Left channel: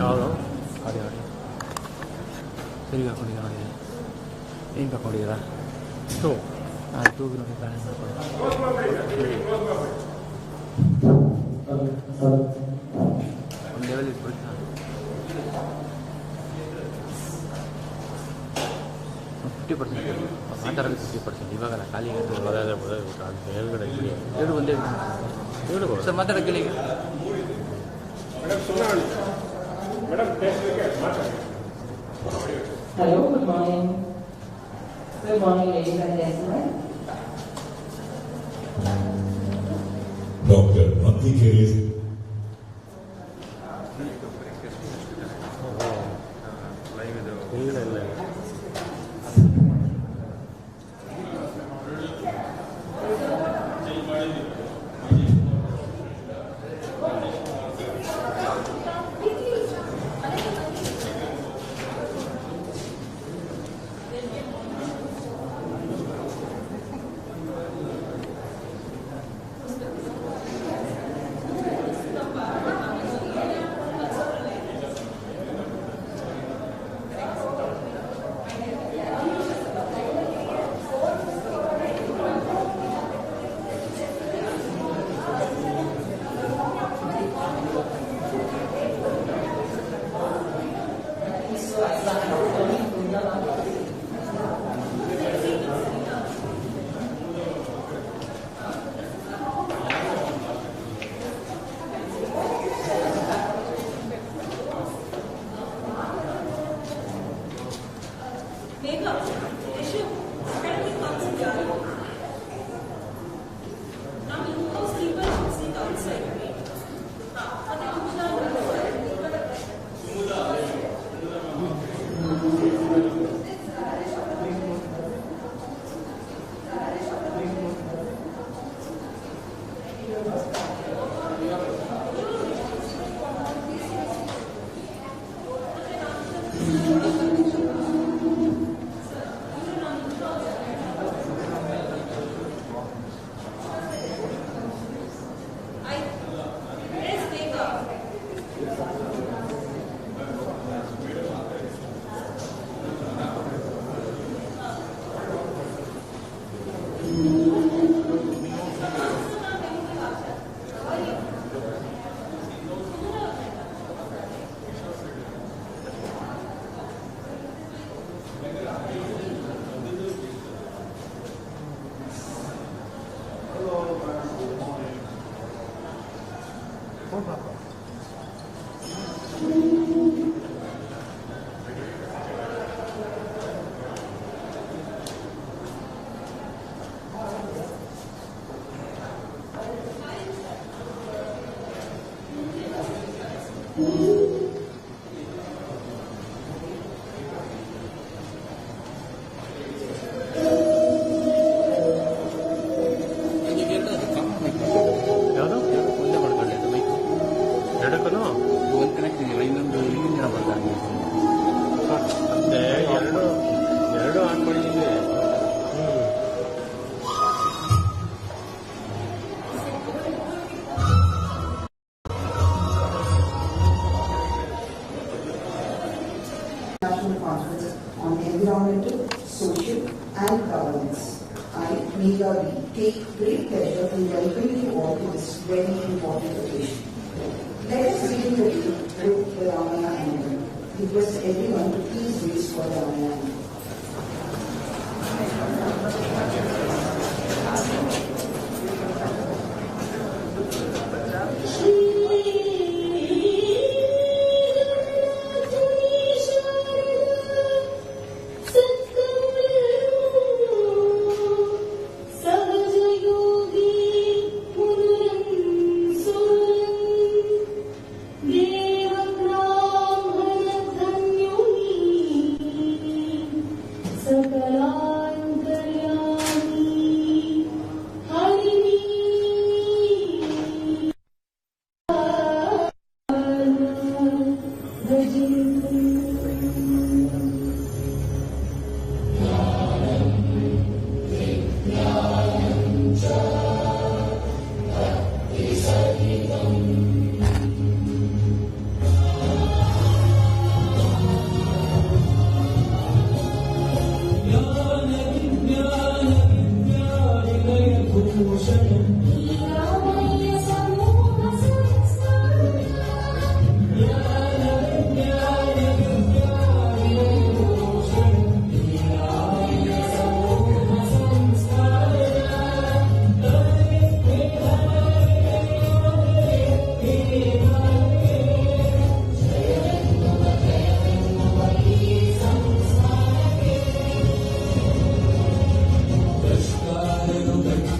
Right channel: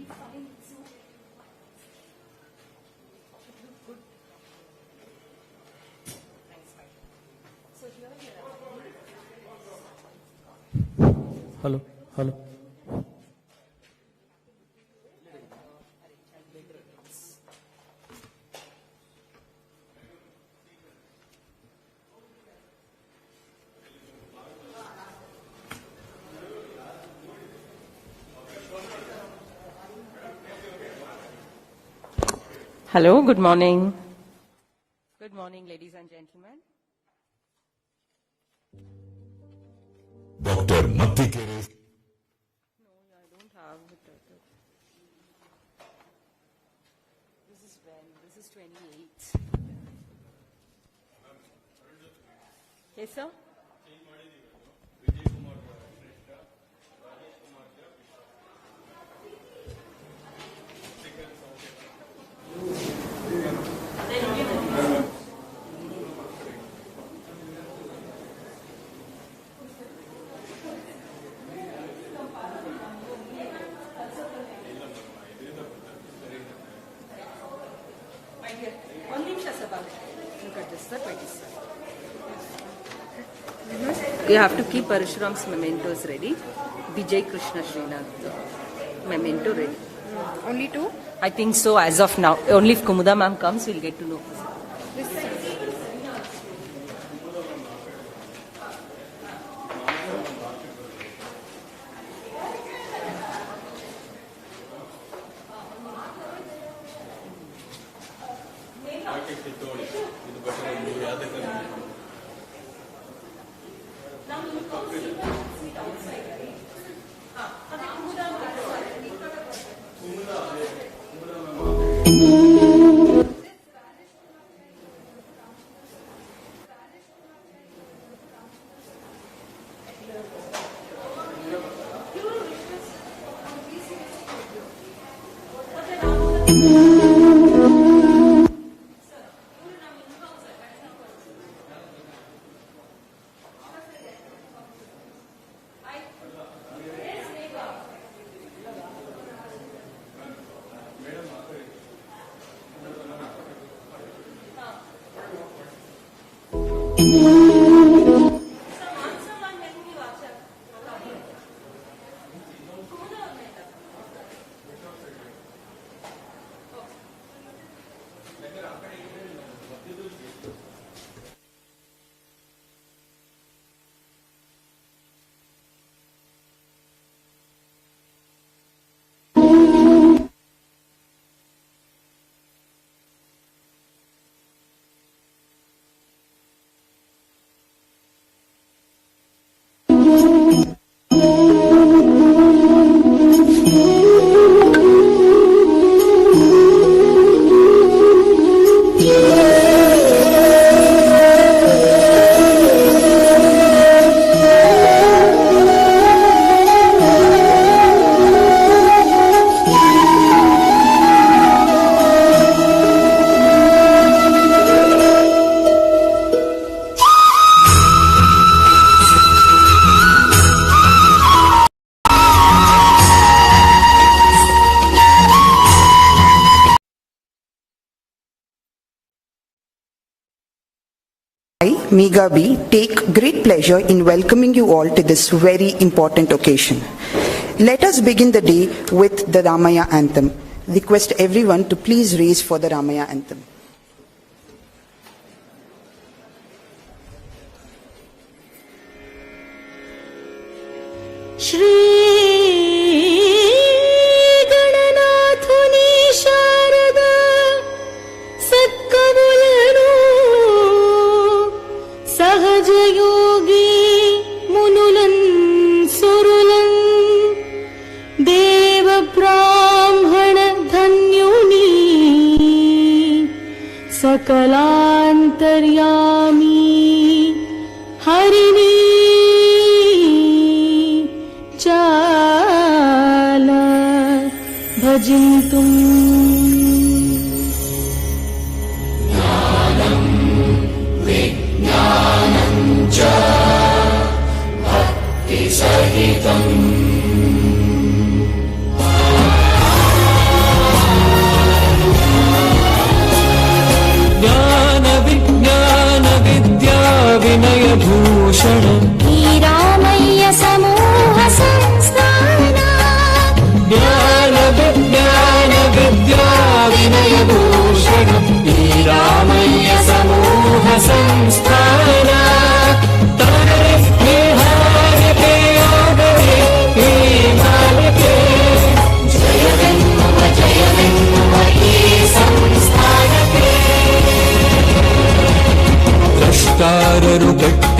ಯಾವುದು ಗಾಡಿ ಸರಿ ಹಾಕೊಂಡಿದ್ದೀರಾ ಗಾಡಿ ಏನು ಹಾಕೊಂಡಿದ್ದೀರಾ two two wheeler balance hello ಒಂದು ಲೆವೆಲ್ ಇಟ್ಬಿಡ್ತಾ 50% ಮಾತಾಡೋದು 50%. ಇವಾಗಲ್ಲ ಖಾಲಿ ಮೇಲ್ಗಡೆ ಹೇಳು ಒಂದೇ ಹೇಳು ಸರ್ ಮಾತಾಡೋಕ್ಕೆ Hello, good morning. Good morning, ladies and gentlemen. Dr. Maddela. You have to keep Parasuraman's mementos ready. Vijay, Krishna, Shrestha. Memento ready. Only two? I think so as of now. Only if Kumuda ma'am comes, we'll get to know. Megabi, take great pleasure in welcoming you all to this very important occasion. Let us begin the day with the Ramaiah anthem. Request everyone to please raise for the Ramaiah anthem.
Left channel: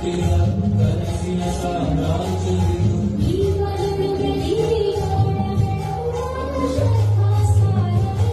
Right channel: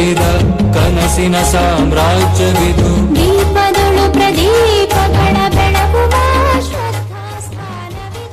ತುಂಬಿದ ಕನಸಿನ ಸಾಮ್ರಾಜ್ಯವಿದು. ದೀಪದೊಳು ಪ್ರದೀಪಗಳ ಬೆಳಗುವ ಶ್ರದ್ಧಾಸ್ಥಾನವಿದು.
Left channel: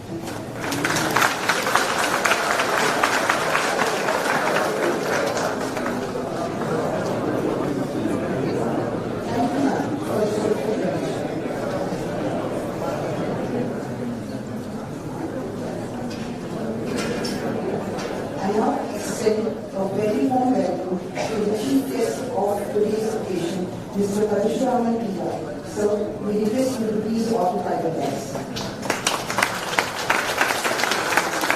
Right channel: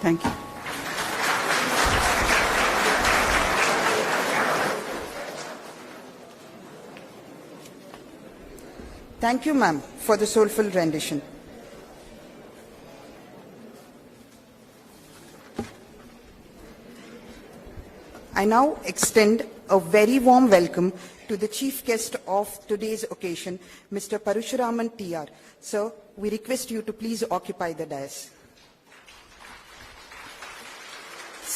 Thank you. Thank you, ma'am, for the soulful rendition. I now extend a very warm welcome to the chief guest of today's occasion, Mr. Parasuraman P.R. Sir, we request you to please occupy the dais.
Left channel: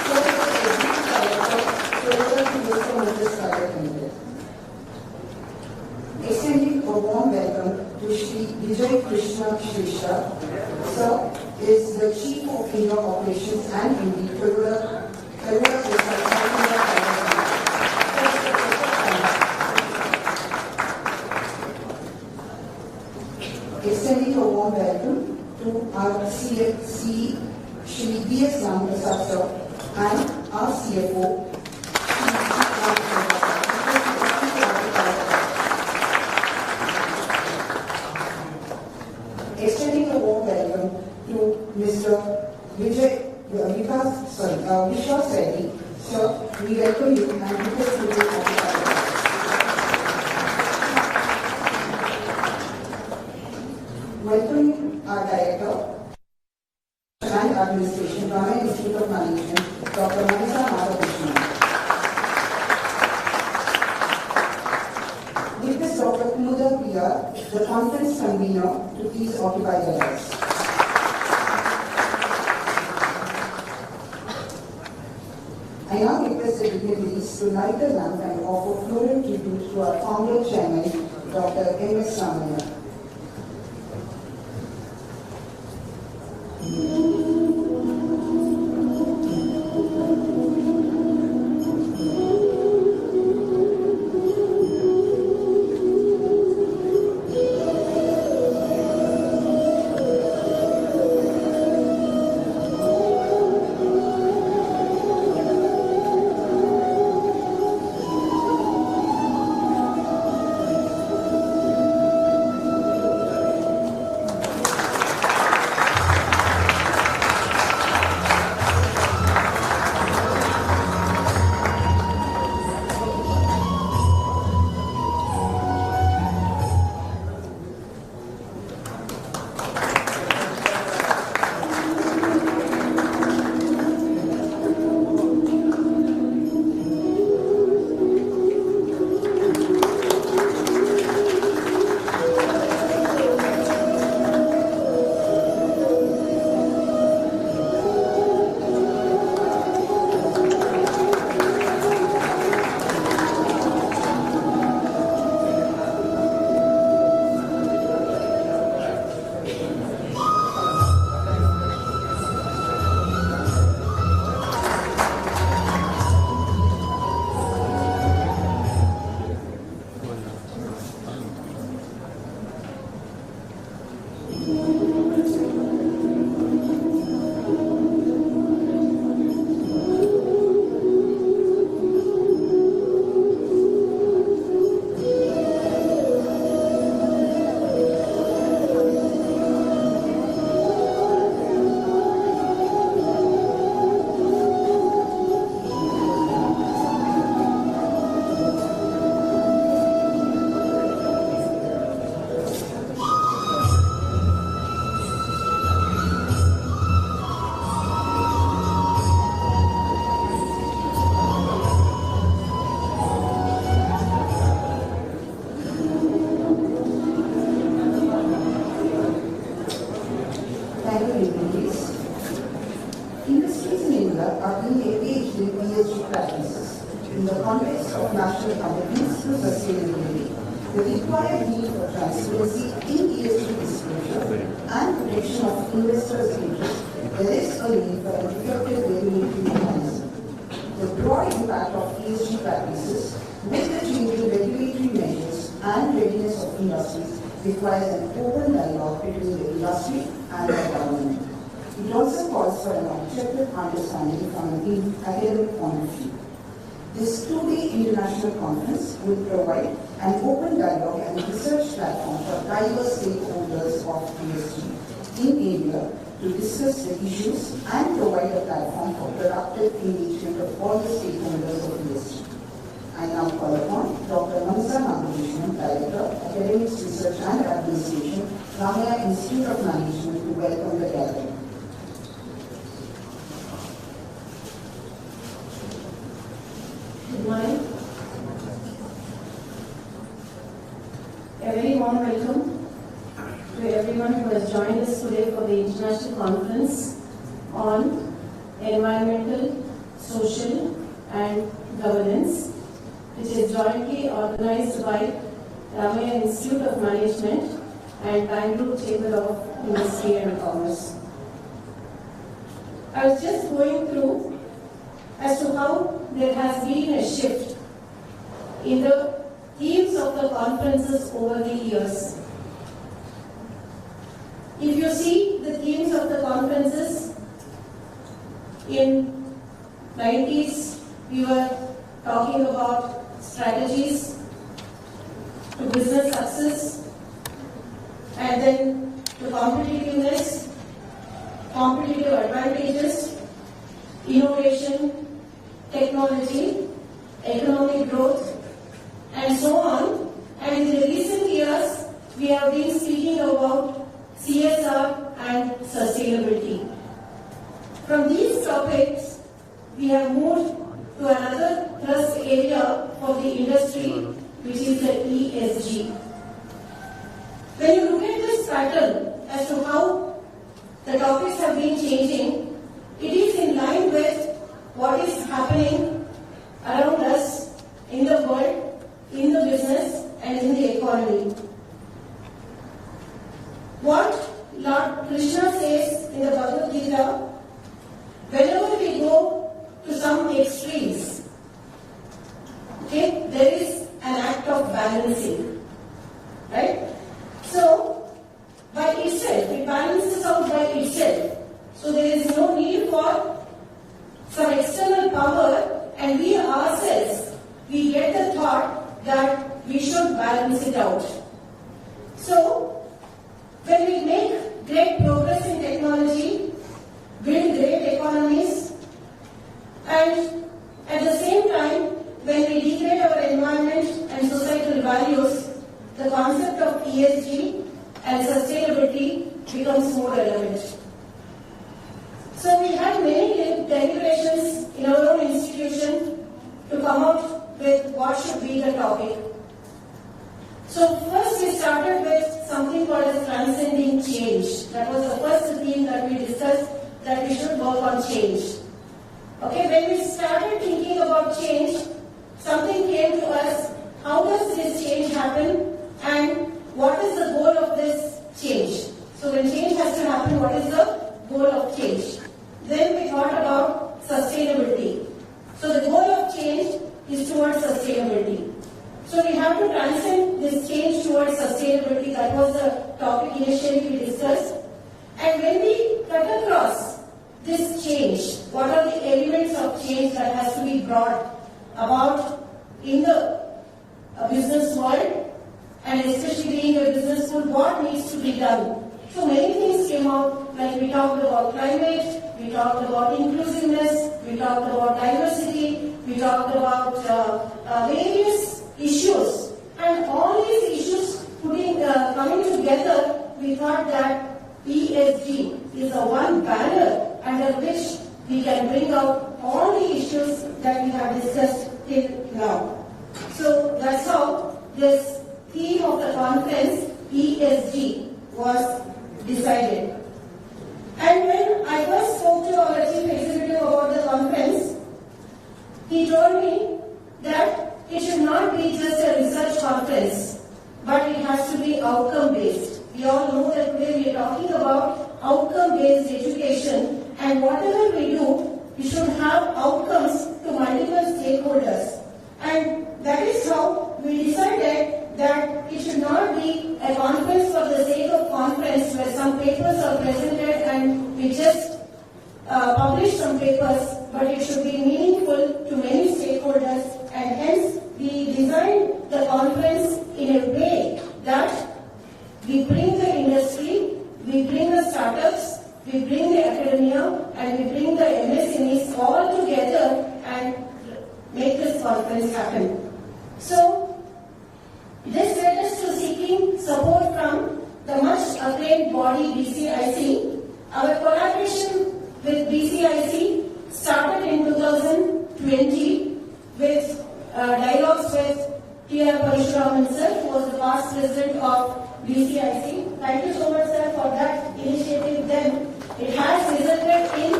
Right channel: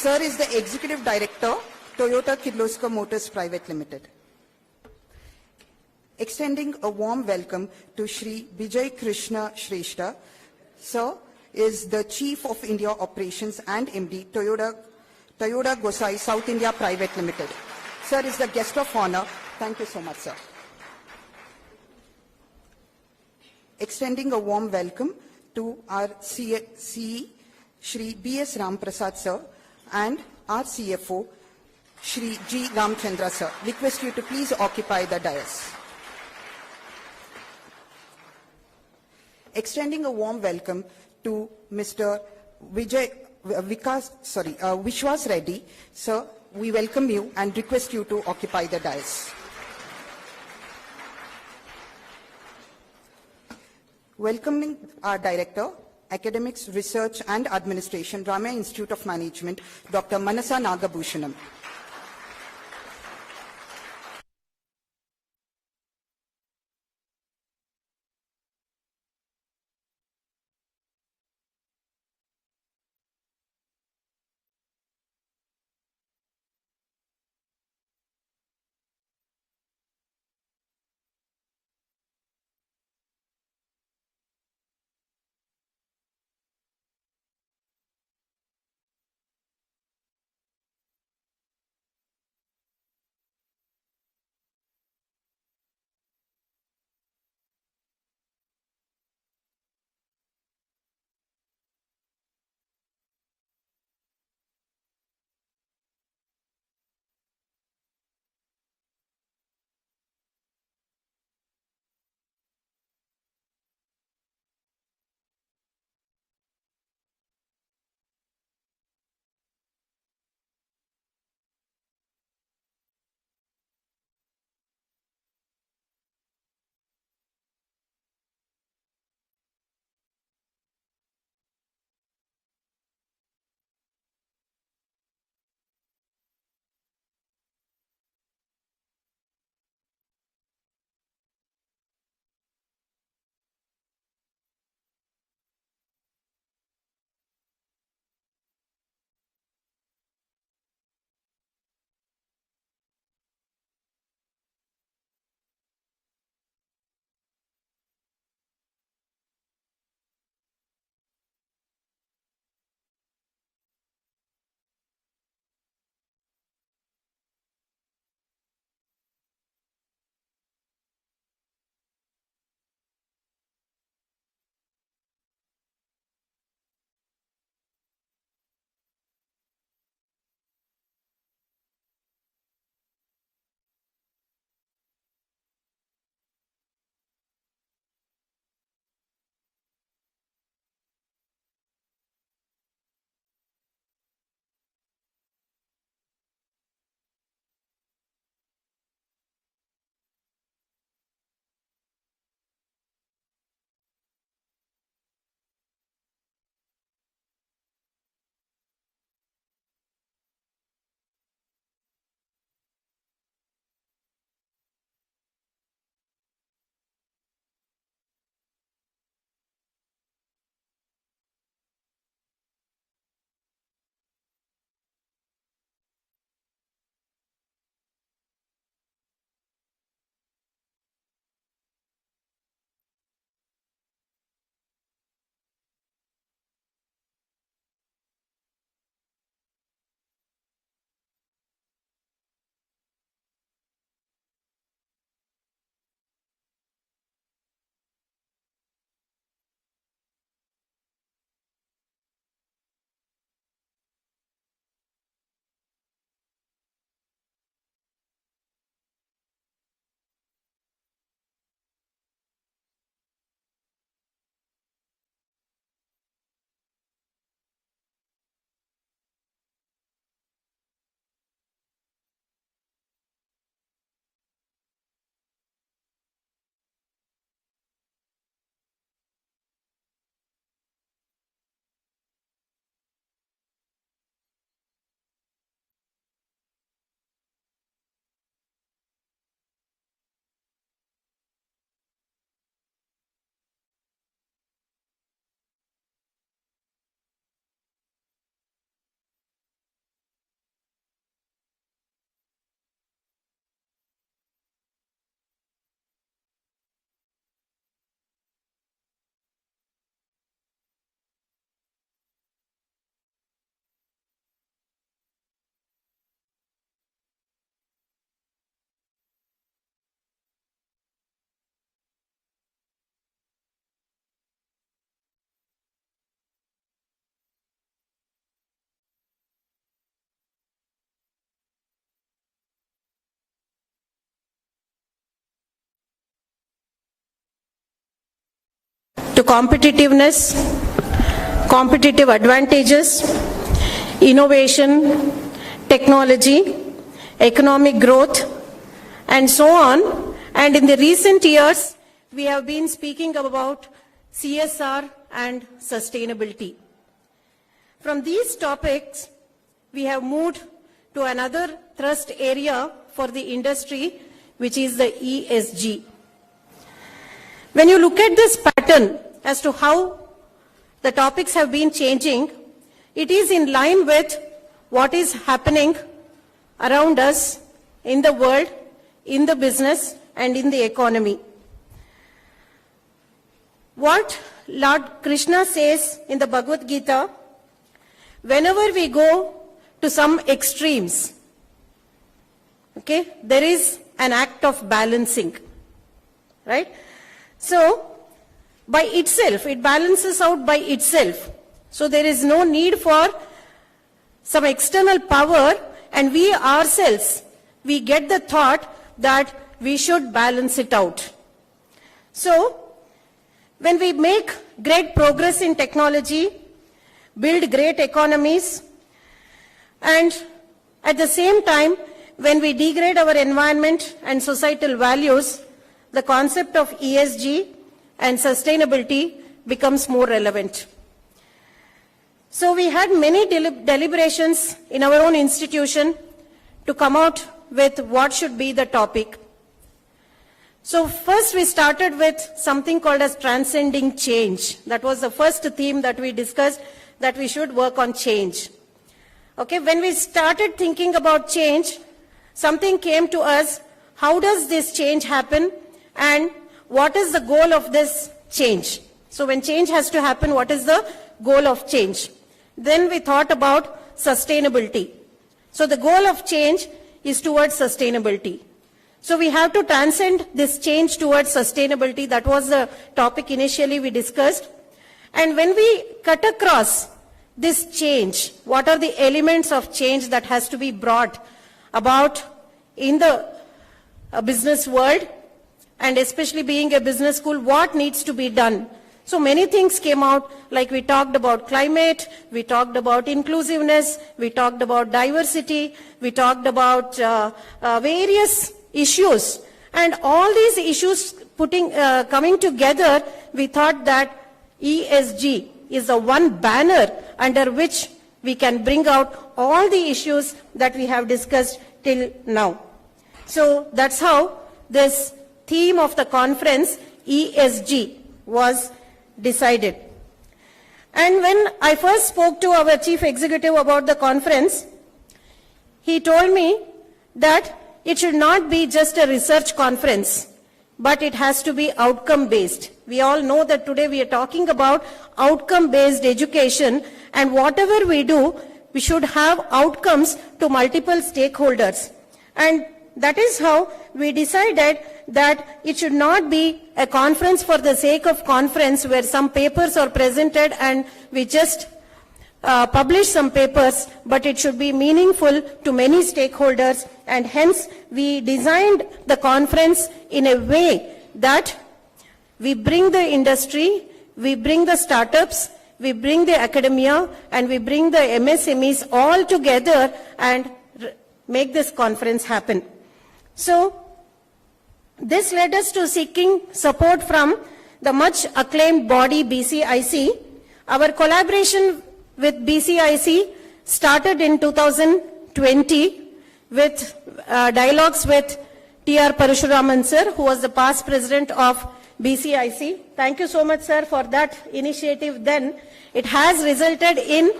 Sir is the Executive Director, Toyoda Kirloskar Motors Private Limited. Extending a warm welcome to Shri Vijay Krishna Shrestha. Sir is the Chief of India Operations and MD, Toyoda Toyoda, Gosei, South India Private Limited. Sir, is the guest of honor. Thank you, sir. Extending a warm welcome to our Shri B.S. Prasad sir and our CFO, Shri G. Ramchandra sir. Request you to please occupy the dais. Extending a warm welcome to Mr. Vijay, Vishwas Reddy. Sir, we welcome you and request you to occupy the dais. Welcoming our Director, Academics, Research and Administration, Ramaiah Institute of Management, Dr. Basanna. Request Dr. Priya, the conference convener, to please occupy the dais. I now request the dignitaries to light the lamp and offer floral tribute to our founder chairman, Dr. M.S. Ramaiah. national commitments to sustainability, the required need for transparency in ESG disclosure and protection of investors' interests, there is a need for an effective regulatory mechanism. The broad impact of ESG practices with the changing regulatory measures and readiness of industries requires an open dialogue between the industry and the government. It also calls for an objective understanding from an academic point of view. This two-day international conference will provide an open dialogue and research platform for diverse stakeholders of ESG in India to discuss the issues and provide a platform for productive engagement of all the stakeholders of ESG. I now call upon Dr. Krishna, Director, Academics, Research and Administration, Ramaiah Institute of Management, to welcome the gathering. Good morning. A very warm welcome to everyone who has joined us today for the International Conference on Environmental, Social and Governance, which is jointly organized by Ramaiah Institute of Management and Bangalore Chamber of Industry and Commerce. I was just going through as to how there has been a shift in the themes of the conferences over the years. If you see the themes of the conferences, in 90s we were talking about strategies to business success, and then to competitiveness, competitive advantages, innovation, technology, economic growth, and so on. And in the recent years, we have been speaking about CSR and sustainability. From these topics, we have moved to another thrust area for the industry, which is the ESG. When you look at this pattern as to how the topics have been changing, it is in line with what is happening around us in the world, in the business, and in the economy. What Lord Krishna says in the Bhagavad Gita, whenever we go to some extremes, okay, there is an act of balancing, right? So, by itself, it balances out by itself. So there is no need for some external power, and we ourselves, we get the thought that we should balance it out. So, when we make great progress in technology, build great economies, and at the same time, when we degrade our environment and societal values, the concept of ESG and sustainability becomes more relevant. So we had many deliberations in our own institution to come out with what should be the topic. So first we started with something called as transcending change. That was the first theme that we discussed, that we should work on change. Okay, when we started thinking about change, something came to us, how does this change happen and what is the goal of this change? So when change has to happen, what is the goal of change? Then we thought about sustainability. So the goal of change is towards sustainability. So we have to transcend this change towards sustainability. That was the topic initially we discussed. And when we cut across this change, what are the elements of change that has to be brought about in the business world, and especially being a business school, what needs to be done? So many things came out, like we talked about climate, we talked about inclusiveness, we talked about diversity, we talked about various issues, and all these issues coming together, we thought that ESG is the one banner under which we can bring out all the issues that we have discussed till now. So that's how this theme of the conference, ESG, was decided. And when I first spoke to our chief executive about the conference, he told me that it should not be just a research conference, but it has to be outcome-based. We all know that today we are talking about outcome-based education, and whatever we do, we should have outcomes to multiple stakeholders. And that is how we decided that it should not be a conference for the sake of conference where some papers are presented and we just publish some papers, but it should be meaningful to many stakeholders, and hence we designed the conference in a way that we bring the industry, we bring the startups, we bring the academia, and we bring the MSMEs all together and make this conference happen. So this led us to seeking support from the much acclaimed body BCIC. Our collaboration with BCIC started in 2020 with dialogues with T.R. Parasuraman sir, who was the past president of BCIC. Thank you so much, sir, for that initiative then. It has resulted in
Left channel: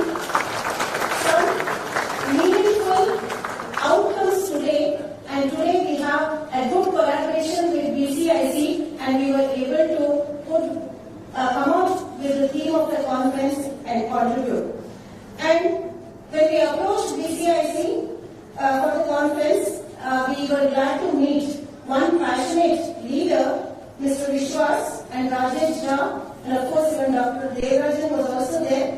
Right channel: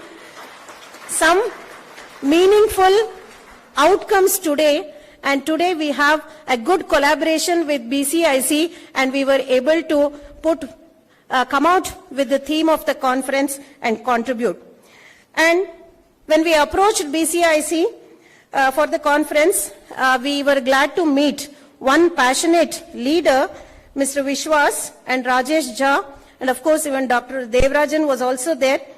some meaningful outcomes today, and today we have a good collaboration with BCIC, and we were able to come out with the theme of the conference and contribute. And when we approached BCIC for the conference, we were glad to meet one passionate leader, Mr. Vishwas and Rajesh Jha, and of course even Dr. Devrajan was also there,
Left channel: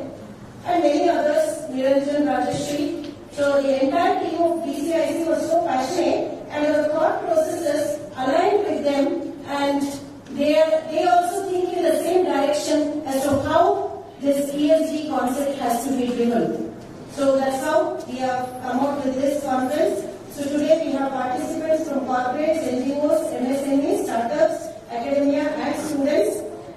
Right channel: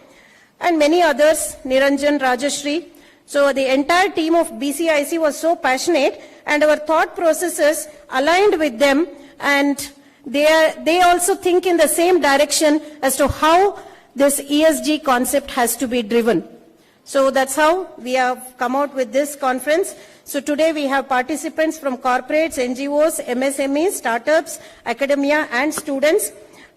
and many others, Niranjan, Rajashri. So the entire team of BCIC was so passionate, and our thought processes aligned with them, and they also think in the same direction as to how this ESG concept has to be driven. So that's how we have come out with this conference. So today we have participants from corporates, NGOs, MSMEs, startups, academia and students.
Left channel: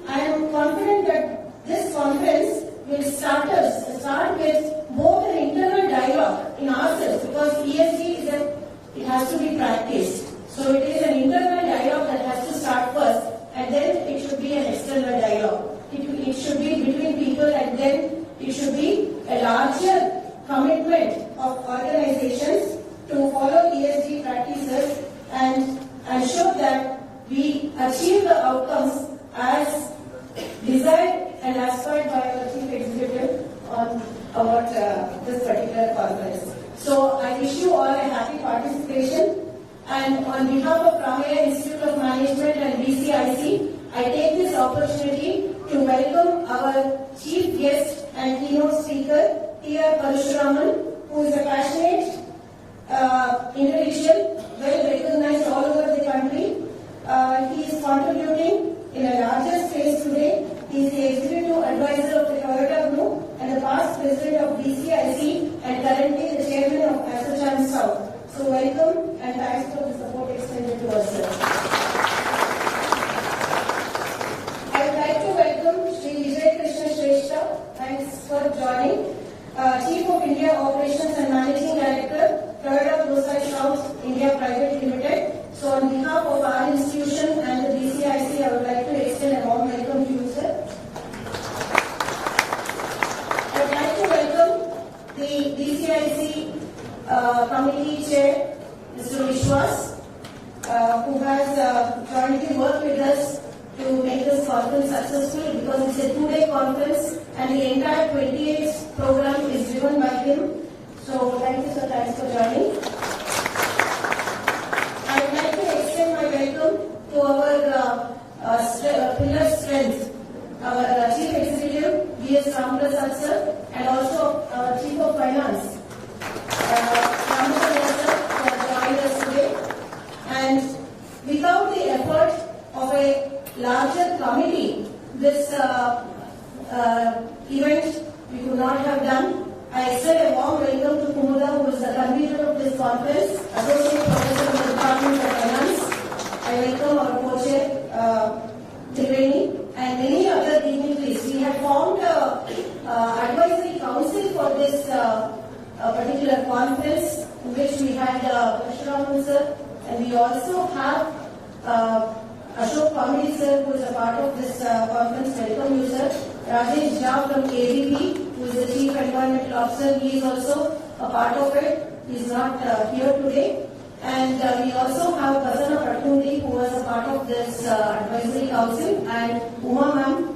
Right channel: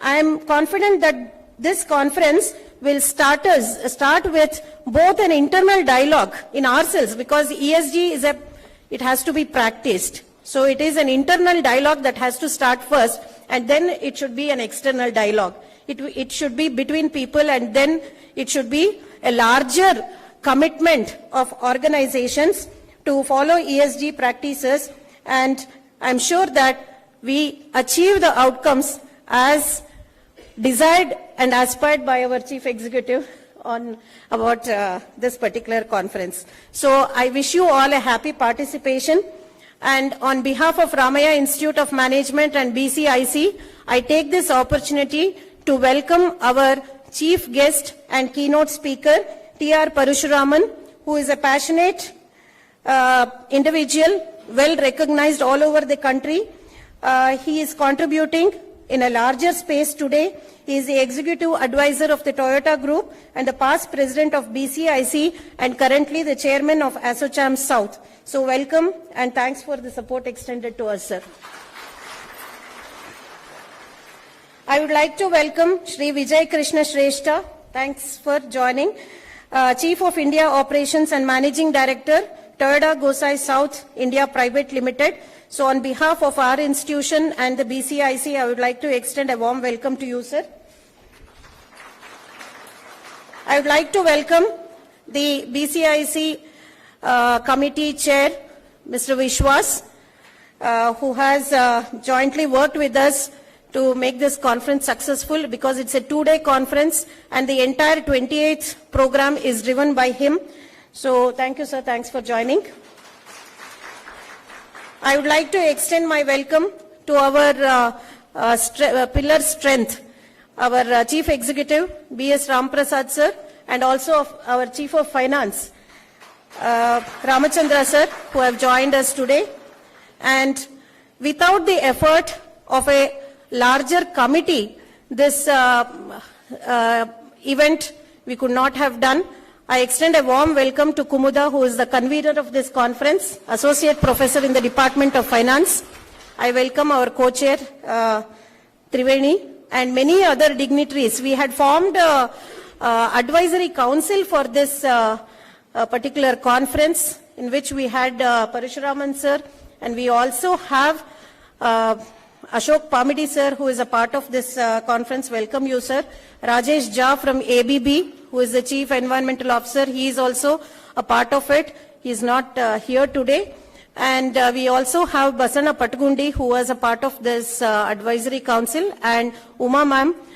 I am confident that this conference will start with both an internal dialogue in ourselves, because ESG it has to be practiced. So it is an internal dialogue that has to start first, and then it should be an external dialogue. It should be between people, and then it should be a larger commitment of organizations to follow ESG practices, and I'm sure that we achieve the outcomes as desired and aspired by our chief executive about this particular conference. So I wish you all a happy participation, and on behalf of Ramaiah Institute of Management and BCIC, I take this opportunity to welcome our chief guest and keynote speaker, T.R. Parasuraman, who is a passionate individual, well recognized all over the country. He is contributing in a larger space today. He is the executive advisor of the Toyoda Group and the past president of BCIC, and currently the chairman of ASSOCHAM South. So welcome, and thanks for the support extended to us, sir. I would like to welcome Shri Vijay Krishna Shrestha. Thanks for joining. Chief of India Operations and Managing Director, Toyoda Gosei South India Private Limited. So on behalf of our institution and the BCIC, I would like to extend a warm welcome to you, sir. I would like to welcome the BCIC committee chair, Mr. Vishwas, who has jointly worked with us to make this conference successful, because it's a 2-day conference and the entire 28th program is driven by him. So thank you, sir. Thanks for joining. I would like to extend my welcome to our pillar strength, our chief executive, B.S. Prasad sir, and also our chief of finance, Ramachandra sir, who have joined us today. And without the effort of a larger committee, this event we could not have done. I extend a warm welcome to Kumuda, who is the convener of this conference, Associate Professor in the Department of Finance. I welcome our co-chair, Triveni, and many other dignitaries. We had formed an advisory council for this particular conference, in which we had Parasuraman sir, and we also have Ashok Pamidi sir, who is a part of this conference. Welcome you, sir. Rajesh Jha from ABB, who is the Chief Environmental Officer. He is also a part of it. He is not here today. And we also have Basanna Patagundi, who was a part of this advisory council. And Uma ma'am,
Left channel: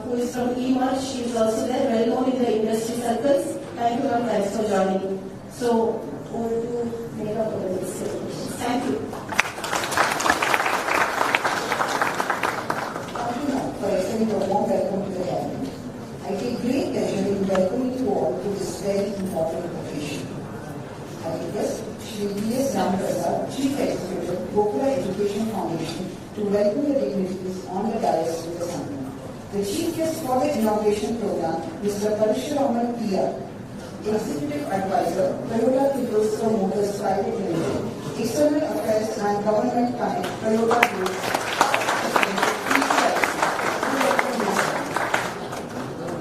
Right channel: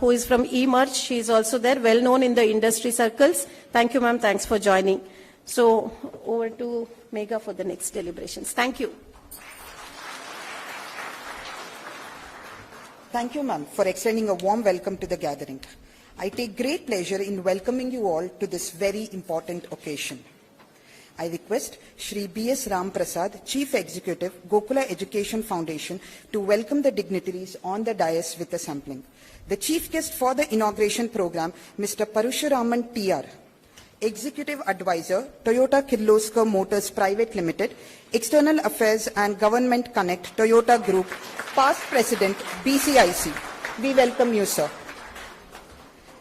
who is from eMerge. She is also there, well known in the industry circles. Thank you, ma'am. Thanks for joining. So, over to Megha for the next deliberations. Thank you. Thank you, ma'am, for extending a warm welcome to the gathering. I take great pleasure in welcoming you all to this very important occasion. I request Shri B.S. Prasad, Chief Executive, Gokula Education Foundation, to welcome the dignitaries on the dais with the sampling. The chief guest for the inauguration program, Mr. Parasuraman T.R., Executive Advisor, Toyoda Kirloskar Motors Private Limited, External Affairs and Government Connect, Toyota Group, past President, BCIC. We welcome you, sir.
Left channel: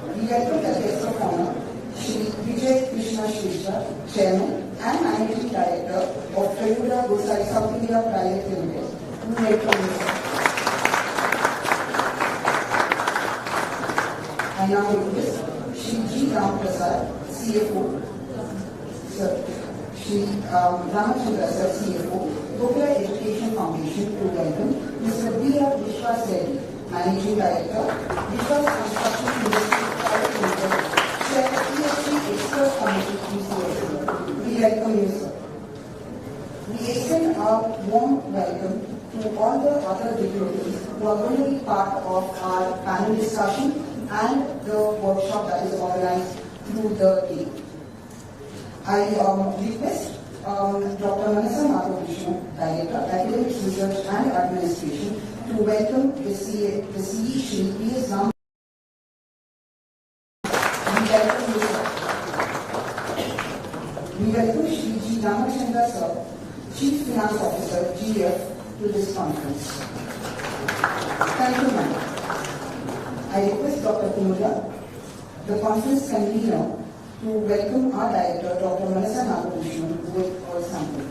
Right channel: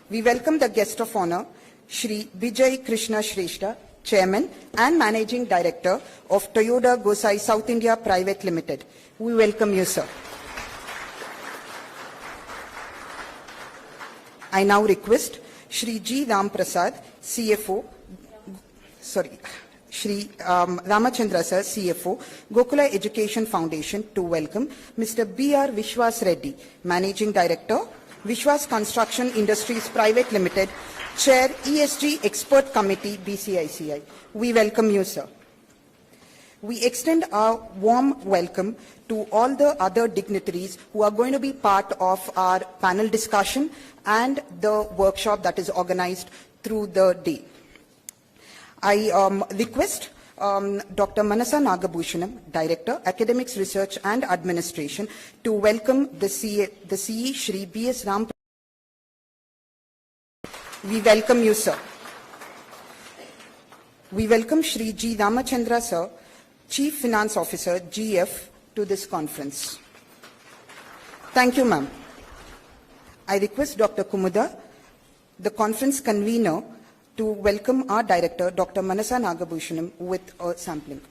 We welcome the guest of honor, Shri Vijay Krishna Shrestha, Chairman and Managing Director of Toyoda Gosei South India Private Limited. We welcome you, sir. I now request Shri G. Ram Prasad, CFO, Shri Ramachandra sir, CFO, Gokula Education Foundation, to welcome Mr. B.R. Vishwas Reddy, Managing Director, Vishwas Construction Industries Private Limited, Chair ESG Expert Committee, BCIC. We welcome you, sir. We extend our warm welcome to all the other dignitaries who are going to be part of our panel discussion and the workshop that is organized through the day. I request Dr. Manasa Nagabhushanam, Director, Academics, Research and Administration, to welcome the CE Shri P.S. Ram. We welcome you, sir. We welcome Shri G. Ramachandra, sir, Chief Finance Officer, GF, to this conference. Thank you, ma'am. I request Dr. Kumuda, the conference convener, to welcome our director, Dr. Manasa Nagabhushanam, with a sample.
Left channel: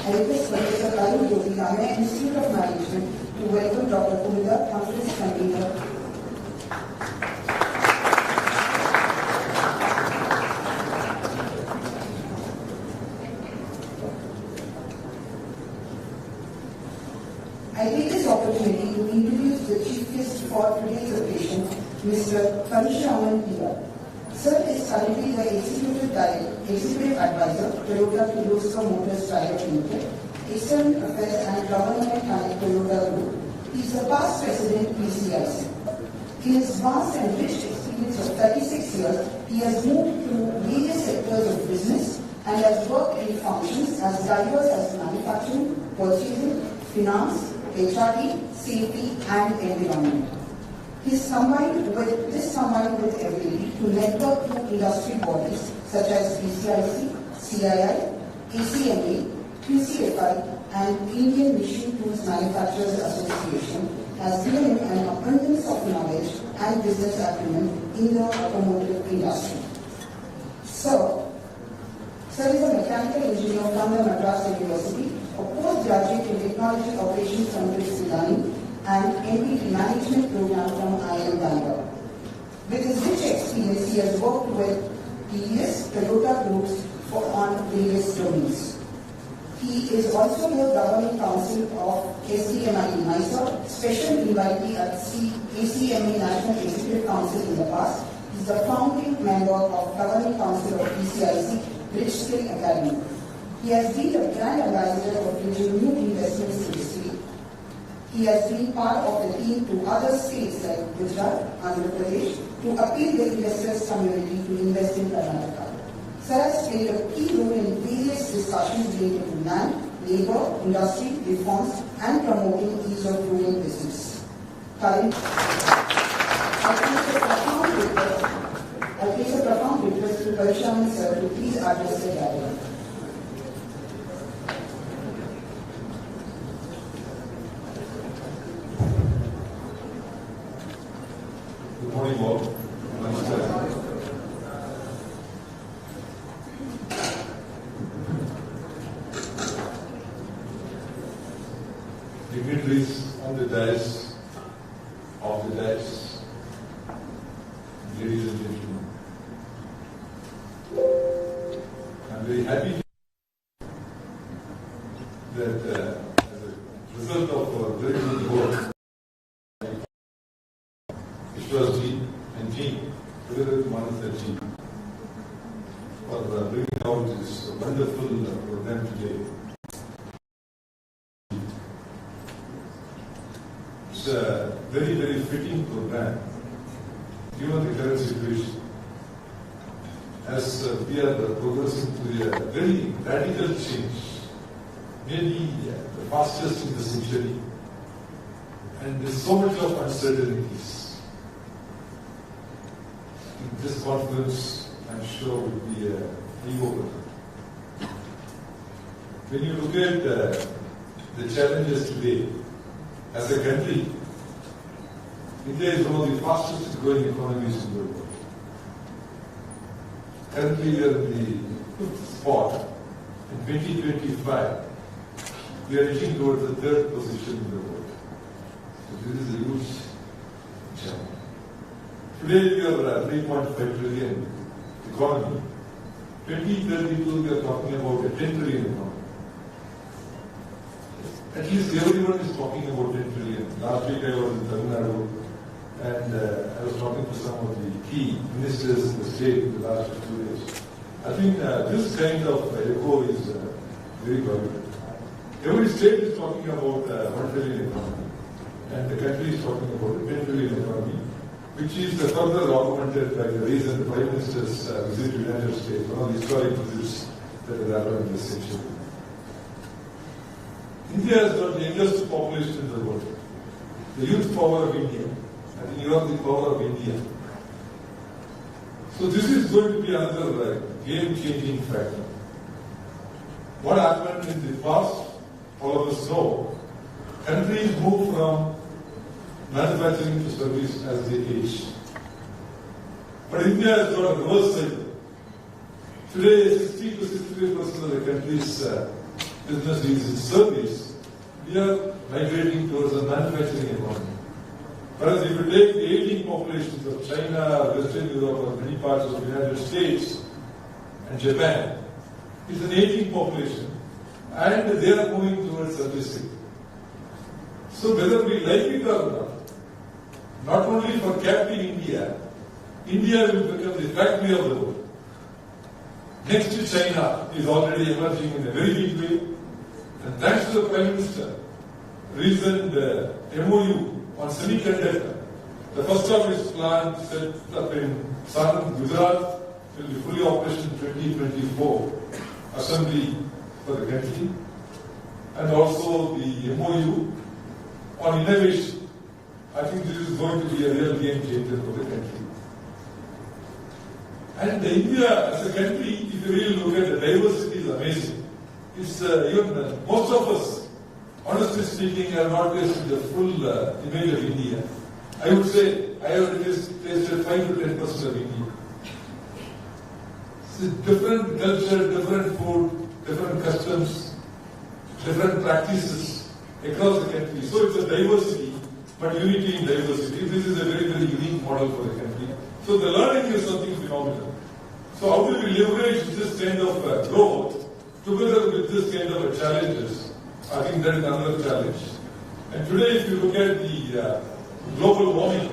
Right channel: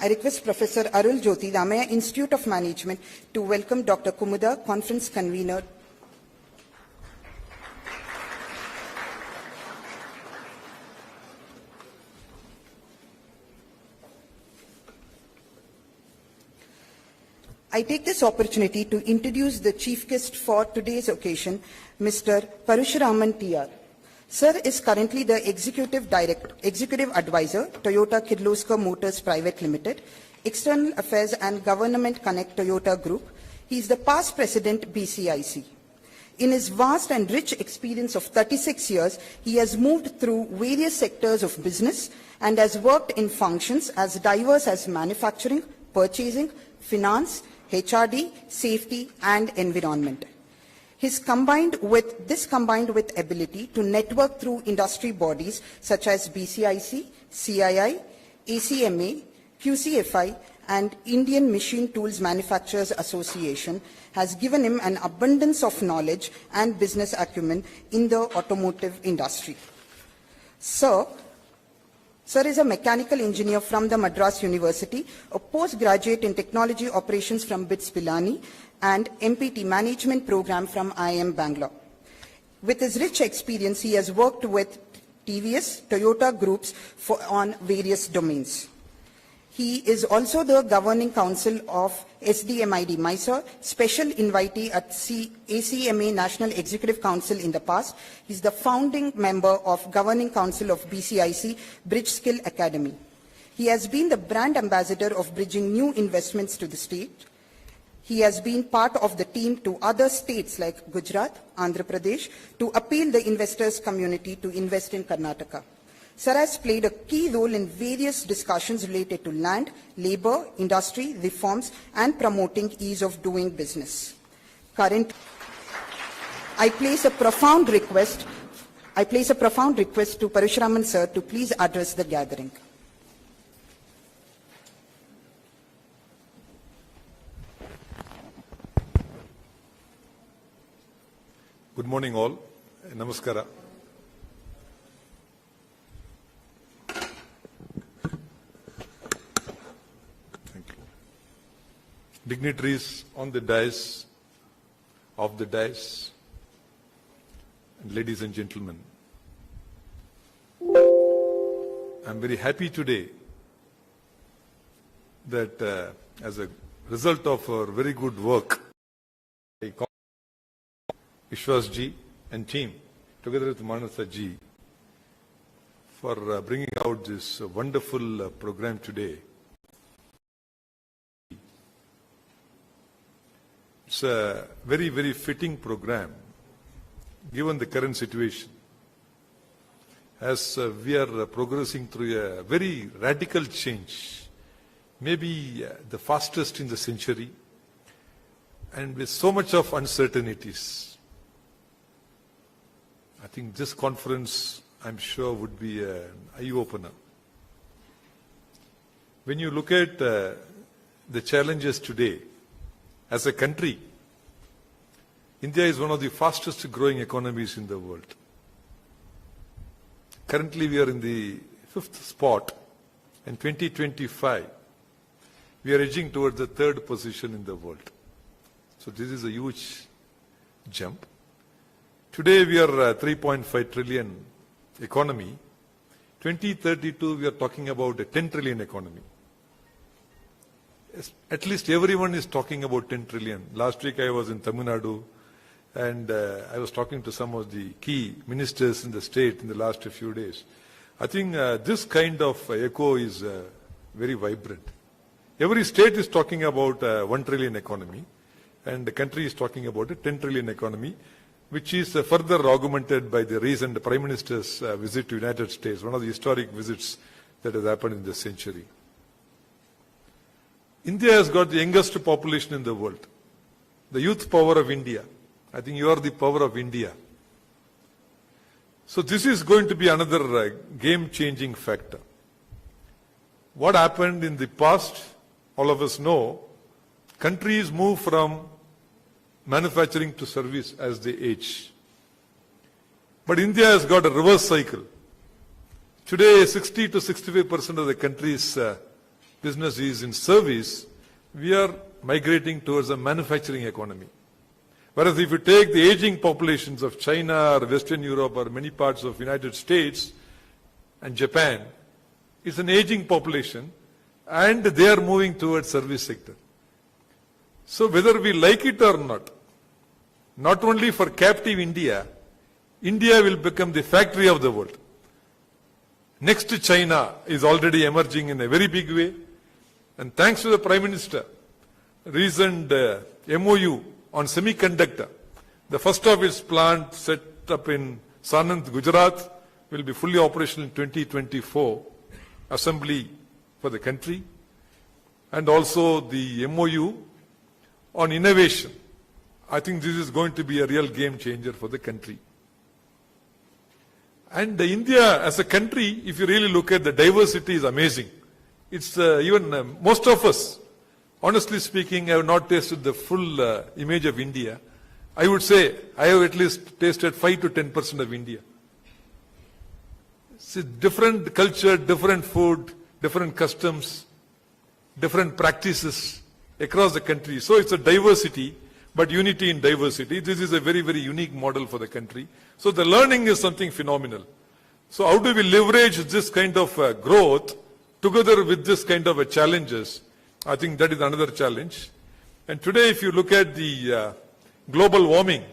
I request Professor Arun Jyoti, Ramaiah Institute of Management, to welcome Dr. Kumuda, conference convener. I take this opportunity to introduce the chief guest for today's occasion, Mr. Parasuraman TR. Sir is currently the Executive Advisor, Toyota Kirloskar Motors Private Limited, External Affairs and Government Connect Toyota Group. He is the past President BCIC. In his vast and rich experience of 36 years, he has moved through various sectors of business and has worked in functions as diverse as manufacturing, purchasing, finance, HRD, safety and environment. This combined with ability to network through industry bodies such as BCIC, CII, ACMA, QCFI and Indian Machine Tools Manufacturers Association has given him an abundance of knowledge and business acumen in the automotive industry. Sir is a mechanical engineer from the Madras University, a postgraduate in technology operations from BITS Pilani, and MBT management program from IIM Bangalore. With his rich experience, he has worked with TVS, Toyota groups on various domains. He is also the governing council of SDMID Mysore, special invitee at ACMA National Executive Council in the past. He is the founding member of governing council of BCIC, Bridge Skill Academy. He has been the brand ambassador of bridging new investments to the state. He has been part of the team to other states like Gujarat, Andhra Pradesh to appeal the investors community to invest in Karnataka. Sir has played a key role in various discussions related to land, labor, industry, reforms and promoting ease of doing business. I place a profound request to Parasuraman sir to please address the gathering. Good morning all. Namaskaram. Dignitaries on the dais, off the dais, ladies and gentlemen. I'm very happy today that as a result of our very good work, Vishwas ji and team, together with Manasa ji, for bringing out this wonderful program today. It's a very, very fitting program given the current situation. As we are progressing through a very radical change, maybe the fastest in the century, and there's so much of uncertainties. I think this conference, I'm sure, would be an eye-opener. When you look at the challenges today, as a country, India is one of the fastest growing economies in the world. Currently, we are in the 5th spot. In 2025, we are edging towards the 3rd position in the world. So this is a huge jump. Today, we are a 3.5 trillion economy. 2032, we are talking about a 10 trillion economy. at least everyone is talking about 10 trillion. Last week I was in Tamil Nadu and I was talking to some of the key ministers in the state in the last few days. I think this kind of echo is very vibrant. Every state is talking about 1 trillion economy and the country is talking about a 10 trillion economy, which is further augmented by the recent Prime Minister's visit to the United States, one of the historic visits that has happened in this century. India has got the youngest population in the world. The youth power of India. I think you are the power of India. So this is going to be another game-changing factor. What happened in the past, all of us know, countries move from manufacturing to service as they age. But India has got a reverse cycle. Today, 60 to 65% of the country's business is in service. We are migrating towards a manufacturing economy. Whereas if you take the aging populations of China or Western Europe or many parts of the United States and Japan, it's an aging population and they are moving towards service sector. So whether we like it or not only for captive India, India will become the factory of the world. Next China is already emerging in a very big way. And thanks to the Prime Minister, recent MOU on semiconductor, the first of its plant set up in Sanand, Gujarat, will be fully operational in 2024, assembly for the country. And also the MOU on innovation. I think this is going to be a real game changer for the country. And India as a country, if you really look at the diversity, is amazing. It's even most of us, honestly speaking, have not tasted the full image of India. I would say I have at least tasted 5 to 10% of India. It's different culture, different food, different customs, different practices across the country. So it's a diversity, but unity in diversity. This is a very, very unique model for the country. So the learning is something phenomenal. So how do we leverage this kind of growth together with this kind of challenges? I think that is another challenge. And today if you look at the global warming,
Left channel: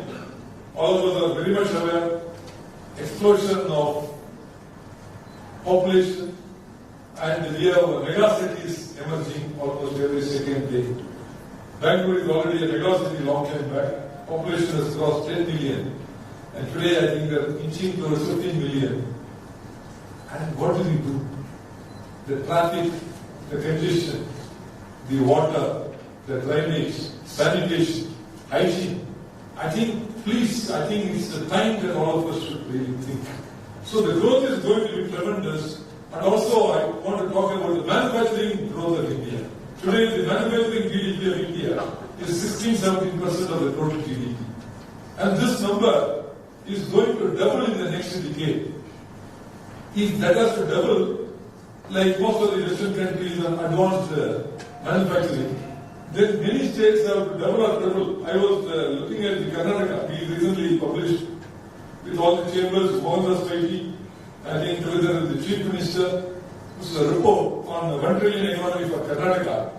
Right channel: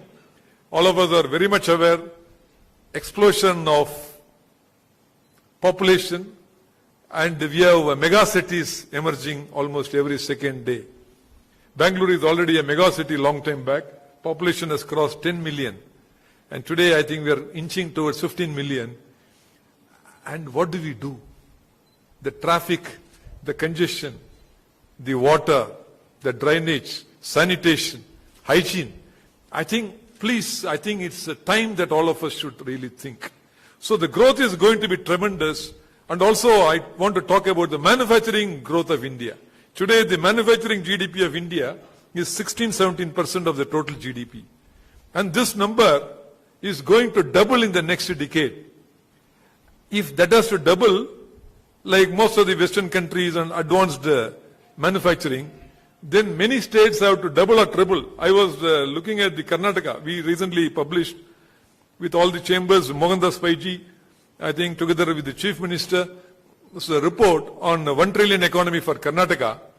all of us are very much aware, explosion of population, and we have mega cities emerging almost every second day. Bangalore is already a mega city long time back. Population has crossed 10 million. And today I think we are inching towards 15 million. And what do we do? The traffic, the congestion, the water, the drainage, sanitation, hygiene. I think it's a time that all of us should really think. So the growth is going to be tremendous. And also I want to talk about the manufacturing growth of India. Today the manufacturing GDP of India is 16-17% of the total GDP. And this number is going to double in the next decade. If that has to double, like most of the Western countries and advanced manufacturing, then many states have to double or triple. I was looking at the Karnataka. We recently published with all the chambers, Mohandas Paiji, I think together with the Chief Minister, this is a report on 1 trillion economy for Karnataka,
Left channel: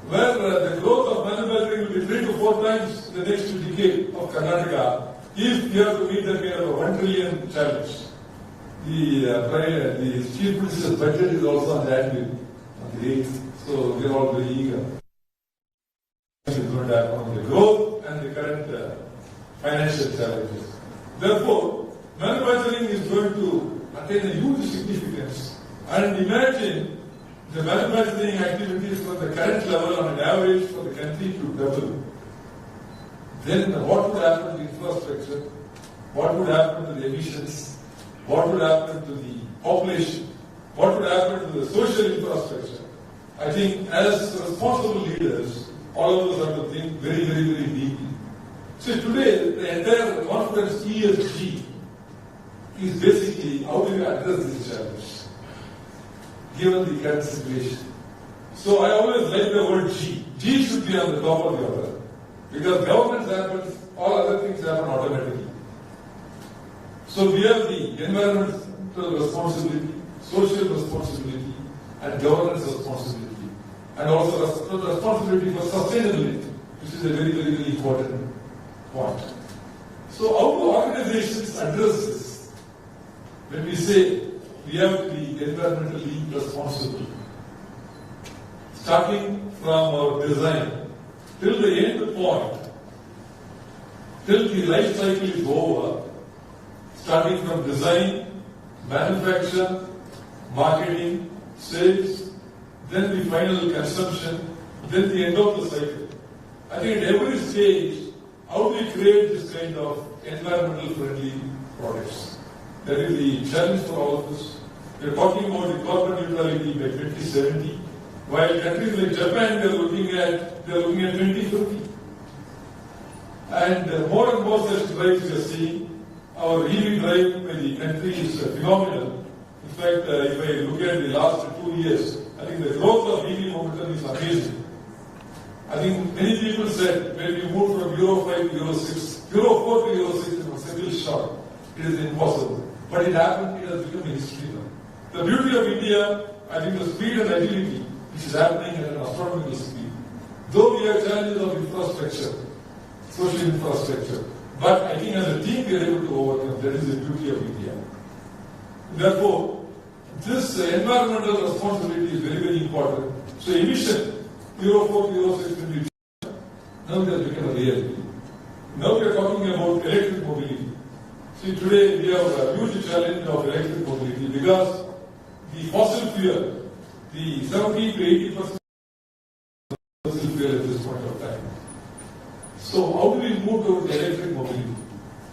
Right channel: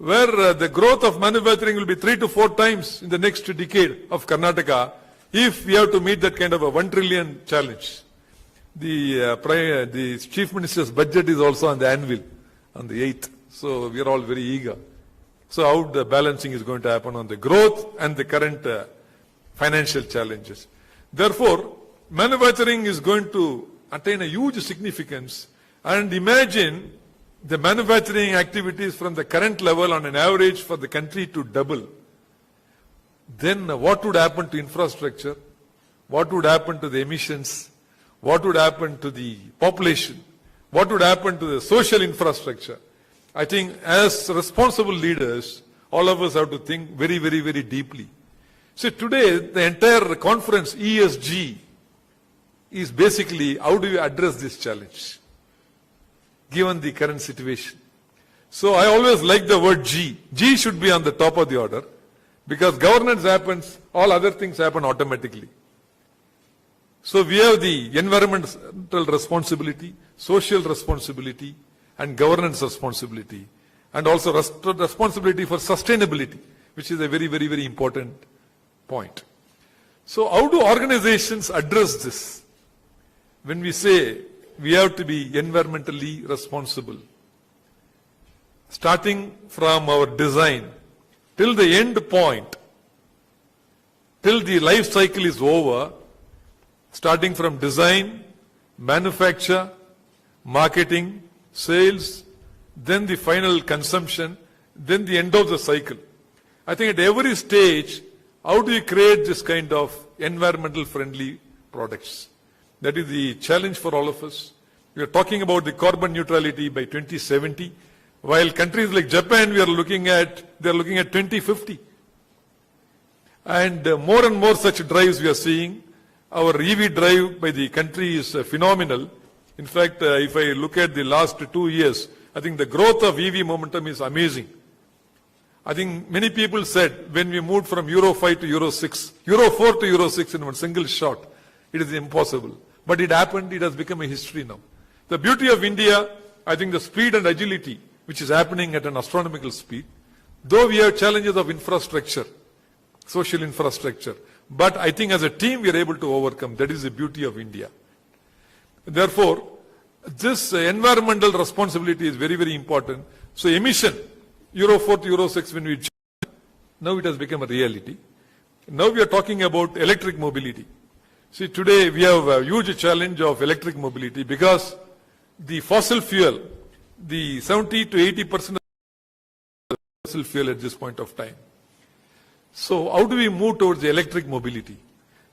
where the growth of manufacturing will be 3 to 4 times in the next decade of Karnataka if we have to meet that kind of a 1 trillion challenge. The Chief Minister's budget is also on the anvil on the 8th. So we are all very eager. So how the balancing is going to happen on the growth and the current financial challenges. Therefore, manufacturing is going to attain a huge significance. And imagine the manufacturing activities from the current level on an average for the country to double. Then what would happen to infrastructure? What would happen to the emissions? What would happen to the population? What would happen to the social infrastructure? I think as responsible leaders, all of us have to think very, very, very deeply. See, today the entire conference ESG is basically how do you address this challenge given the current situation. So I always like the word G. G should be on the top of the order because governance happens, all other things happen automatically. So we have the environmental responsibility, social responsibility and governance responsibility. and also responsibility for sustainability, which is a very, very, very important point. So how do organizations address this? When we say we have to be environmentally responsible, starting from our design till the end point, till the life cycle is over, starting from design, manufacture, marketing, sales, then the final consumption, then the end of the cycle. I think at every stage, how do you create this kind of environmental friendly products? That is the challenge for all of us. We are talking about the carbon neutrality by 2070, while countries like Japan, they are looking at 2050. And more and more such drives we are seeing. Our EV drive by the country is phenomenal. In fact, if I look at the last 2 years, I think the growth of EV momentum is amazing. I think many people said when we moved from Euro 5 to Euro 6, Euro 4 to Euro 6 in one single shot, it is impossible. But it happened, it has become a history now. The beauty of India, I think the speed and agility, which is happening at an astronomical speed, though we have challenges of infrastructure, social infrastructure, but I think as a team we are able to overcome. That is the beauty of India. Therefore, this environmental responsibility is very, very important. So emission, Euro 4 to Euro 6 when we change, now it has become a reality. Now we are talking about electric mobility. See, today we have a huge challenge of electric mobility because the fossil fuel, the 70 to 80% of fossil fuel at this point of time. So how do we move towards the electric mobility?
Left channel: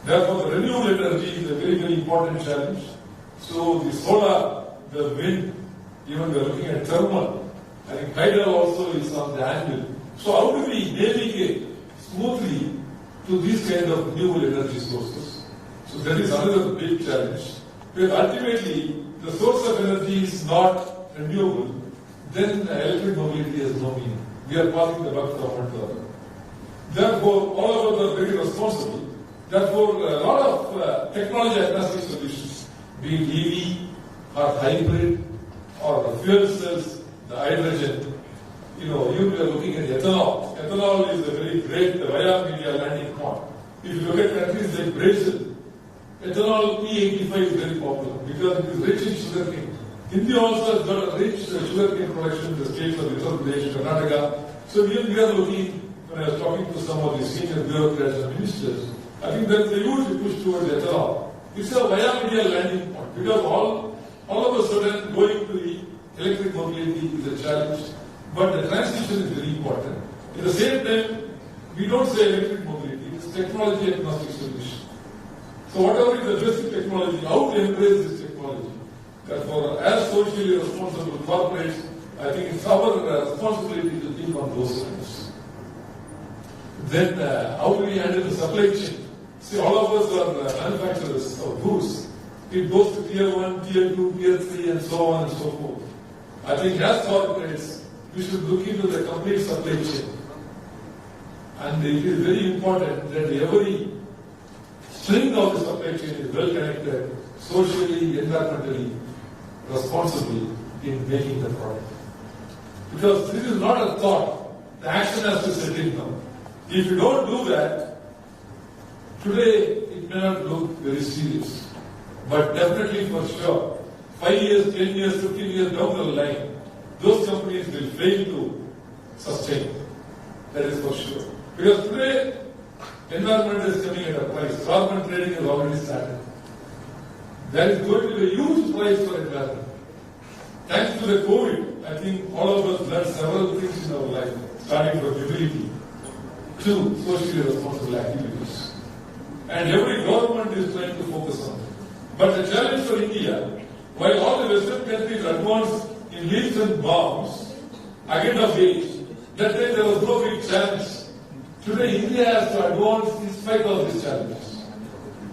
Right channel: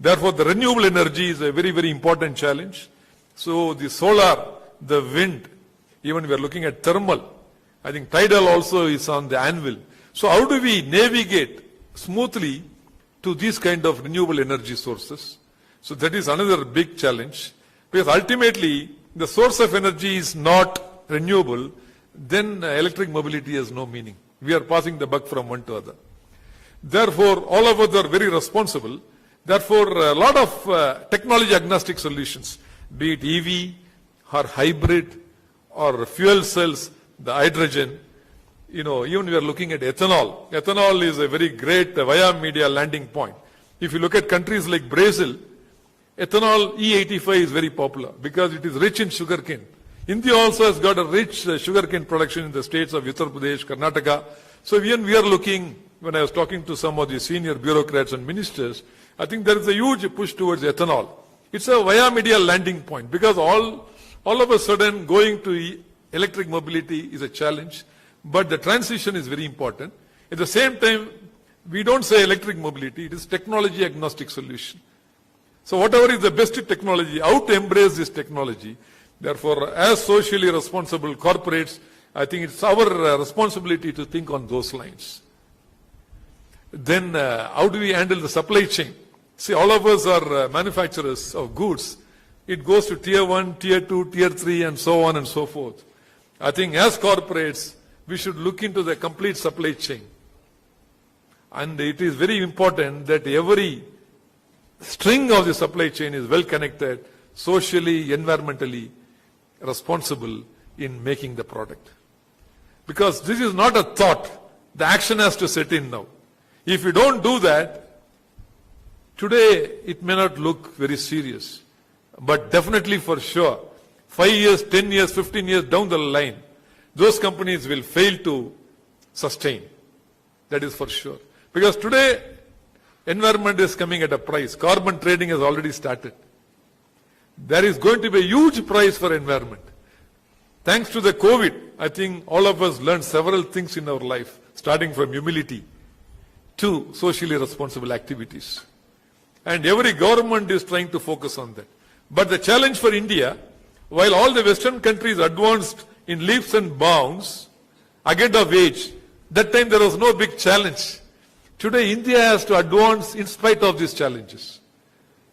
Therefore, the renewable energy is a very, very important challenge. So the solar, the wind, even we are looking at thermal. I think tidal also is on the anvil. So how do we navigate smoothly to these kind of renewable energy sources? So that is another big challenge. Because ultimately, the source of energy is not renewable, then electric mobility has no meaning. We are passing the buck from one to other. Therefore, all of us are very responsible. Therefore, a lot of technology agnostic solutions, be it EV or hybrid or fuel cells, the hydrogen, even we are looking at ethanol. Ethanol is a very great via media landing point. If you look at countries like Brazil, ethanol E85 is very popular because it is rich in sugarcane. India also has got a rich sugarcane production in the states of Uttar Pradesh, Karnataka. So we are looking, when I was talking to some of the senior bureaucrats and ministers, I think there is a huge push towards ethanol. It's a via media landing point because all of a sudden going to electric mobility is a challenge. But the transition is very important. At the same time, we don't say electric mobility, it is technology agnostic solution. So whatever is the best technology, how to embrace this technology. Therefore, as socially responsible corporates, I think it's our responsibility to think on those lines. Then how do we handle the supply chain? See, all of us are manufacturers of goods. It goes to tier 1, tier 2, tier 3 and so on and so forth. I think as corporates, we should look into the complete supply chain. And it is very important that every string of the supply chain is well connected, socially, environmentally responsible in making the product. Because this is not a thought. The action has to set in now. If you don't do that, today it may not look very serious. But definitely for sure, 5 years, 10 years, 15 years down the line, those companies will fail to sustain. That is for sure. Because today, environment is coming at a price. Carbon trading has already started. There is going to be a huge price for environment. Thanks to the COVID, I think all of us learned several things in our life, starting from humility to socially responsible activities. And every government is trying to focus on them. But the challenge for India, while all the Western countries advanced in leaps and bounds, ahead of age, that time there was no big challenge. Today India has to advance in spite of these challenges.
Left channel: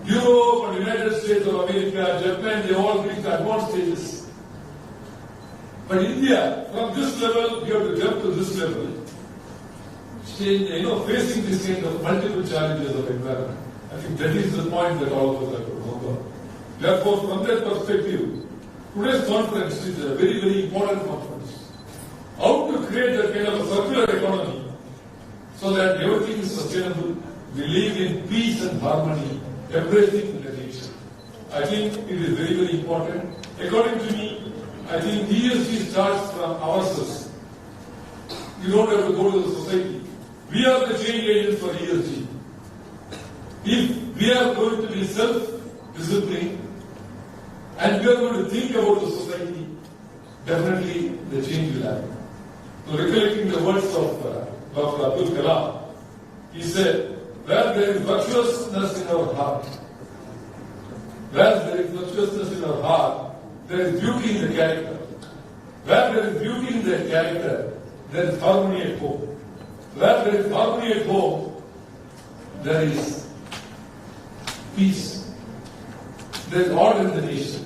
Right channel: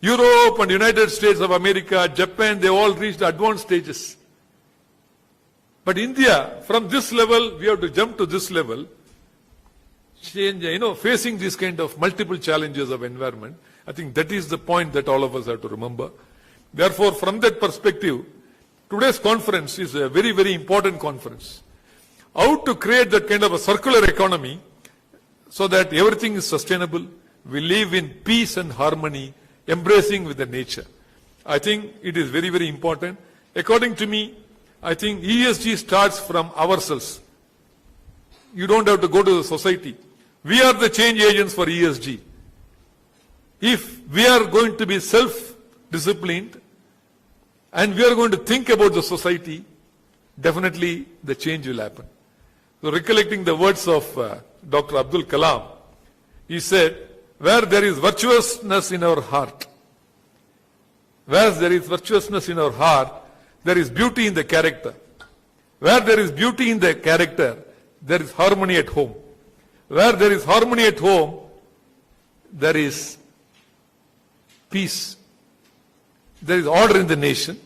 Europe and United States of America, Japan, they all reached advanced stages. But India, from this level, we have to jump to this level, facing this kind of multiple challenges of environment. I think that is the point that all of us have to remember. Therefore, from that perspective, today's conference is a very, very important conference. how to create that kind of a circular economy so that everything is sustainable. We live in peace and harmony, embracing with the nature. I think it is very, very important. According to me, I think ESG starts from ourselves. You don't have to go to the society. We are the change agents for ESG. If we are going to be self-disciplined and we are going to think about the society, definitely the change will happen. So recollecting the words of Dr. Abdul Kalam, he said, where there is virtuousness in our heart, where there is virtuousness in our heart, there is beauty in the character. Where there is beauty in the character, there is harmony at home. Where there is harmony at home, there is peace. There is order in the nation.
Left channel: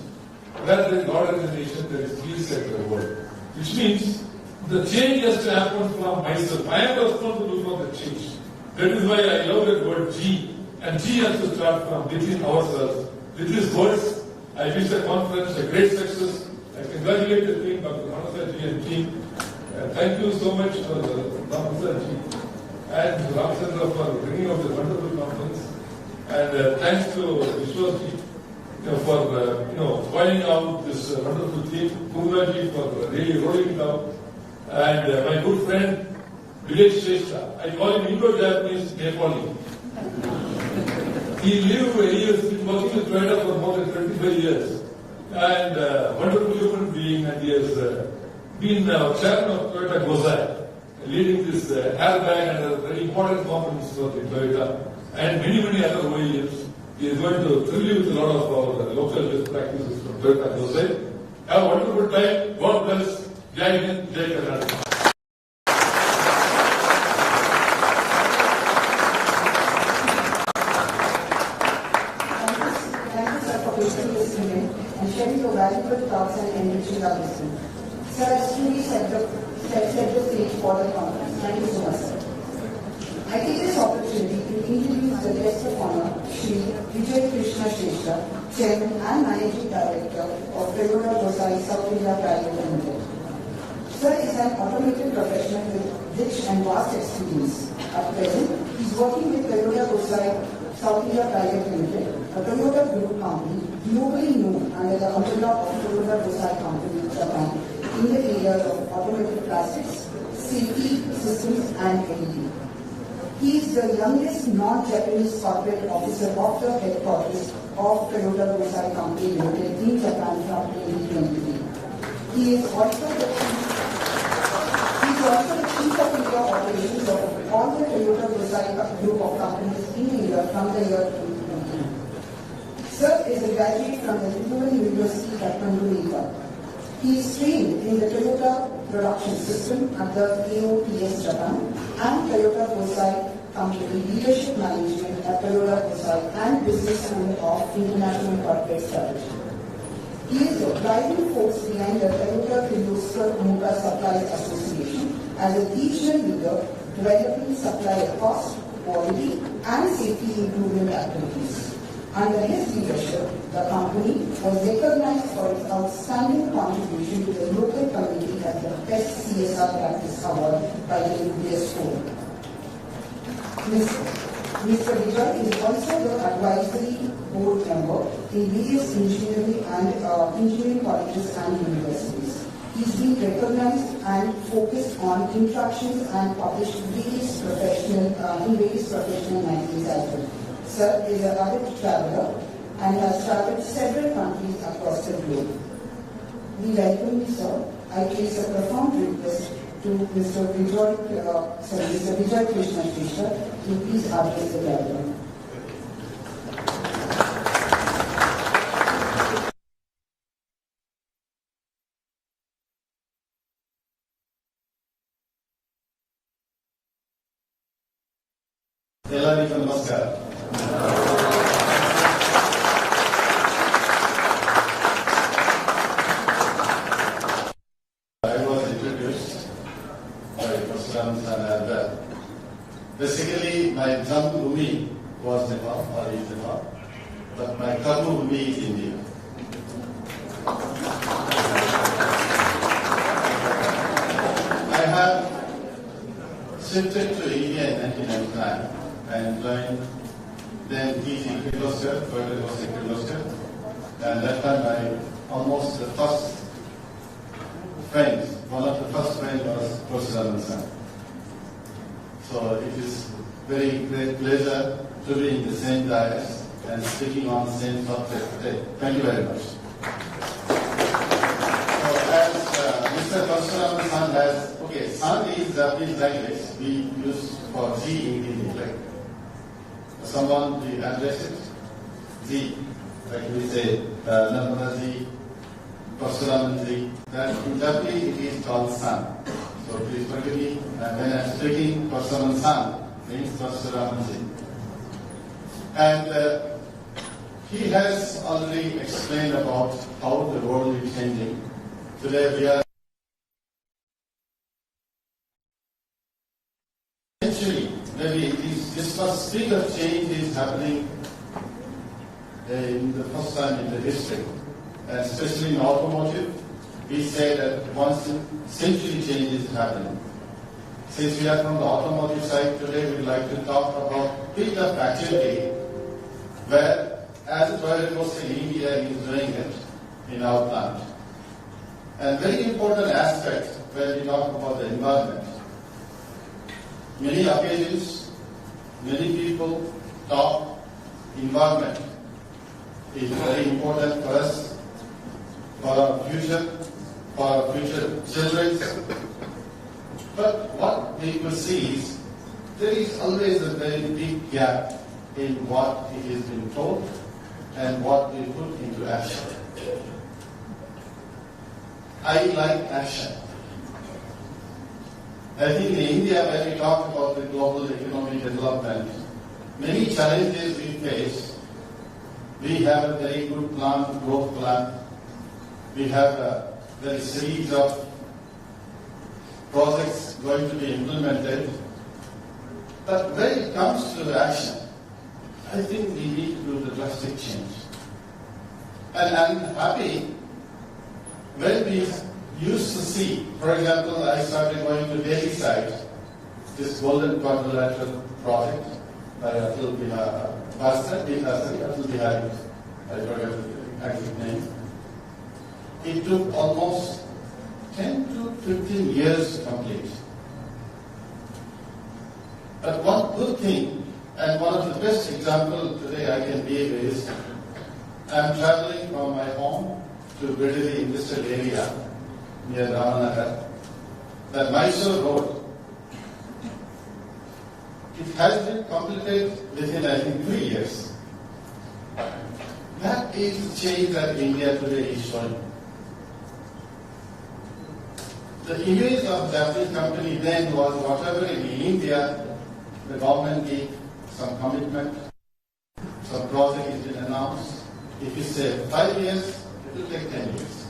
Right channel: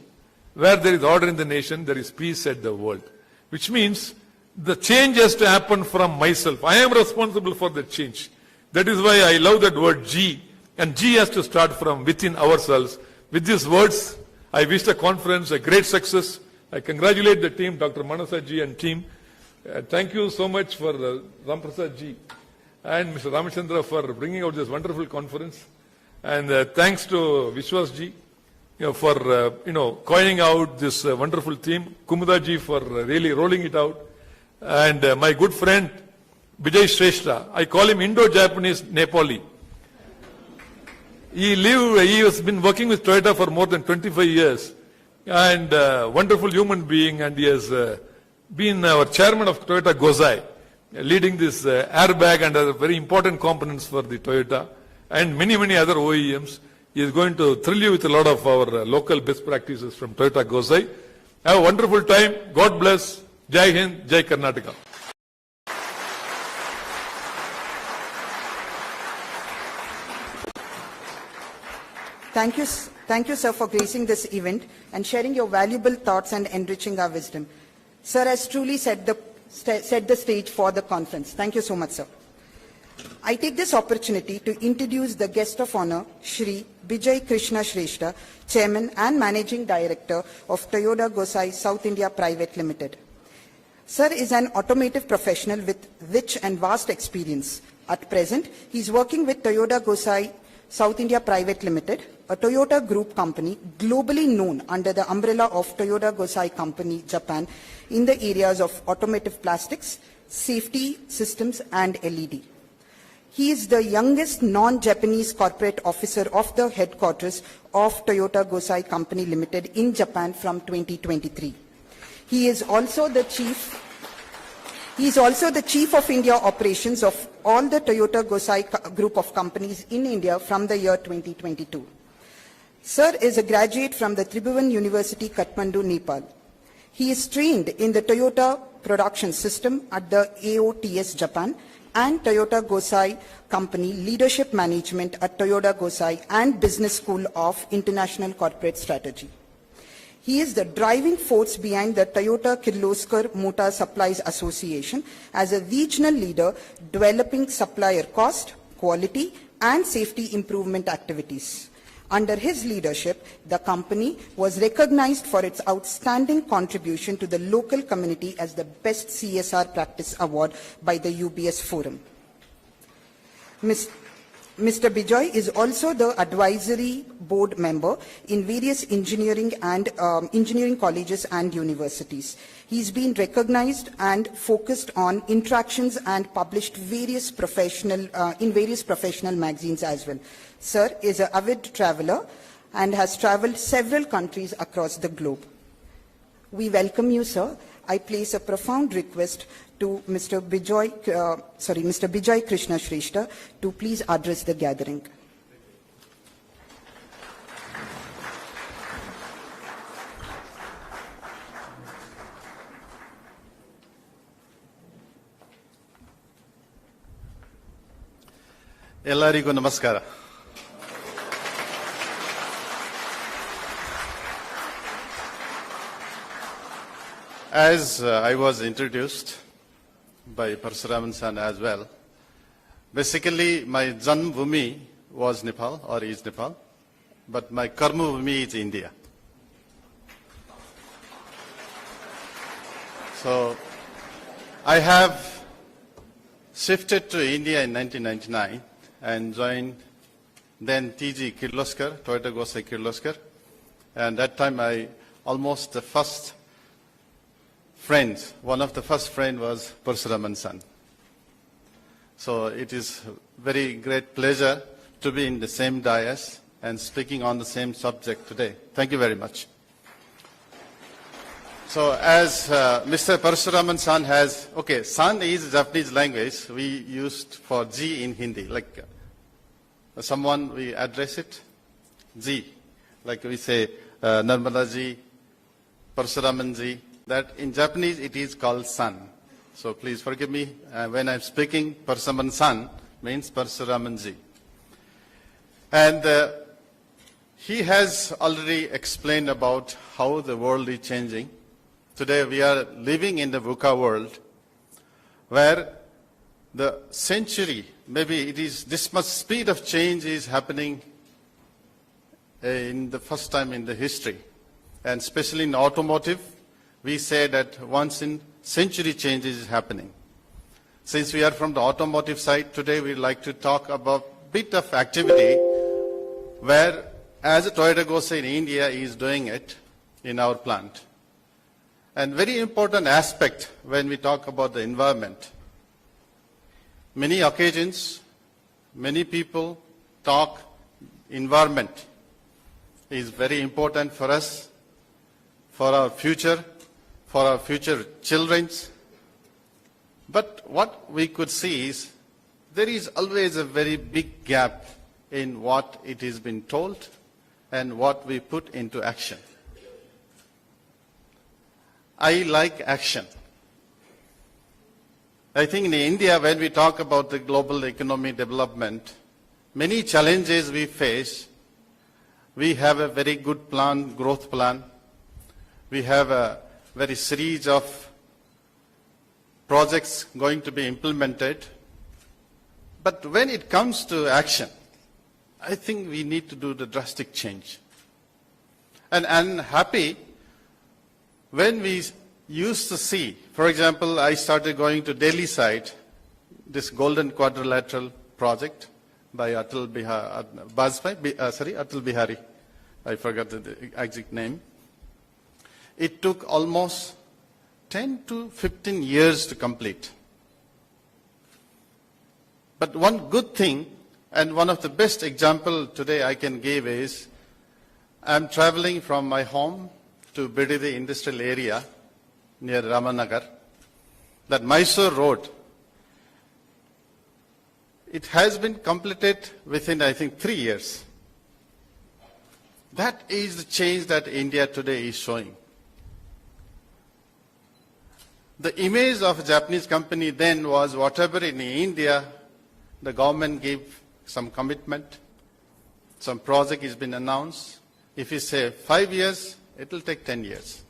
Where there is order in the nation, there is peace in the world. Which means the change has to happen from myself. I am responsible for the change. That is why I love that word G. And G has to start from within ourselves. With these words, I wish the conference a great success. I congratulate the team, Dr. Manasaji and team. Thank you so much for Ramasaji and Mr. Ramachandra for bringing out this wonderful conference. And thanks to Vishwasji for coining out this wonderful theme. Kumudaji for really rolling it out. And my good friend Vijay Shrestha. I call him Indo-Japanese Nepali. He has been working with Toyota for more than 25 years and wonderful human being, and he has been our chairman of Toyota Gosei, leading this airbag and other very important components for the Toyota and many, many other OEMs. He is going to thrill you with a lot of our local best practices from Toyota Gosei. Have a wonderful time. God bless. Jai Hind, Jai Karnataka. Thank you, sir, for gracing this event and sharing your valuable thoughts and enriching our wisdom. Sir has truly set the stage for the conference. Thank you so much, sir. I take this opportunity to introduce the guest of honor, Shri Vijay Krishna Shrestha, Chairman and Managing Director of Toyoda Gosei South India Private Limited. Sir is an automotive professional with rich and vast experience. At present, he is working with Toyoda Gosei South India Private Limited, a Toyota group company globally known under the umbrella of Toyoda Gosei Company, Japan, in the areas of automotive plastics, safety systems and LED. He is the youngest non-Japanese corporate officer of the headquarters of Toyota Gosei Company Limited in Japan from 2023. He is also the Chief of India Operations of all the Toyota Gosei group of companies in India from the year 2022. Sir is a graduate from the Tribhuvan University, Kathmandu, Nepal. He is trained in the Toyota production system at the AOTS Japan and Toyota Gosei Company Leadership Management at Toyota Gosei and Business School of International Corporate Strategy. He is the driving force behind the Toyota Kirloskar Motor Supplies Association as a regional leader developing supplier cost, quality and safety improvement activities. Under his leadership, the company was recognized for its outstanding contribution to the local community as the Best CSR Practice Award by the UBS Forum. Mr. Vijay is also the advisory board member in various engineering colleges and universities. He's been recognized and focused on interactions and published in various professional magazines as well. Sir is an avid traveler and has traveled several countries across the globe. We welcome you, sir. I place a profound request to Mr. Vijay Krishna Shrestha to please address the gathering. ಎಲ್ಲರಿಗೂ ನಮಸ್ಕಾರ. As I was introduced by Parasuraman as well, basically my Janmabhumi was Nepal or is Nepal, but my Karmabhumi is India. So I have shifted to India in 1999 and joined then TG Kirloskar, Toyoda Gosei Kirloskar. And that time one of the first friends was Parasuraman son. So it is very great pleasure to be in the same dais and speaking on the same subject today. Thank you very much. So as Mr. Parasuraman san has, san is Japanese language. We used for G in Hindi. Like someone we address it, G. Like we say, Nirmala ji, Parasuraman ji. That in Japanese it is called san. So please forgive me when I'm speaking. Parasuraman san means Parasuraman ji. And he has already explained about how the world is changing. Today we are living in the VUCA world where the century, maybe it is this much speed of change is happening in the first time in the history. And especially in automotive, we say that once in century changes is happening. Since we are from the automotive side, today we would like to talk about a bit of activity where as a Toyoda Gosei in India is doing it in our plant. And very important aspect when we talk about the environment. Many occasions, many people talk environment is very important for us, for our future children. But what we could see is there is always a very big gap in what it is been told and what we put into action. I like action. I think in India, when we talk about the global economy development, many challenges we face. We have a very good plan, growth plan. We have a very series of projects going to be implemented. But when it comes to action, I think we need to do the drastic change. And I'm happy when we used to see, for example, I started going to Delhi side, this Golden Quadrilateral project by Atal Bihari, I forgot the exact name. It took almost 10 to 15 years to complete. But one good thing, and one of the best example today I can give is, I'm traveling from my home to Byregowda industrial area near Ramanagar. That Mysore road, it has been completed within, I think, 3 years. That is the change that India today is showing. The image of Japanese company then was whatever in India, the government gave some commitment, some project has been announced. If you say 5 years, it will take 10 years.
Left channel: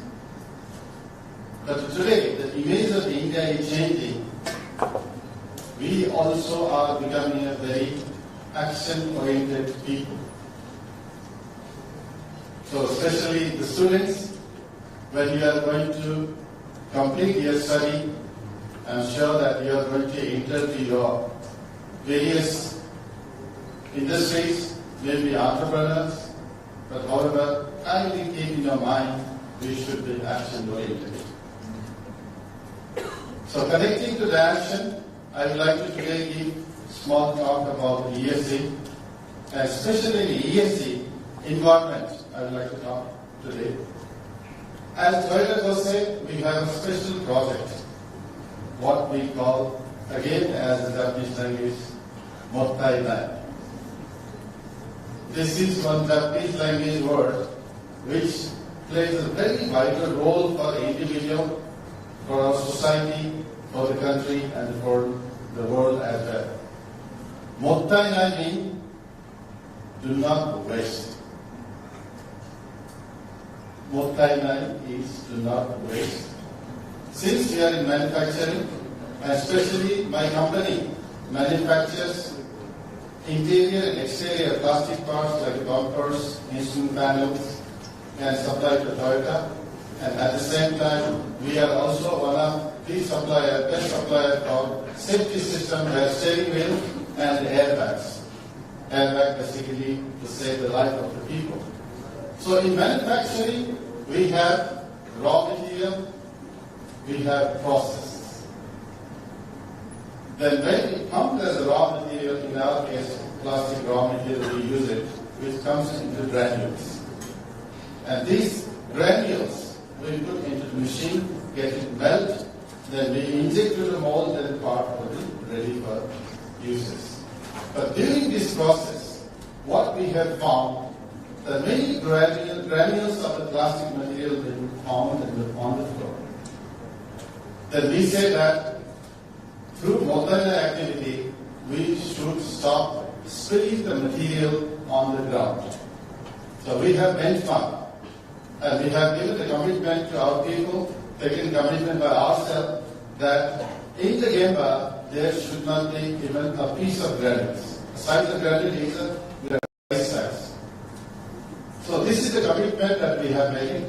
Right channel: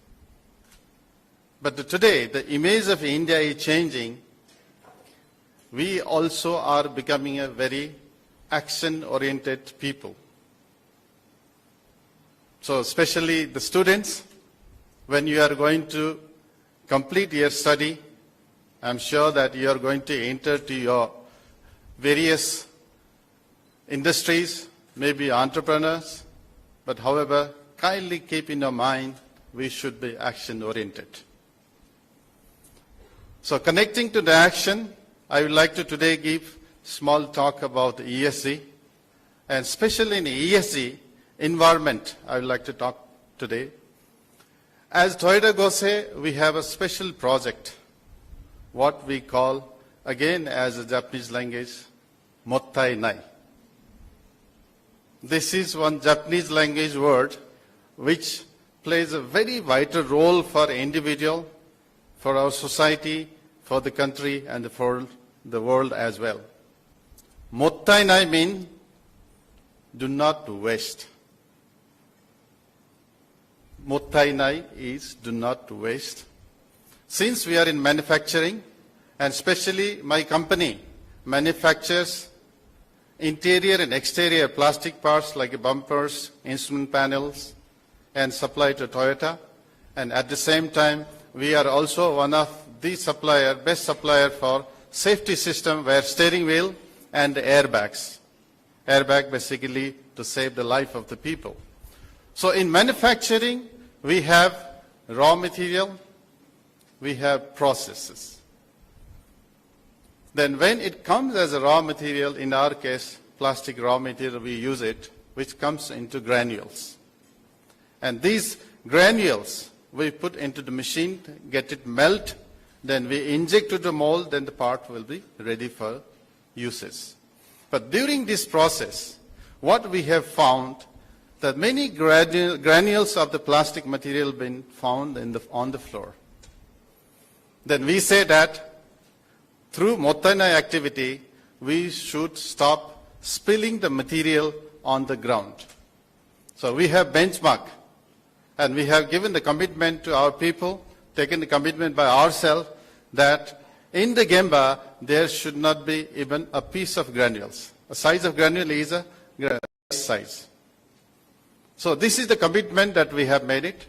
But today, the image of India is changing. We also are becoming a very action-oriented people. So especially the students, when you are going to complete your study, I'm sure that you are going to enter to your various industries, maybe entrepreneurs, but however, kindly keep in your mind, we should be action-oriented. So connecting to the action, I would like to today give small talk about ESG, and especially in ESG, environment, I would like to talk today. As Toyoda Gosei, we have a special project, what we call, again as a Japanese language, Mottai Nai. This is one Japanese language word which plays a very vital role for individual, for our society, for the country, and for the world as well. Mottai Nai means do not waste. Mottai Nai is do not waste. Since we are in manufacturing, and especially my company manufactures interior and exterior plastic parts like bumpers, instrument panels, and supply to Toyota. And at the same time, we are also one of the supplier, best supplier for safety system where steering wheel and airbags. Airbag basically to save the life of the people. So in manufacturing, we have raw material, we have processes. Then when it comes as a raw material, in our case, plastic raw material, we use it, which comes into granules. And these granules, we put into the machine, get it melt, then we inject to the mold, then the part will be ready for uses. But during this process, what we have found, that many granules of the plastic material been found on the floor. Then we say that through Murthy activity, we should stop spilling the material on the ground. So we have benchmarked, and we have given the commitment to our people, taken the commitment by ourselves, that in the Gemba, there should not be even a piece of granules. The size of granule is a granule size. So this is the commitment that we have made it,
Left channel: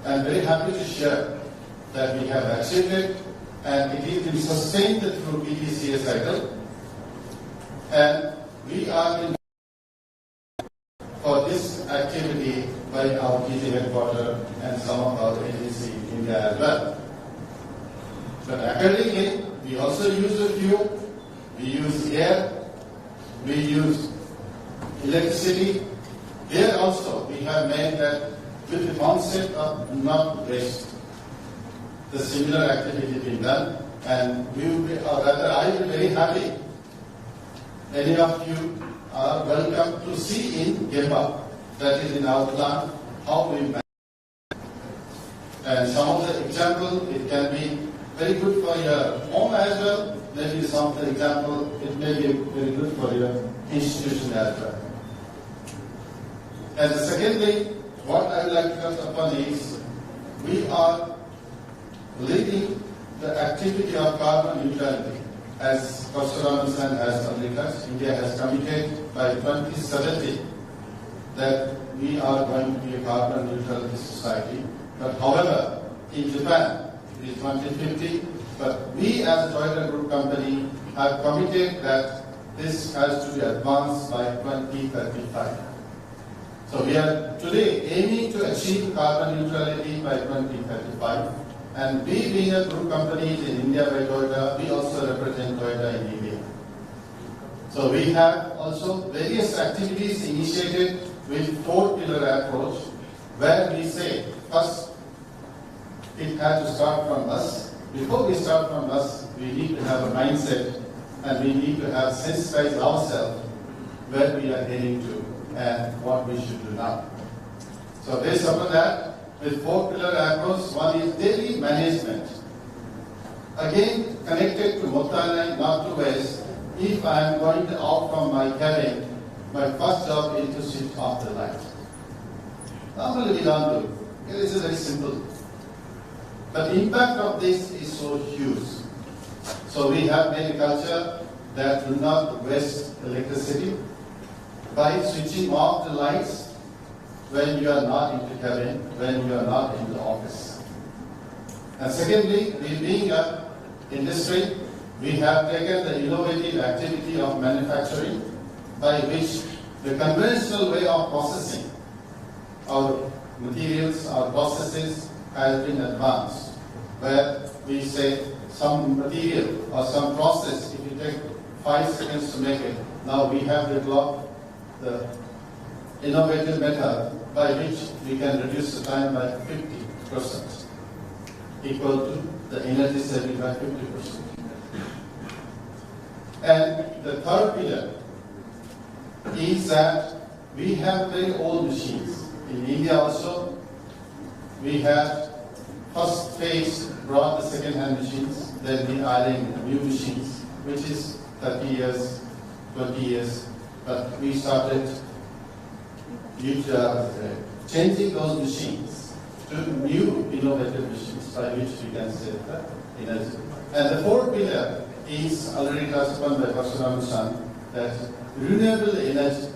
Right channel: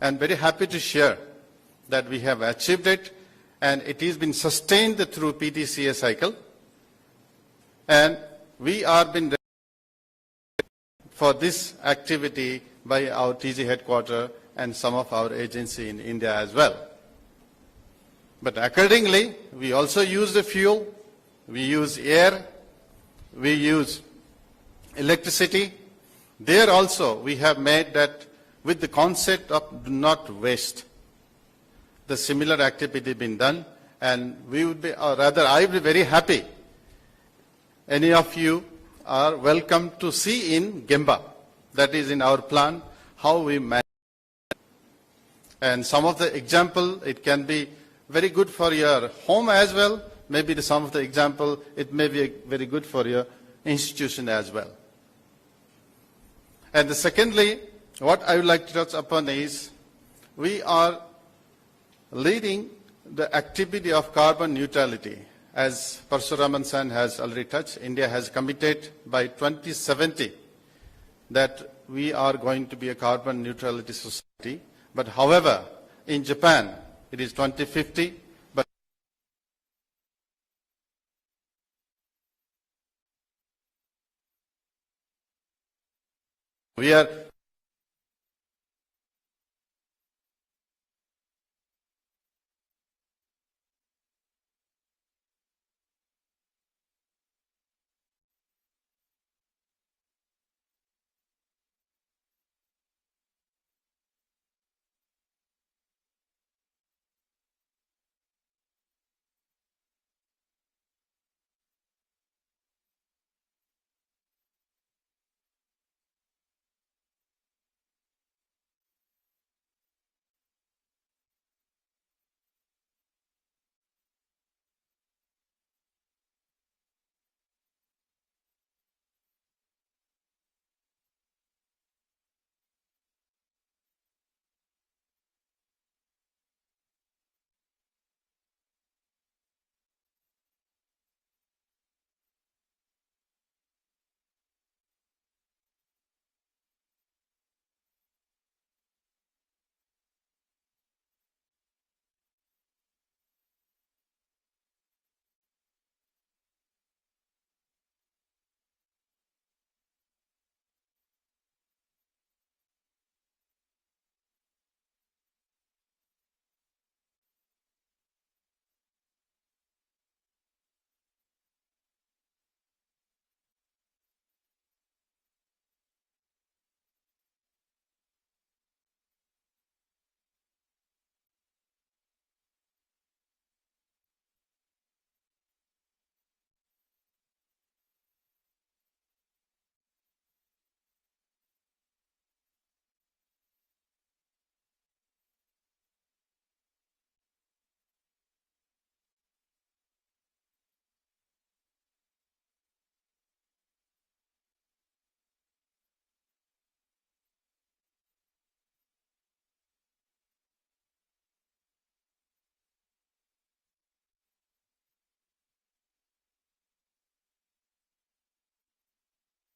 and very happy to share that we have achieved it, and it has been sustained through PDCA cycle, and we are been for this activity by our TG headquarters and some of our agency in India as well. But accordingly, we also use the fuel, we use air, we use electricity. There also we have made that with the concept of do not waste. The similar activity been done, and we will be, or rather I will be very happy. Any of you are welcome to see in Gemba, that is in our plant, how we manage. And some of the example, it can be very good for your home as well. Maybe some of the example, it may be very good for your institution as well. And secondly, what I would like to touch upon is, we are leading the activity of carbon neutrality. As Parasuraman has already touched, India has committed by 2070 that we are going to be a carbon neutrality society. But however, in Japan, it is 2050, but we as a Toyota Group company have committed that this has to be advanced by 2035. So we are today aiming to achieve carbon neutrality by 2035. And we being a group company in India by Toyota, we also represent Toyota in India. So we have also various activities initiated with 4-pillar approach, where we say first it has to start from us. Before we start from us, we need to have a mindset, and we need to have sensitized ourselves where we are heading to and what we should do now. So based upon that, with 4-pillar approach, one is daily management. Again, connected to Murthy, not to waste. If I am going out from my cabin, my first job is to switch off the light. Normally we don't do. It is very simple. But the impact of this is so huge. So we have made a culture that do not waste electricity by switching off the lights when you are not in the cabin, when you are not in the office. And secondly, we being an industry, we have taken the innovative activity of manufacturing, by which the conventional way of processing our materials, our processes has been advanced, where we say some material or some process, if you take 5 seconds to make it, now we have developed the innovative method by which we can reduce the time by 50%, equal to the energy saving by 50%. And the third pillar is that we have very old machines. In India also, we have first phase brought the second-hand machines, then we are adding new machines, which is 30 years, 20 years, but we started changing those machines to new innovative machines by which we can save the energy. And the fourth pillar is already touched upon by Parasuraman, that renewable energy.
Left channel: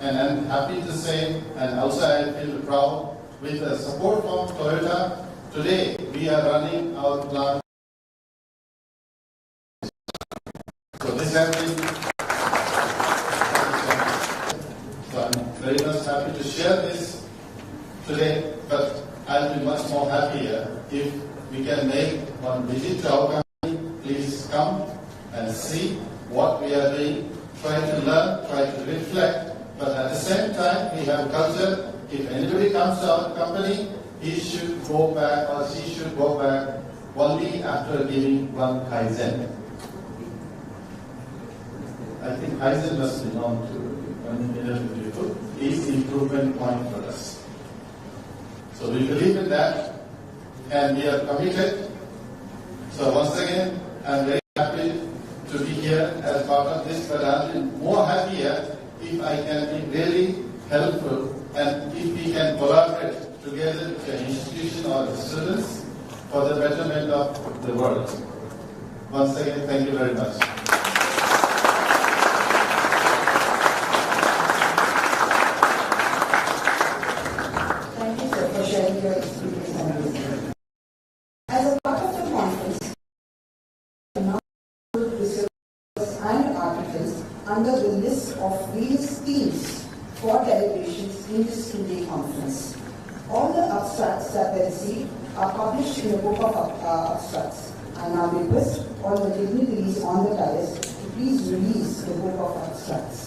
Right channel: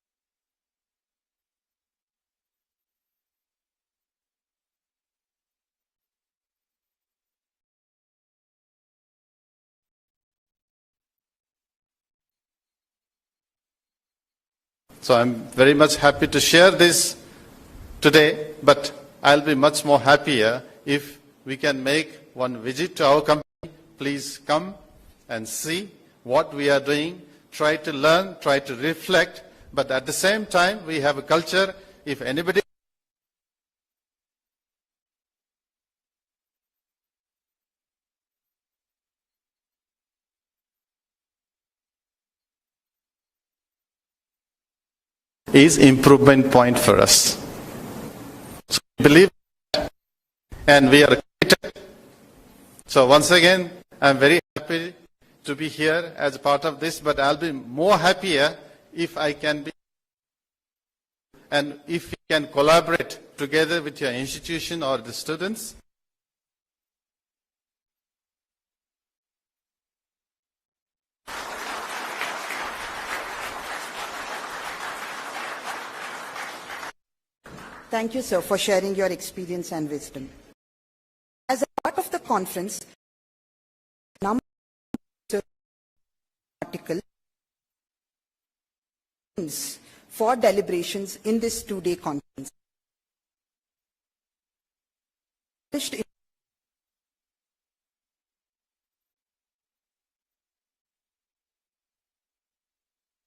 And I'm happy to say, and also I feel proud, with the support from Toyota, today we are running our plant So I'm very much happy to share this today, but I'll be much more happier if we can make one visit to our company. Please come and see what we are doing, try to learn, try to reflect, but at the same time we have a culture. If anybody comes to our company, he should go back or she should go back only after giving one Kaizen. I think Kaizen must be known to is improvement point for us. So we believe in that and we are committed. So once again, I'm very happy to be here as part of this, but I'll be more happier if I can be really helpful and if we can collaborate together with your institution or the students for the betterment of the world. Once again, thank you very much. Thank you, sir, for sharing your experience and wisdom. As a part of the conference, a number of research and articles under the list of various themes for deliberations in this two-day conference. All the abstracts that were received are published in the book of abstracts. I now request all the dignitaries on the dais to please release the book of abstracts.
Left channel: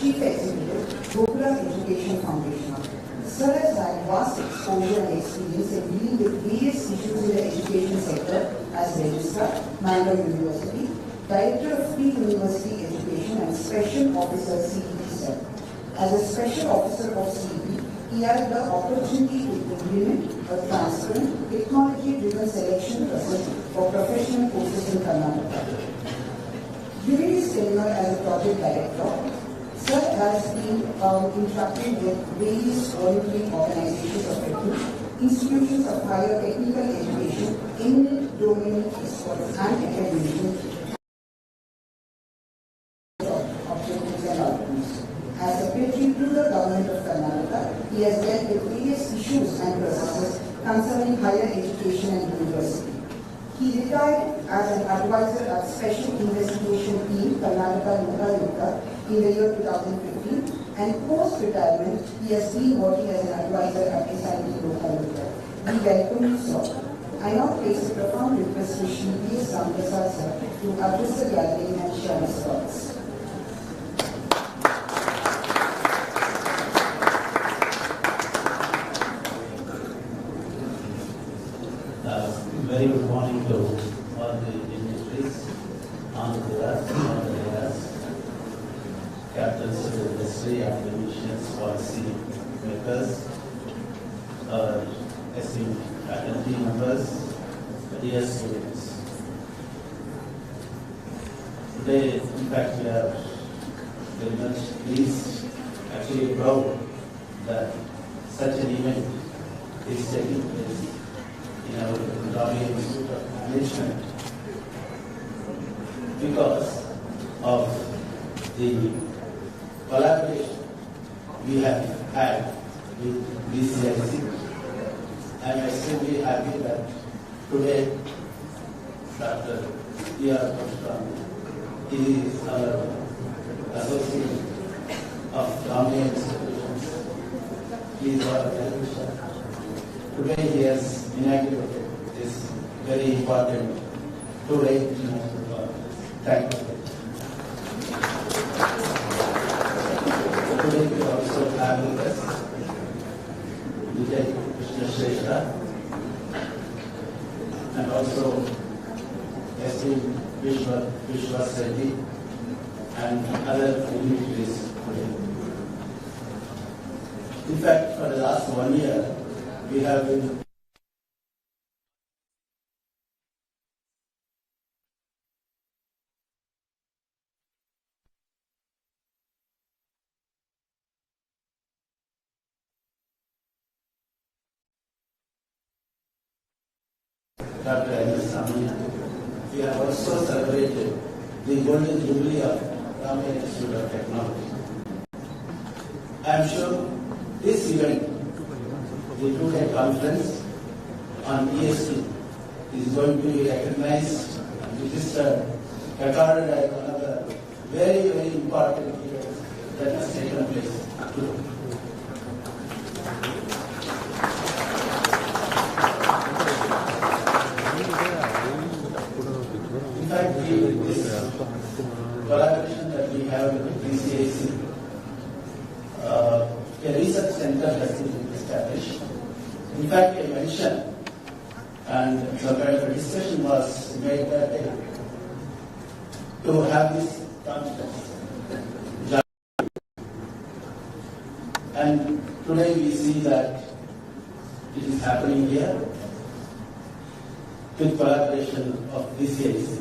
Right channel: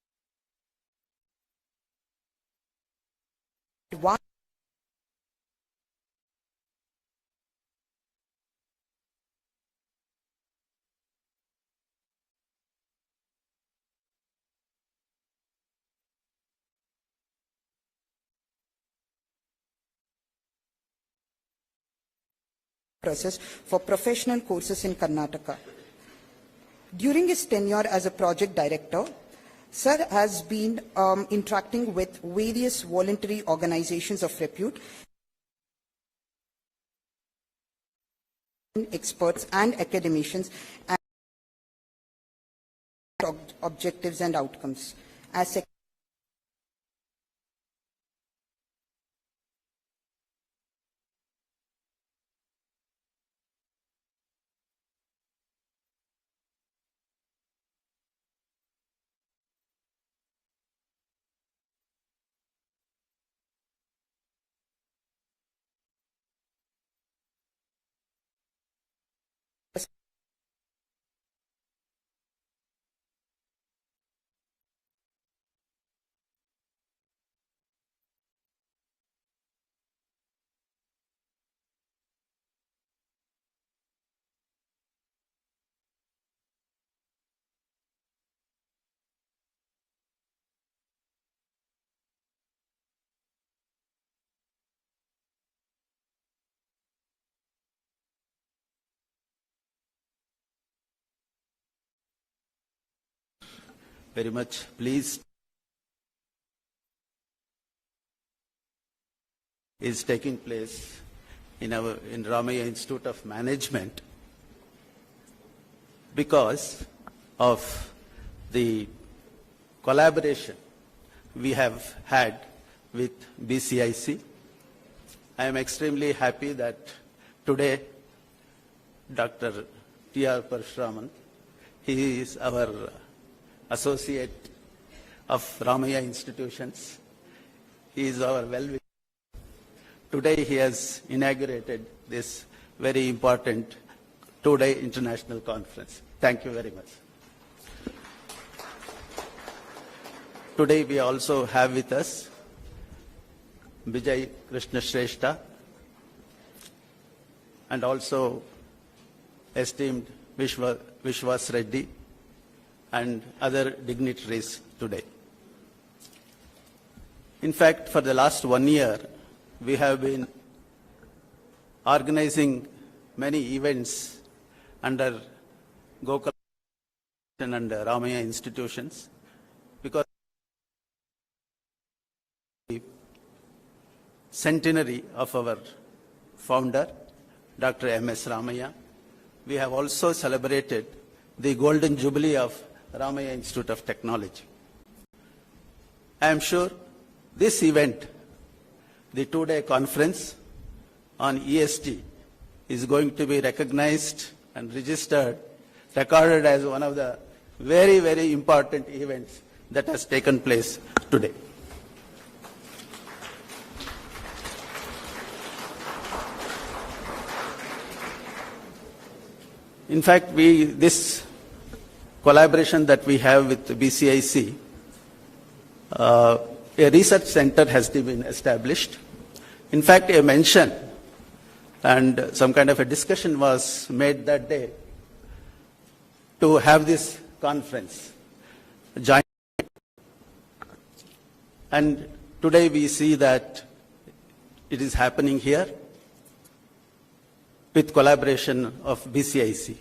Chief Executive, Gokula Education Foundation. Sir has had vast exposure and experience in dealing with various issues in the education sector as Registrar, Mangalore University, Director of Pre-University Education and Special Officer CEP. As a Special Officer of CEP, he had the opportunity to implement a transparent, technology-driven selection process for professional courses in Karnataka. During his tenure as a project director, Sir has been interacting with various voluntary organizations of repute, institutions of higher technical education, eminent domain experts and academicians, and objectives and outcomes. As Secretary to the Government of Karnataka, he has dealt with various issues and processes concerning higher education and university. He retired as an advisor at Special Investigation Team, Karnataka Lumbe, in the year 2015, and post-retirement, he has been working as an advisor at SIT Local. We welcome you, sir. I now place a profound request to Shri Prasad, sir, to address the gathering and share his thoughts. Very good morning to all the dignitaries, entrepreneurs, captains of the industry, academicians, policy makers, esteemed faculty members, dear students. Today, in fact, we are very much pleased, actually proud that such an event is taking place in Ramaiah Institute of Management because of the collaboration we have had with BCIC. I am extremely happy that today Dr. Parasuraman, he is our associate of Ramaiah institutions. He is our well-wisher. Today he has inaugurated this very important two-day international conference. Thank you very much. today we also have with us Vijay, Krishna, Shrestha, and also esteemed Vishwas Reddy and other dignitaries today. In fact, for the last 1 year, we have been organizing many events under Gokula and Ramaiah institutions because the centenary of our founder, Dr. M.S. Ramaiah. We have also celebrated the golden jubilee of Ramaiah Institute of Technology. I am sure this event, the 2-day conference on ESG, is going to be recognized and registered, recorded as one of the very, very important events that has taken place today. In fact, this collaboration that we have with BCIC, a research center has been established. In fact, a mention and some kind of a discussion was made that day to have this conference joint. And today we see that it is happening here with collaboration of BCIC.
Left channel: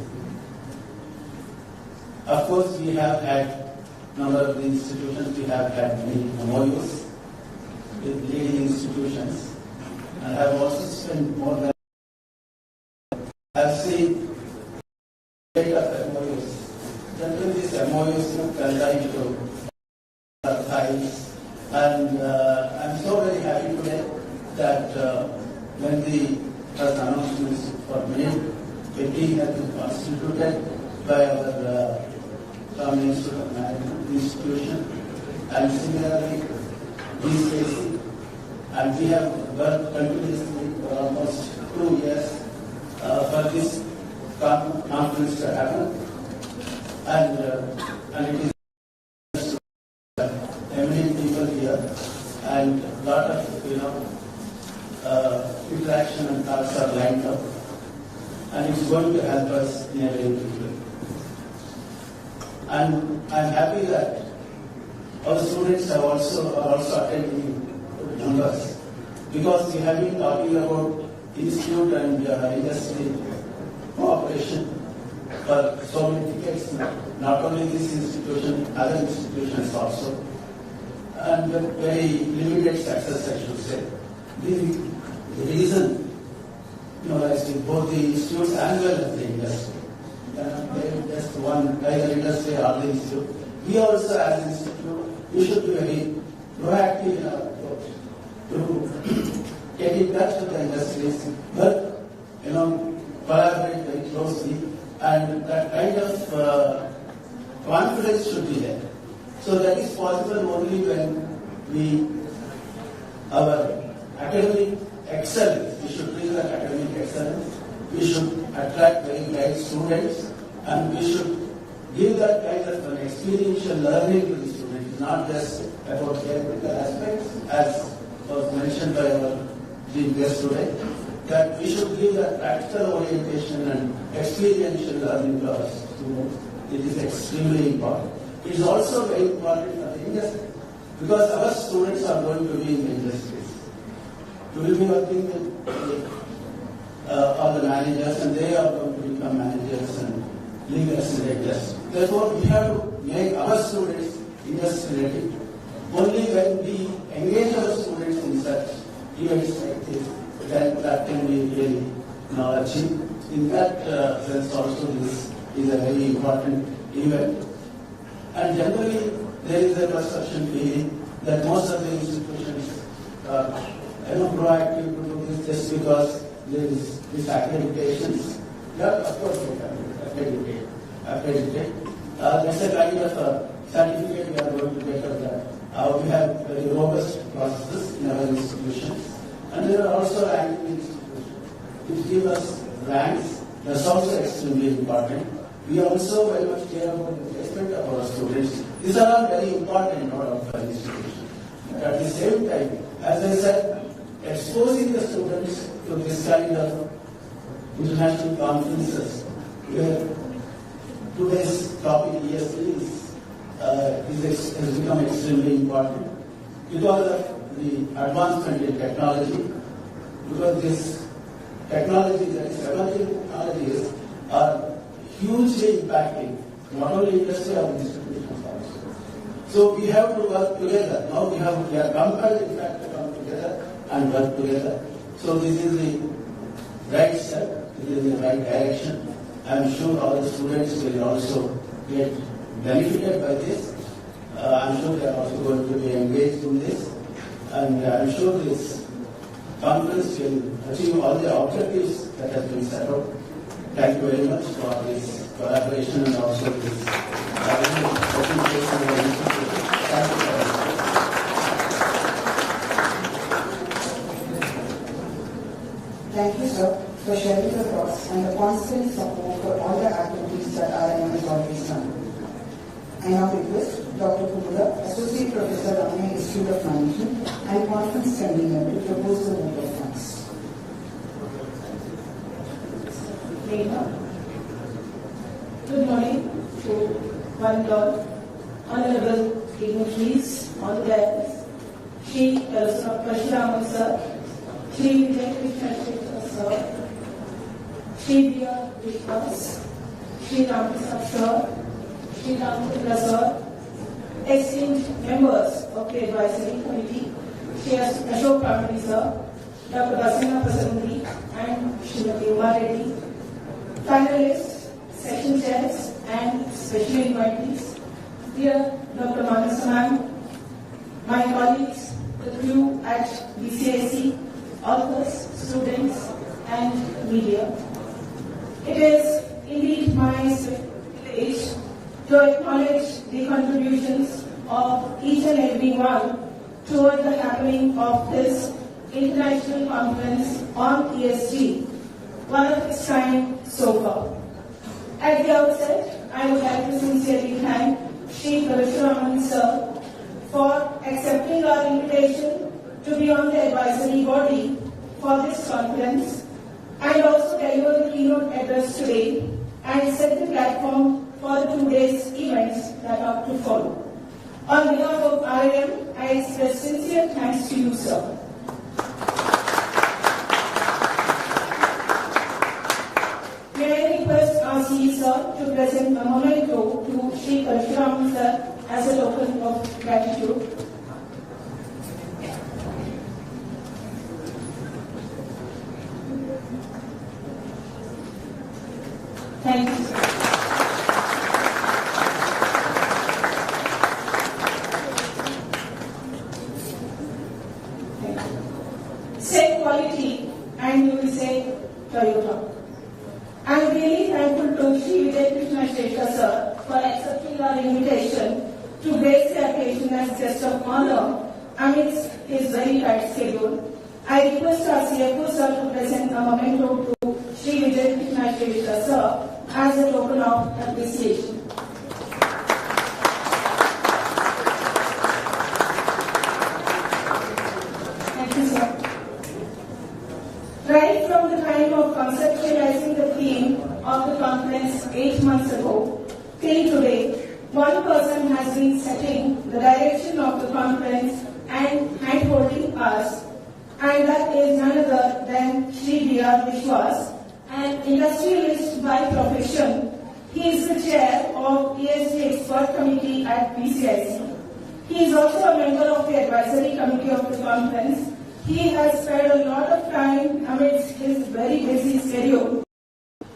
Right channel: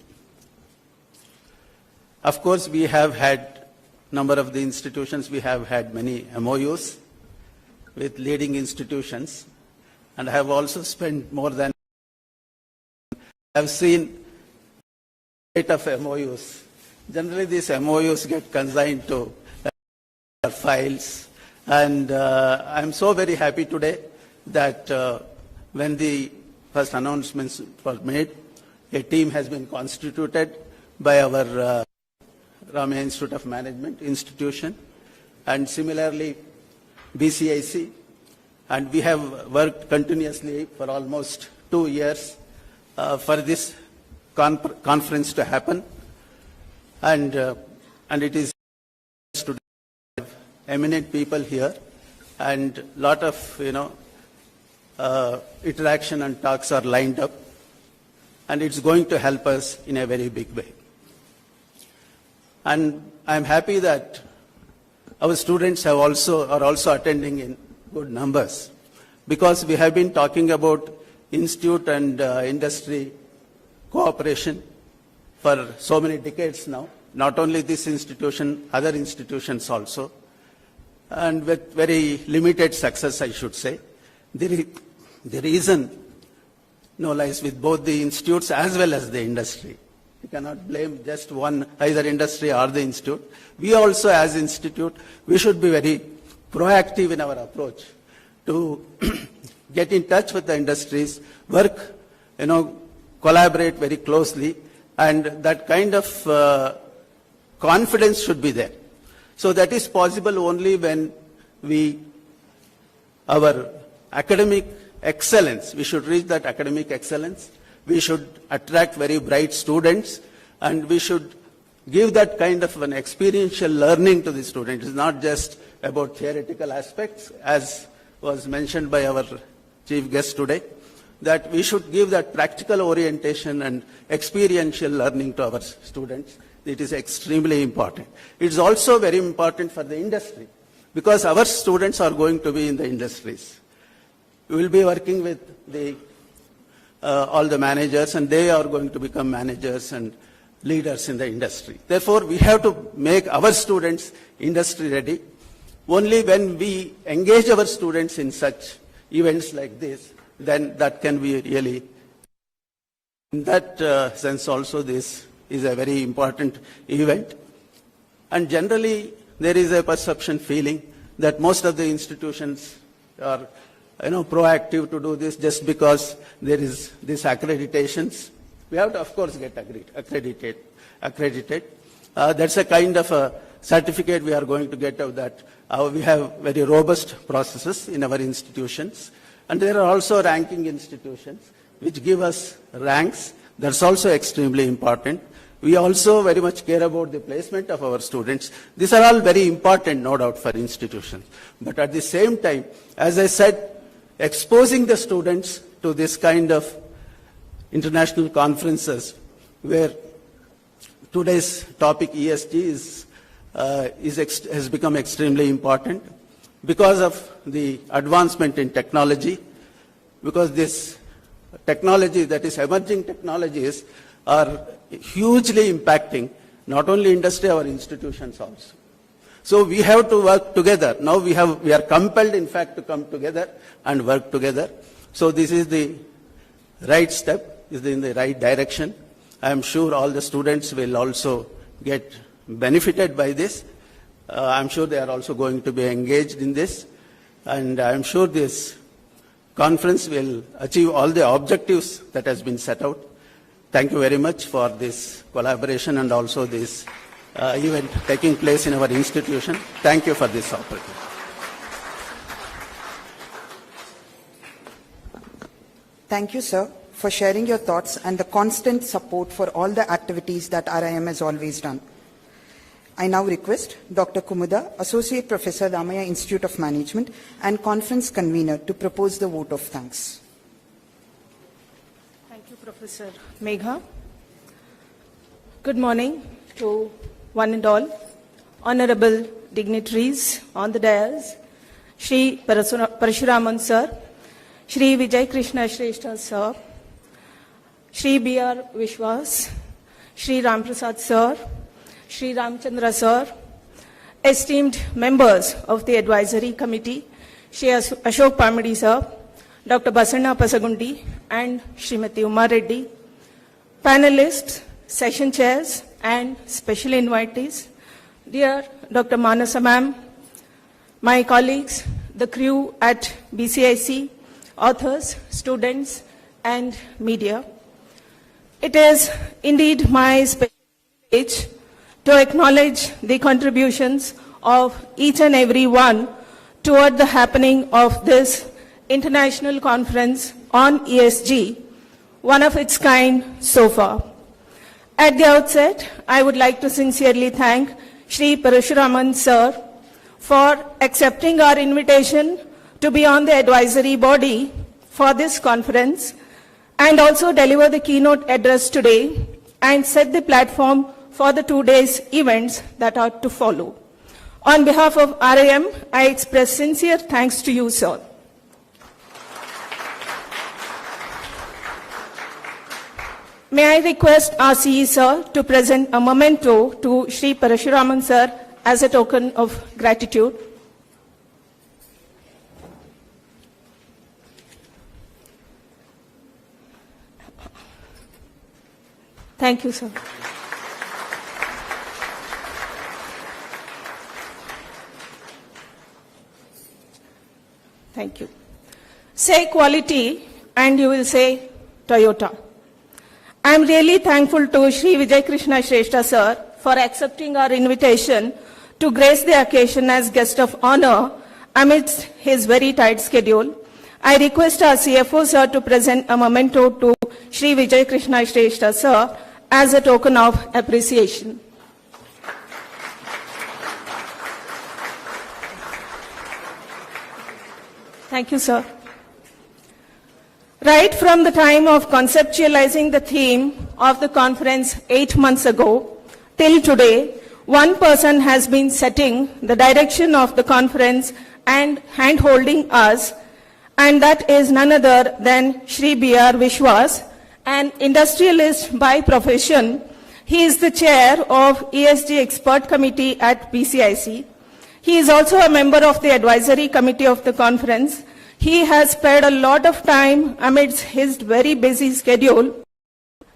Of course, we have had number of the institutions, we have had many MOUs with leading institutions, and I have also spent more than, I have seen 8 of MOUs. Generally, these MOUs get consigned to files, and I am so very happy today that when the first announcements were made, a team has been constituted by our Ramaiah Institute of Management institution, and similarly BCIC, and we have worked continuously for almost 2 years for this conference to happen, and it is eminent people here, and lot of interaction and talks are lined up, and it's going to help us in a very big way. And I'm happy that our students are also attending in good numbers, because we have been talking about institute and industry cooperation for so many decades now. Not only this institution, other institutions also, and with very limited success, I should say. The reason lies with both the institutes as well as the industry. You cannot blame just one, either industry or the institute. We also, as institute, we should be very proactive in our approach to get in touch with the industries, work, collaborate very closely, and that kind of confidence should be there. So that is possible only when our academic excellence, we should reach that academic excellence, we should attract very bright students, and we should give that kind of an experiential learning to the students. It's not just about theoretical aspects, as was mentioned by our chief guest today, that we should give that practical orientation and experiential learning to our students. It is extremely important. It's also very important for the industry, because our students are going to be in the industries. We will be working with all the managers, and they are going to become managers and leaders in the industry. Therefore, we have to make our students industry ready. Only when we engage our students in such events like this, then that can be really achieved. In that sense also, this is a very important event. And generally, there is a perception feeling that most of the institutions are proactive to do this just because there is this accreditations. We have to, of course, get accredited. That's a kind of a certificate we are going to get out that we have very robust processes in our institutions. And there are also ranking institutions which give us ranks. That's also extremely important. We also very much care about the placement of our students. These are all very important, no doubt, for institution. But at the same time, as I said, exposing the students to this kind of international conferences where today's topic ESG has become extremely important because of the advancement in technology, because this technology, that is emerging technologies, are hugely impacting not only industry, our institutions also. So we have to work together. Now we are compelled, in fact, to come together and work together. So this is the right step, is in the right direction. I am sure all the students will also get benefited by this. I am sure they are also going to be engaged in this. And I am sure this conference will achieve all the objectives that has been set out. Thank you very much for this collaboration and also this event taking place in our institution. Thank you for this. Thank you, sir, for sharing your thoughts and the constant support for all the activities that RIM has always done. I now request Dr. Kumuda, Associate Professor, Ramaiah Institute of Management and Conference Convener, to propose the vote of thanks. Megha. Good morning to one and all. Honorable dignitaries on the dais, Shri Parasuraman sir, Shri Vijay Krishna Shrestha sir, Shri B.R. Vishwas, Shri Prasad sir, Shri Chithra sir, esteemed members of the advisory committee, Shri Ashok Pamadi sir, Dr. Basanna Patagundi and Srimati Uma Reddy, panelists, session chairs and special invitees, dear Dr. Manasa ma'am, my colleagues, the crew at BCIC, authors, students and media. It is indeed my privilege to acknowledge the contributions of each and every one toward the happening of this international conference on ESG, one of its kind so far. At the outset, I would like to sincerely thank Shri Parasuraman sir for accepting our invitation to be on the advisory body for this conference and also deliver the keynote address today and set the platform for the 2 days events that are to follow. On behalf of RIM, I express sincere thanks to you, sir. May I request our CE sir to present a memento to Shri Parasuraman sir as a token of gratitude. Thank you, sir. Thank you. Say quality and you will say Toyota. I am really thankful to Shri Vijay Krishna Shrestha sir for accepting our invitation to grace the occasion as guest of honor amidst his very tight schedule. I request our CFO sir to present a memento to Shri Vijay Krishna Shrestha sir as a token of appreciation. Thank you, sir. Right from the time of conceptualizing the theme of the conference 8 months ago till today, one person has been setting the direction of the conference and hand-holding us, and that is none other than Shri B.R. Vishwas, an industrialist by profession. He is the chair of ESG Expert Committee at BCIC. He is also a member of the advisory committee of the conference. He has spared a lot of time amidst his very busy schedule.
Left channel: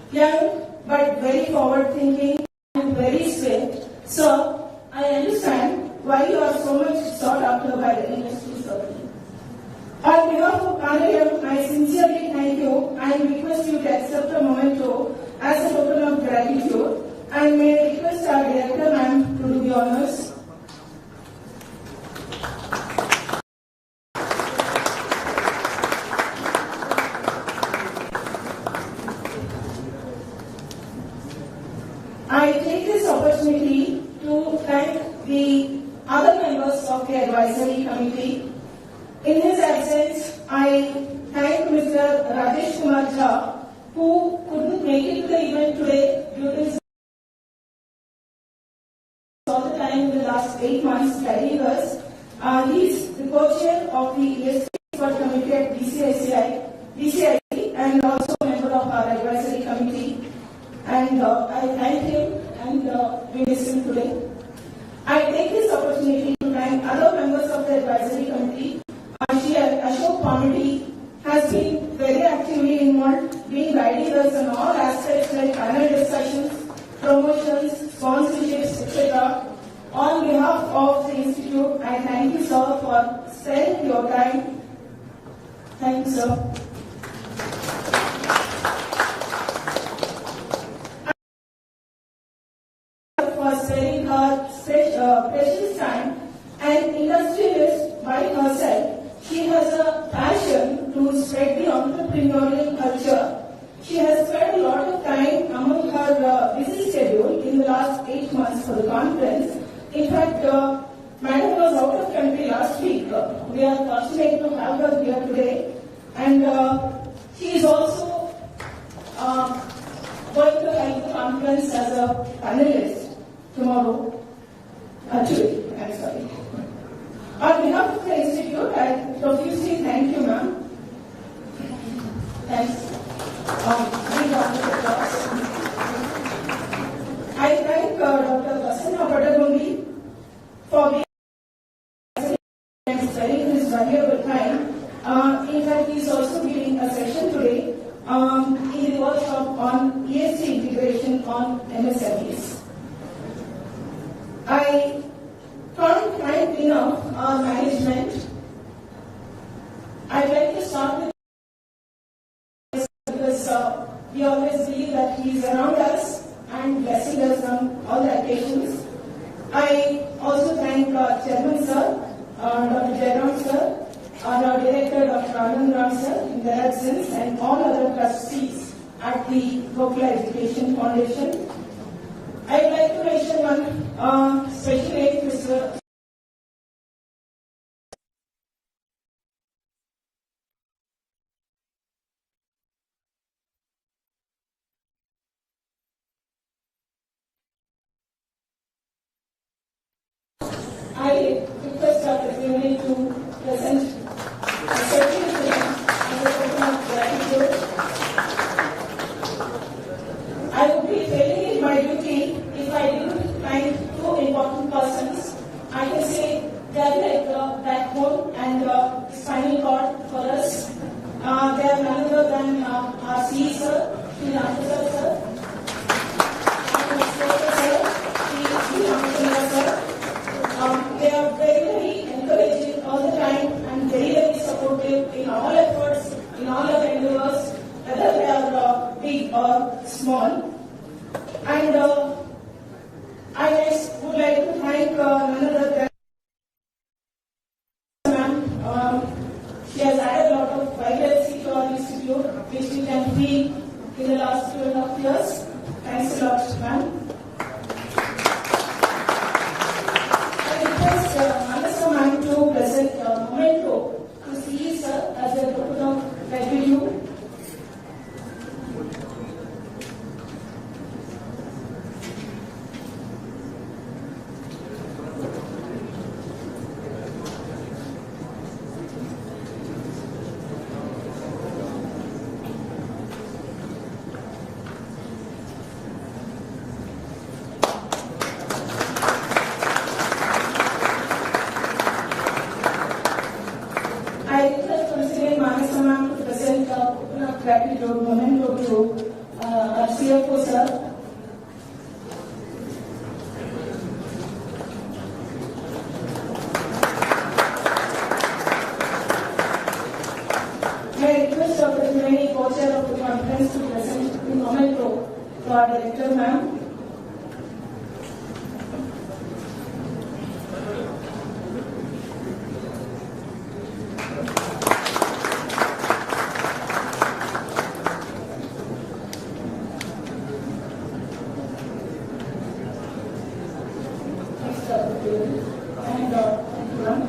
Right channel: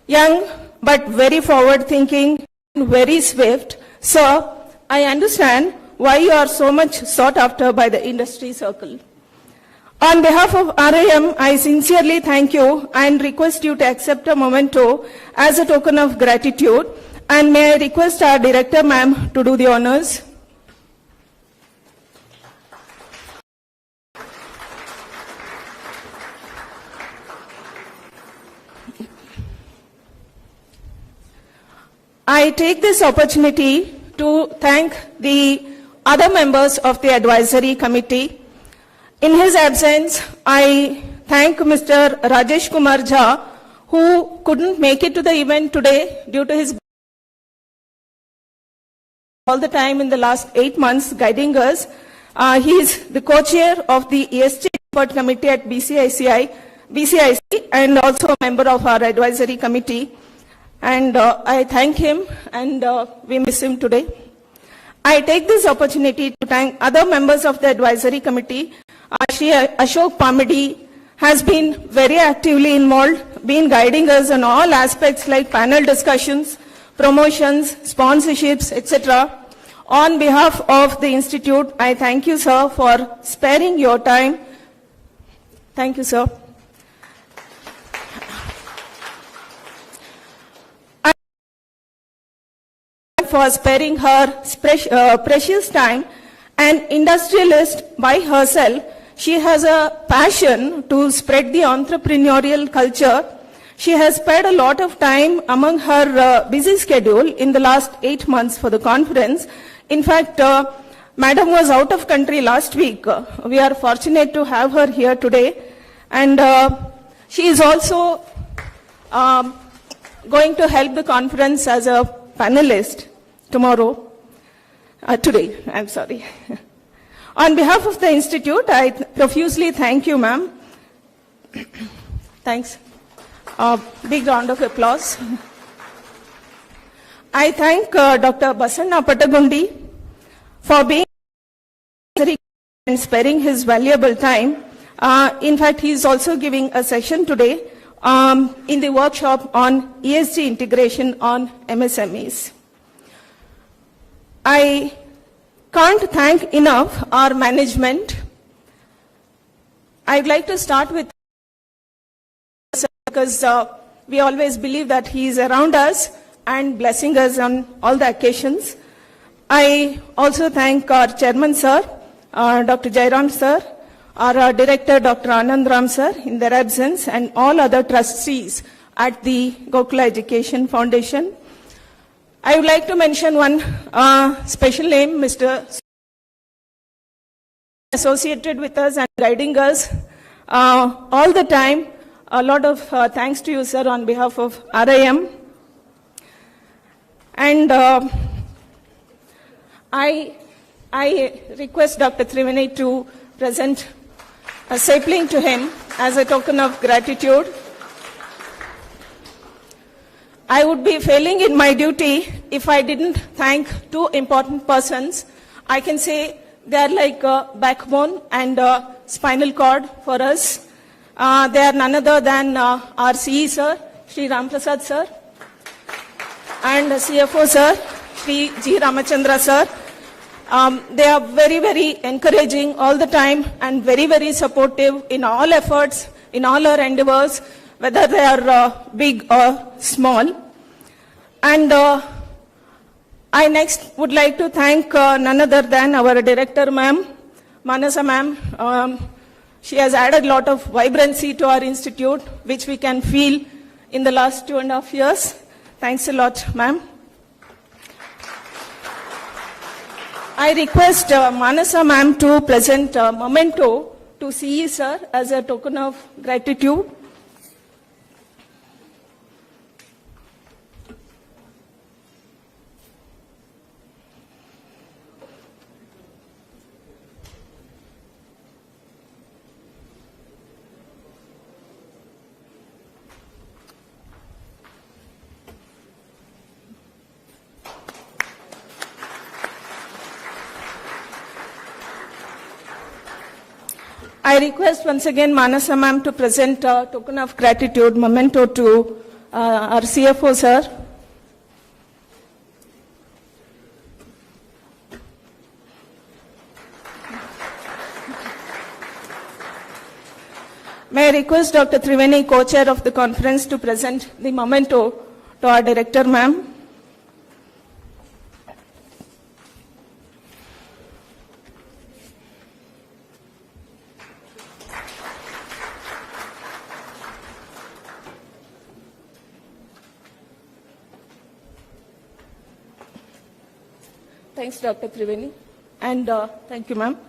Young but very forward-thinking, very swift. Sir, I understand why you are so much sought after by the industry circle. On behalf of RIM, I sincerely thank you and request you to accept a memento as a token of gratitude. And may I request our director, ma'am, to do the honors. take this opportunity to thank the other members of the advisory committee. In his absence, I thank Mr. Rajesh Kumar Jha, who couldn't make it to the event today due to his all the time in the last 8 months guiding us. He is the co-chair of the ESG Expert Committee at BCIC and also a member of our advisory committee. And I thank him, and we miss him today. I take this opportunity to thank other members of the advisory committee. Ashok Pamidi has been very actively involved, been guiding us on all aspects like panel discussions, promotions, sponsorships, etc. On behalf of the Institute, I thank you, sir, for sparing your time. Thank you, sir. For sparing her precious time. An industrialist by herself, she has a passion to spread the entrepreneurial culture. She has spent a lot of time among her busy schedule in the last 8 months for the conference. In fact, Madam was out of country last week. We are fortunate to have her here today. And she is also going to help the conference as a panelist today, I'm sorry. On behalf of the Institute, I profusely thank you, ma'am. Thanks. Big round of applause. I thank Dr. Basanna Patagundi for being and sparing his valuable time. In fact, he is also giving a session today in the workshop on ESG integration on MSMEs. I can't thank enough our management. I'd like to start with because we always believe that he is around us and blessing us on all the occasions. I also thank our chairman, sir, Dr. Jairam, sir, our director, Dr. Anandram, sir, in their absence, and all other trustees at the Gokula Education Foundation. I would like to mention one special name, Mr. associated with us and guiding us all the time. A lot of thanks to you, sir, on behalf of RIM. And I request Dr. Triveni to present a sapling to him as a token of gratitude. I would be failing in my duty if I didn't thank two important persons. I can say they are like a backbone and a spinal cord for us. They are none other than our CE sir, Sri Prasad sir, and the CFO sir, Sri G. Ramachandra sir. They are very, very encouraging all the time and very, very supportive in all efforts, in all our endeavors, whether they are big or small. And I next would like to thank none other than our director, ma'am, Manasa ma'am. She has added a lot of vibrancy to our institute, which we can feel in the last 2.5 years. Thanks a lot, ma'am. I request Manasa ma'am to present a memento to CE sir as a token of gratitude. I request once again Manasa ma'am to present a token of gratitude memento to our CFO sir. May I request Dr. Triveni, co-chair of the conference, to present the memento to our director ma'am. Triveni. And thank you, ma'am.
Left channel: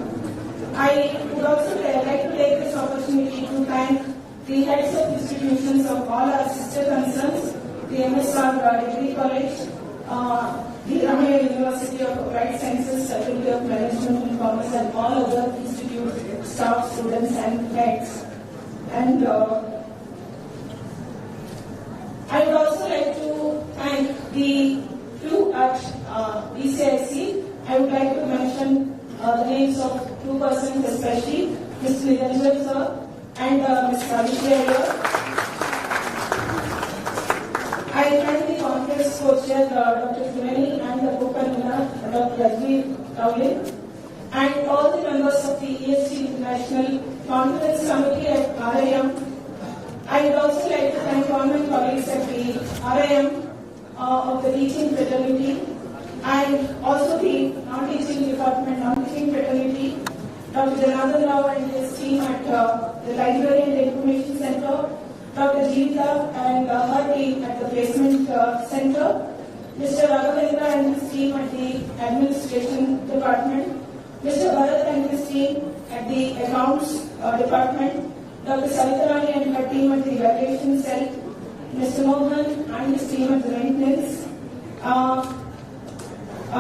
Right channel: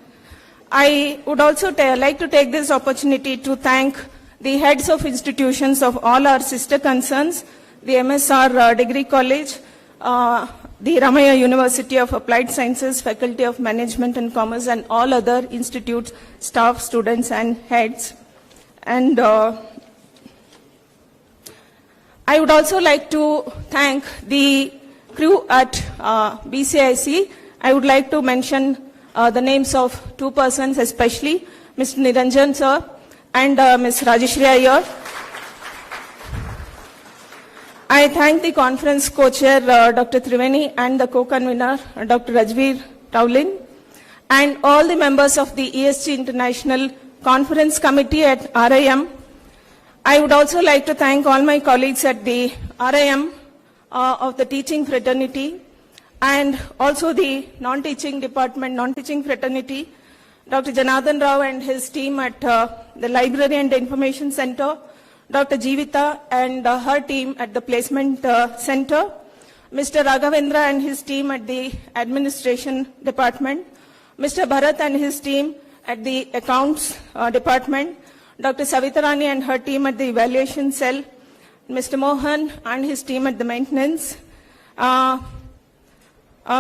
I would also like to take this opportunity to thank the heads of institutions of all our sister concerns, the MSR Degree College, the Ramaiah University of Applied Sciences, Faculty of Management and Commerce, and all other institutes, staff, students, and heads. And I would also like to thank the crew at BCIC. I would like to mention the names of two persons, especially Mr. Niranjan sir and Ms. Rajeshri Iyer. I thank the conference co-chair Dr. Triveni and the co-convener Dr. Rajveer Towling and all the members of the ESG International Conference Committee at RIM. I would also like to thank all my colleagues at the RIM of the teaching fraternity and also the non-teaching department, non-teaching fraternity, Dr. Janardhan Rao and his team at the Library and Information Center, Dr. Jeevita and her team at the Placement Center, Mr. Raghavendra and his team at the Administration Department, Mr. Bharat and his team at the Accounts Department, Dr. Savitarani and her team at the Evaluation Cell, Mr. Mohan and his team at the Maintenance,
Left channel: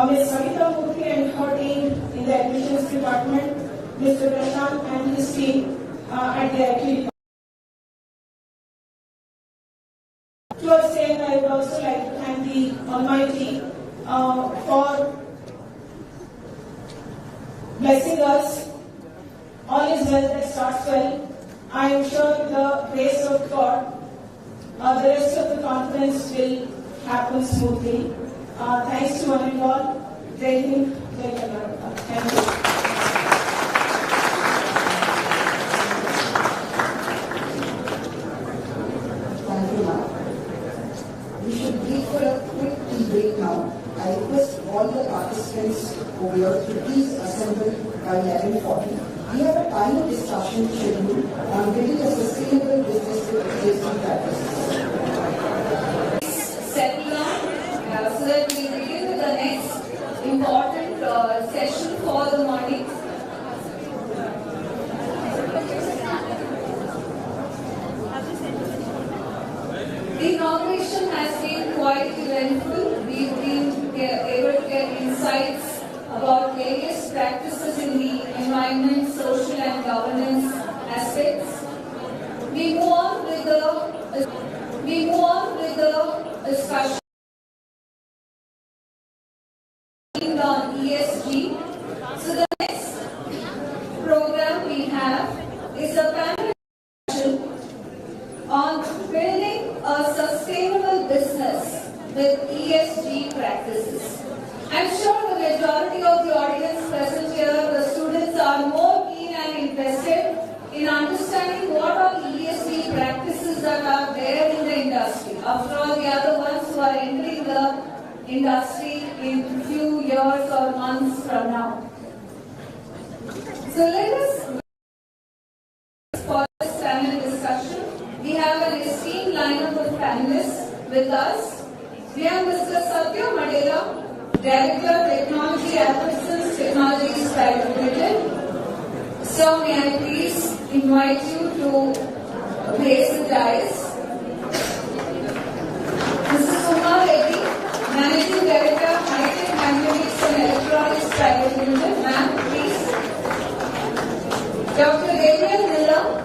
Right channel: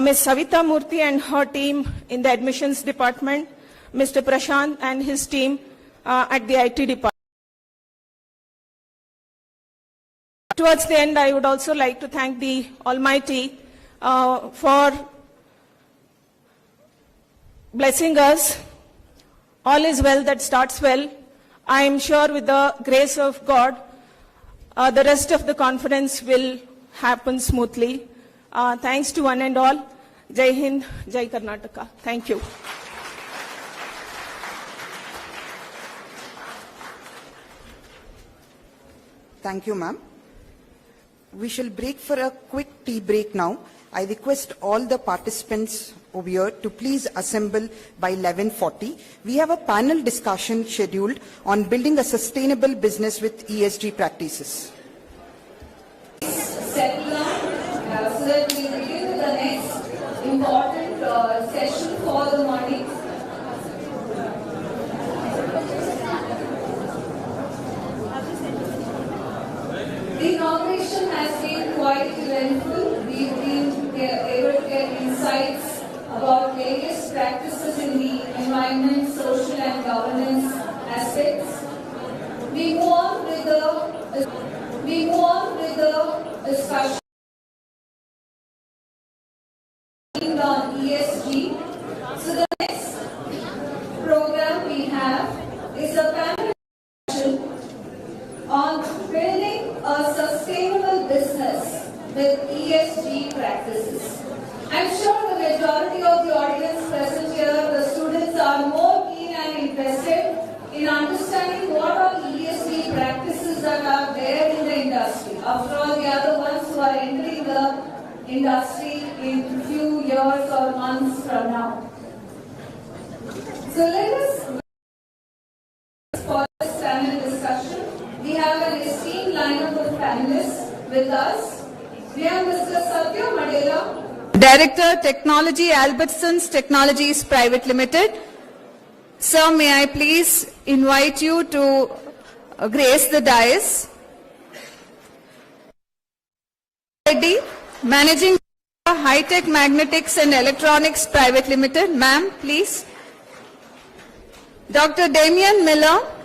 Ms. Savita Murthy and her team in the Admissions Department, Mr. Prashant and his team at the IT Department. Towards the end, I would also like to thank the Almighty for blessing us. All is well that starts well. I am sure with the grace of God, the rest of the conference will happen smoothly. Thanks to one and all. Jai Hind, Jai Karnataka. Thank you. Thank you, ma'am. We shall break for a quick tea break now. I request all the participants over here to please assemble by 11:40. We have a panel discussion scheduled on building a sustainable business with ESG practices. Settle down so that we begin with the next important session for the morning. The inauguration has been quite eventful. We've been able to get insights about various practices in the environment, social and governance aspects. We move on with the discussion on ESG. So the next program we have is a panel discussion on building a sustainable business with ESG practices. I'm sure the majority of the audience present here, the students, are more keen and interested in understanding what are the ESG practices that are there in the industry. After all, they are the ones who are entering the industry in a few years or months from now. So let us for this panel discussion. We have an esteemed lineup of panelists with us. We have Mr. Satya Maddela, Director Technology, Albertsons Technologies Private Limited. Sir, may I please invite you to grace the dais. Mrs. Reddy, Managing Director, High-Tech Magnetics and Electronics Private Limited. Ma'am, please. Dr. Damien Miller,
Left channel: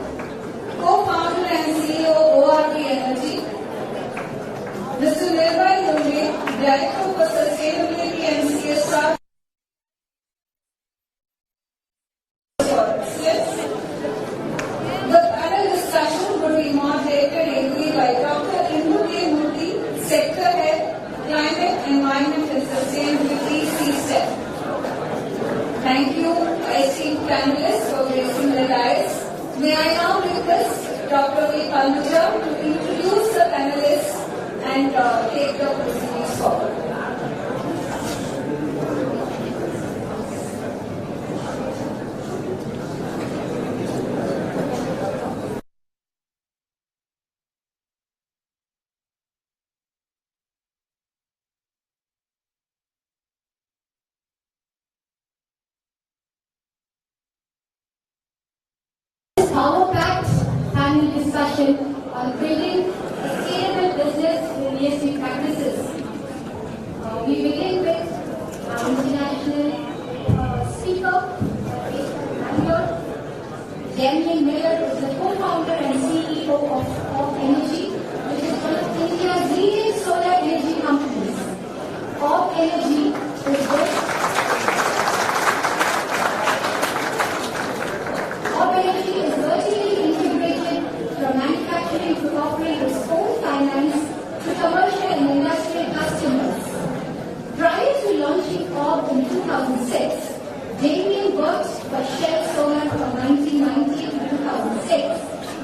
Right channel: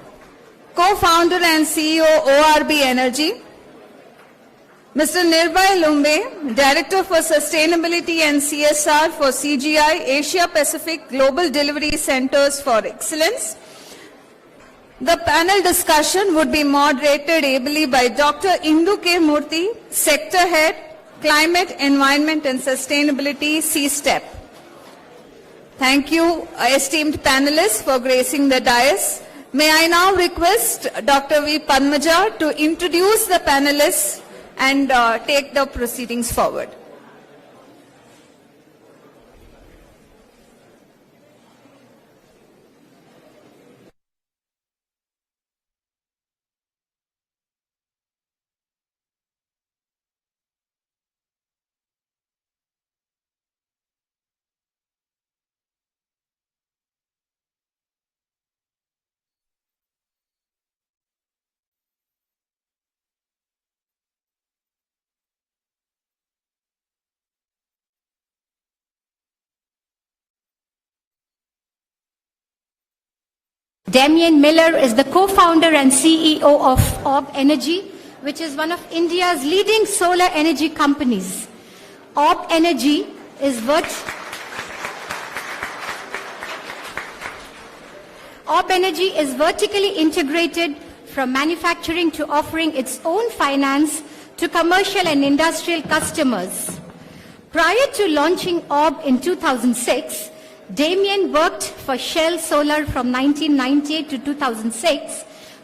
Co-founder and CEO, ORB Energy. Mr. Nirbhay Lumbe, Director for Sustainability and CSR for CGI, Asia Pacific Global Delivery Centers for Excellence. The panel discussion would be moderated ably by Dr. Indu K. Murthy, Sector Head, Climate, Environment and Sustainability, CSTEP. Thank you, esteemed panelists, for gracing the dais. May I now request Dr. V. Padmaja to introduce the panelists and take the proceedings forward. discussion on building sustainable business with ESG practices. We begin with our international speaker, Bangalore. Damien Miller is the co-founder and CEO of Orb Energy, which is one of India's leading solar energy companies. Orb Energy is vertically integrated from manufacturing to offering its own finance to commercial and industrial customers. Prior to launching Orb in 2006, Damien worked for Shell Solar from 1998 to 2006,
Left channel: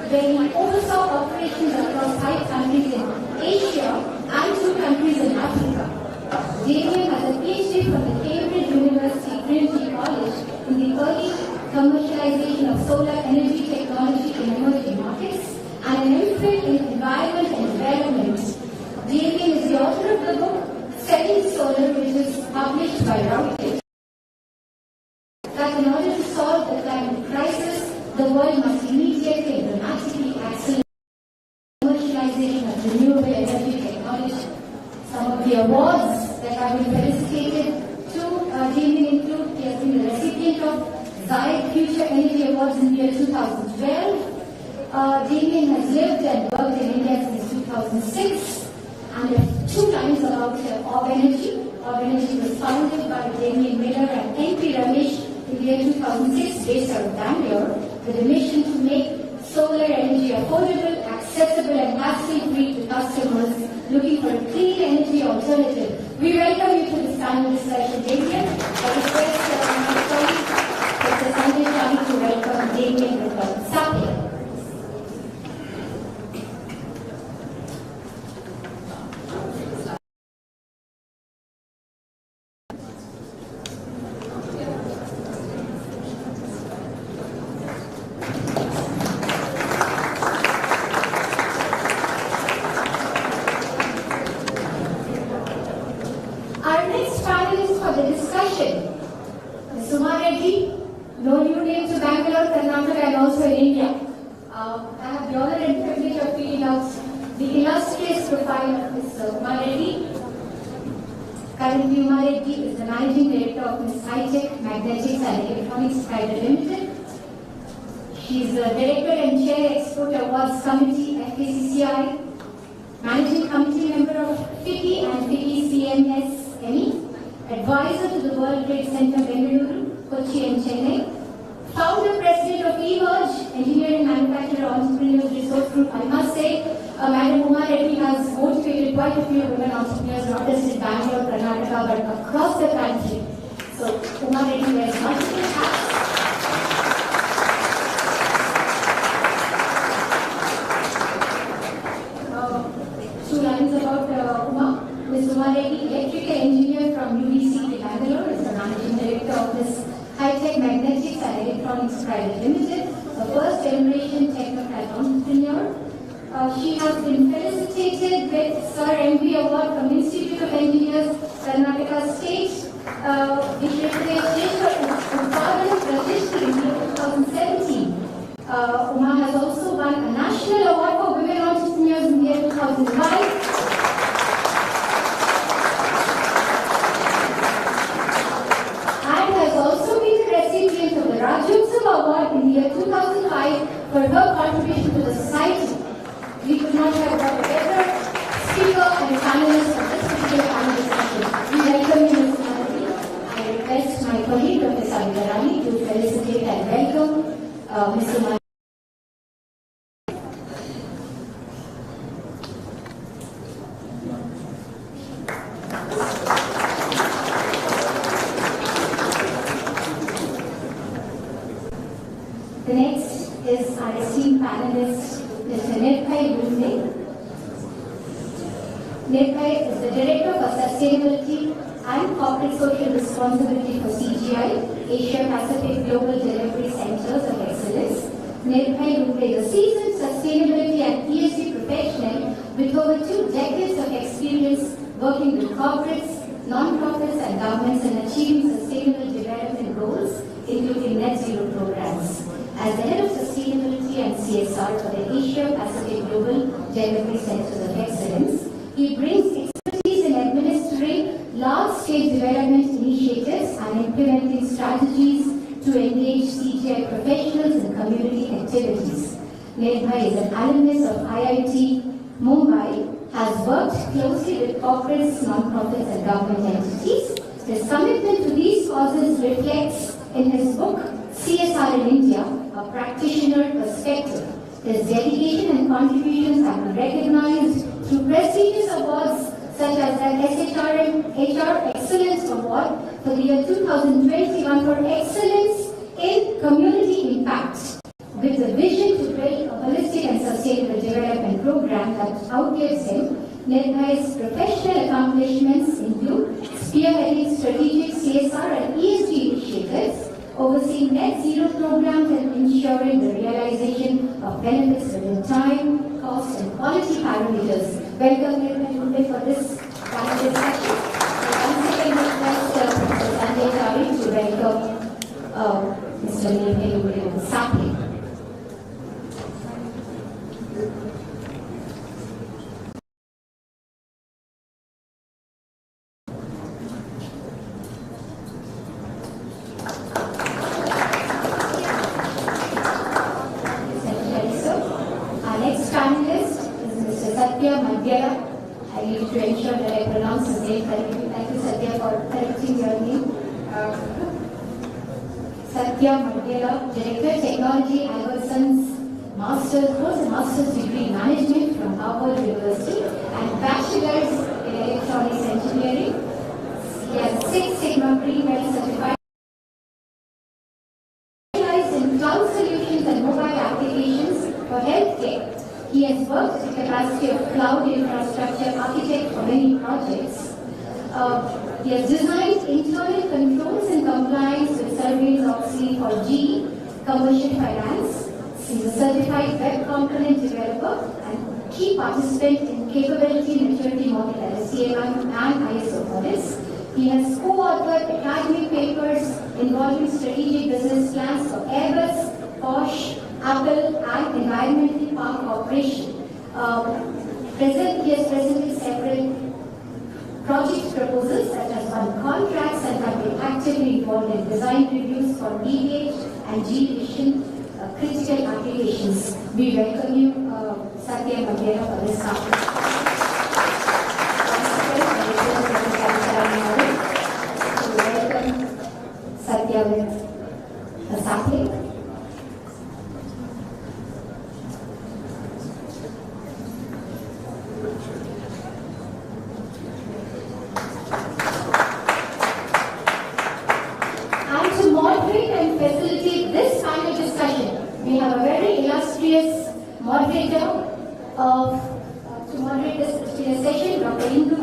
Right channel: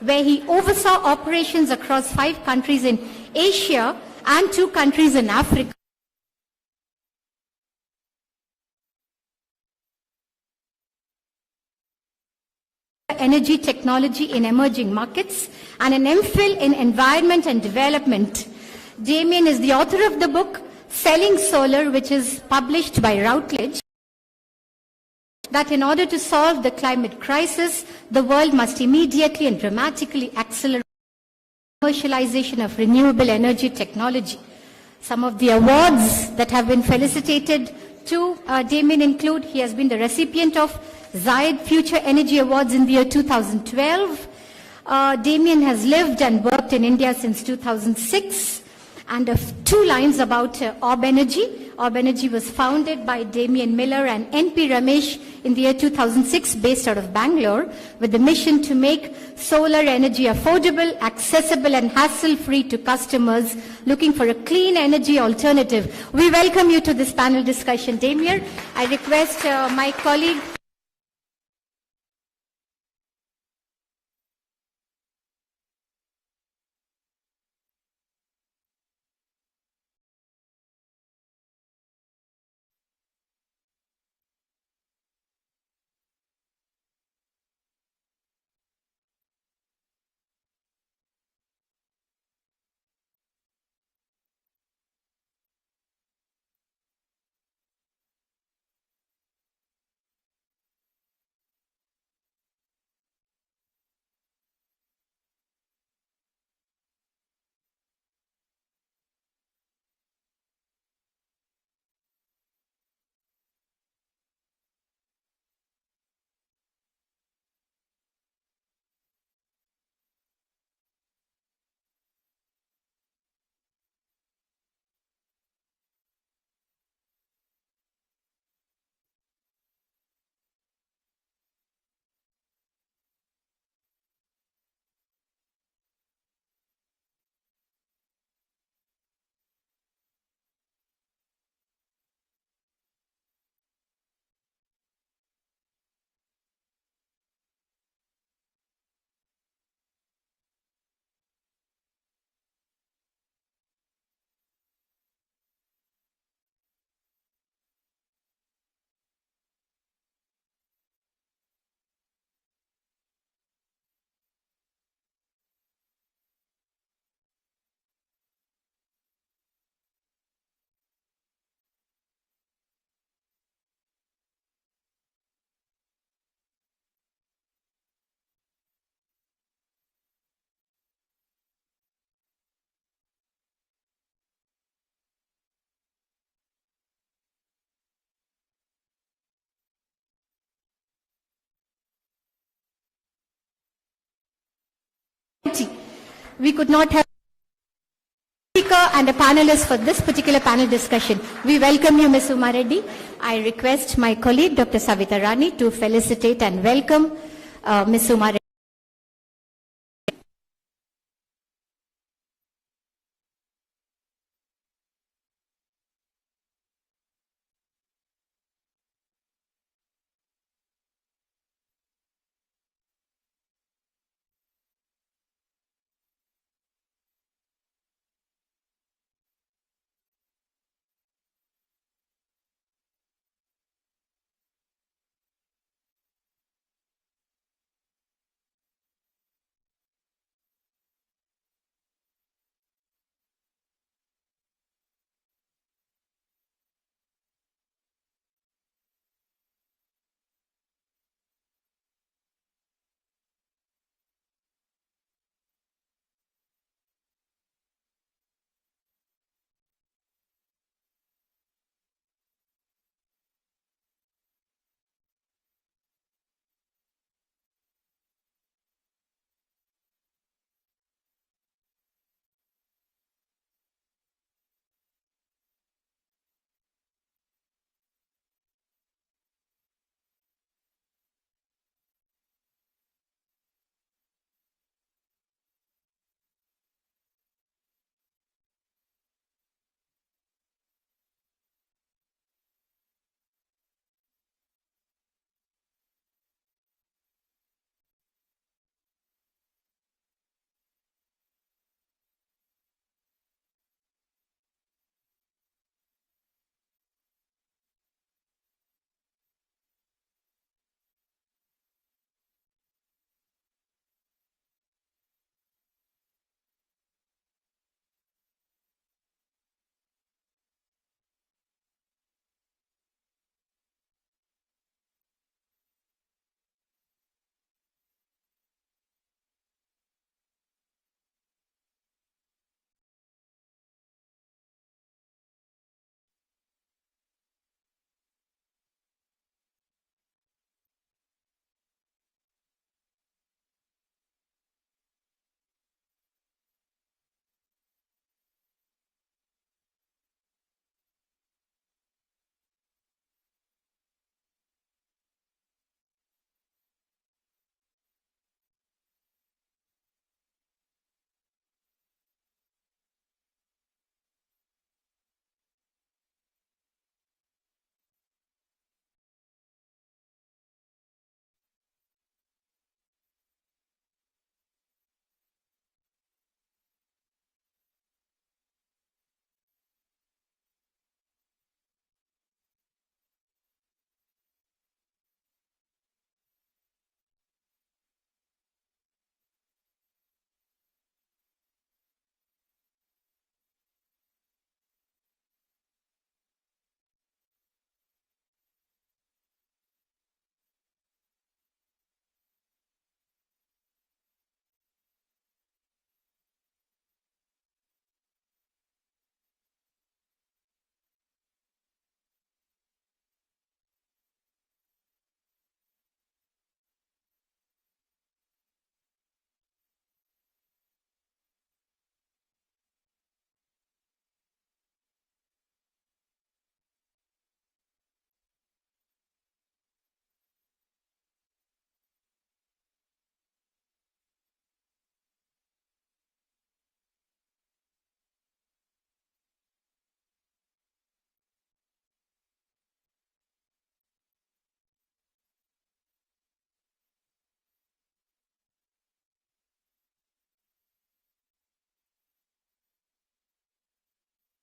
where he oversaw operations across 5 countries in Asia and 2 countries in Africa. Damien has a PhD from the Cambridge University Trinity College in the early commercialization of solar energy technology in emerging markets and an MPhil in environment and development. Damien is the author of the book Selling Solar, which is published by Routledge, that in order to solve the climate crisis, the world must immediately and dramatically accelerate commercialization of renewable energy technology. Some of the awards that have been felicitated to Damien include: he has been the recipient of Zayed Future Energy Awards in the year 2012. Damien has lived and worked in India since 2006. And 2 lines about Orb Energy. Orb Energy was founded by Damien Miller and N.P. Ramesh in the year 2006, based out of Bangalore, with the mission to make solar energy affordable, accessible and hassle-free to customers looking for a clean energy alternative. We welcome you to this panel discussion, Damien. I request my colleague, Dr. Satya, to welcome Damien with Satya. Committee, FKCCI, Managing Committee Member of FICCI and FICCI CMSME, Advisor to the World Trade Center Bengaluru, Kochi and Chennai, Founder President of eMerge, Engineering Manufacturer Entrepreneurs Resource Group. I must say, Madam Uma Reddy has motivated quite a few women entrepreneurs, not just in Bangalore, Karnataka, but across the country. So, Uma Reddy wears multiple hats. 2 lines about Uma. Ms. Uma Reddy, electrical engineer from UBC Bangalore, is the managing director of this high-tech magnetics and electronics private limited, a first-generation technocrat entrepreneur. She has been felicitated with Sir MV Award from Institute of Engineers, Karnataka State, in 2017. Uma has also won a national award for women entrepreneurs in the year 2005. And has also been the recipient of the Rajyotsava Award in the year 2005 for her contribution to the society. We could not have a better speaker and a panelist for this particular panel discussion. We welcome you, Ms. Uma Reddy. I request my colleague, Dr. Savitha Rani, to felicitate and welcome Ms. Uma Reddy. The next is our esteemed panelist, Mr. Nirbhay. Nirbhay is the Director for Sustainability and Corporate Social Responsibility for CGI, Asia Pacific Global Delivery Centers of Excellence. Nirbhay is a seasoned sustainability and ESG professional with over 2 decades of experience working with corporates, non-profits and governments in achieving sustainable development goals, including net zero programs. As the head of sustainability and CSR CSR for the Asia Pacific Global Delivery Centers of Excellence. He brings expertise in administering large-scale development initiatives and implementing strategies to engage CGI professionals in community activities. Nirbhay is an alumnus of IIT Mumbai, has worked closely with corporates, non-profits and government entities. His commitment to these causes reflects in his book, CSR in India, A Practitioner Perspective. His dedication and contributions have been recognized through prestigious awards such as the HR Excellence Award for the year 2021 for excellence in community impact, with the vision to build a holistic and sustainable development program that outlives him. Nirbhay's professional accomplishments include spearheading strategic CSR and ESG initiatives, overseeing net zero programs and ensuring the realization of benefits within time, cost and quality parameters. Welcome Nirbhay for this panel discussion. Once again request Mr. Sanjay to welcome Mr. Nirbhay Sapling. Satya, Maddela. I need to ensure that I pronounce his name correctly. Thank you, Satya, for correcting your name. Satya Maddela, Director Technology, Albertsons, holds a master's degree in management from Harvard University and bachelor's in electronics engineering. He has 6 Sigma Pre-Med certified in cloud solutions and mobile applications for healthcare. He has worked in the capacity of cloud infrastructure architect for many projects. He has designed internal controls and compliance with Sarbanes-Oxley for GE Commercial Finance. He is a certified web component developer and key participant in capability maturity model at CMM and ISO audits. He has co-authored academic papers involving strategic business plans for Airbus, Porsche, Apple and Environmental Park Corporation. He has presented several project proposals such as won contracts and have been actively involved in design reviews for DVH and G-Vision critical applications. We welcome you, Satya Maddela, for this topic. Welcome Satya with a sapling. Moderator to moderate this session, Dr. Indu.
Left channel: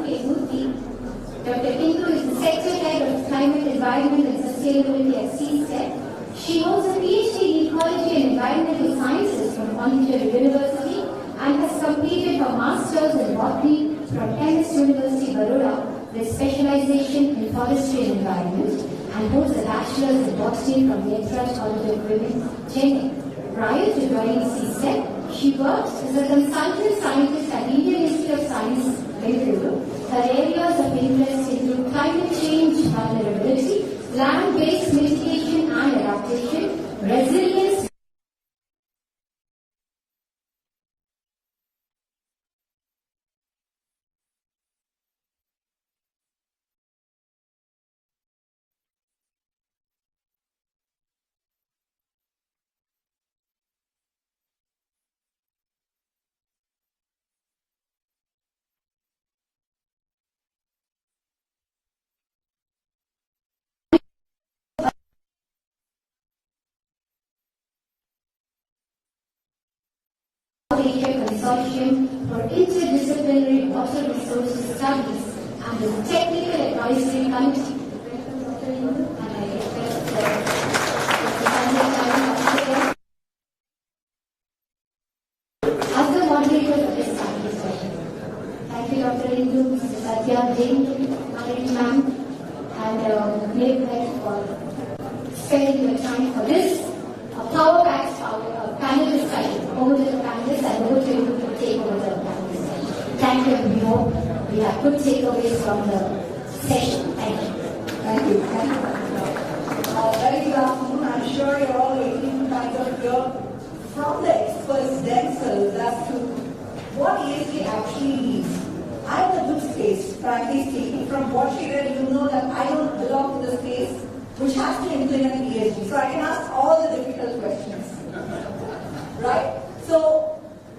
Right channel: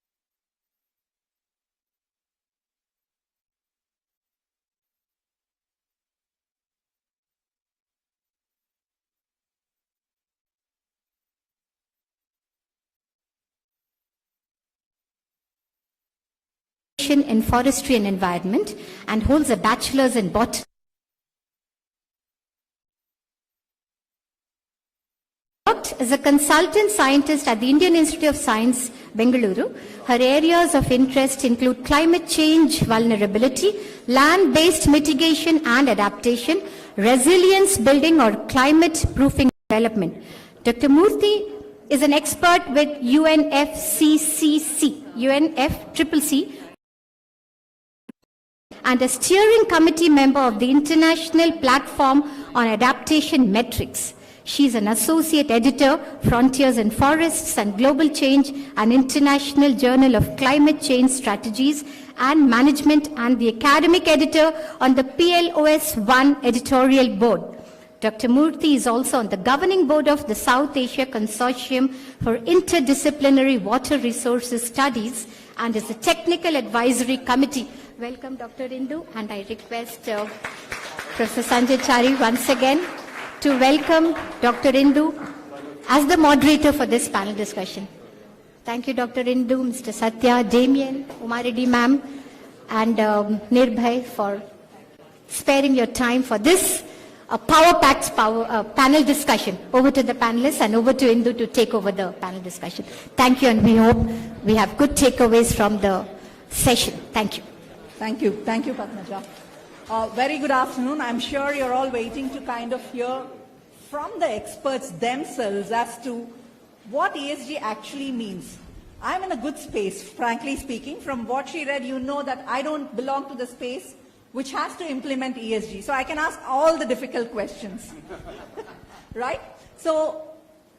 Dr. Indu is the Sector Head of Climate, Environment and Sustainability at CSTEP. She holds a PhD in Ecology and Environmental Sciences from Pondicherry University and has completed her Masters in Botany from MS University, Baroda, with specialization in Forestry and Environment, and holds a Bachelor's in Botany from the Entrance College of Women, Chennai. Prior to joining CSTEP, she worked as a consultant scientist at the Indian Institute of Science, Bengaluru. Her areas of interest include climate change vulnerability, land-based mitigation and adaptation, resilience building or climate-proofing development. Dr. Murthy is an expert with UNFCCC, and a steering committee member of the International Platform on Adaptation Metrics. She is an associate editor, Frontiers in Forests and Global Change, an International Journal of Climate Change Strategies and Management, and the academic editor on the PLOS-1 editorial board. Dr. Murthy is also on the governing board of the South Asia Consortium for Interdisciplinary Water Resources Studies and is a technical advisory committee. Welcome, Dr. Indu, and I request Professor Sanjay once again to welcome Dr. Indu as the moderator for this panel discussion. Thank you, Dr. Indu, Mr. Satya, Damien, Kumaridi ma'am, and Nirbhay for sparing your time for this a power-packed panel discussion. Over to the panelists and over to Indu to take over the panel discussion. Thank you, and we hope we have good takeaways from the session. Thank you. Thank you. Thank you. Very good afternoon. I'm sure you're all waiting to kind of hear from the experts themselves as to what ESG actually means. I'm in a good space, frankly speaking. From what she read, you know that I don't belong to the space which has to implement ESG. So I can ask all the difficult questions. Right? So,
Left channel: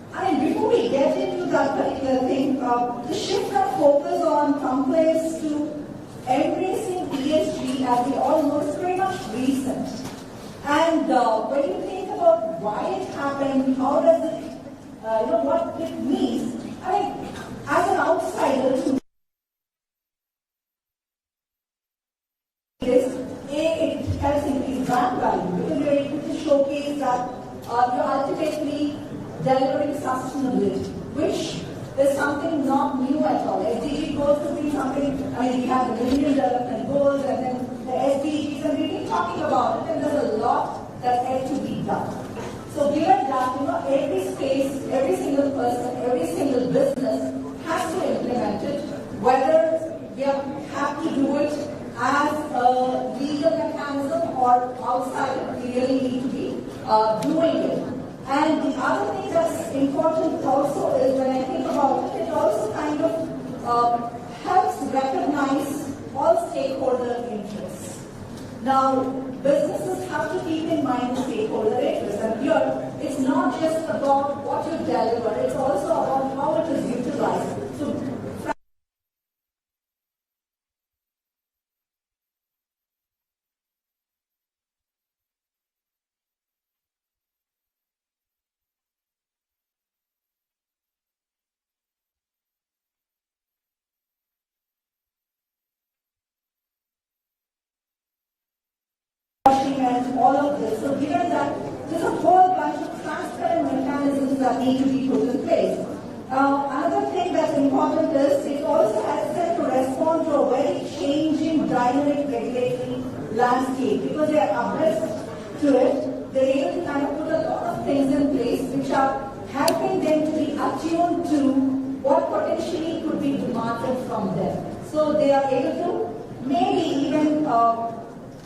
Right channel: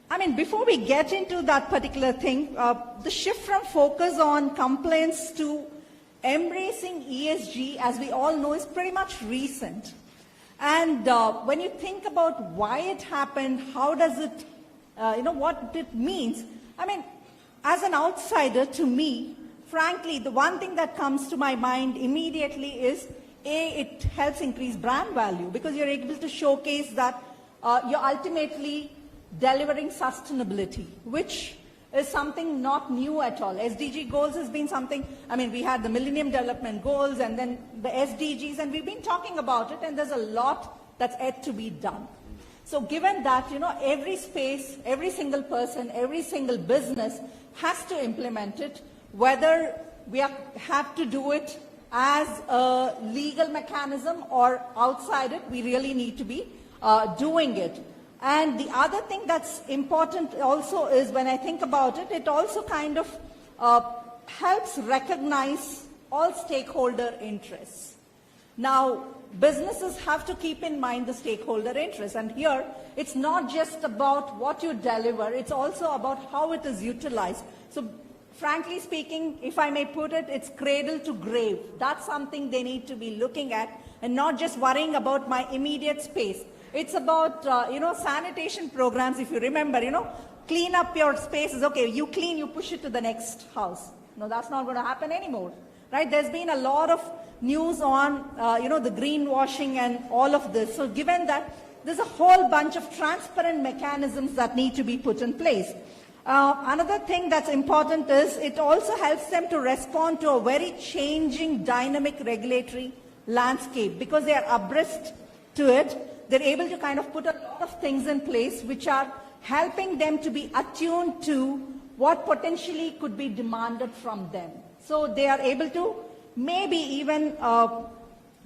I mean, before we get into that particular thing, the shift from focus on complaints to embracing ESG, as we all know, is pretty much recent. And when you think about why it happened, how does it, what it means, I mean, as an outsider, to me, frankly, the one thing that comes to my mind immediately is, it helps increase brand value because you're able to showcase that you're ultimately delivering sustainability, which is something not new at all. SDG goals has been something, I mean, we have the Millennium Development Goals and then the SDGs, and we've been talking about it, and there's a lot that's yet to be done. So given that, every space, every single person, every single business has to implement it, whether we have to do it as a legal mechanism or outside it, we really need to be doing it. And the other thing that's important also is, when I think about it, it also kind of helps recognize all stakeholder interests. Now, businesses have to keep in mind the stakeholder interests, and here it's not just about what you deliver, it's also about how it is utilized. So, frankly speaking, if I may put it, it's cradle to grave. That's something they need to be looking at, and not just worrying about my immediate space. It's about, sanitation programs, if you remember, clean up your spaces. Okay, you clean, you push it to the next house. No, that's not going to happen anymore, right? There's been a lot of news on, the greenwashing and all of this. So given that, there's a whole bunch of transparent mechanisms that need to be put in place. Another thing that's important is, it also helps them to respond to a very changing, dynamic regulatory landscape, because they are abreast to it. They're able to kind of put a lot of things in place which are helping them to be attuned to what potentially could be demanded from them. So they are able to maybe even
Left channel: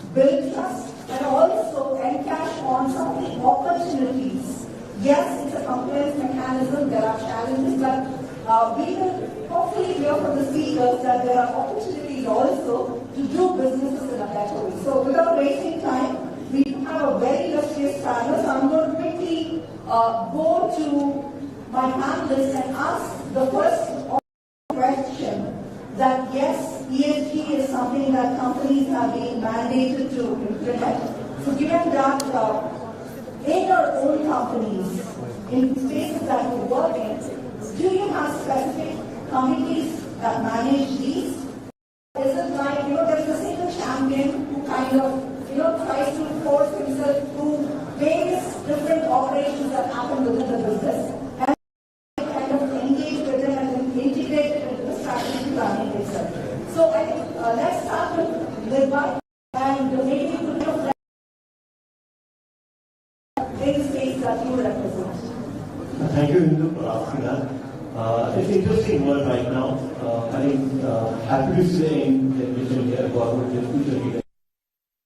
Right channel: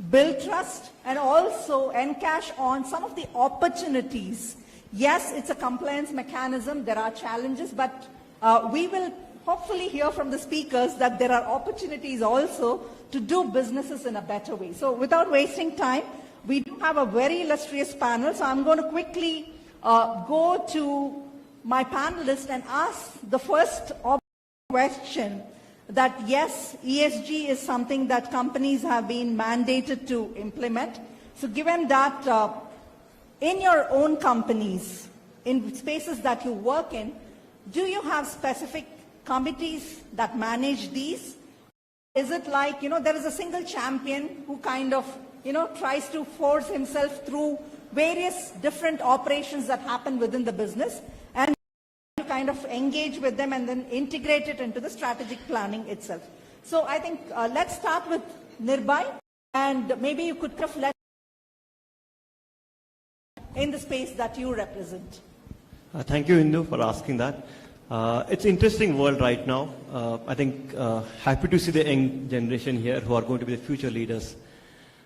build trust and also encash on some of the opportunities. Yes, it's a compliance mechanism, there are challenges, but we will hopefully hear from the speakers that there are opportunities also to do businesses in a better way. So without wasting time, we have a very illustrious panel, so I'm going to quickly go to my panelists and ask the first question that yes, ESG is something that companies have been mandated to implement. So given that in your own companies, in spaces that you work in, do you have specific committees that manage these? Is it like, there's a single champion who kind of tries to force himself through various different operations that happen within the business, and kind of engage with them and then integrate it into the strategic planning itself. So I think let's start with Nirbhay, and maybe you could put that in the space that you represent. Thank you, Indu, for asking that. It's an interesting world right now. I think happy to see the young generation here who are going to be the future leaders.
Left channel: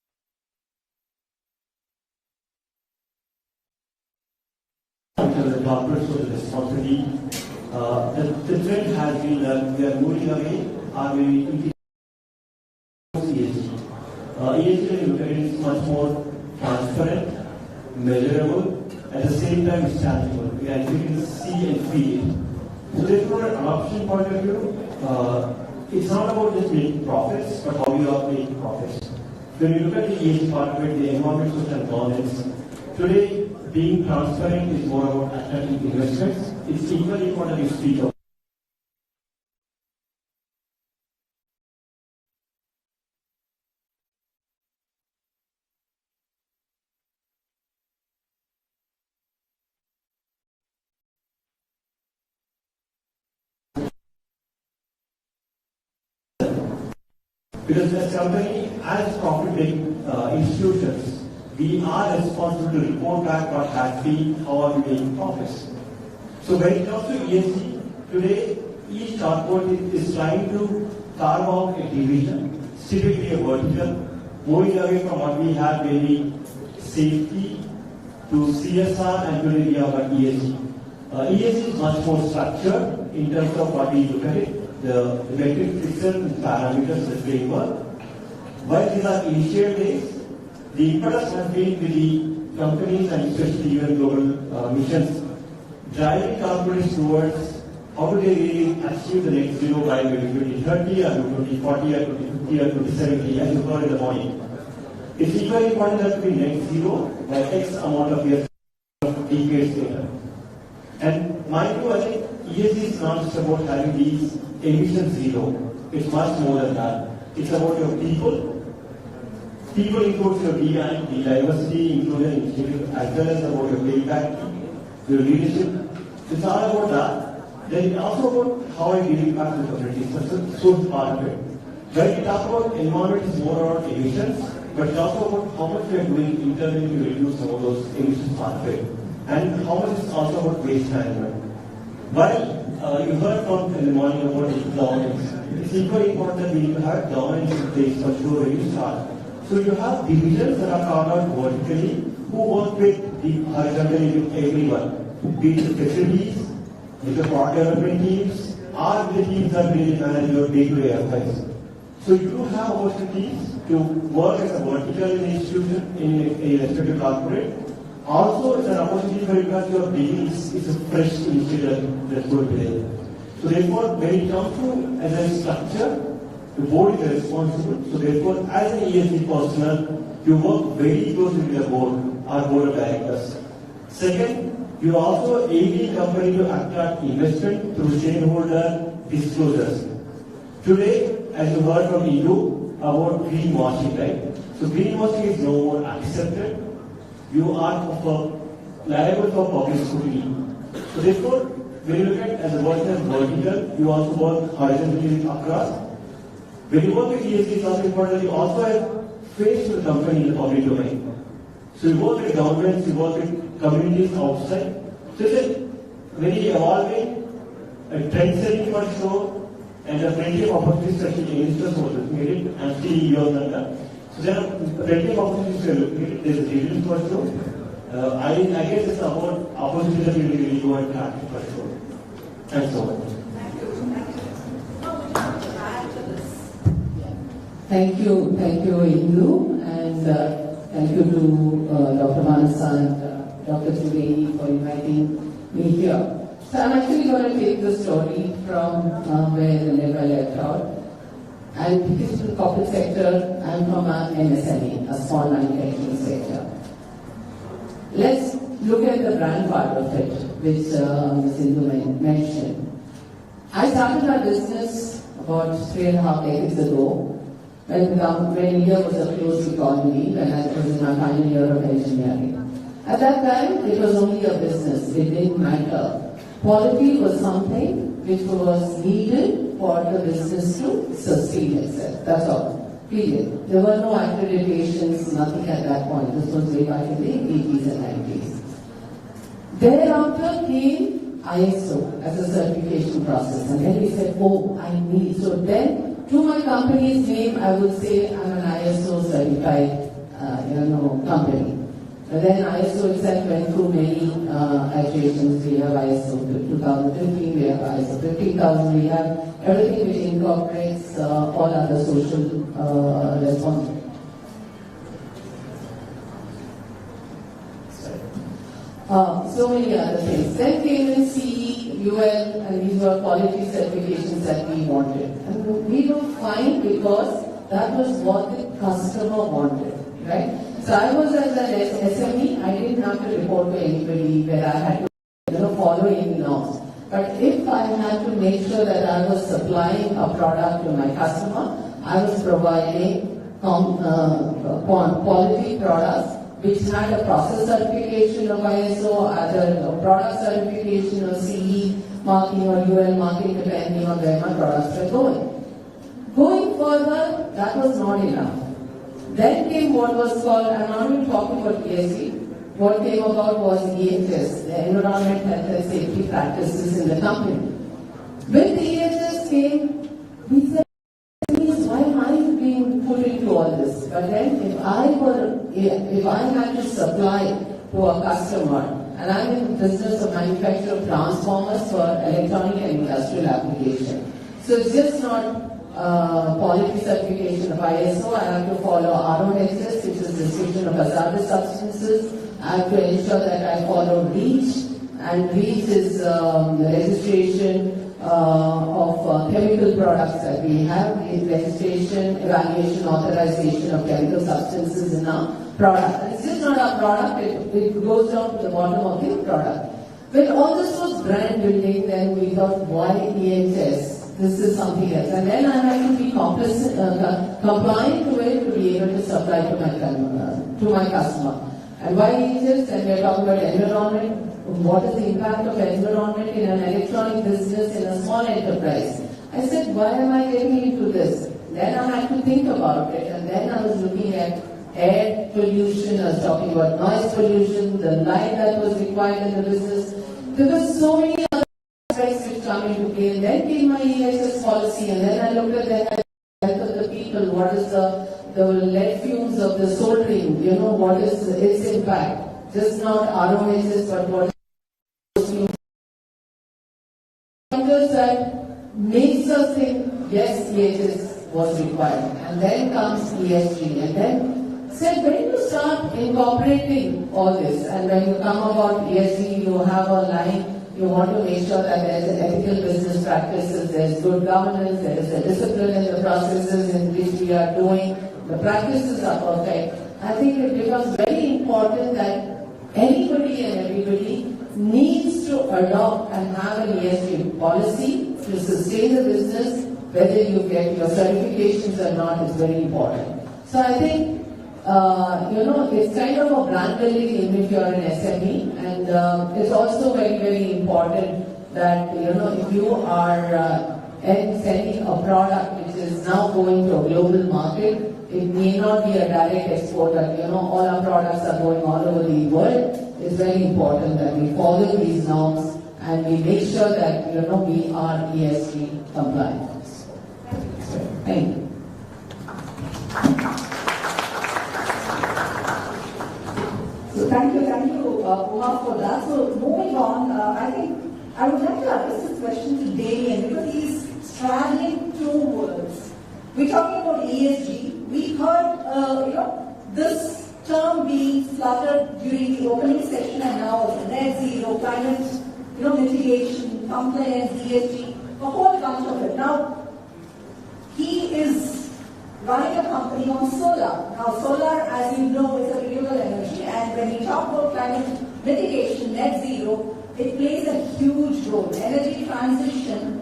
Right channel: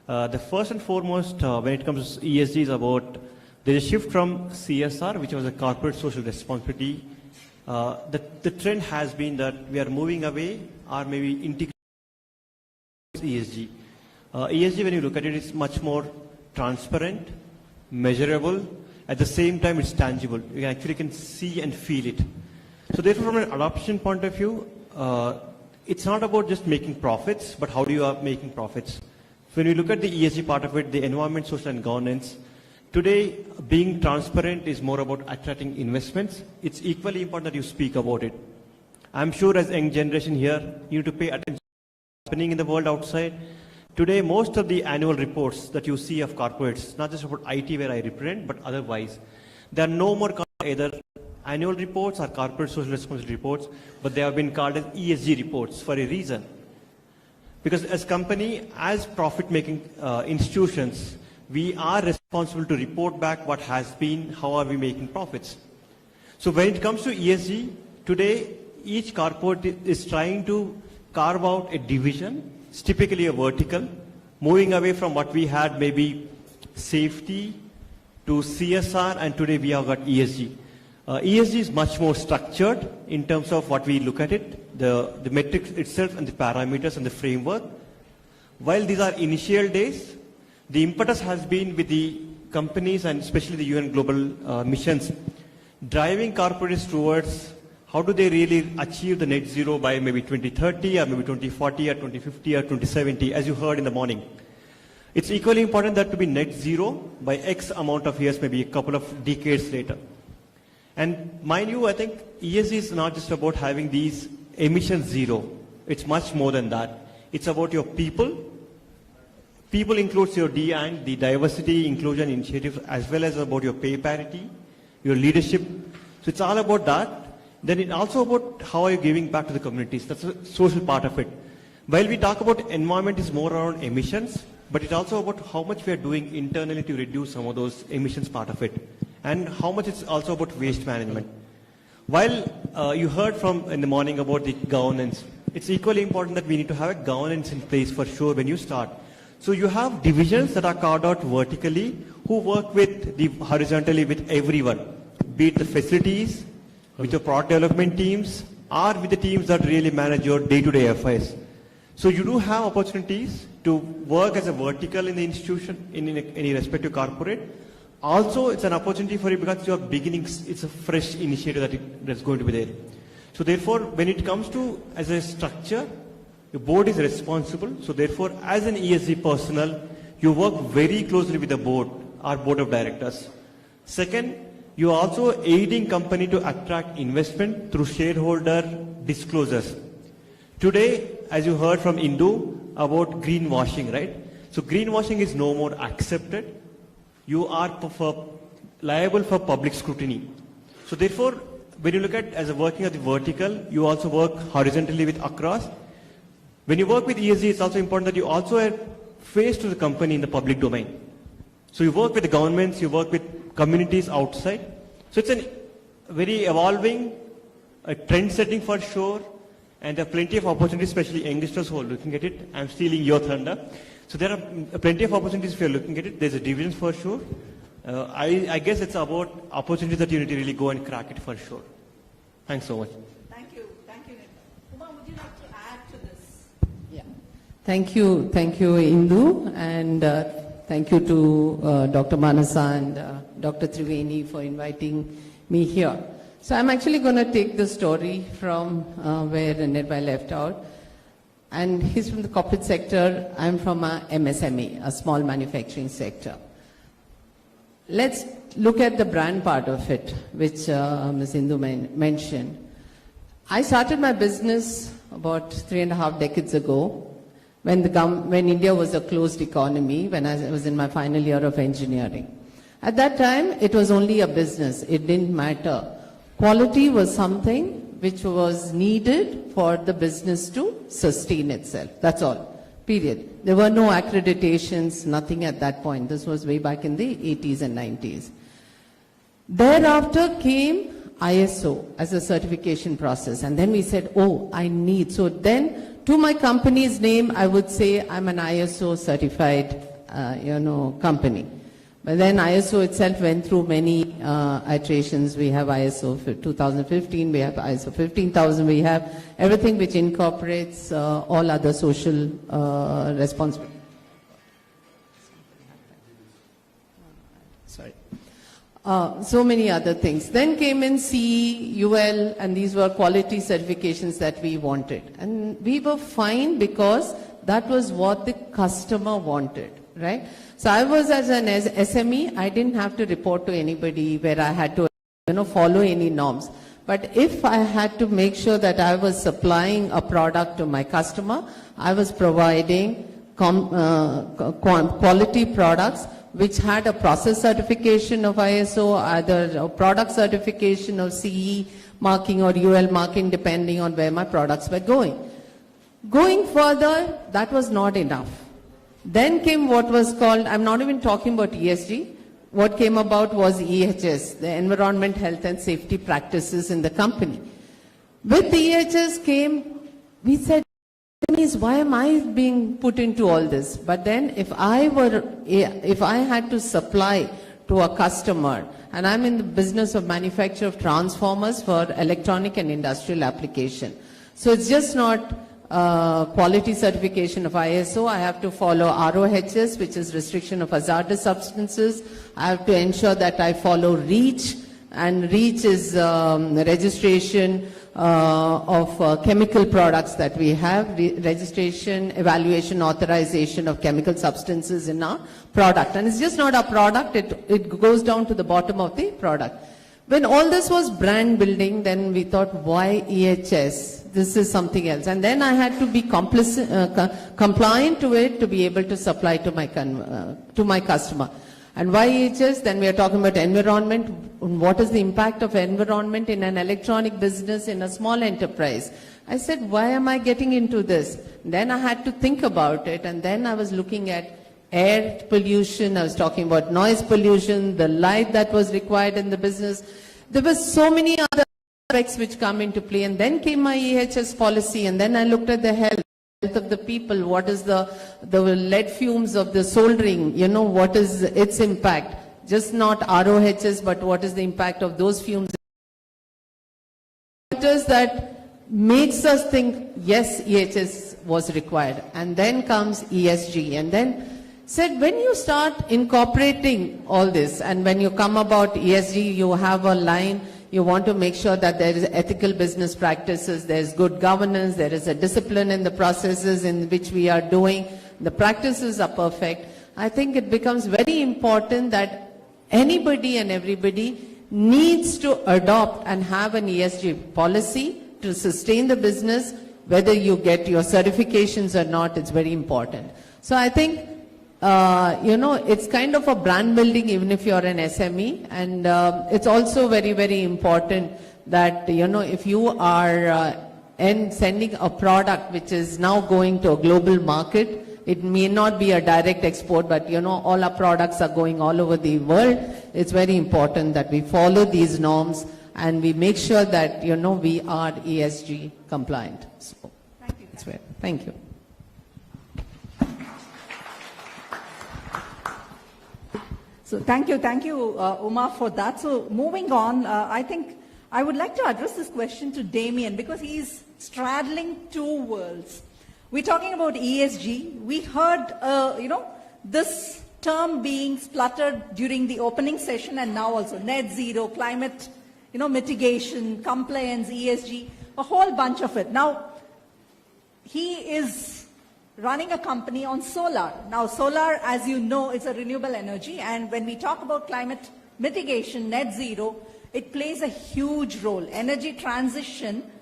The first and foremost, when it comes to ESG, is about there's a shift from CSR, which is the corporate social responsibility. The trend has been that we are moving away, or maybe integrating ESG. ESG, when you look at it, is much more transparent, measurable. At the same time, it's tangible. We actually can see and feel it. So, therefore, from an adoption point of view, it's not about just making profits, but how you are making profits. When you look at the ESG part of it, the environment, social and governance, today being transparent is more about attracting investments. It's equally important you speak about it. I'm sure as young generation here, you need to pay attention to what's happening in the world outside. Today, most of the annual reports that you see of corporates, not just about IT where I represent, but otherwise, there are no more either annual reports or corporate social responsibility reports, but they have been called as ESG reports for a reason. Because as company, as profit-making institutions, we are responsible to report back what has been, how are we making profits. So when it comes to ESG, today each corporate is trying to carve out a division, it's typically a vertical, moving away from what we had, maybe safety to CSR, and today we have got ESG. ESG is much more structured in terms of what we look at it, the metrics itself and the parameters and the framework. While these are initial days, the impetus has been with the companies and especially the UN global missions driving corporates towards how do they really achieve the net zero by maybe 2030 or maybe 2040 or 2050 or 2070, as you heard in the morning. It's equally important that to be net zero by X amount of years, maybe a couple of decades later. And my view, I think ESG is not just about having these emissions zero. It's much more than that. It's about your people. People includes your DI, the diversity inclusion initiative, as well as about your payback team, your leadership. So it's all about that. Then it's also about how I'm giving back to the communities. That's the social part of it. While we talk about environment, it's more around emissions, but it's also about how much we are doing internally to reduce some of those emissions part of it. And how much it's also about waste management. While you heard from in the morning about the governance, it's equally important that we need to have governance in place for sure when you start. So you have divisions that are carved out vertically who work horizontally with everyone, be it the facilities, with your product development teams, or with the teams that really manage your day-to-day affairs. So you do have opportunities to work as a vertical in the institution, in any respective corporate. Also, it's an opportunity for you because you're beginning, it's a fresh initiative that's going to be there. So therefore, when it comes to as a structure, the board is responsible. So therefore, as an ESG personnel, you work very closely with the board, our board of directors. Second, you are also aiding company to attract investment through shareholder disclosures. Today, as you heard from Indu about greenwashing, right? So greenwashing is no more accepted. You are liable for public scrutiny. So therefore, when you look at as a working as a vertical, you also work horizontally with across. When you work with ESG, it's also important that you also have face to the company in the public domain. So you work with the governments, you work with communities outside. So it's a very evolving, trend setting for sure, and there are plenty of opportunities, especially youngsters who are looking at it. I'm stealing your thunder. So there are plenty of opportunities if you're looking at it. There's a dividend for sure. I guess it's about opportunities that you need to really go and crack it for sure. Thanks so much. Thank you, Indu, and thank you to Dr. Manasa and Dr. Triveni for inviting me here. So I'm actually going to take the story from where Nirbhay left out. And he's from the corporate sector, I'm from a MSME, a small manufacturing sector. Let's look at the brand part of it, which Ms. Indu mentioned. I started my business about 3.5 decades ago, when India was a closed economy, when I was in my final year of engineering. At that time, it was only a business. It didn't matter. Quality was something which was needed for the business to sustain itself. That's all. Period. There were no accreditations, nothing at that point. This was way back in the 80s and 90s. Thereafter came ISO as a certification process. And then we said, oh, I need. So then, to my company's name, I would say I'm an ISO certified company. But then ISO itself went through many iterations. We have ISO 2015, we have ISO 15000, we have everything which incorporates all other social responsibilities. So many other things. Then came in CE, UL, and these were quality certifications that we wanted. And we were fine because that was what the customer wanted, right? So I was as an SME, I didn't have to report to anybody where I had to follow any norms. But if I had to make sure that I was supplying a product to my customer, I was providing quality products which had a process certification of ISO, either a product certification of CE marking or UL marking, depending on where my products were going. Going further, that was not enough. Then came what was called, I'm not even talking about ESG, what came about was EHS, the Environment, Health and Safety Practices in the company. With the EHS came, we said, why am I being put into all this? But then if I had to supply to a customer, and I'm in the business of manufacture of transformers for electronic and industrial application. So it's just not quality certification of ISO. I have to follow ROHS, which is restriction of hazardous substances. I have to ensure that I follow REACH, and REACH is registration of chemical products that we have, registration, evaluation, authorization of chemical substances in our product. And it's just not a product, it goes down to the bottom of the product. When all this was brand building, then we thought, why EHS? This is something else. And then I had to be compliant to it to be able to supply to my customer. And why EHS? Then we are talking about environment. What is the impact of environment in an electronic business, in a small enterprise? I said, why am I getting into this? Then I had to think about it, and then I was looking at air pollution, I was talking about noise pollution, the light that was required in the business. There were so many other aspects which come into play, and then came my EHS policy, and then I looked at the health of the people, what is the lead fumes of the soldering, what is its impact? Just not ROHS, but what is the impact of those fumes? That makes us think, yes, EHS was required. And then comes ESG. And then said, when you start incorporating all this, and when you come about ESG, you have a line, you want to make sure that there is ethical business practices, there is good governance, there is a discipline in the processes in which we are doing, the practices are perfect. I think it becomes very important that anybody and everybody needs to adopt and have an ESG policy to sustain the business, whether you get your certifications or not, it's very important. So I think, it's kind of a brand building even if you're an SME, and it's also very, very important that, if you are sending a product which is now going to a global market, it may not be a direct export, but all our products are going all over the world. It's very important that we follow these norms and we make sure that we are ESG compliant. Thank you. So thank you, Uma, for that. So moving on, I think I would like to address this question to Damien because he's straddling two worlds. We're talking about ESG. We heard, this term being spluttered during the opening session, and now also net zero, climate, mitigation, compliance, ESG, a whole bunch of it. Now, he is running a company on solar. Now, solar, as you know, is a renewable energy, and when we talk about climate mitigation, net zero, it plays a huge role. Energy transition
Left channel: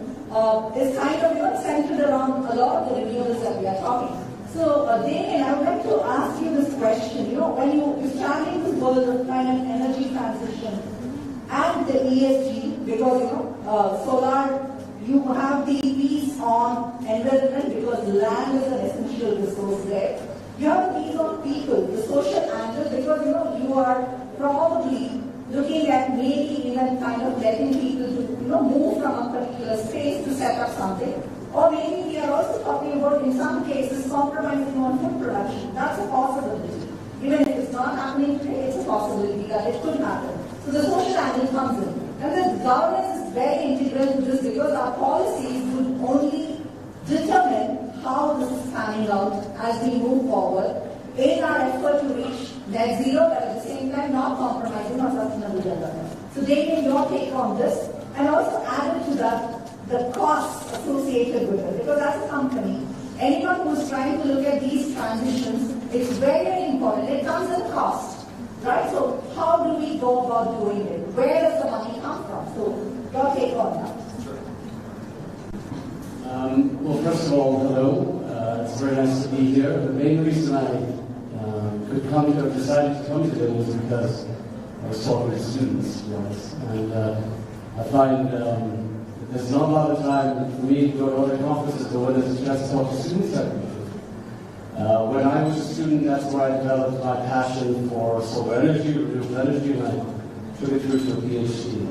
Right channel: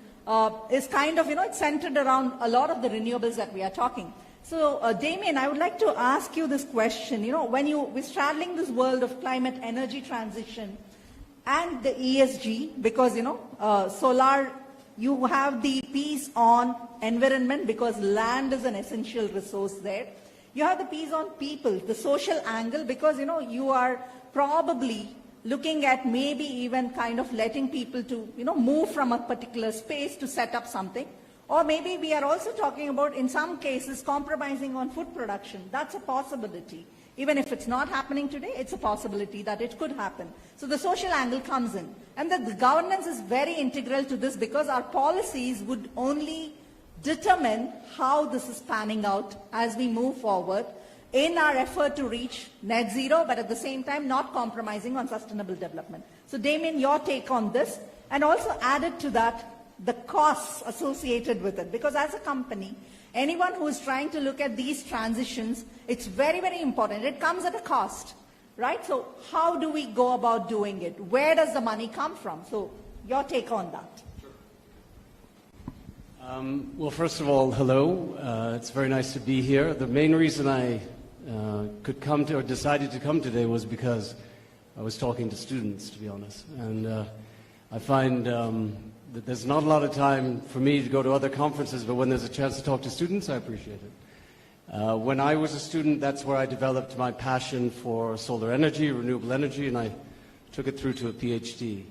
is kind of centered around a lot of the renewables that we are talking. So, Damien, I would like to ask you this question. When you are traveling this world of climate energy transition and the ESG, because solar, you have the piece on environment because land is an essential resource there. You have the piece on people, the social angle, because you are probably looking at maybe even kind of letting people to move from a particular space to set up something. Or maybe we are also talking about, in some cases, compromising on food production. That's a possibility. Even if it's not happening today, it's a possibility that it could happen. So the social angle comes in. And then governance is very integral to this because our policies would only determine how this is panning out as we move forward in our effort to reach net zero, but at the same time not compromising on sustainable development. So Damien, your take on this, and also added to that, the costs associated with it. Because as a company, anyone who is trying to look at these transitions, it's very, very important. It comes at a cost, right? So how do we go about doing it? Where does the money come from? So your take on that. Well, first of all, hello. It's very nice to be here. The main reason I decided to come today was because I was talking to students, to be honest. And I find there's not a lot of time for me to go to other conferences, but when there's a chance to talk to students, I appreciate When I was a student, that's where I developed my passion for solar energy, renewable energy, and I took it through to a PhD.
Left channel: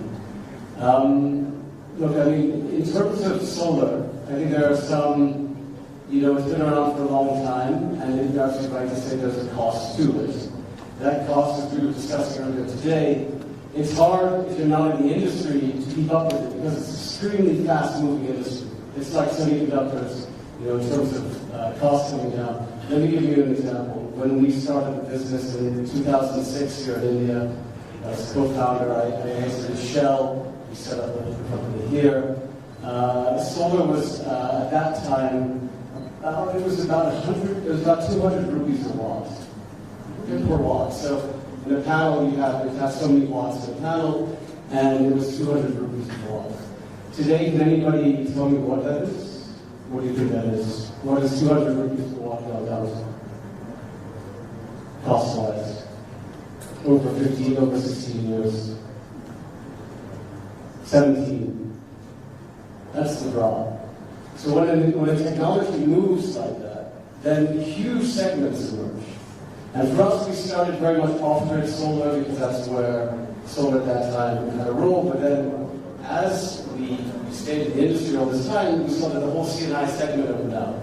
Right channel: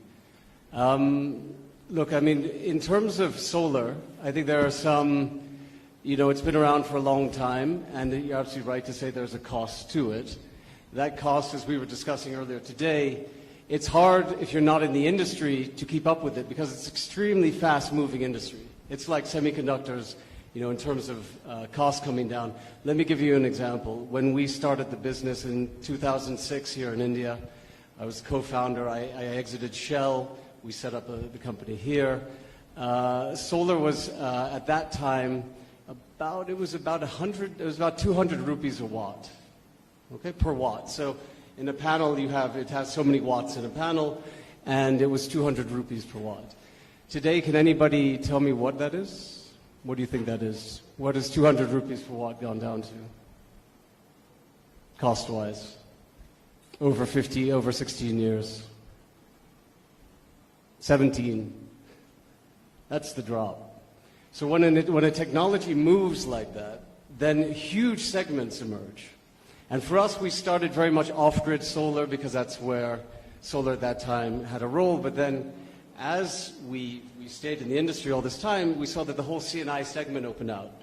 Look, I mean, in terms of solar, I think there are some, it's been around for a long time, and you're absolutely right to say there's a cost to it. That cost, as we were discussing earlier today, it's hard if you're not in the industry to keep up with it because it's extremely fast-moving industry. It's like semiconductors, in terms of costs coming down. Let me give you an example. When we started the business in 2006 here in India, as a co-founder, I exited Shell. We set up a company here. Solar was at that time about 200 rupees a watt, per watt. So in a panel it has so many watts in a panel, and it was 200 rupees per watt. Today, can anybody tell me what that is? What do you think that is? What is 200 rupees per watt gone down to? Cost-wise, over 16 years. 17. That's the draw. So when a technology moves like that, then huge segments emerge. And for us, we started very much off-grid solar because that's where solar at that time had a role. But then as we stayed in the industry all this time, we saw that the whole C&I segment opened up.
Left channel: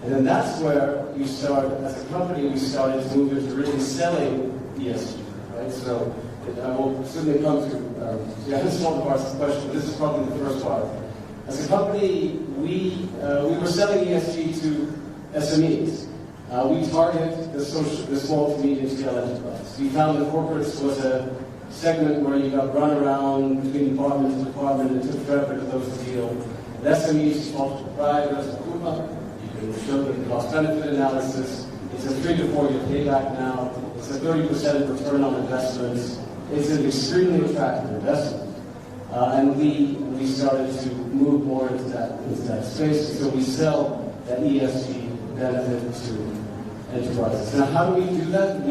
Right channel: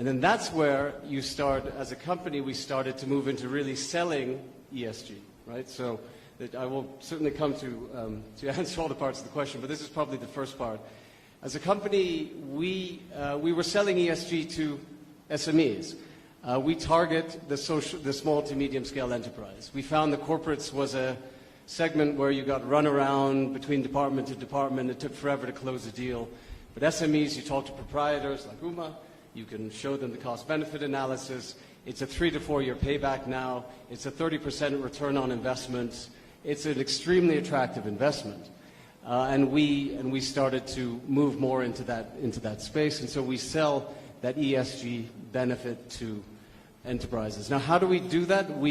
And then that's where you start, as a company, we started to move into really selling ESG, right? So I will certainly come to answer all parts of the question, but this is probably the first part. As a company, we were selling ESG to SMEs. We target the small to medium scale enterprise. We found the corporates was a segment where you got run around between department to department. It took forever to close the deal. At SMEs, you talk to proprietors of Gokula. You can show them the cost-benefit analysis. It's a 3 to 4 year payback now. It's a 30% return on investments. It's an extremely attractive investment. And we started to move more into that space. So we sell that ESG benefit to enterprises. Now, how do we do that?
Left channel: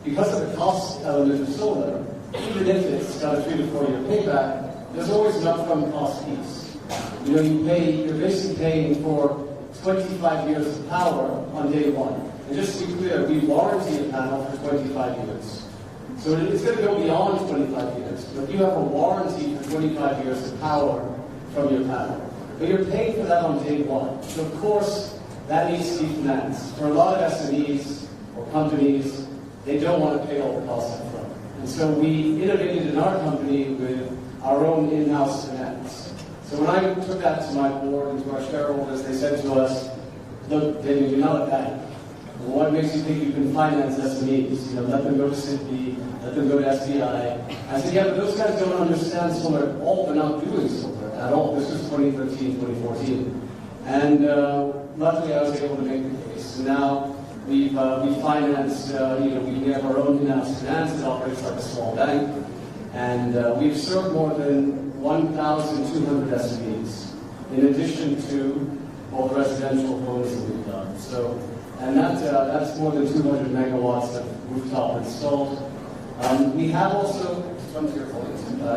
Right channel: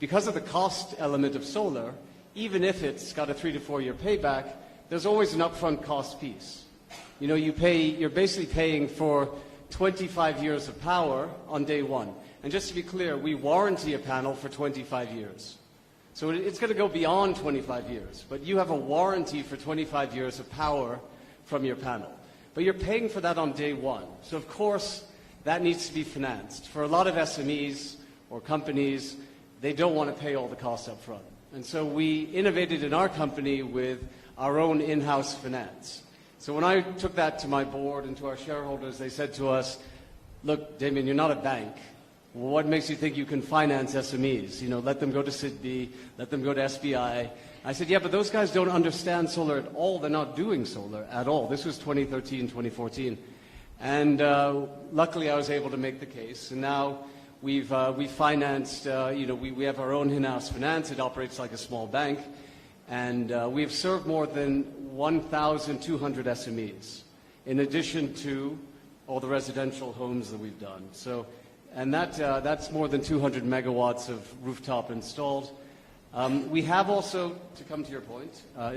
Because of the cost element of solar, even if it's got a 3 to 4 year payback, there's always an upfront cost piece. You're basically paying for 25 years of power on day one. And just to be clear, we warranty a panel for 25 years. So it's going to go beyond 25 years, but you have a warranty for 25 years of power from your panel. But you're paying for that on day one. So of course, that needs to be financed. For a lot of SMEs or companies, they don't want to pay all the costs up front. And so we innovated in our company with our own in-house finance. So when I took that to my board and to our shareholders, they said to us, look, Damien, you're not a bank. What makes you think you can finance SMEs? Let them go to CSTEP, let them go to SBI. I said, yeah, but those guys don't understand solar at all. They're not doing solar at all. This was 2013, 2014. And luckily, I was able to make the case. Now, we financed, we have our own in-house finance. It operates like a small bank. And we've served more than 1,200 SMEs, in addition to all the residential homes that we've done. And that's more than 200 megawatts of rooftop installed. We have also,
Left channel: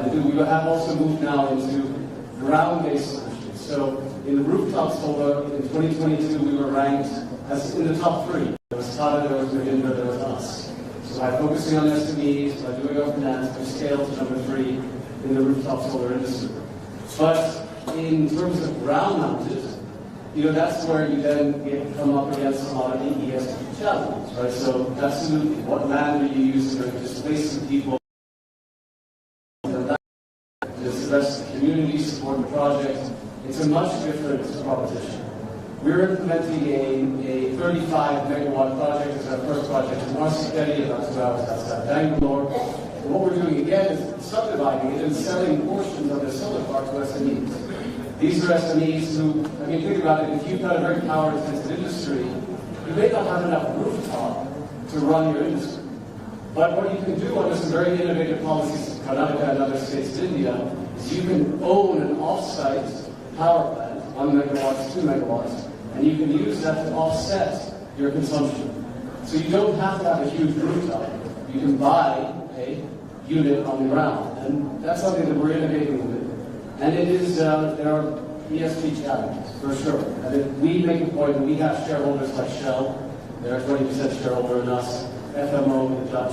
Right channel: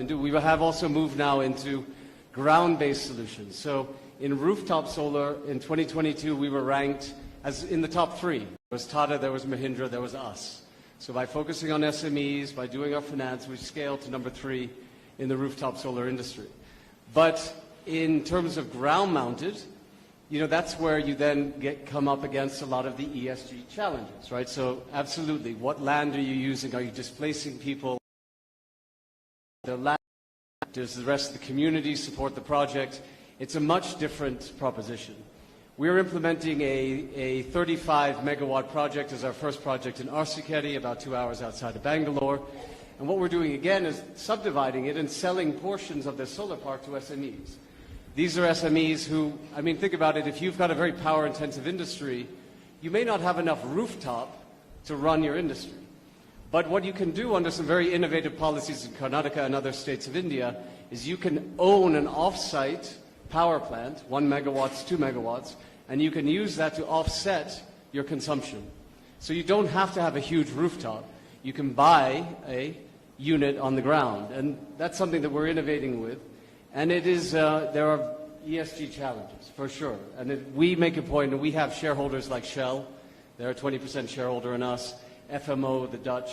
we have also moved now into ground-based solutions. So in rooftop solar, in 2022, we were ranked as in the top 3. There was Tata, there was Mahindra, there was us. So by focusing on SMEs, by doing our finance, we scaled to number 3 in the rooftop solar industry. But in terms of ground-mounted, that's where you then come up against a lot of the ESG challenges, right? So absolutely, what land are you using? Are you displacing people? Does the rest of the community support the project? It's a much different proposition. We're implementing a 35 megawatt project as our first project in Marsicchetti, about 2 hours outside Bangalore. And what we're doing again is subdividing it and selling portions of this solar park to SMEs. These are SMEs who, think about it, if you've got a very power-intensive industry, you may not have enough rooftop to run your industry. But what you can do under some very innovative policies in Karnataka and other states of India is you can own an off-site power plant, 1 megawatt, 2 megawatts, and you can use that to offset your consumption. So you don't have to have a huge rooftop. You can buy a unit on the ground, and that's something that we're innovating with. And it is, there are ESG challenges, for sure. And we make a point, and we have shareholders like Shell They're a 20% shareholder in us. FMO, the Dutch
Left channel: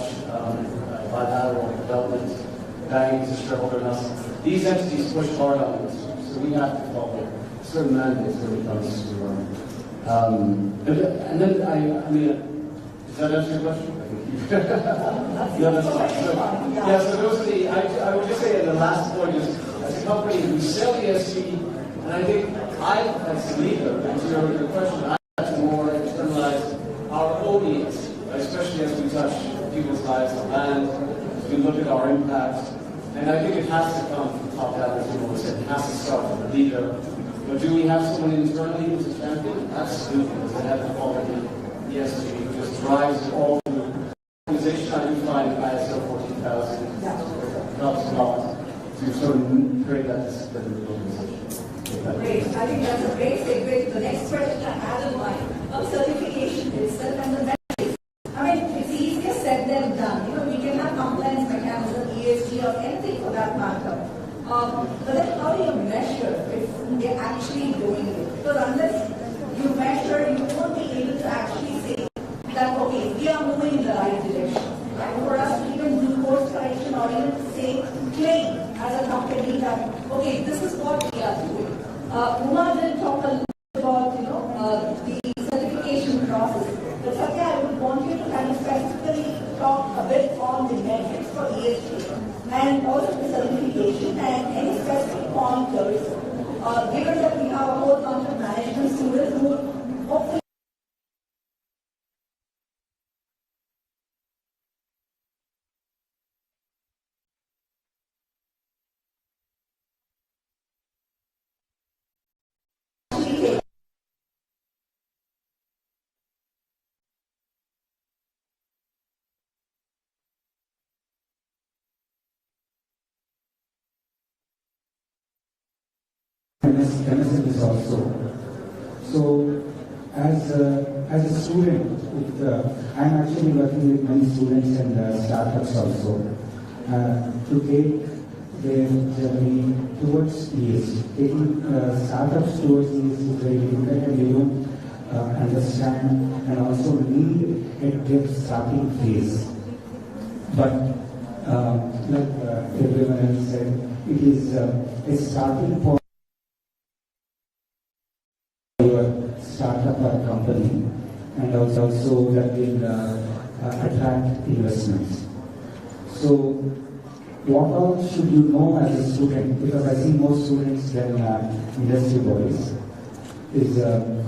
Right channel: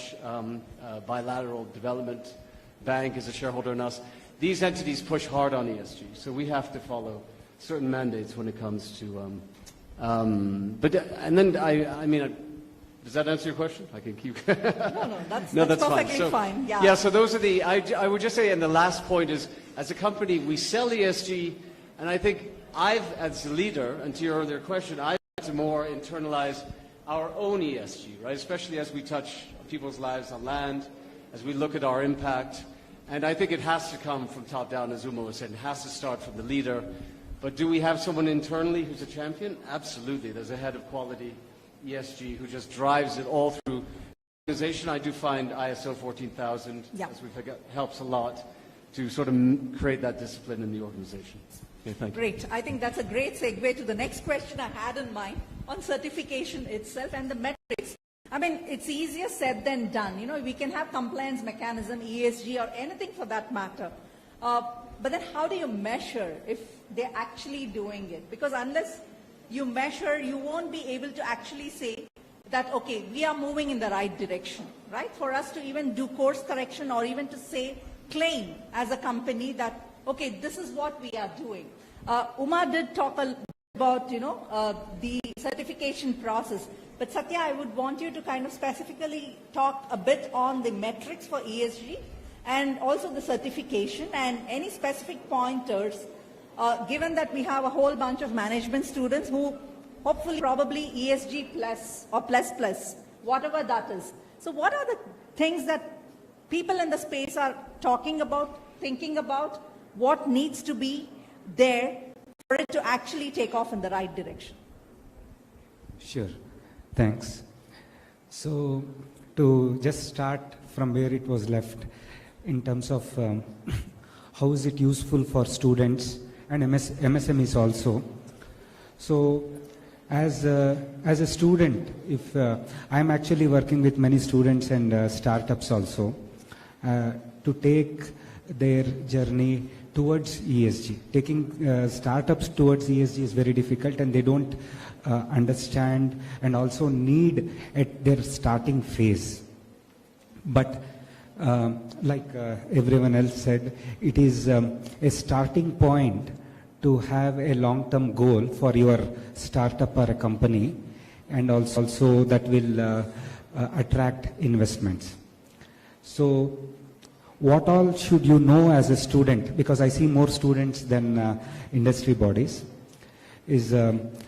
bilateral development bank, is a shareholder in us. These entities push hard on ESG, so we have to follow certain mandates that are in place. Does that answer your question? I can keep that's fine. fine. Yeah, so those are the, I would just say, and the last point is, as a company, we sell ESG, and I think as the leader, to your other question, I have to more internalize our own ESG, right? Especially as we touch people's lives and as we look at our impact. And I think it has to come from top down, as you always said. It has to start from the leader. But do we have someone internally who's a champion? Absolutely, because it had to follow the ESG, which just drives it all through the organization. I do find ISO 14000 helps a lot to sort of create that discipline in the organization. Great. I think that's a great segue to the next question I had in mind on certification itself and the metrics. I mean, it's easier said than done. You know, we can have compliance mechanism, ESG, or anything for that matter. But then how do you measure if they're actually doing it? Because unless you measure, you won't be able to actually say that, okay, we are moving in the right direction. Right? For us to even do course correction or even to say, claim as a company that, okay, this is what we are doing. Umar did talk a little about, the certification process. But Satya, I would want you to kind of specifically talk a bit on the metrics for ESG and also the certification and any specific pointers, given that we have a whole bunch of management students who hopefully probably ESG plus or plus plus, whatever that is. So what are the things that people in the space are talking about, thinking about, what needs to be there for it to actually take off in the right direction? Sure, thanks. So to just start from where it was left in terms of how is it useful for students and MSMEs also. So as a student, if I'm actually working with many students and startups also to take their journey towards ESG. Taking startups towards ESG is very difficult, and they don't understand and also need at their starting phase. But like everyone else said, it is a starting point to have a long-term goal for your startup or a company, and also that will attract investments. So what all should you know as a student, because I see more students than industry bodies, is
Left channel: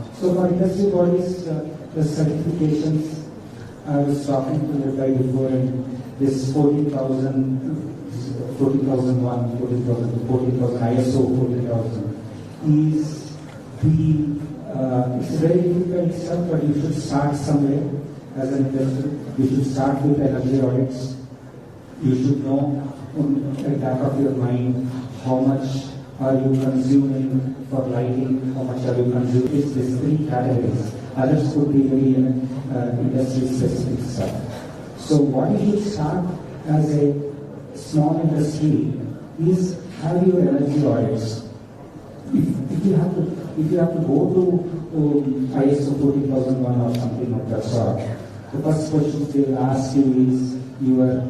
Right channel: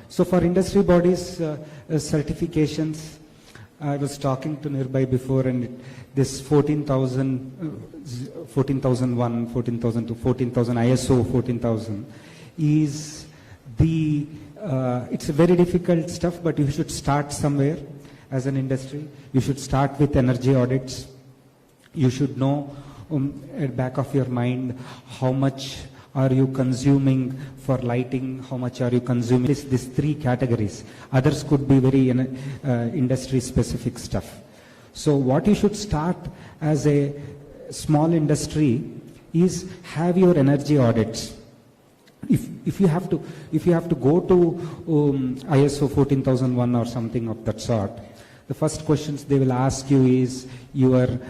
so for industry bodies, certifications, I was talking to Nirbhay before, and this 14,001, 14,000 to 14,000, ISO 14,000 is the, it's a very difficult stuff, but you should start somewhere as an industry. You should start with energy audits. You should know in the back of your mind how much are you consuming for lighting, how much are you consuming. These three categories. Others could be very industry specific stuff. So what you should start as a small industry is have your energy audits. If you have to go to ISO 14001 or something of that sort, the first questions they will ask you is your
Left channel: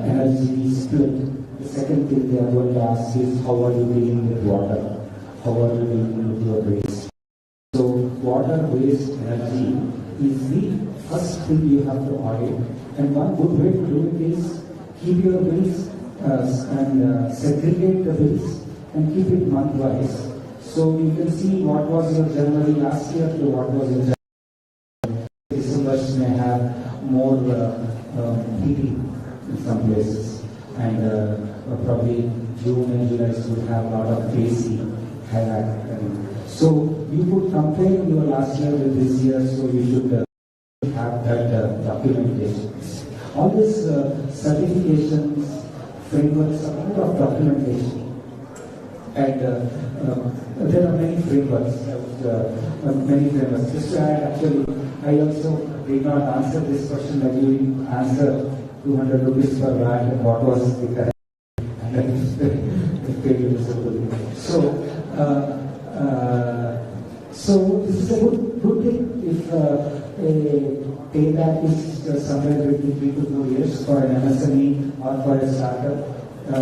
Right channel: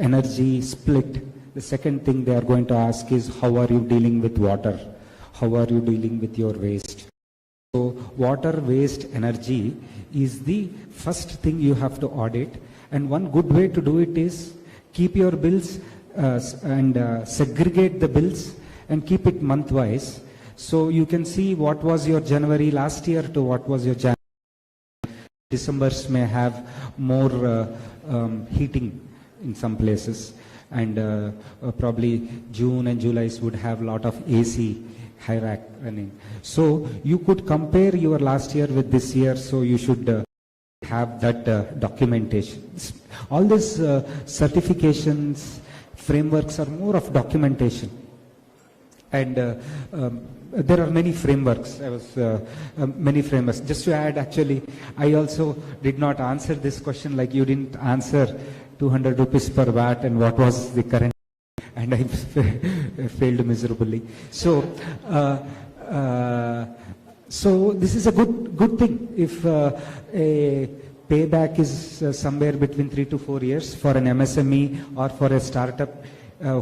energy split. The second thing they are going to ask is how are you dealing with water? How are you dealing with your waste? So water, waste, energy is the first thing you have to audit. And one good way to do it is keep your bills and segregate the bills and keep it month-wise. So you can see what was your January last year to what was your January. Decembers may have more heating in some places, and probably June and July would have a lot of AC happening. So you could compare your last year with this year, so you should have that documentation. All these certifications, frameworks are more of documentation. And there are many frameworks. Just to add, actually, I also did not answer this question like you didn't answer 200 rupees per watt and what was the current, and I failed miserably. So, so this is a good thing if a payback is somewhere between 3 to 4 years. For an MSME or for a startup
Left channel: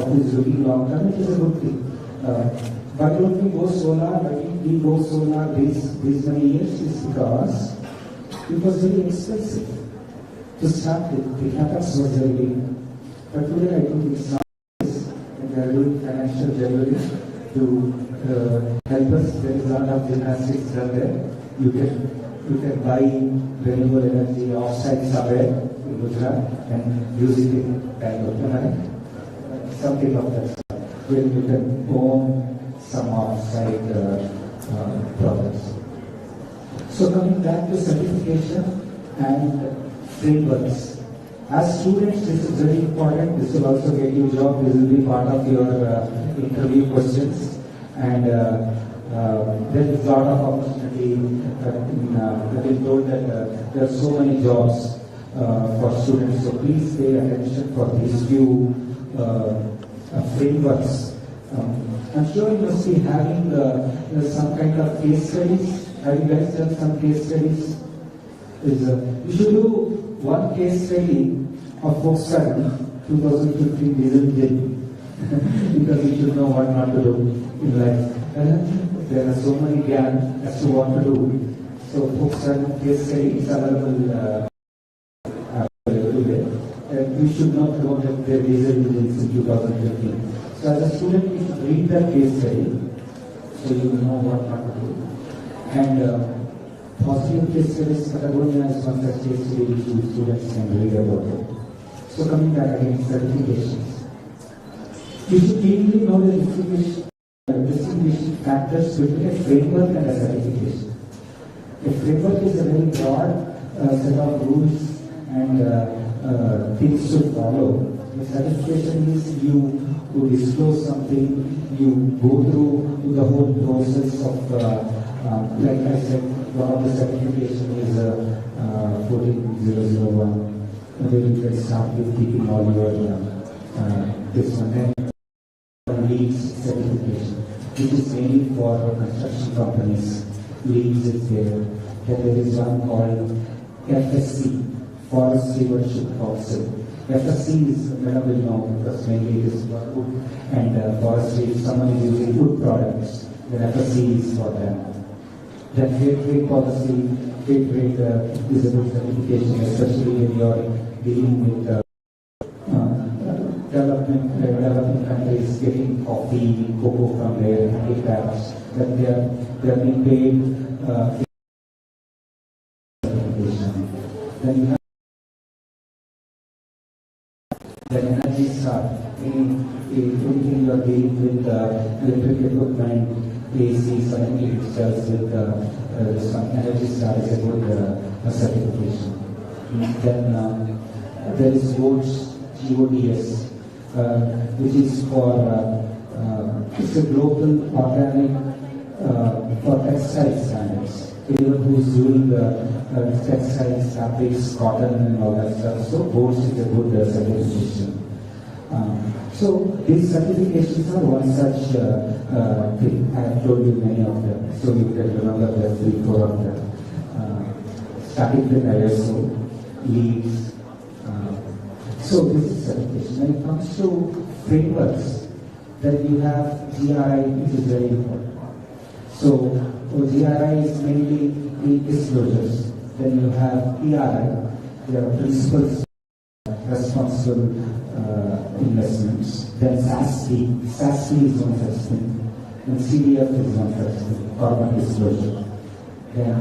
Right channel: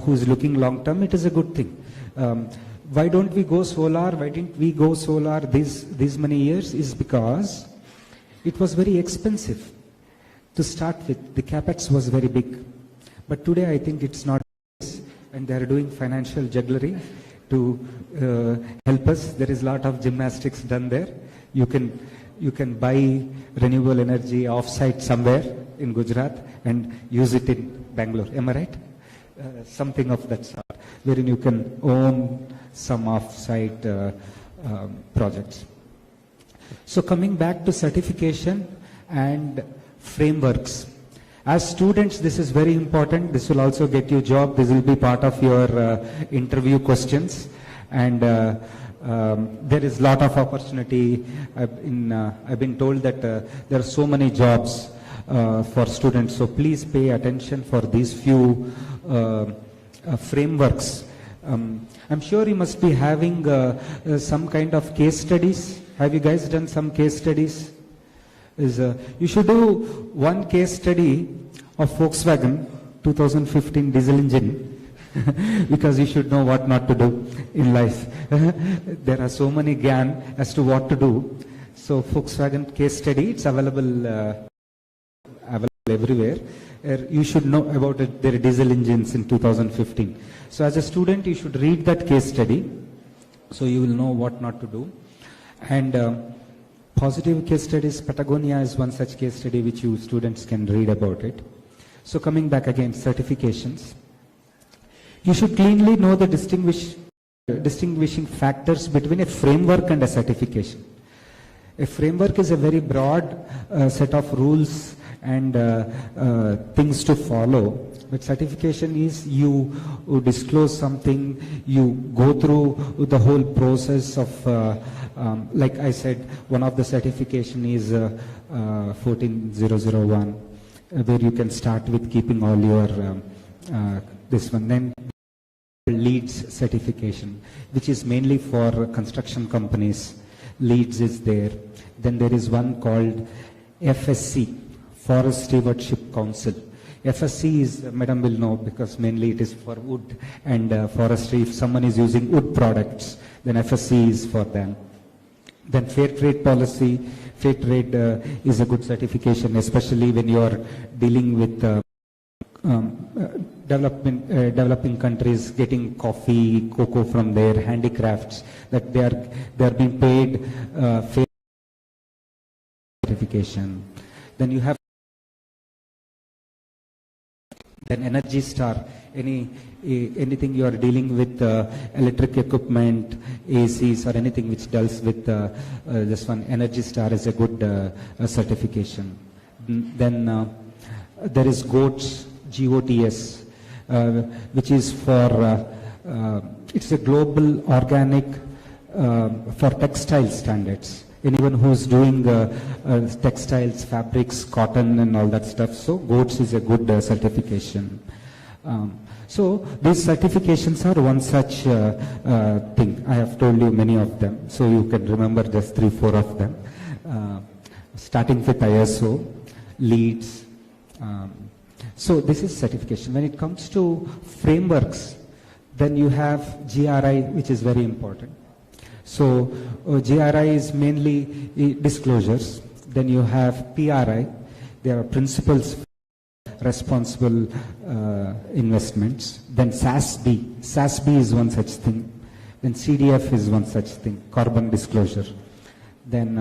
who's looking long term, it is a good thing. Why don't we go solar? Why did we go solar these many years? Is because it was very expensive to start with. The capex was very big. But today I think it's not, and they are doing financial jugglery to help us. There is a lot of gymnastics done there. You can buy renewable energy off-site somewhere in Gujarat and use it in Bangalore. Am I right? Something of that sort, wherein you can own some off-site projects. So coming back to certification and frameworks. As students, this is very important. This will also get you a job. This will be part of your interview questions. And there is a lot of opportunity. I've been told that there are so many jobs for students. So please pay attention for these few frameworks. I'm sure you must be having some kind of case studies. Have you guys done some case studies? You should do one case study of Volkswagen 2015 diesel engine because you should know what not to do in life. There are so many gyan as to what to do. So Volkswagen case study, it's available everywhere. You should know about their diesel engines in 2015. So as a student, you should read that case study so you will know what not to do. And positive case studies, Patagonia is one such case study which you students can read about it. So coming back again, certifications. You should clearly know the distinguishing factors between a framework and a certification. A framework is a very broad set of rules and things to follow. But certification is you disclose something, you go through the whole process of like I said, one of the certification is 14001, where you can start with keeping all your this one. Then LEEDs certification, which is mainly for construction companies. LEEDs is there. Then there is one called FSC, Forest Stewardship Council. FSC is, Madam will know, because mainly it is for wood and forestry. If someone is using wood products, then FSC is for that. Then fair trade policy. Fair trade is a good certification, especially when you are dealing with developing countries getting coffee, cocoa from their handicrafts, that they are being paid fair certification. Then you have the Energy Star. Anything you are dealing with electric equipment, ACs or anything which deals with this one, Energy Star is a good certification. Then there is GOTS, GOTS, which is for it's a global organic for textile standards. Anyone who is doing textiles, fabrics, cotton and all that stuff, so GOTS is a good certification. So these certifications are one such thing. I have told you many of them, so you can remember just 3-4 of them. Starting with ISO, LEEDs. So this is certification. When it comes to frameworks, then you have GRI, which is very important. So GRI is mainly disclosures. Then you have PRI. There are principles for responsible investments. Then SASB. SASB is one such thing. And CDF is one such thing, carbon disclosure. Then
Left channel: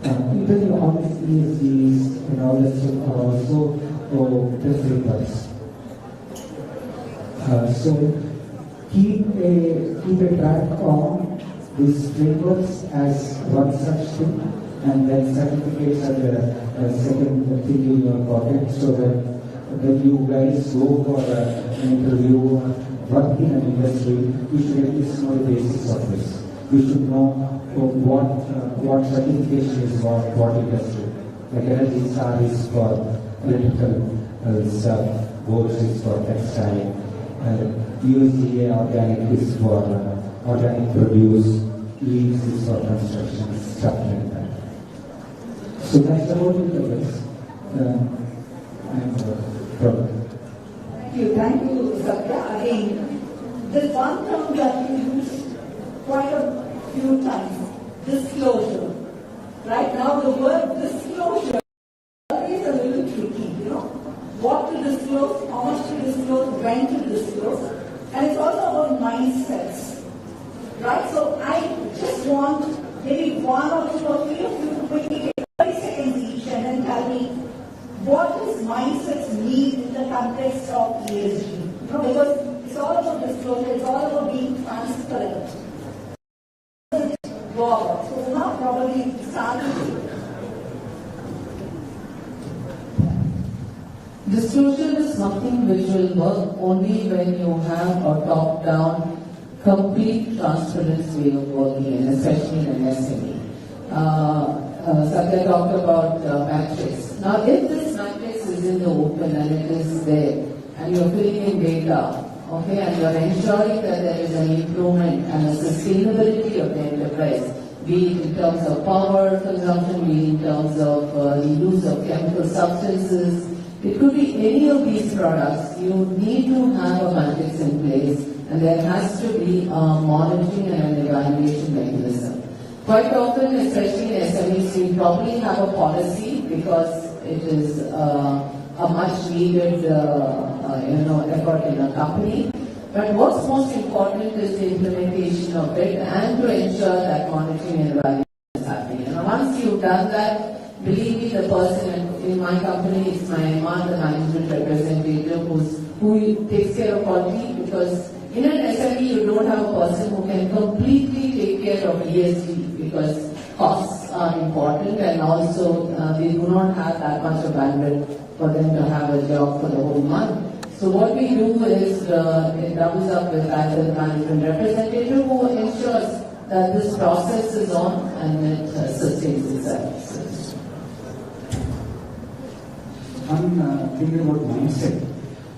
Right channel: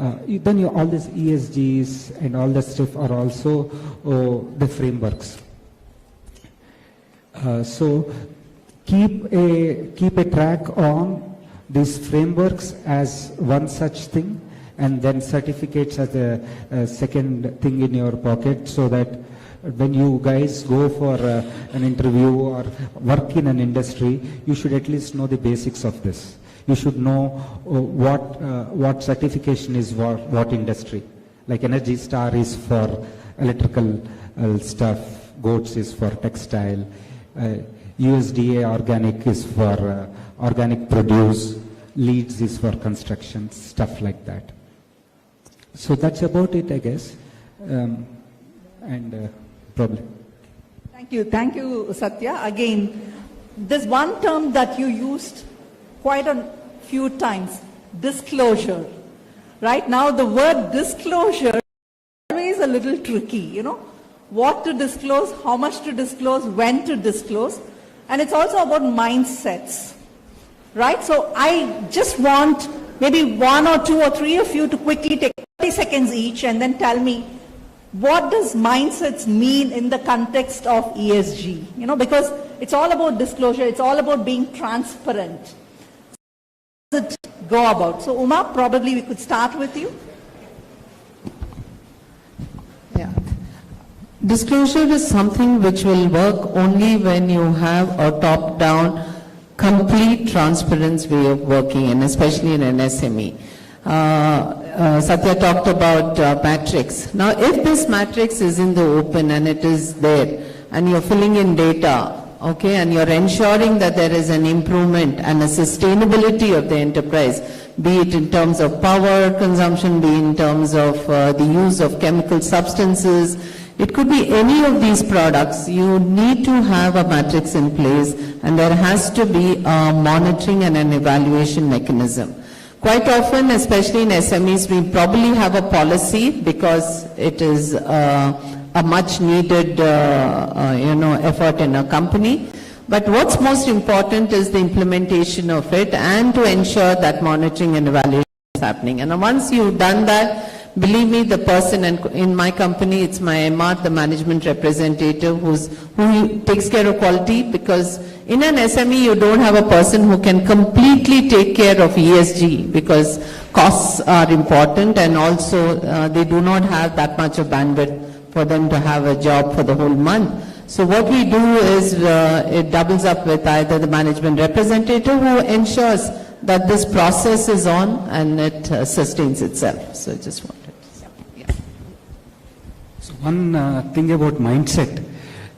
all these ESGs and all that stuff are also the frameworks. So keep a track on these frameworks as one such thing, and then certificates as a second thing in your pocket, so that when you guys go for an interview or work in an industry, you should at least know the basics of this. You should know what certification is what industry. Like Energy Star is for electrical stuff, GOTS is for textile, USDA organic is for organic produce, LEEDs is for construction, stuff like that. So that's about it, I guess. Thank you, Satya. Again, this one term that you used quite a few times, disclosure. Right now, the word disclosure is always a little tricky, you know. What to disclose, how much to disclose, when to disclose. And it's also about mindsets, right? So I just want maybe 1 or 2 or 3 of you to quickly take 30 seconds each and then tell me, what does mindsets mean in the context of ESG? You know, because it's all about disclosure, it's all about being transparent. How does it go about? So Uma, probably we could start with you. Disclosure is something which will work only when you have a top-down, complete transparent way of working, and especially in an SME. Satya talked about matrix. Now, if this matrix is in the open and it is there, and you're filling in data, okay, and you're ensuring that there is an improvement and a sustainability of the enterprise, be it in terms of power consumption, be it in terms of the use of chemical substances, it could be any of these products. You need to have a matrix in place, and there has to be a monitoring and an evaluation mechanism. Quite often, especially in SMEs, we probably have a policy because it is a much needed effort in a company. But what's most important is the implementation of it and to ensure that monitoring and evaluation is happening. And once you've done that, believe me, the person, and in my company, it's my MR, the management representative, who takes care of quality, because in an SME, you don't have a person who can completely take care of ESG, because costs are important, and also they do not have that much of bandwidth for them to have a job for the whole month. So what we do is it doubles up with either the management representative who ensures that this process is on and it sustains itself. So just one thing about mindset.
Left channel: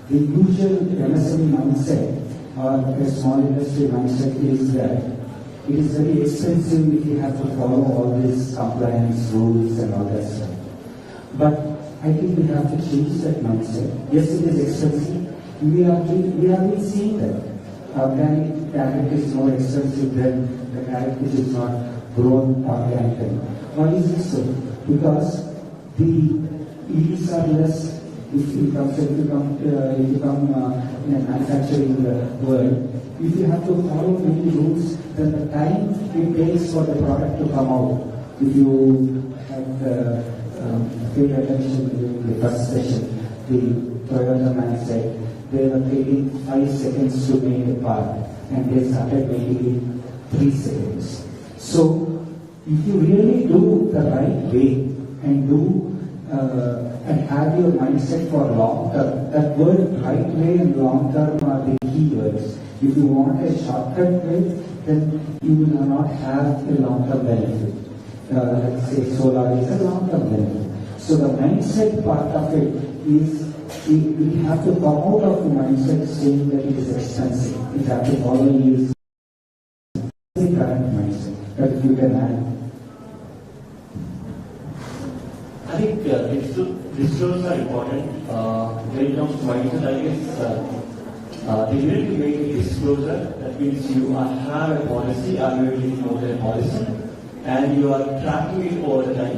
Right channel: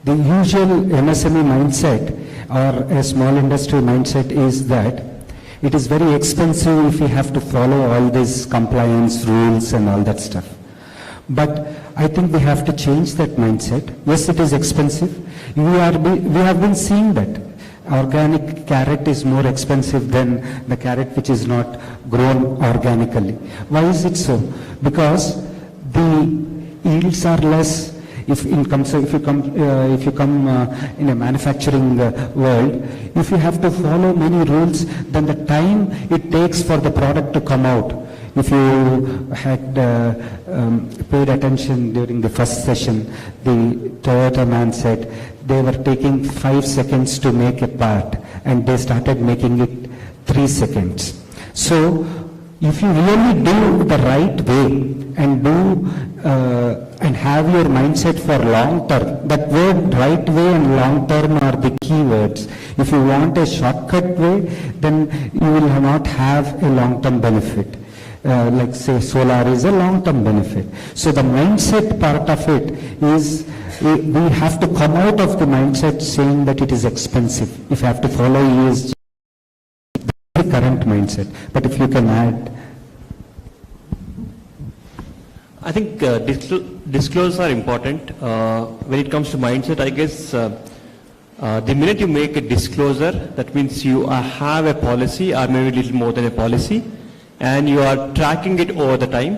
The usual MSME mindset or a small industry mindset is that it is very expensive if we have to follow all these compliance rules and all that stuff. But I think we have to change that mindset. Yes, it is expensive. We have been seeing that. Organic carrot is more expensive than the carrot which is not grown organically. Why is it so? Because the yields are less. If you come in a manufacturing world, if you have to follow many rules, then the time it takes for the product to come out. If you had paid attention during the first session, the Toyota man said they were taking 5 seconds to make a part, and they started making it 3 seconds. So, if you really do the right way and and have your mindset for long term, that word right way and long term are the key words. If you want a shortcut way, then you will not have a long term benefit. Like say solar is a long term benefit. So the mindset part of it is we have to come out of the mindset saying that it is expensive. If you have to follow ESG, the current mindset. But if you can add. I think disclosures are important. When it comes to mindset, I guess the minute you make a disclosure, that means you have a policy, or maybe a little more than a policy, and you are tracking it over the time,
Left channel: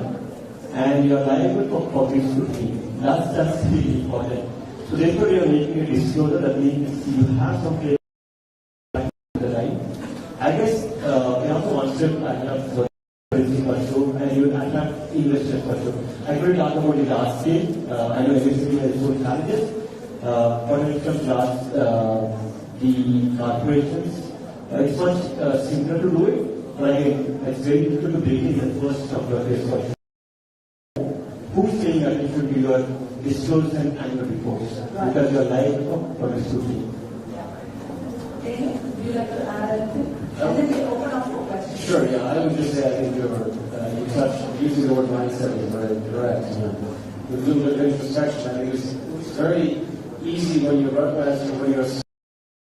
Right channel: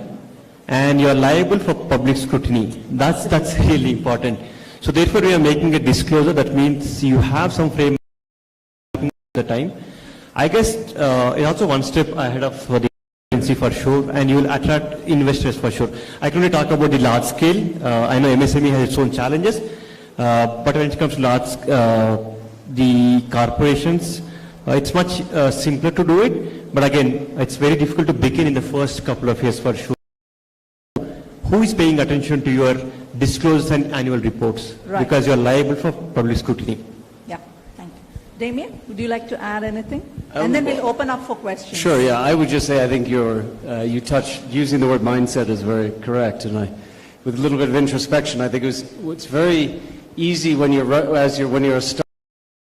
and you are liable for public scrutiny. That's really important. So therefore, we are making a disclosure. That means you have some framework at the time. I guess it's also one step ahead of the for sure, and you will attract investors for sure. I can only talk about the large scale. I know MSME has its own challenges, but when it comes to large, the corporations, it's much simpler to do it. But again, it's very difficult to begin in the first couple of years for sure. Who is paying attention to your disclosures and annual reports? Right. Because you are liable for public scrutiny. Yeah. Damien, would you like to add anything? And then we'll open up for questions. Sure, yeah. I would just say I think you touched, using the word mindset is very correct. And with a little bit of introspection, I think it's very easy when you're a startup.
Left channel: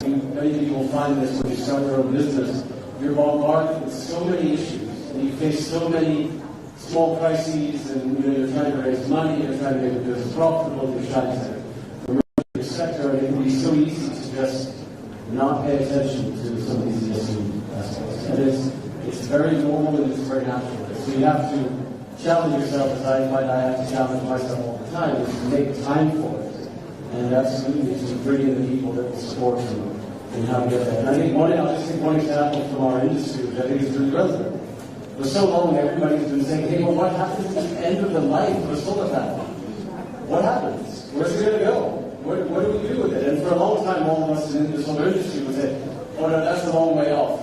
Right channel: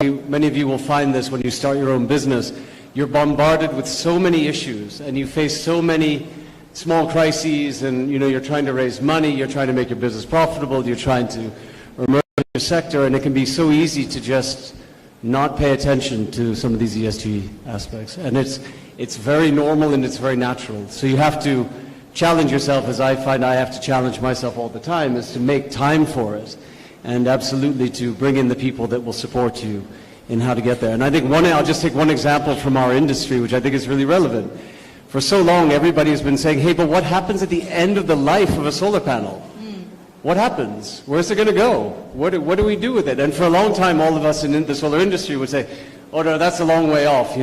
Many of you will find this when you start your own business. You're bombarded with so many issues, and you face so many small crises and you're trying to raise money, you're trying to make your business profitable, you're trying to emerge in your sector, and it can be so easy to just not pay attention to some of these ESG aspects. And it's very normal and it's very natural. So you have to challenge yourself, as I find I have to challenge myself all the time, is to make time for it, and absolutely to bring in the people that will support you in how to get there. And I think I'll just take one example from our industry, which I think is really relevant. For so long, everybody has been saying, hey, but what happens at the end of the life of a solar panel? What happens? Where's it going to go? What do we do with it? And for a long time, all of us in the solar industry would say, oh, no, that's a long way off.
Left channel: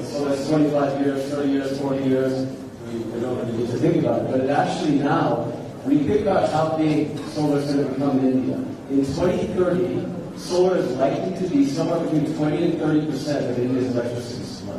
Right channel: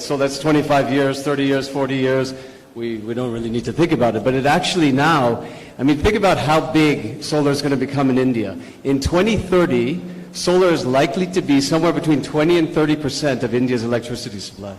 So that's 25 years, 30 years, 40 years. We don't really need to think about it. But it actually now, think about how big solar is going to become in India. In 2030, solar is likely to be somewhere between 20 and 30% of India's electricity supply.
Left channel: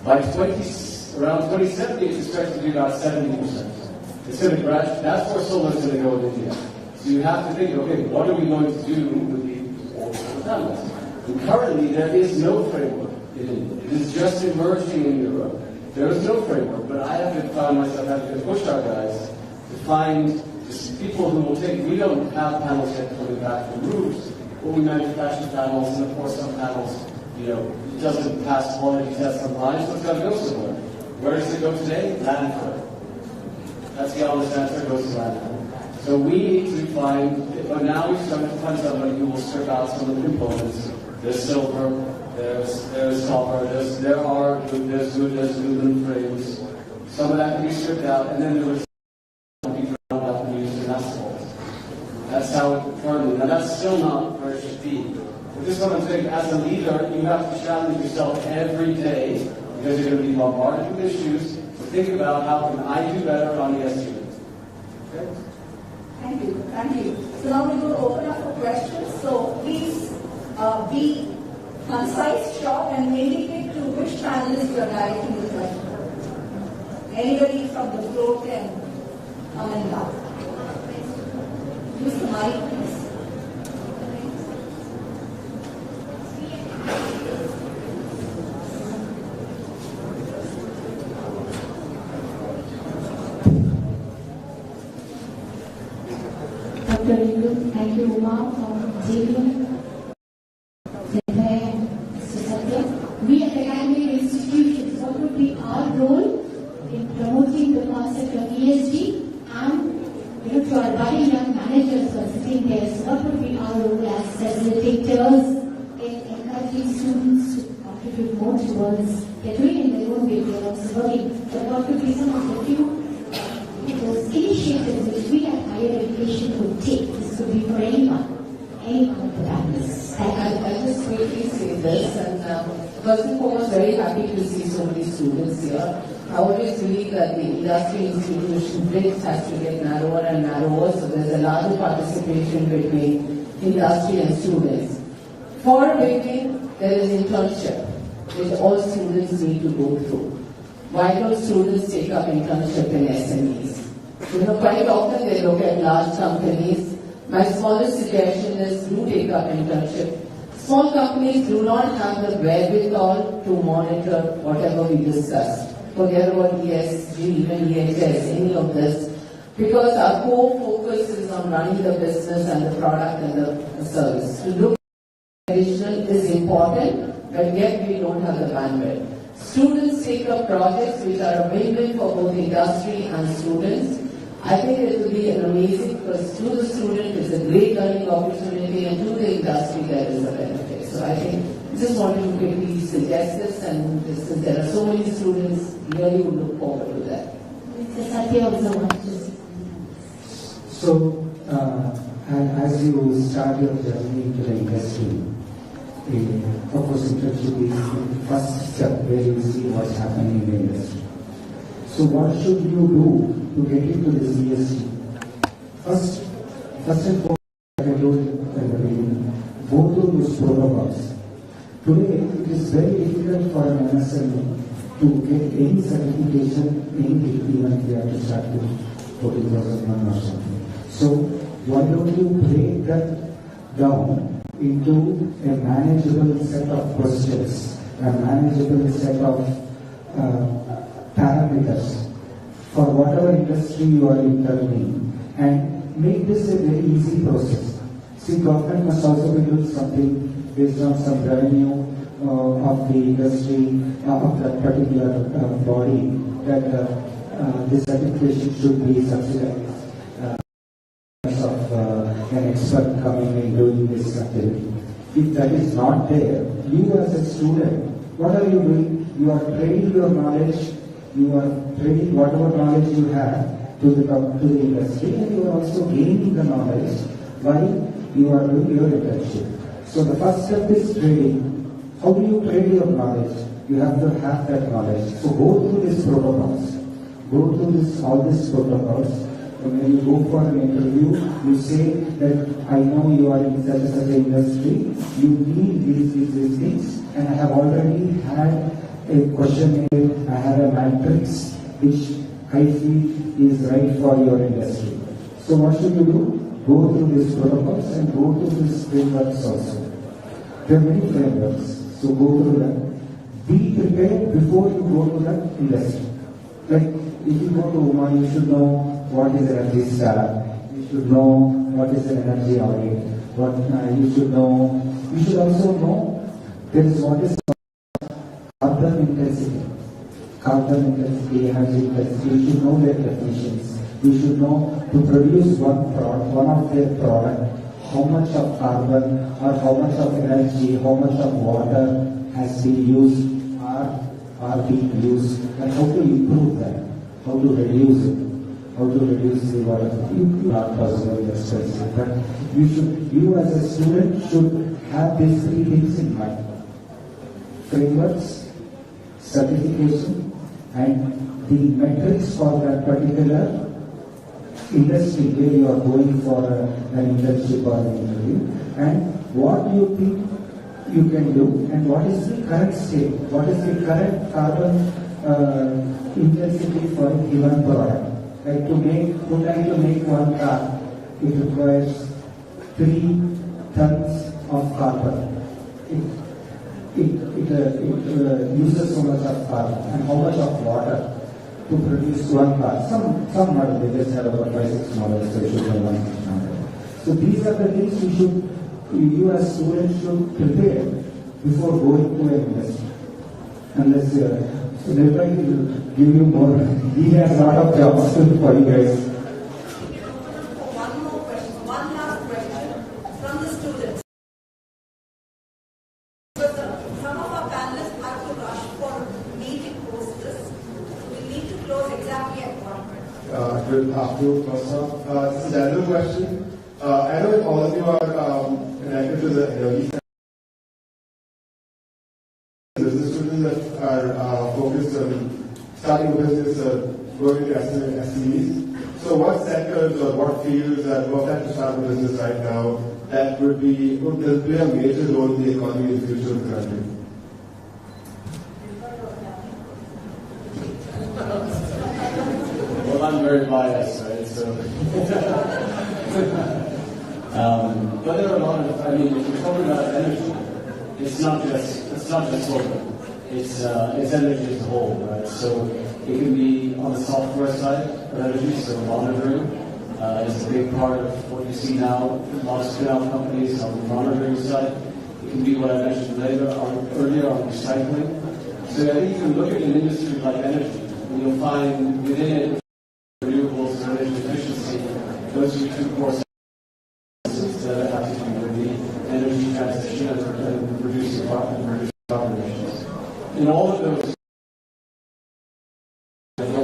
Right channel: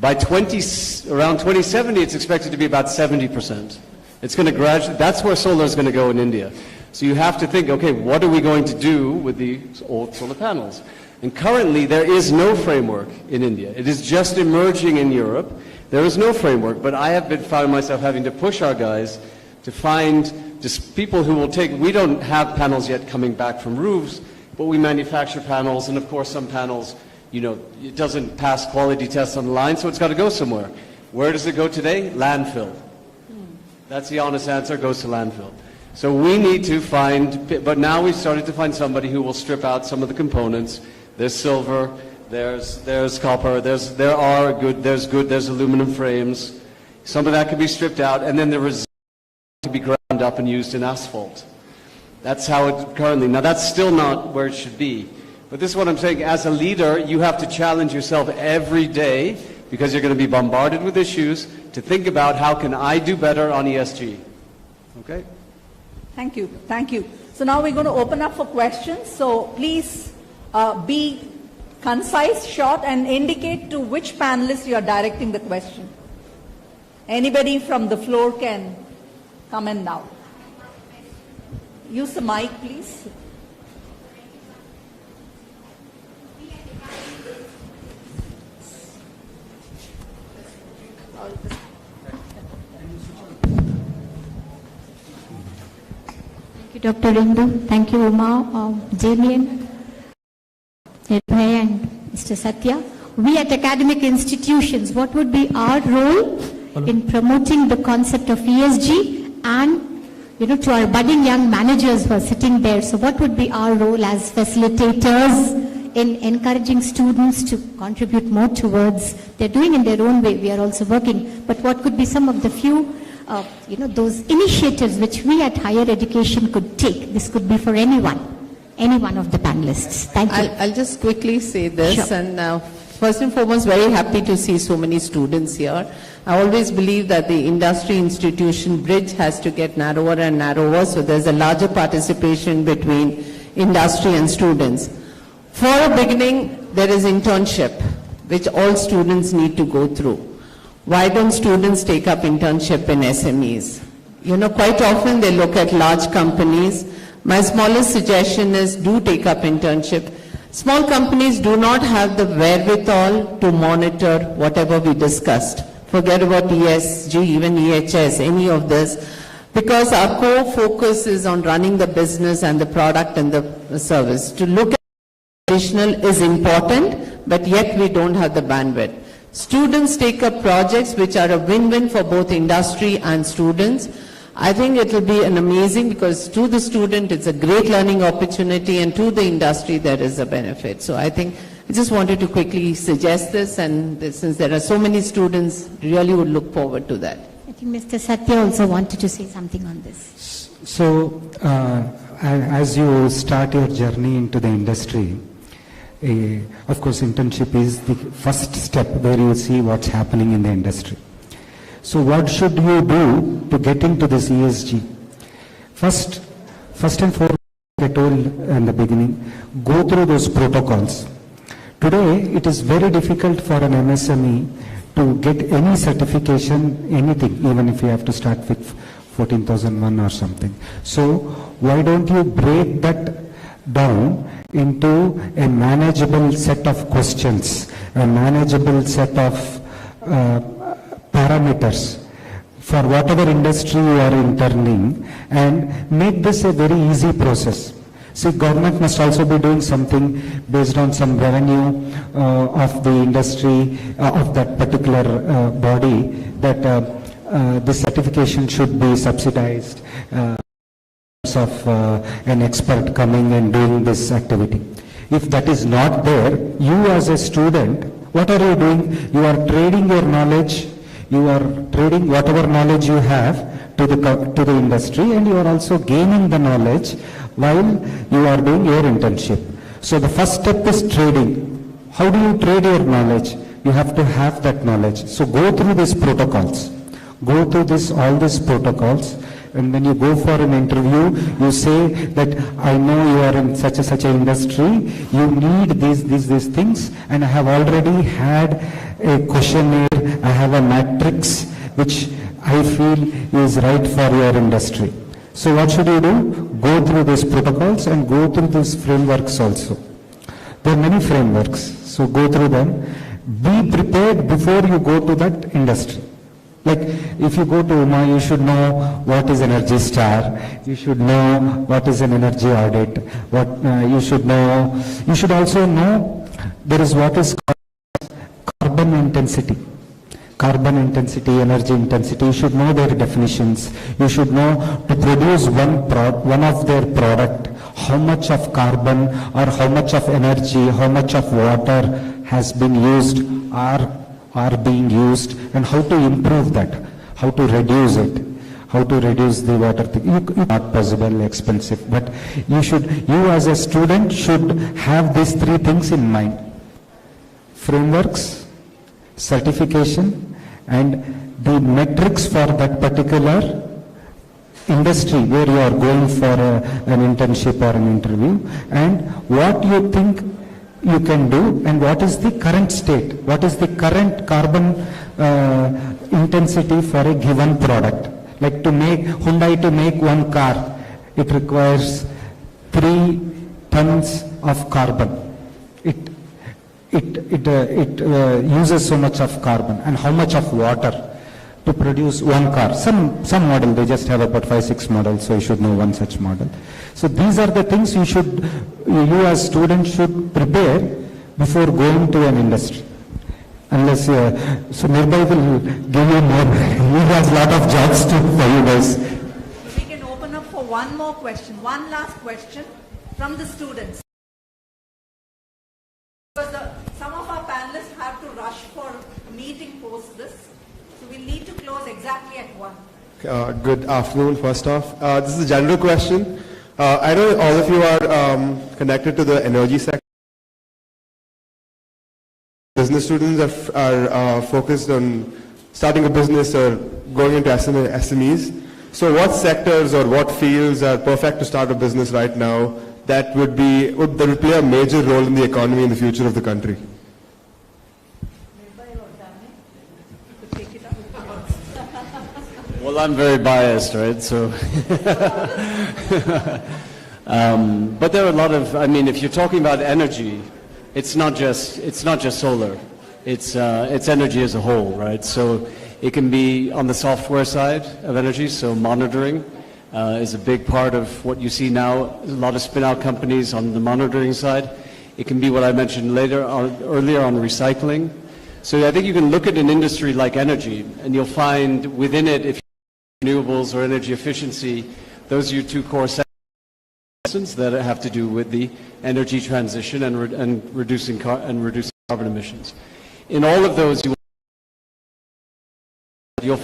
By around 2070, it's expected to be about 70%. It's going to gradually, that's where solar is going to go in India. So you have to think, okay, what are we going to do with the old solar panels? And currently, there is no framework in India. It is just emerging in Europe. There is no framework, but I have found myself having to push our guys to find just people who will we don't have panels yet coming back from roofs, but we manufacture panels, and of course some panels, it doesn't pass quality tests on the line, so it's got to go somewhere. Where does it go today? Landfill. That's the honest answer, goes to landfill. So we need to but now we've started to find somebody who will strip out some of the components. There's silver, there's copper, there's aluminum frames. Some of that can be stripped out, and then the result to be ground up and used in asphalt. That's how it currently, now that's still not where it should be. But this is what I'm saying, as a leader, you have to challenge yourself every day, because you're going to be bombarded with issues, to think about how can I do better on ESG. Okay? Thank you. So now we're going to open up for questions. So please be concise, short, and indicate to which panelist you are directing the question. Anybody from the floor can come in now. Use the mic, please. Dr. Indu, thank you, Rama, Damien, Nirbhay, and Mr. Satya. We at academic institutions, what would be our role in promoting the concept of ESG and to our budding young managers who are sitting there? So what would be our role as facilitators in encouraging students to contribute more towards, they're doing in their own way, we are also working, but what could be some of the few those initiatives which we at higher education could take? This could be for any one of the panelists. Thank you. I'll just quickly say this, sure. And first and foremost, very happy to see so many students here. I always believe that the industry institution bridge has to get narrower and narrower, so there's a larger participation between industry and students. For a beginning, there is internship, which all students need to go through. Why don't students take up internship in SMEs? Quite often they look at large companies. My smallest suggestion is do take up internship. Small companies do not have the wherewithal to monitor whatever we discussed. Forget about ESG, even EHS, any of this, because our core focus is on running the business and the product and the service. To look at additional is important, but yet we don't have the bandwidth. Students take up projects which are a win-win for both industry and students. I think it will be an amazing, because to the student it's a great learning opportunity, and to the industry there is a benefit. So I just wanted to quickly suggest this, and since there are so many students, really would look forward to that. I think Mr. Satya also wanted to say something on this. So as you start your journey into the industry, of course internship is the first step where you see what's happening in the industry. So what should you do to get into this ESG? First and foremost, I told in the beginning, go through those protocols. Today it is very difficult for an MSME to get any certification, anything, even if you have to start with 14,001 or something. So why don't you break that down into a manageable set of questions, a manageable set of parameters. for whatever industry you are interning and make this a very easy process. See, government must also be doing something based on some revenue of the industry, of that particular body, that the certification should be subsidized of an expert coming and doing this activity. If that is not there, you as a student, what are you doing? You are trading your knowledge, you are trading whatever knowledge you have to the industry, and you are also gaining the knowledge while you are doing your internship. So the first step is trading. How do you trade your knowledge? You have to have that knowledge. So go through these protocols. Go through all these protocols. And when you go for an interview, you say that I know you are in such an industry, you need these things, and I have already had a questionnaire, I have a matrix which I feel is right for your industry. So what should you do? Go through these protocols and go through these frameworks also. There are many frameworks, so go through them. Be prepared before you go to that industry. Like if you go to UMA, you should know what is Energy Star, you should know what is an energy audit, you should also know there is what is carbon intensity. Carbon intensity, energy intensity, you should know their definitions. You should know to produce one of their product, how much of carbon or how much of energy, how much of water has been used or are being used, and how to improve that, how to reduce it, how to reduce the water thing. Not possible, expensive, but you as a student should have these three things in mind: frameworks, certification, and the metrics for that particular industry where you are going for an internship or an interview, and what you think you can do, and what is the current state, what is the current carbon intensity for a given product. Like Hyundai to make one car, it requires 3 tons of carbon. It uses so much of carbon, and how much of water to produce one car. Some model, they just have about 5-6 models, so you should know one such model. So these are the things you as students should prepare before going to an industry. Unless, so Nirbhay will give you more. He has a lot of jobs for you guys. We can open up for one more question, one last question from the students. Some of our panelists have to rush for meeting post this. We need to close exactly at 1. Good afternoon, first off. This is a general question. I know all of you are connected to the energy sector. Business students are focused on starting a business or going into SMEs. So what sectors or what fields are perfect to start a business right now that would play a major role in the economy in the future of the country? Well, I'm very biased, right? So, but there are a lot of. I mean, if you're talking about energy, it's not just solar. It's energy as a whole, right? So it can be on the software side of energy. So monitoring is a big part of what you see now. A lot of spin-out companies on the monitoring side. It can be what I mentioned earlier on recycling. So I think you can look at an industry like energy, and you'll find within it, if renewables or energy efficiency, those are your 2 core sectors that have to do with the energy transition and reducing carbon emissions. In all of those, you'll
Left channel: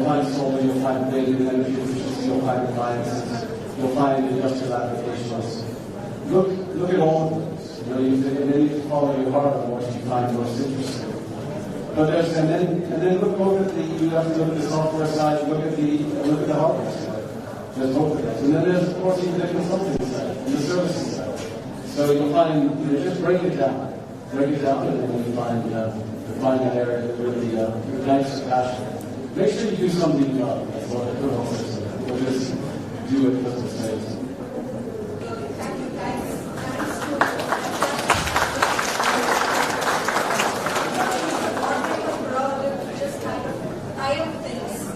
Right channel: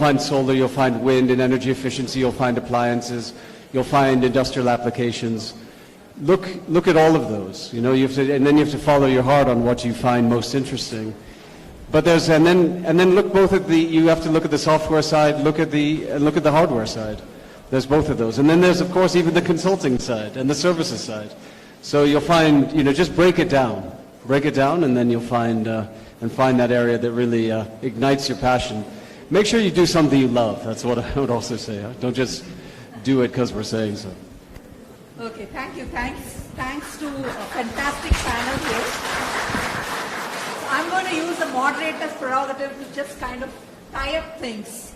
find solar, you'll find wind and energy efficiency, you'll find appliances, you'll find industrial applications. Look at all of those, and then you have to follow your heart on what you find most interesting. But and then look both at you have to look at the software side, look at the hardware side. There's both of those. And then there's, of course, even the consulting side and the services side. So you'll find, just break it down, and then you'll find that area that really ignites your passion. Make sure you do something you love. That's what I would also say. Don't just do it because we're saying so. Okay, thank you. Thanks to fantastic panelists. I'm going to use the moderator's prerogative to just kind of tie up things.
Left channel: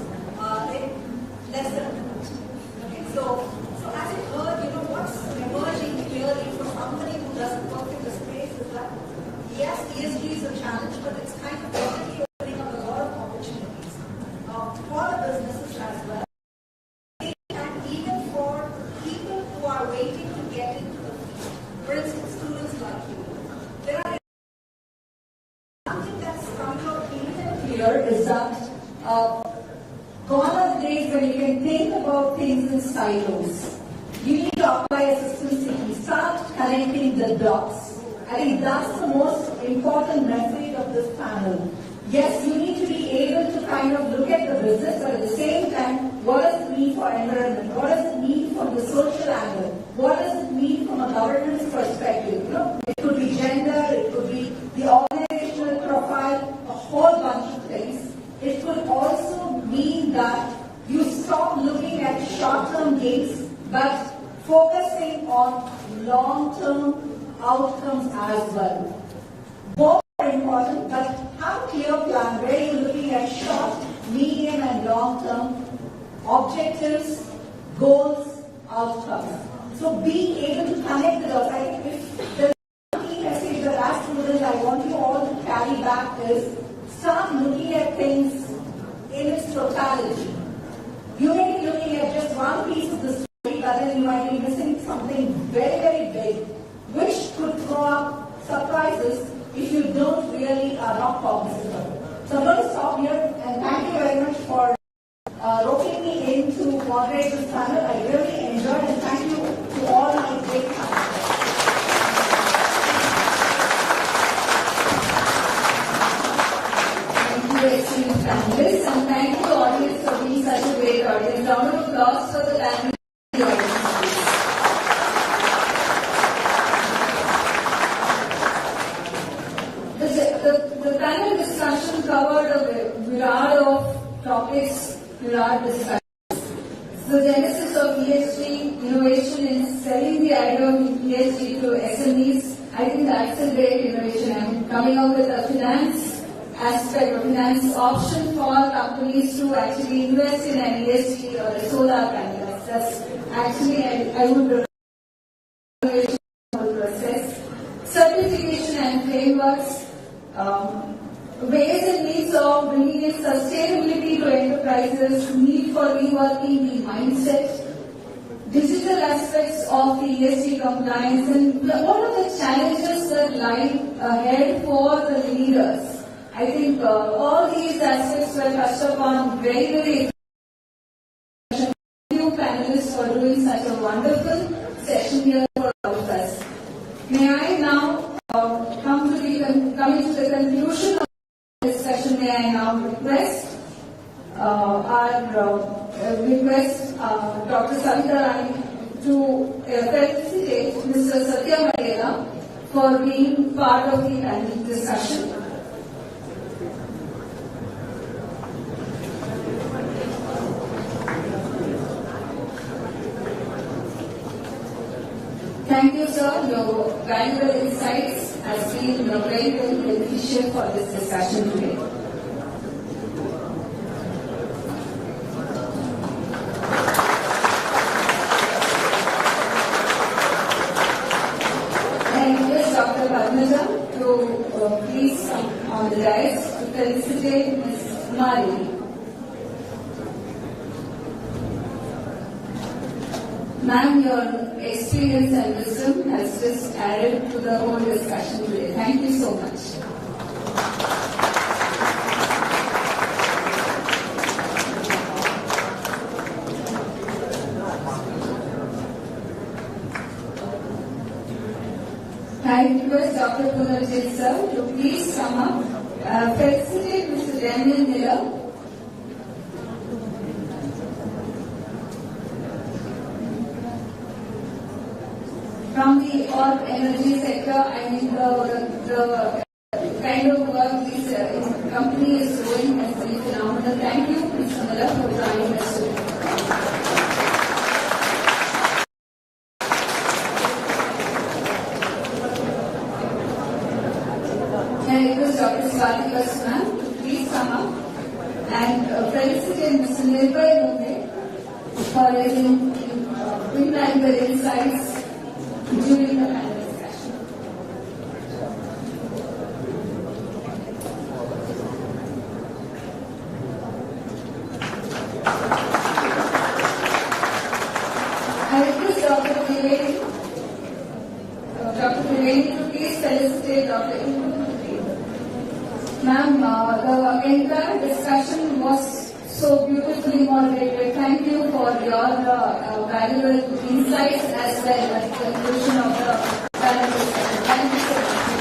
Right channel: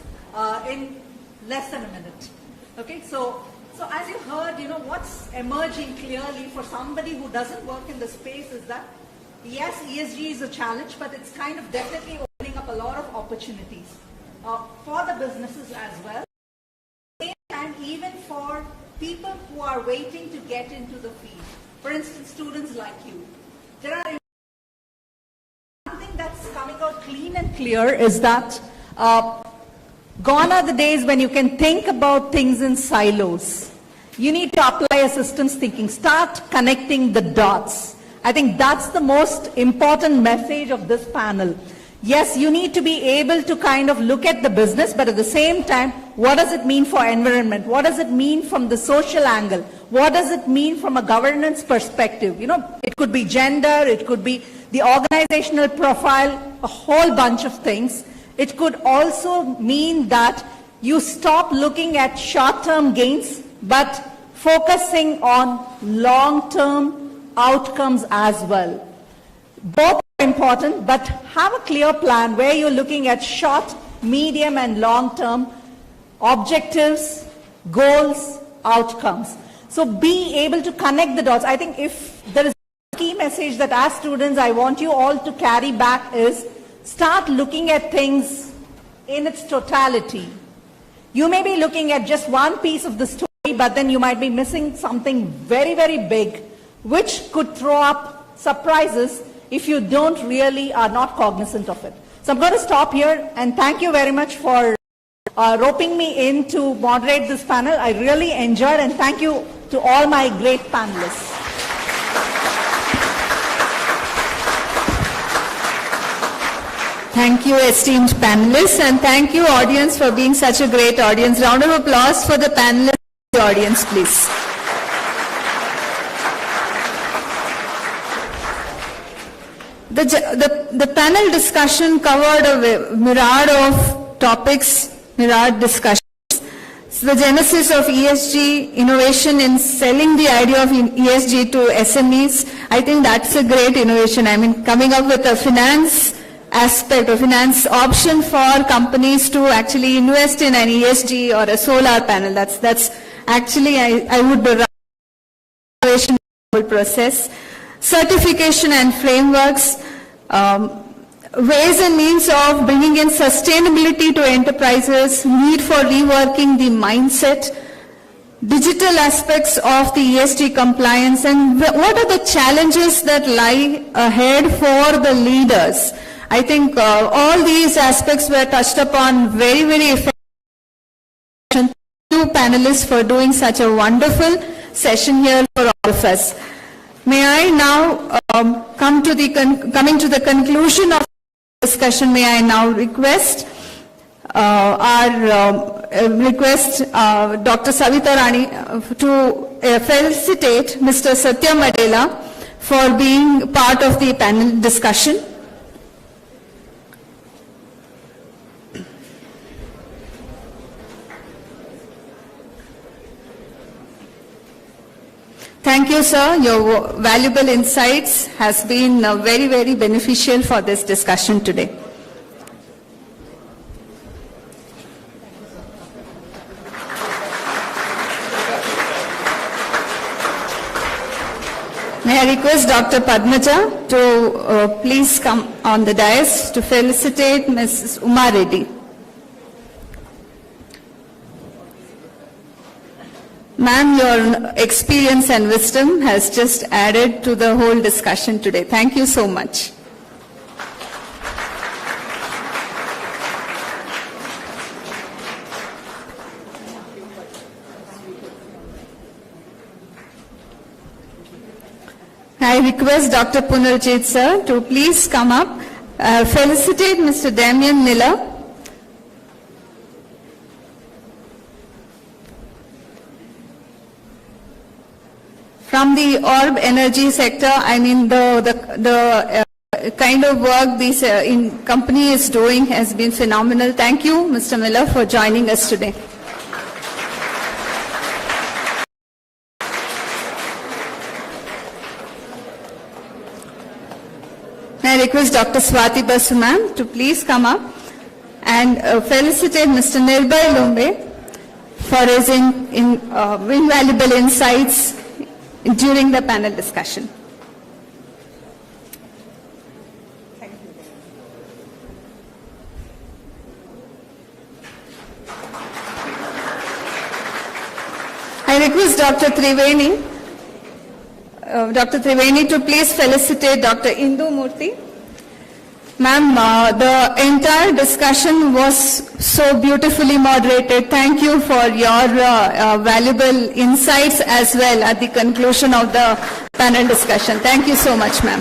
clear is that gone are the days when you can think about things in silos. You need to apply a systems thinking. Start connecting the dots. I think that's the most important message of this panel. Yes, you need to be able to kind of look at the business, but at the same time, what does it mean for environment? What does it mean from the social angle? What does it mean from a governance perspective? You know, it could be gender, it could be the organizational profile, a whole bunch of things. It could also mean that you stop looking at short-term gains, but focusing on long-term outcomes as well. Both are important, but have a clear plan where you're looking at short, medium, and long-term objectives, goals, outcomes. So be able to connect the dots. I think if there is a key message that as students I want you all to carry back is start looking at things in its totality. You may be looking at just one piece of the story, but then you might be missing something very, very big, which could throw up surprises if you don't really are not cognizant of it. So I'm going to stop here and thank you very much for roping me in to moderate this panel. I really enjoyed, and thank you to all my great panelists. Thank you, esteemed panelists, and thank you, audience, for being such a great audience. Round of applause for the panelists and the audience, please. The panel discussion covered a myriad of topics, myriad discussions. So the genesis of ESG, innovation in selling the idea of ESG to SMEs, I think that's a great innovation. I mean, coming up with a finance aspect or finance option for companies to actually invest in an ESG or a solar panel. That's actually, I would run innovation process. Certification and frameworks, ways and means of bringing in sustainability to enterprises, need for reworking the mindset, digital aspects of the ESG compliance, and what are the challenges that lie ahead for the leaders. I think all these aspects were touched upon very, very effectively. Thank you, panelists, for doing such a wonderful session here for all of us. May I now coming to the conclusion of the discussion, may I now request Dr. Savita Rani to felicitate Mr. Satya Maddela for being part of the panel discussion. Thank you, sir. Your valuable insights has been very, very beneficial for this discussion today. May I request Dr. Padmaja to please come on the dais to felicitate Mrs. Uma Reddy. Ma'am, your experience and wisdom has just added to the whole discussion today. Thank you so much. I request Dr. Punarjit sir to please come up, felicitate Mr. Damien Miller. From the orb energy sector, I mean the kind of work this company is doing has been phenomenal. Thank you, Mr. Miller, for joining us today. May I request Dr. Swati Basuman to please come up and felicitate Mr. Nirbhay Lumbe for his invaluable insights during the panel discussion. I request Dr. Triveni to please felicitate Dr. Indu Murthy. Ma'am, the entire discussion was so beautifully moderated. Thank you for your valuable insights as well at the conclusion of the panel discussion. Thank you so much, ma'am.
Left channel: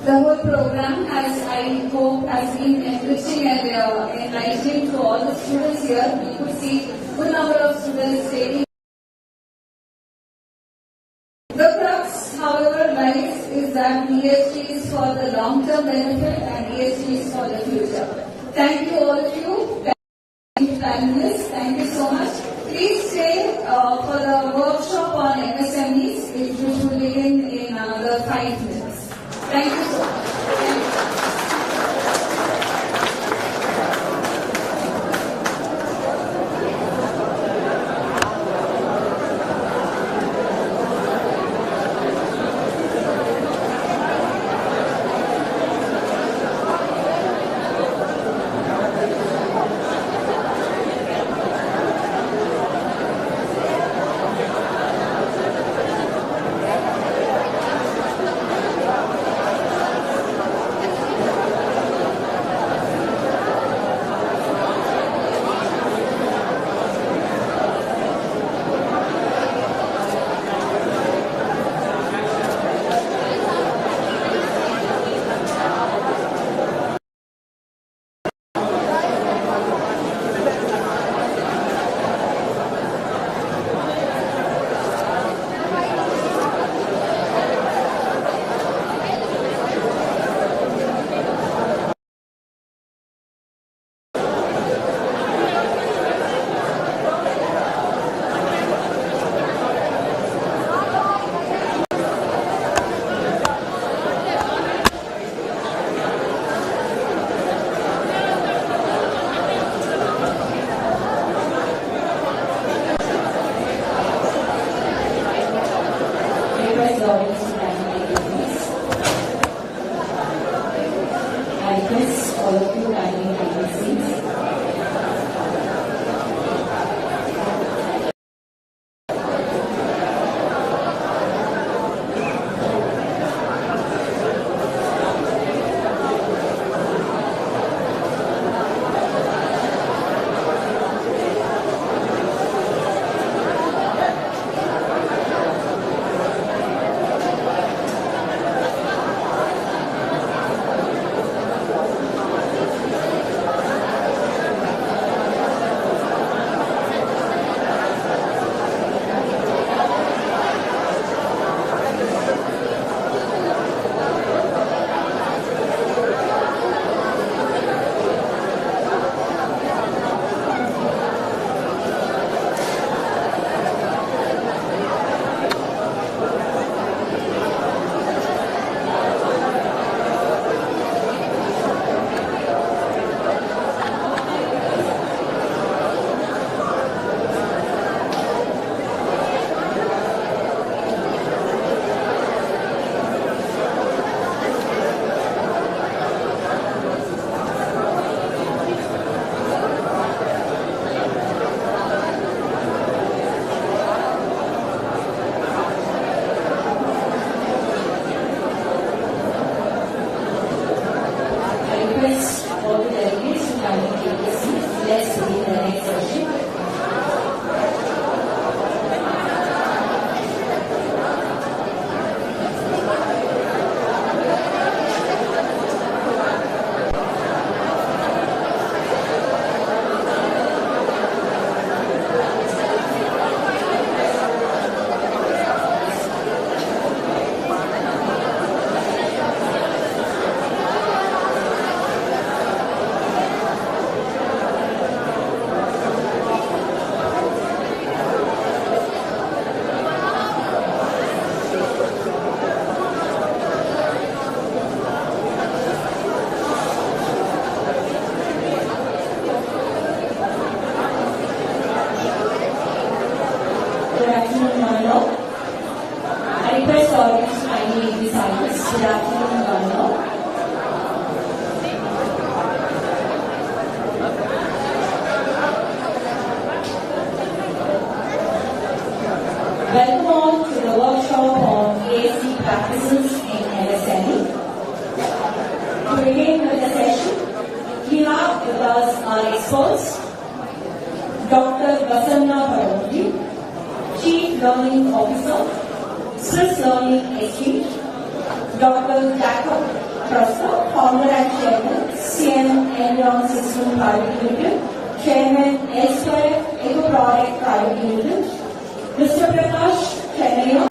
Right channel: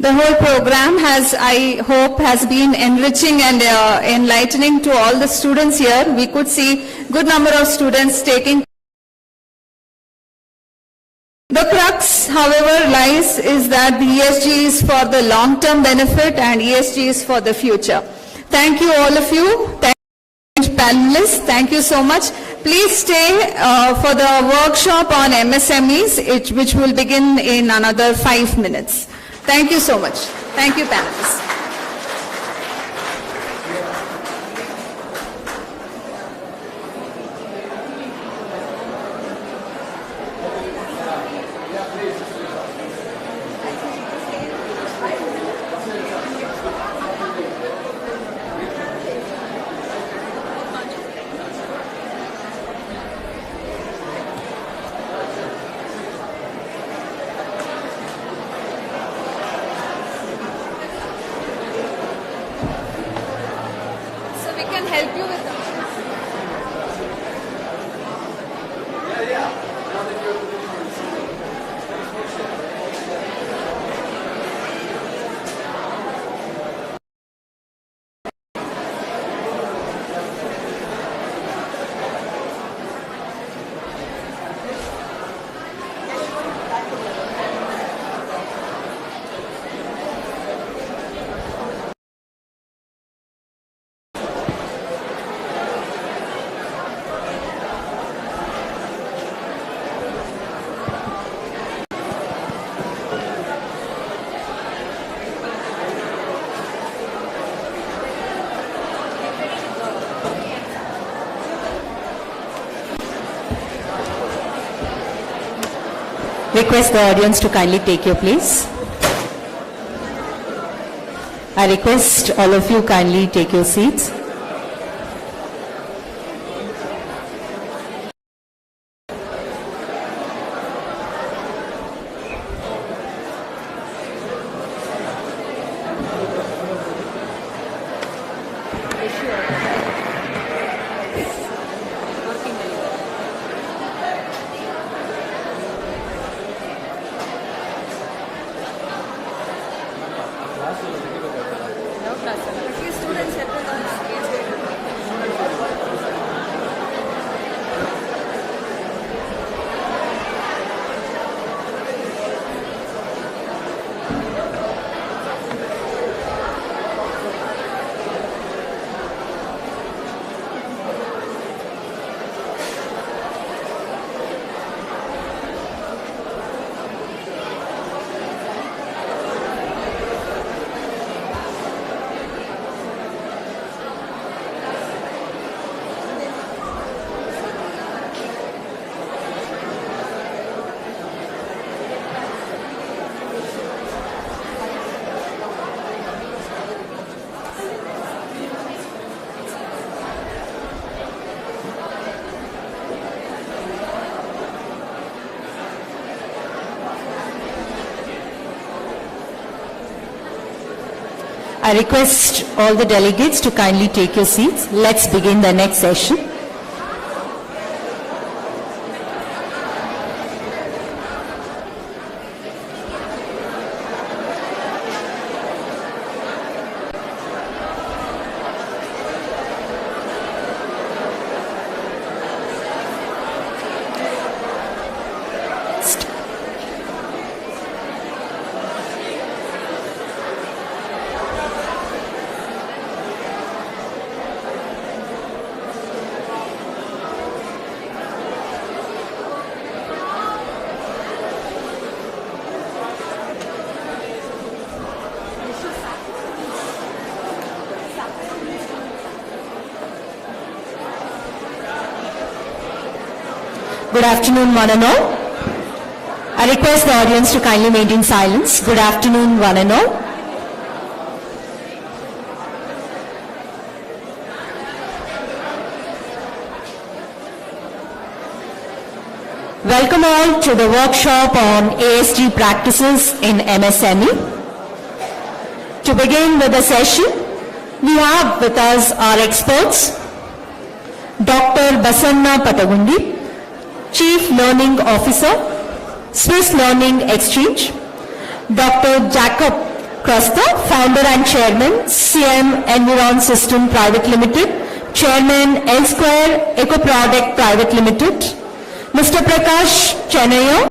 The whole program I hope, has been enriching and enlightening to all the students here. We could see good number of students taking. The crux, however, lies is that the ESG is for the long-term benefit and ESG is for the future. Thank you, all of you. Thank you, panelists. Thank you so much. Please stay for the workshop on MSMEs, which will begin in another 5 minutes. Thank you so much. Thank you, panelists. Request the audience to kindly take your place. I request all of you kindly take your seats. I request all the delegates to kindly take your seats. Let's begin the next session. Good afternoon, one and all. I request the audience to kindly maintain silence. Good afternoon, one and all. Welcome all to the workshop on ESG practices in MSME. To begin with the session, we have with us our experts, Dr. Basanna Patagundi, Chief Learning Officer, Swiss Learning Exchange, Dr. Jacob Crasta, Founder and Chairman, CM Envirosystems Private Limited, Chairman L-Square Eco Product Private Limited, Mr. Prakash, Channaiah,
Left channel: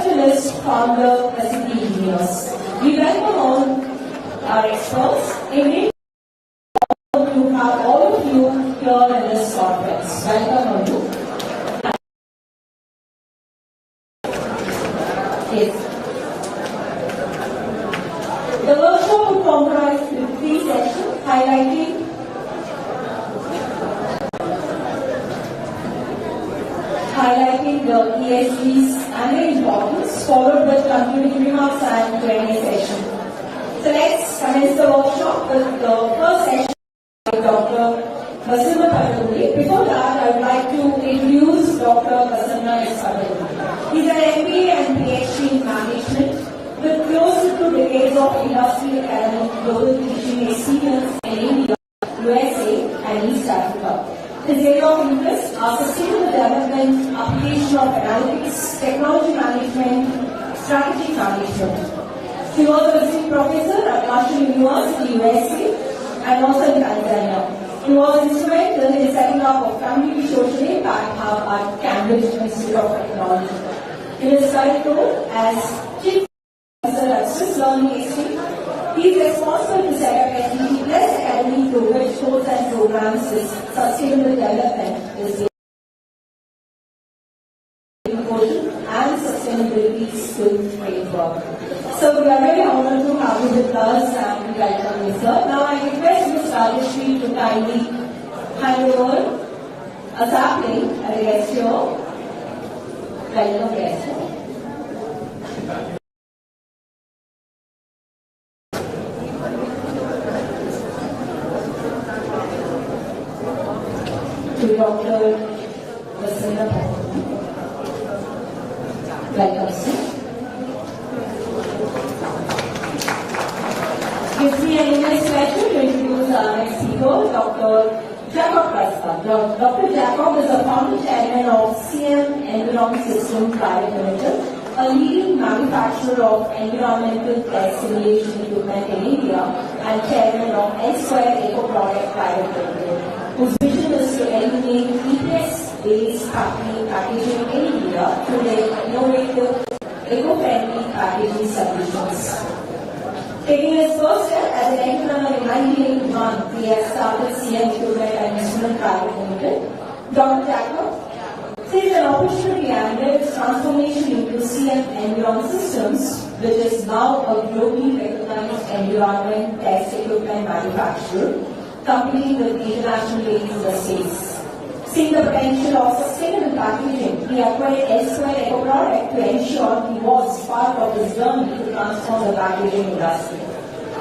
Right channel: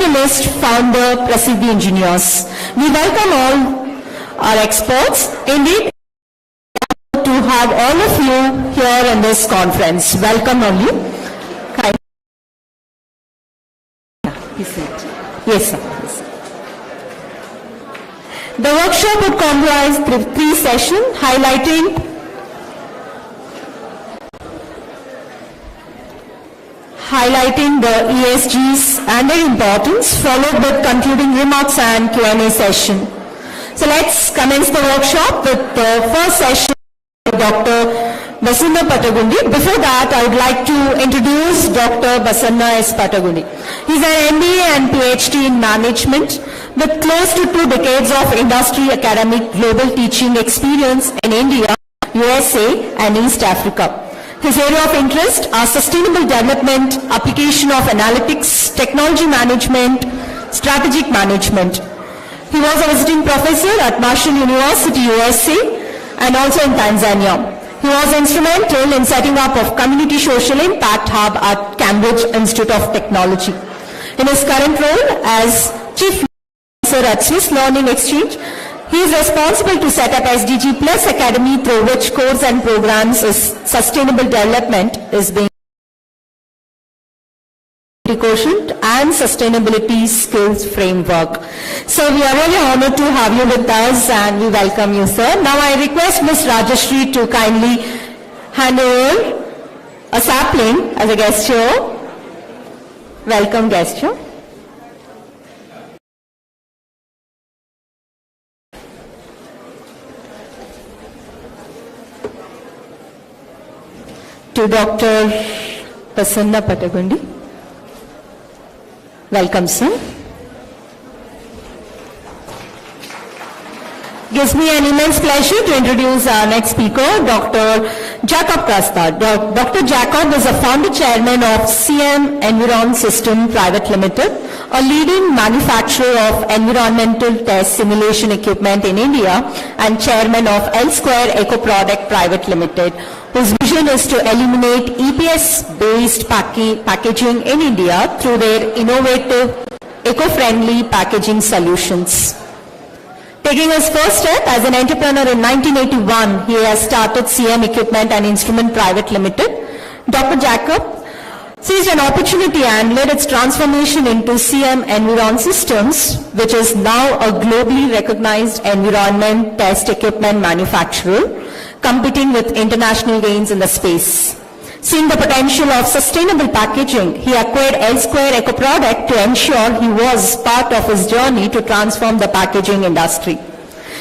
Industrialist, Founder, Prasiddi Engineers. We welcome all our experts. Indeed, to have all of you here in this conference. Welcome all you. Yes, sir. The workshop would comprise three sessions highlighting the ESGs and their importance, followed with concluding remarks and Q&A session. So let's commence the workshop with the first session by Dr. Basanna Patagundi. Before that, I would like to introduce Dr. Basanna S. Patagundi. He's an MBA and PhD in management with close to 2 decades of industry academic global teaching experience in India, USA and East Africa. His area of interest are sustainable development, application of analytics, technology management, strategic management. He was a visiting professor at Marshall University, USA and also in Tanzania. He was instrumental in setting up of Community Social Impact Hub at Cambridge Institute of Technology. In his current role as Chief Officer at Swiss Learning Exchange, he is responsible to set up SDG Plus Academy, through which course and programs is sustainable development is being quotient and sustainability skills framework. So we are really honored to have you with us and we welcome you, sir. Now I request Ms. Rajashri to kindly hand over a sapling as a gesture. Welcome gesture. To Dr. Basanna Patagundi. Welcome, sir. Gives me an immense pleasure to introduce our next speaker, Dr. Jacob Crasta. Dr. Jacob is a founder chairman of CM Envirosystems Private Limited, a leading manufacturer of environmental test simulation equipment in India and chairman of L-Square Eco Product Private Limited, whose vision is to eliminate EPS-based packaging in India through their innovative, eco-friendly packaging solutions. Taking his first step as an entrepreneur in 1981, he has started CM Equipment and Instrument Private Limited. Dr. Jacob seized an opportunity and led its transformation into CM Envirosystems, which is now a globally recognized environment test equipment manufacturer, competing with international gains in the space. Seeing the potential of sustainable packaging, he acquired L-Square Eco Product to ensure he was part of his journey to transform the packaging industry.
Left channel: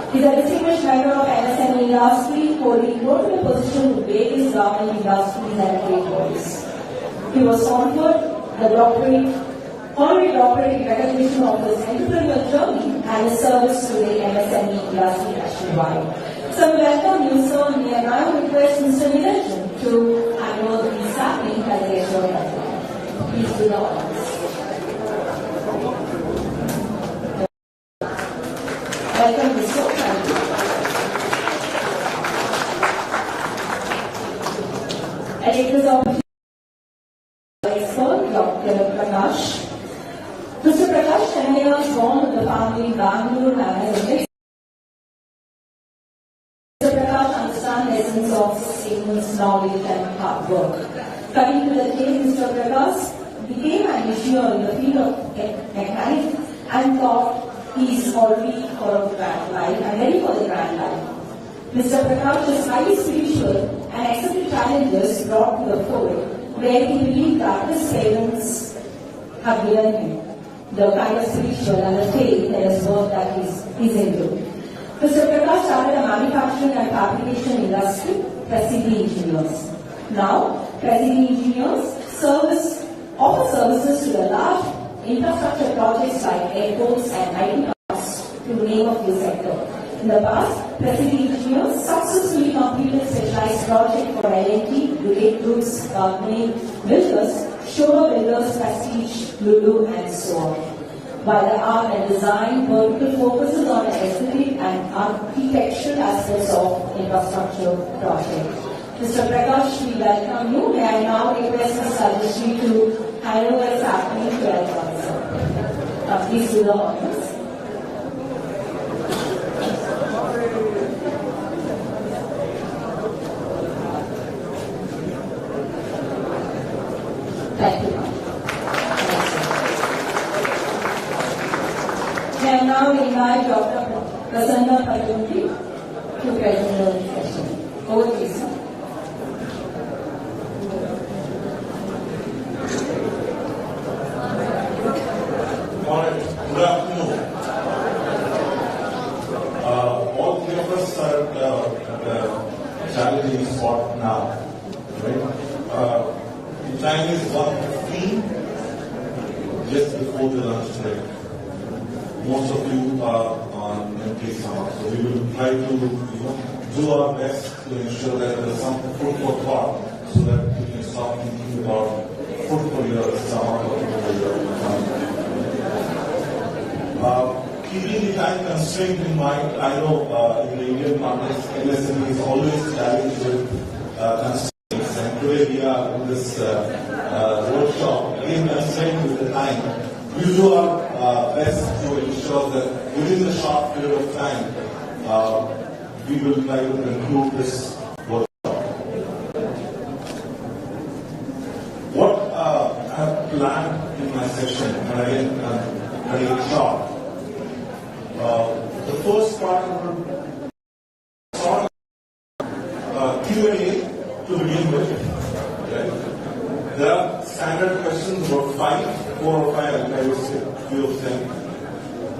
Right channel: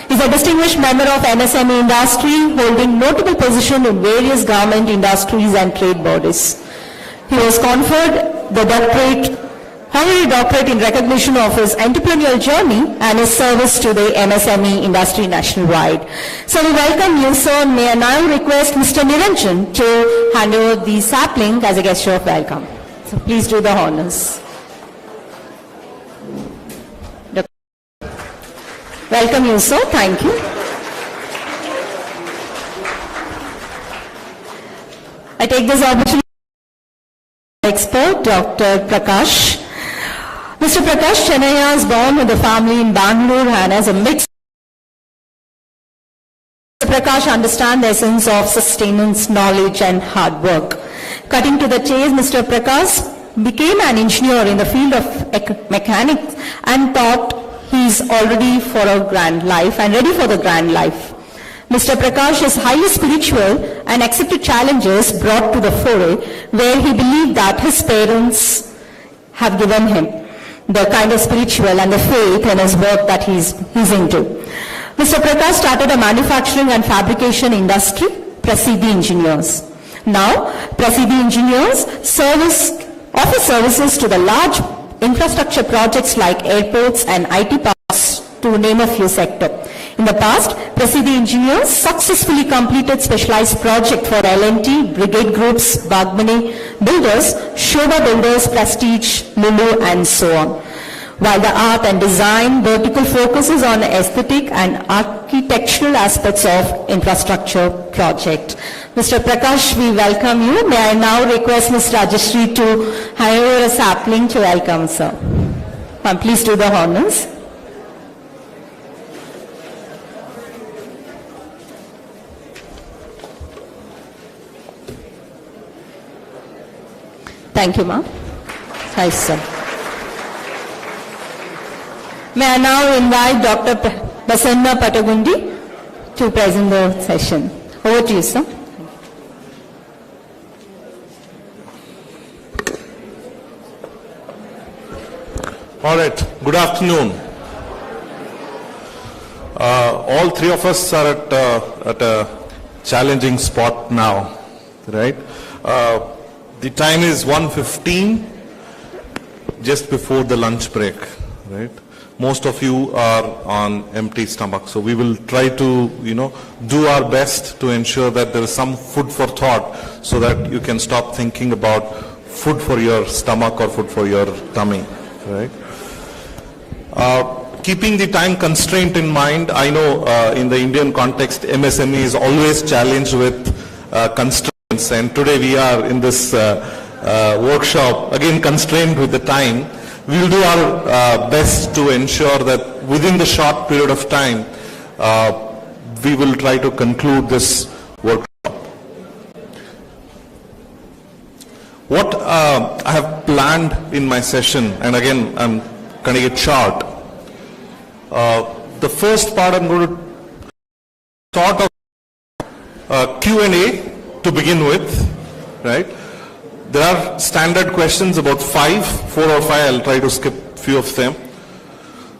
He is a distinguished member of MSME industry, holding notable position in various government industries and trade bodies. He was conferred the honorary doctorate in recognition of his entrepreneurial journey and his service to the MSME industry nationwide. So we welcome you, sir. May I now request Mr. Niranjan to hand over the sapling as a gesture of welcome. So please do the honors. Welcome you, sir. Thank you. I take this opportunity to expert Dr. Prakash. Mr. Prakash Channaiah is born with a family in Bangalore and has a mix. Mr. Prakash understands the essence of sustenance, knowledge and hard work. Cutting to the chase, Mr. Prakash became an engineer in the field of mechanics and thought he is already for a grand life and ready for the grand life. Mr. Prakash is highly spiritual and accepted challenges brought to the fore where he believed that his parents have given him the kind of spiritual and the faith in his work that he's into. Mr. Prakash started a manufacturing and fabrication industry, Prasiddi Engineers. Now, Prasiddi Engineers service offers services to the large infrastructure projects like airports and IT parks, to name a few sectors. In the past, Prasiddi engineers successfully completed specialized projects for L&T, Brigade Groups, Bagmani Builders, Shoba Builders, Prestige, Lulu, and so on. While the art and design vertical focuses on aesthetic and architectural aspects of infrastructure project. Mr. Prakash, we welcome you. May I now request Ms. Rajashri to hire a sapling to welcome, sir. Please do the honors. Thank you, ma'am. Hi, sir. May I now invite Dr. Basanna Patagundi to present the session. Over to you, sir. All right. Good afternoon. All three of us are at a challenging spot now, right? The time is 1:15, just before the lunch break, right? Most of you are on empty stomach, so we will try to, do our best to ensure that there is some food for thought, so that you can stop thinking about food for your stomach or food for your tummy, right? Keeping the time constraint in mind, I know in the Indian context, MSME is always challenged with constraints. And today we are in this workshop, again constrained with the time. We will do our best to ensure that within the short period of time, we will try to conclude this workshop. What I have planned in my session, and again I'm going to get short. The first part I'm going to sort of Q&A to begin with, right? There are standard questions, about 4 or 5, I'll try to skip a few of them.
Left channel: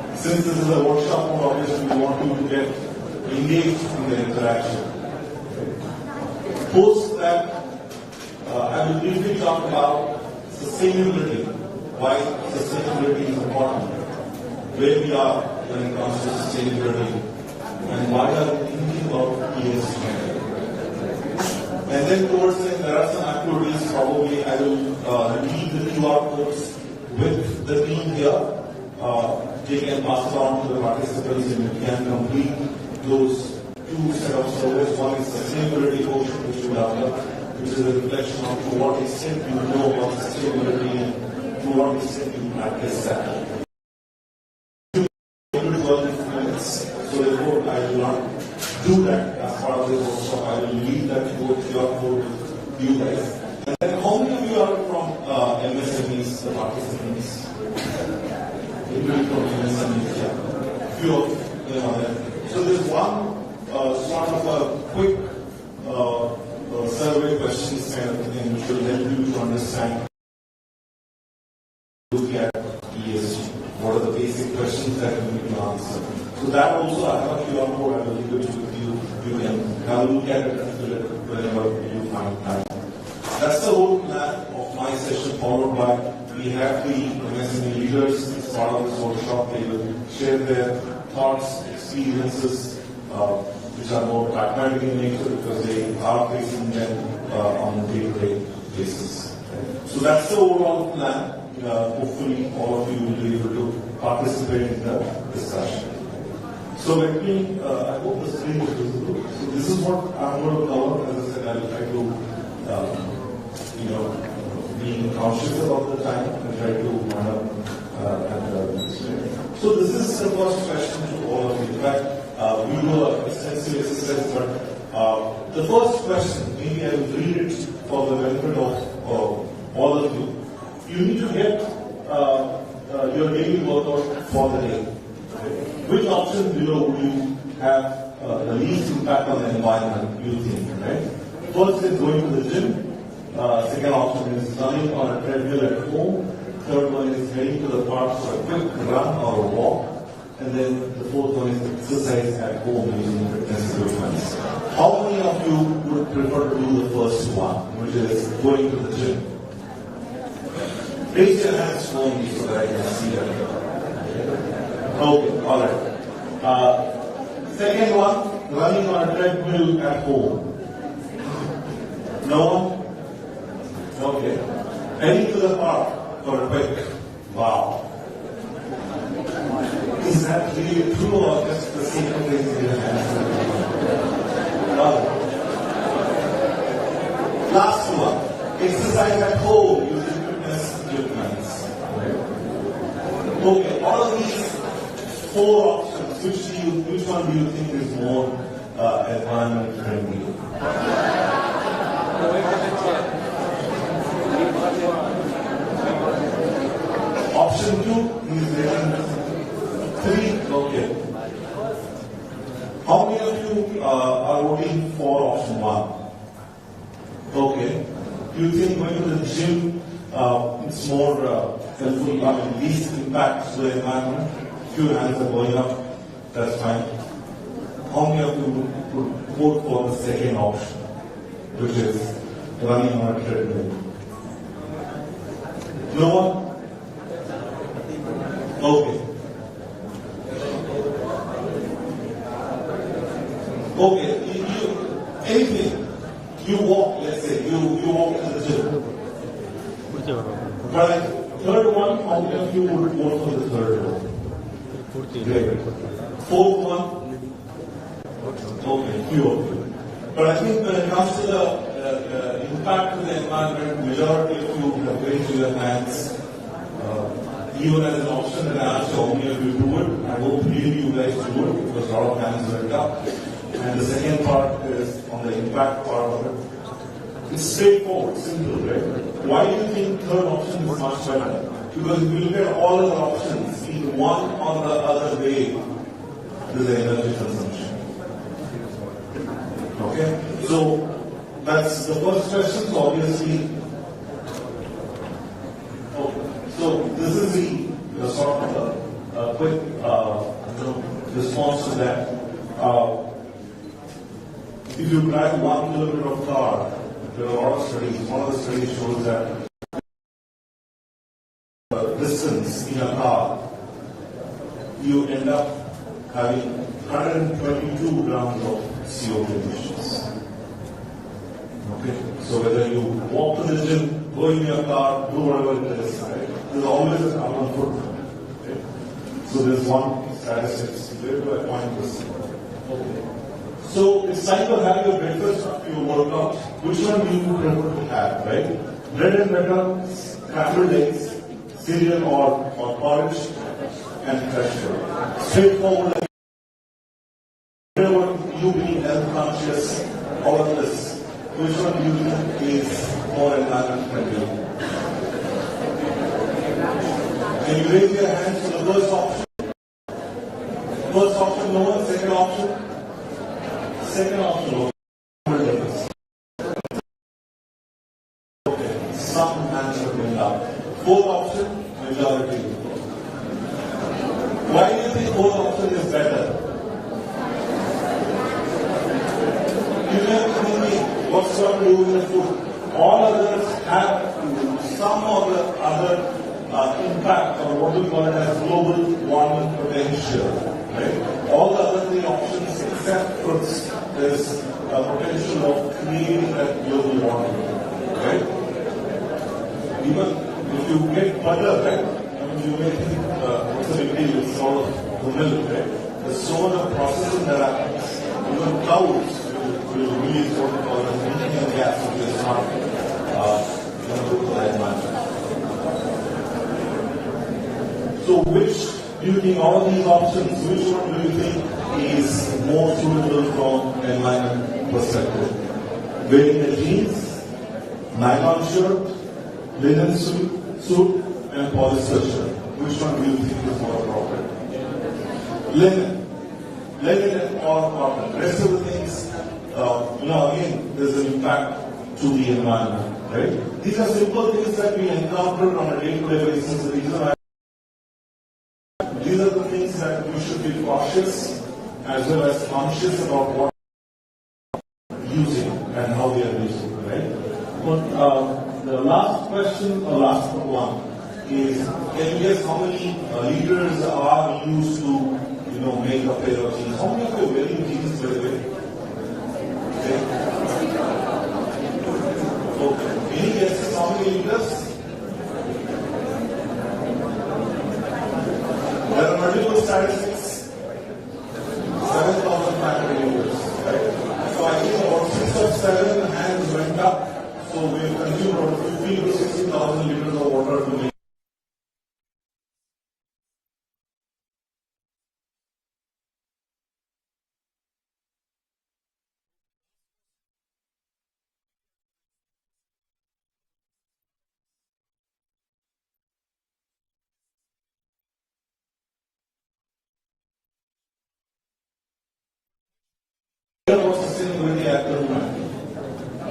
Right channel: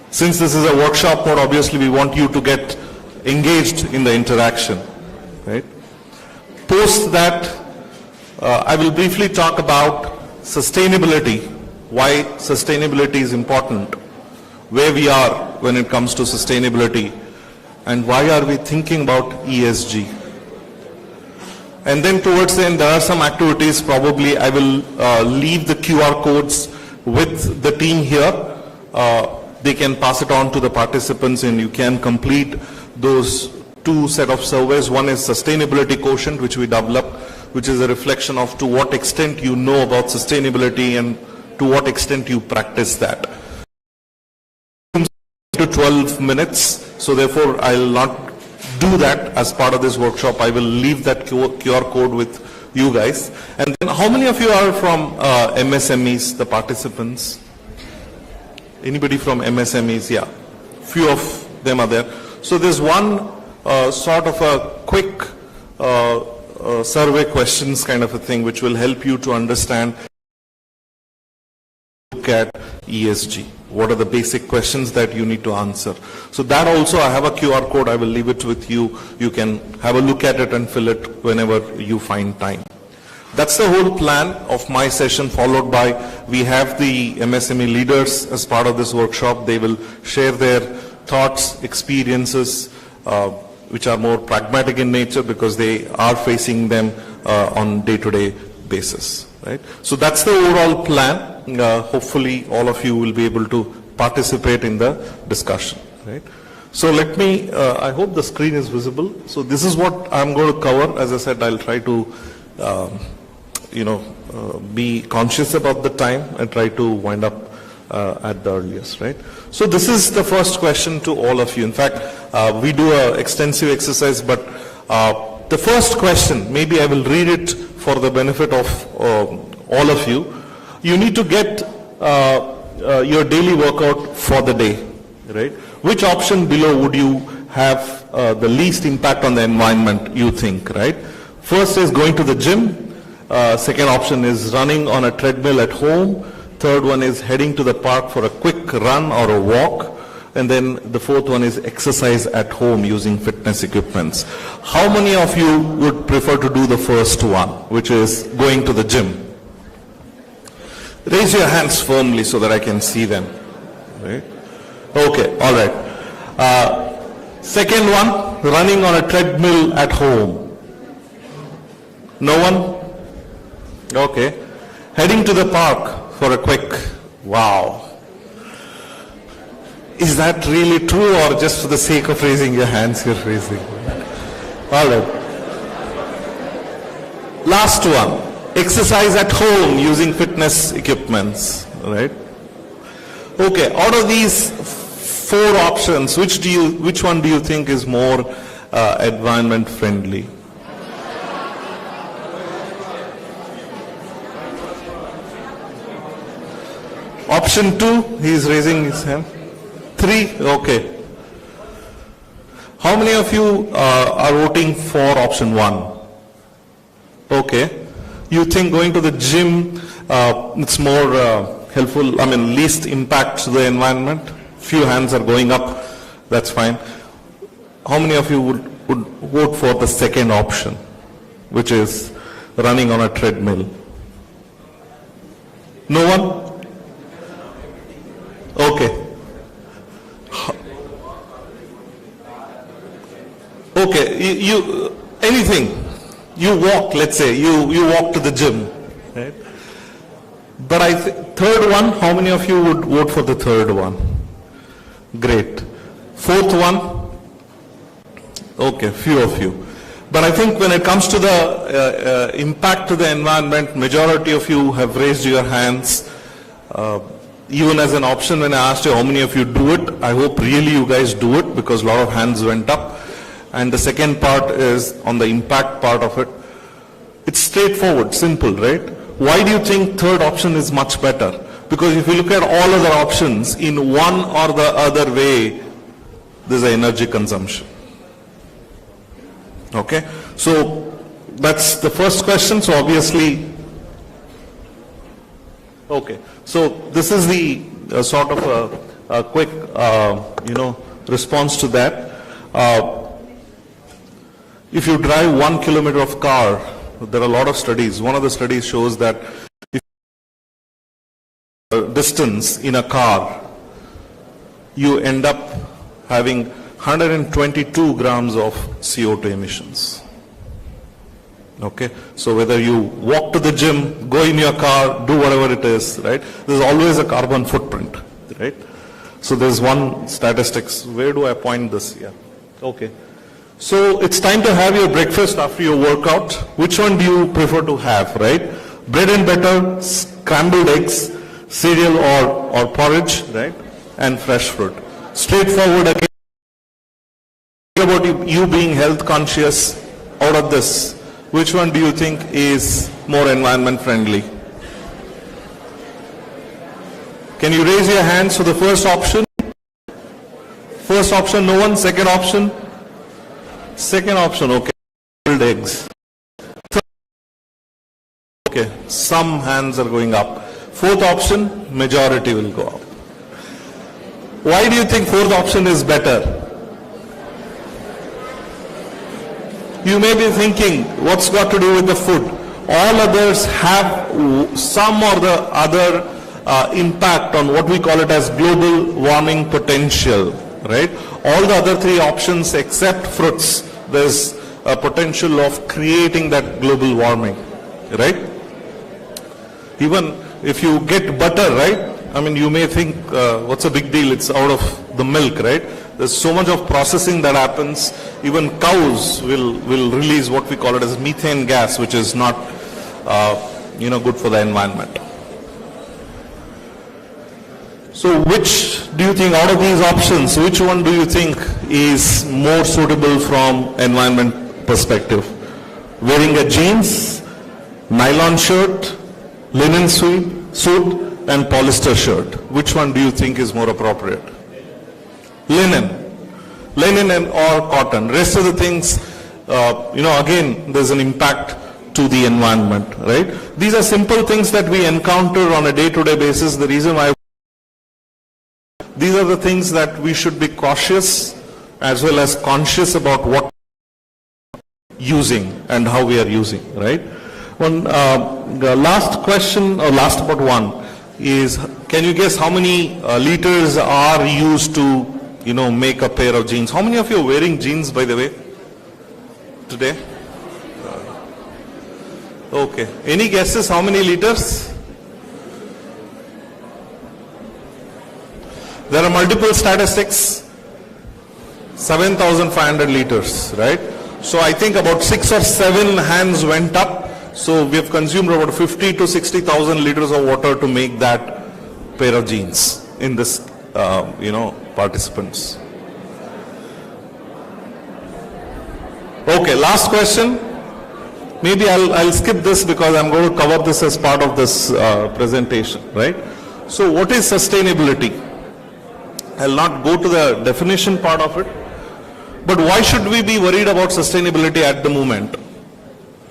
Since this is a workshop mode, obviously we want you to get engaged in the interaction, right? Post that, I will briefly talk about sustainability, why sustainability is important, where we are when it comes to sustainability, and why are we thinking about ESG. And then towards the end, there are some activities. Probably I will leave the QR codes with the team here. They can pass it on to the participants, and you can complete those 2 set of surveys. One is sustainability quotient, which we develop, which is a reflection of to what extent you know about sustainability and to what extent you practice that. To 12 minutes, so therefore I will not do that as part of this workshop. I will leave that QR code with you guys. And then how many of you are from MSMEs, the participants? Anybody from MSMEs? Yeah, few of them are there. So there's one sort of a quick survey questions kind of a thing, which will help you to understand, look at ESG. What are the basic questions that you need to answer? So that also, I have a QR code, I will leave it with you. You can have a look at it and fill it whenever you find time. That's the whole plan of my session, followed by, we have the MSME leaders as part of this workshop. They will share their thoughts, experiences, which are more pragmatic in nature because they are facing them on day-to-day basis. Right? So that's the overall plan. Hopefully all of you will be able to participate in the discussion. Right? So let me, I hope the screen is visible. So this is what I'm going to cover. As I said, I'll try to, be conscious about the time and try to wind up at the earliest. Right? So this is the first question to all of you. In fact, we do an extensive exercise, but the first question, maybe I will read it for the benefit of all of you. You need to get your daily workout for the day, right? Which option below would you have the least impact on the environment, you think, right? First is going to the gym. Second option is running on a treadmill at home. Third one is heading to the park for a quick run or a walk. And then the fourth one is exercise at home using fitness equipments. How many of you would prefer to do the first one, which is going to the gym? Raise your hands firmly so that I can see them. Right? Okay, all right. Second one, running on a treadmill at home. No one? Okay. Heading to the park for a quick, wow. Is that really true or just for the sake of raising your hands you're raising? All right. Last one, exercise at home using fitness equipments, right? Okay, out of these 4 options, which one do you think is more environment friendly? Option 2, he is raising his hand. 3, okay. How many of you are voting for option 1? Okay. You think going to the gym, it's more helpful, least impact to the environment? Few hands are going up, that's fine. How many of you would vote for the second option, which is running on a treadmill? No one? Okay. Okay, you anything. You walk, let's say, you walk to the gym. Right? But third one, how many of you would vote for the third one? Great. Fourth one? Okay, few of you. But I think when it comes to the impact to the environment, majority of you have raised your hands. Even as an option, when I asked you how many of you do it, I hope really you guys do it because a lot of hands went up. And the second part is on the impact part of it. It's straightforward, simple, right? Why do you think third option is much better? Because if you look at all other options, in one or the other way, there's an energy consumption. Okay? So that's the first question. So obviously, okay. So this is the sort of a quick, response to that. If you drive 1 kilometer of car, there are a lot of studies. One of the studies shows that if distance in a car, you end up having 122 grams of CO2 emissions. Okay, so whether you walk to the gym, go in your car, do whatever it is, right? There's always a carbon footprint, right? So there's one statistics. Where do I point this here? Okay. So it's time to have your breakfast after your workout. Which one do you prefer to have, right? Bread and butter, scrambled eggs, cereal or porridge, right? And fresh fruit. Straightforward again. About you being health conscious out of this. Which one do you think is more environment friendly? Can you raise your hands for the first option? First option, no one. Second option? Second option, okay. Scrambled eggs. Okay, some hands are going up. Fourth option, majority will go up. Why do you think fourth option is better? You may be thinking, what's got to do with the food? All others have some or the other impact on what we call it as global warming potential, right? All the other 3 options except fruits, there's a potential of creating that global warming, right? Even if you get butter, right? I mean, you may think, what's a big deal? It's out of the milk, right? There's so much of processing that happens. Even cows will release what we call it as methane gas, which is not, good for the environment. So which do you think out of these options, which one do you think is more suitable from environment perspective? Wearing a jeans, nylon shirt, linen suit, and polyester shirt. Which one do you think is more appropriate? Linen and or cotton. Rest of the things, again, there's an impact to the environment, right? These are simple things that we encounter on a day-to-day basis. The reason why these are the things that we should be cautious as well as conscious about what using and how we are using, right? Well, the last question, or last but one, is, can you guess how many liters are used to, make a pair of jeans? How many of you are wearing jeans, by the way, today? Okay. Any guesses how many liters? There are multiple statistics. 7,500 liters, right? So I think about 6 or 7 hands went up. So we have consumed about 50 to 60,000 liters of water to make that pair of jeans in this, participants. Okay, last question. Maybe I'll skip this because I'm going to cover this as part of this presentation, right? So what is sustainability? I'll not go to the definition part of it, but why should we be worried about sustainability at the moment,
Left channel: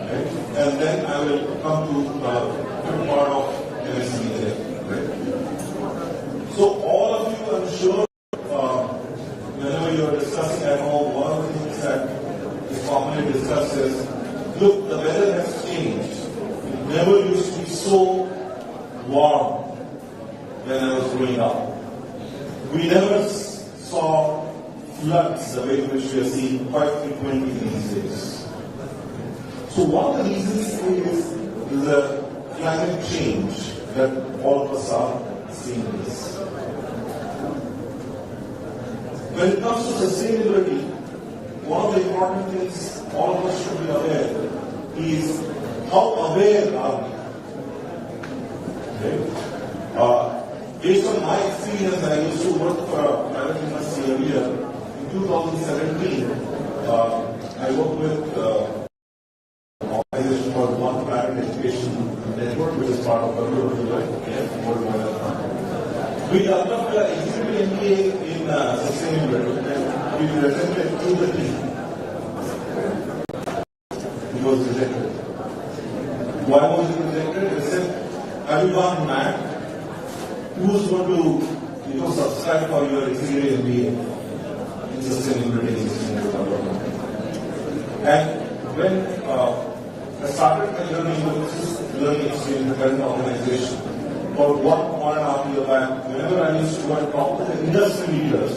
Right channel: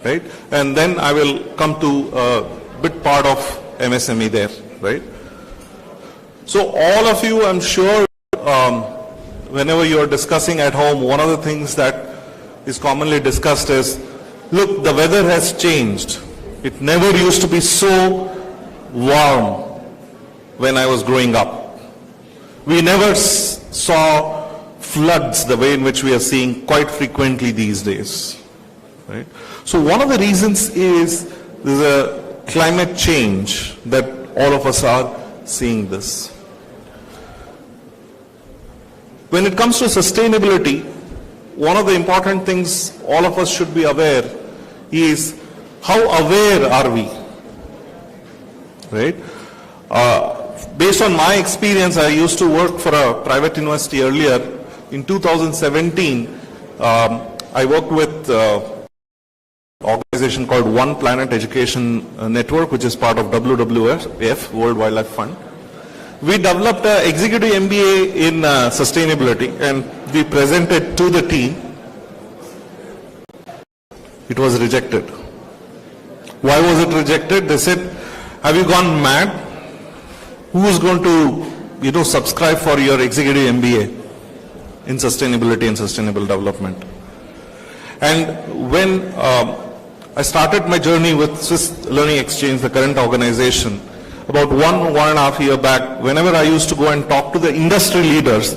right? And then I will come to a bit part of MSME there, right? So all of you, I'm sure, whenever you're discussing at home, one of the things that is commonly discussed is, look, the weather has changed. It never used to be so warm when I was growing up. We never saw floods the way in which we are seeing quite frequently these days. Right? So one of the reasons is the climate change that all of us are seeing this. When it comes to sustainability, one of the important things all of us should be aware is how aware are we, right? Based on my experience, I used to work for a private university earlier. In 2017, I worked with an organization called One Planet Education Network, which is part of WWF, World Wildlife Fund. We developed an executive MBA in sustainability, and we presented to the team. It was rejected. Why was it rejected? They said, have you gone mad? Who is going to, subscribe for your executive MBA in sustainability and sustainable development? And when I started my journey with Swiss Learning Exchange, the current organization, about 1.5 years back, whenever I used to go and talk to the industry leaders,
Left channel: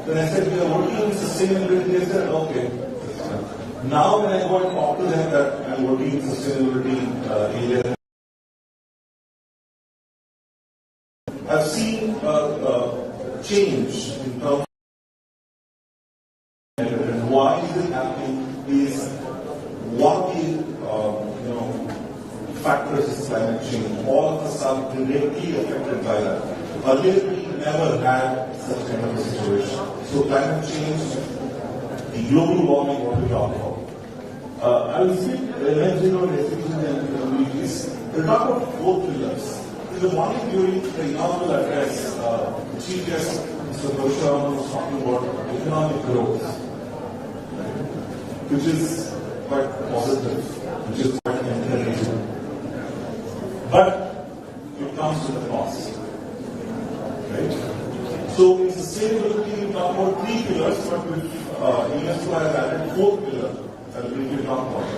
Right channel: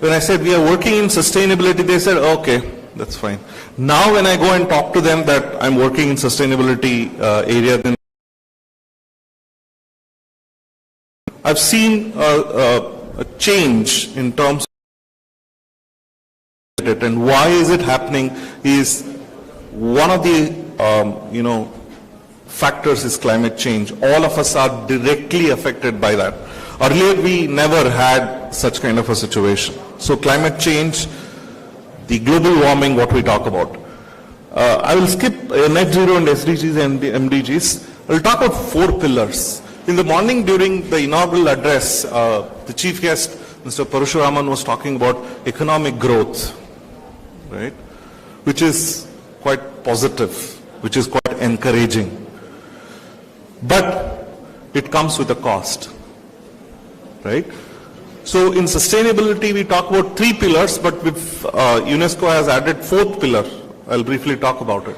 when I said we are working in sustainability, they said, okay, that's fine. Now when I go and talk to them that I'm working in sustainability area, then I've seen a change in terms of it, and why is it happening is one of the factors is climate change. All of us are directly affected by that. Earlier we never had such kind of a situation. So climate change, the global warming, what we talk about. I will skip net zero and SDGs and MDGs. We'll talk about 4 pillars. In the morning during the inaugural address, the chief guest, Mr. Parasuraman, was talking about economic growth, right? Which is quite positive, which is quite encouraging. But it comes with a cost, right? So in sustainability, we talk about 3 pillars, but with UNESCO has added 4th pillar. I'll briefly talk about it.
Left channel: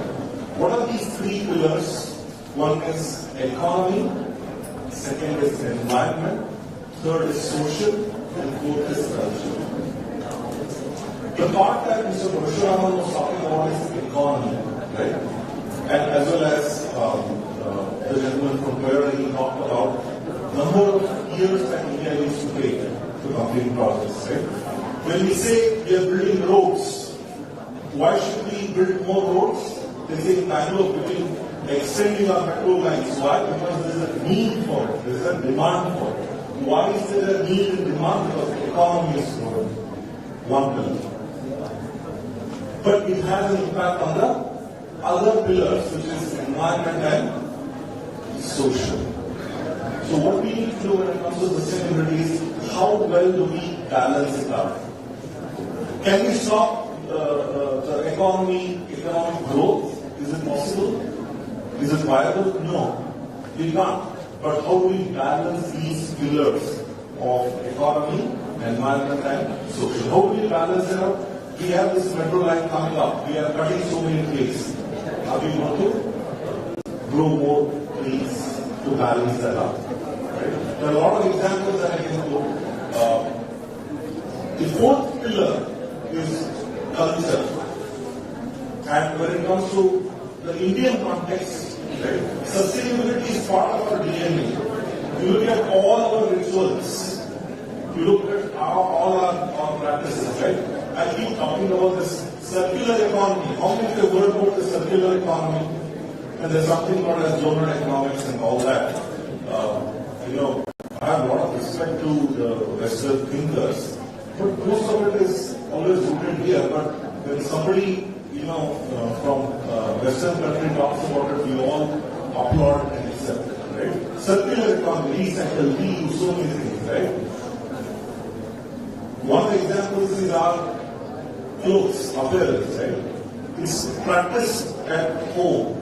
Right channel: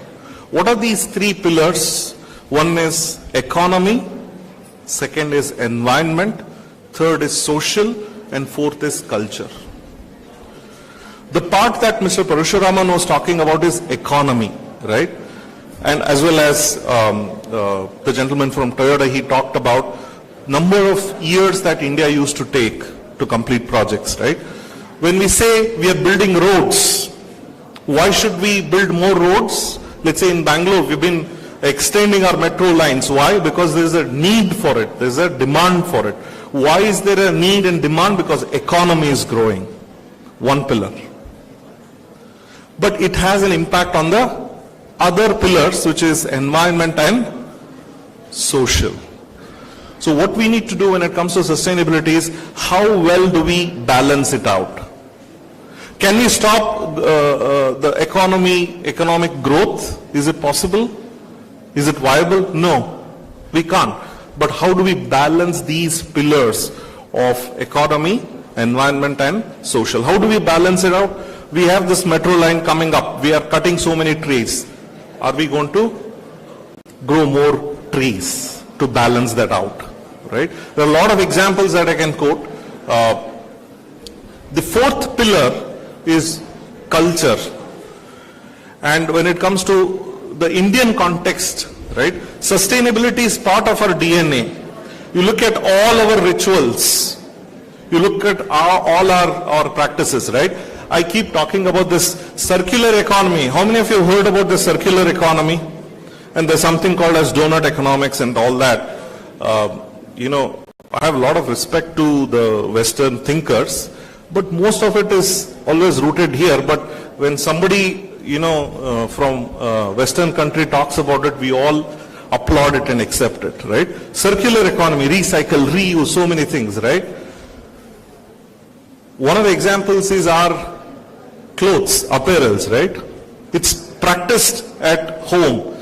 What are these 3 pillars? One is economy, second is environment, third is social, and 4th is culture. The part that Mr. Parasuraman was talking about is economy, right? And as well as the gentleman from Toyoda, he talked about number of years that India used to take to complete projects, right? When we say we are building roads, why should we build more roads? Let's say in Bangalore, we've been extending our metro lines. Why? Because there's a need for it. There's a demand for it. Why is there a need and demand? Because economy is growing. One pillar. But it has an impact on the other pillars, which is environment and social. So what we need to do when it comes to sustainability is how well do we balance it out? Can we stop the economic growth? Is it possible? Is it viable? No, we can't. But how do we balance these pillars of economy, environment and social? How do we balance it out? We have this metro line coming up. We are cutting so many trees. Are we going to grow more trees to balance that out? right? There are a lot of examples that I can quote. The fourth pillar is culture. And when it comes to the Indian context, right, sustainability is part of our DNA. You look at all our rituals, you look at all our practices, right? I keep talking about this circular economy. How many of you have heard about the circular economy? And there's something called as donut economics and all that. You know, I have a lot of respect to the Western thinkers, but most of it is always rooted here. But when somebody, you know, from Western country talks about it, we all applaud it and accept it, right? Circular economy, recycle, reuse, so many things, right? One of the examples is our clothes, apparels, right? It's practiced at home.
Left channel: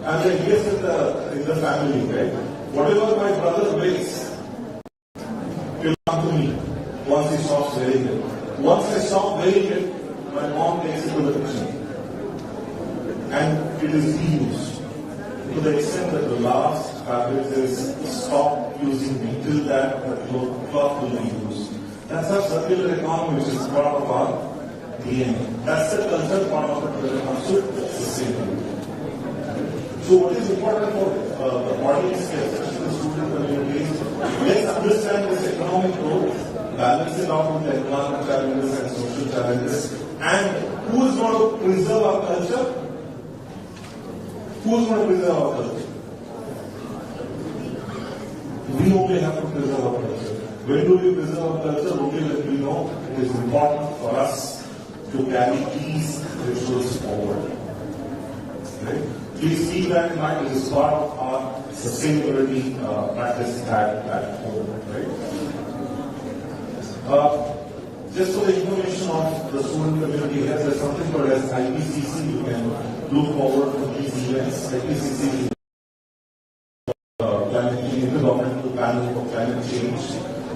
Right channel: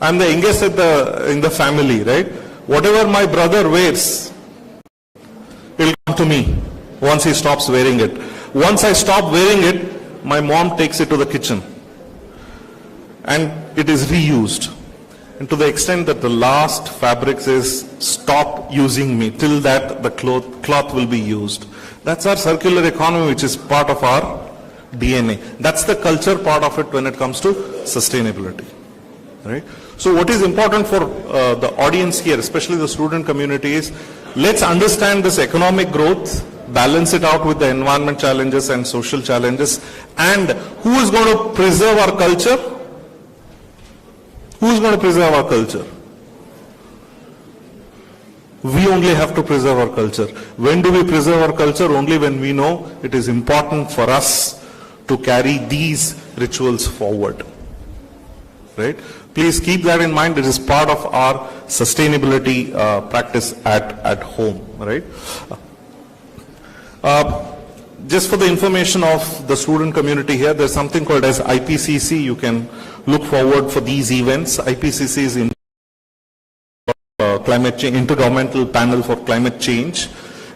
I'm the youngest in the family, right? Whatever my brother wears, will come to me once he stops wearing it. Once I stop wearing it, my mom takes it to the kitchen. And it is reused. And to the extent that the last fabric says, stop using me, till that the cloth will be used. That's our circular economy, which is part of our DNA. That's the culture part of it when it comes to sustainability, right? So what is important for the audience here, especially the student community, is let's understand this economic growth, balance it out with the environment challenges and social challenges, and who is going to preserve our culture? Who is going to preserve our culture? We only have to preserve our culture. When do we preserve our culture? Only when we know it is important for us to carry these rituals forward. Right? Please keep that in mind. It is part of our sustainability practice at home. Right? Just for the information of the student community here, there's something called as IPCC. You can look forward for these events. IPCC is climate change, Intergovernmental Panel for Climate Change.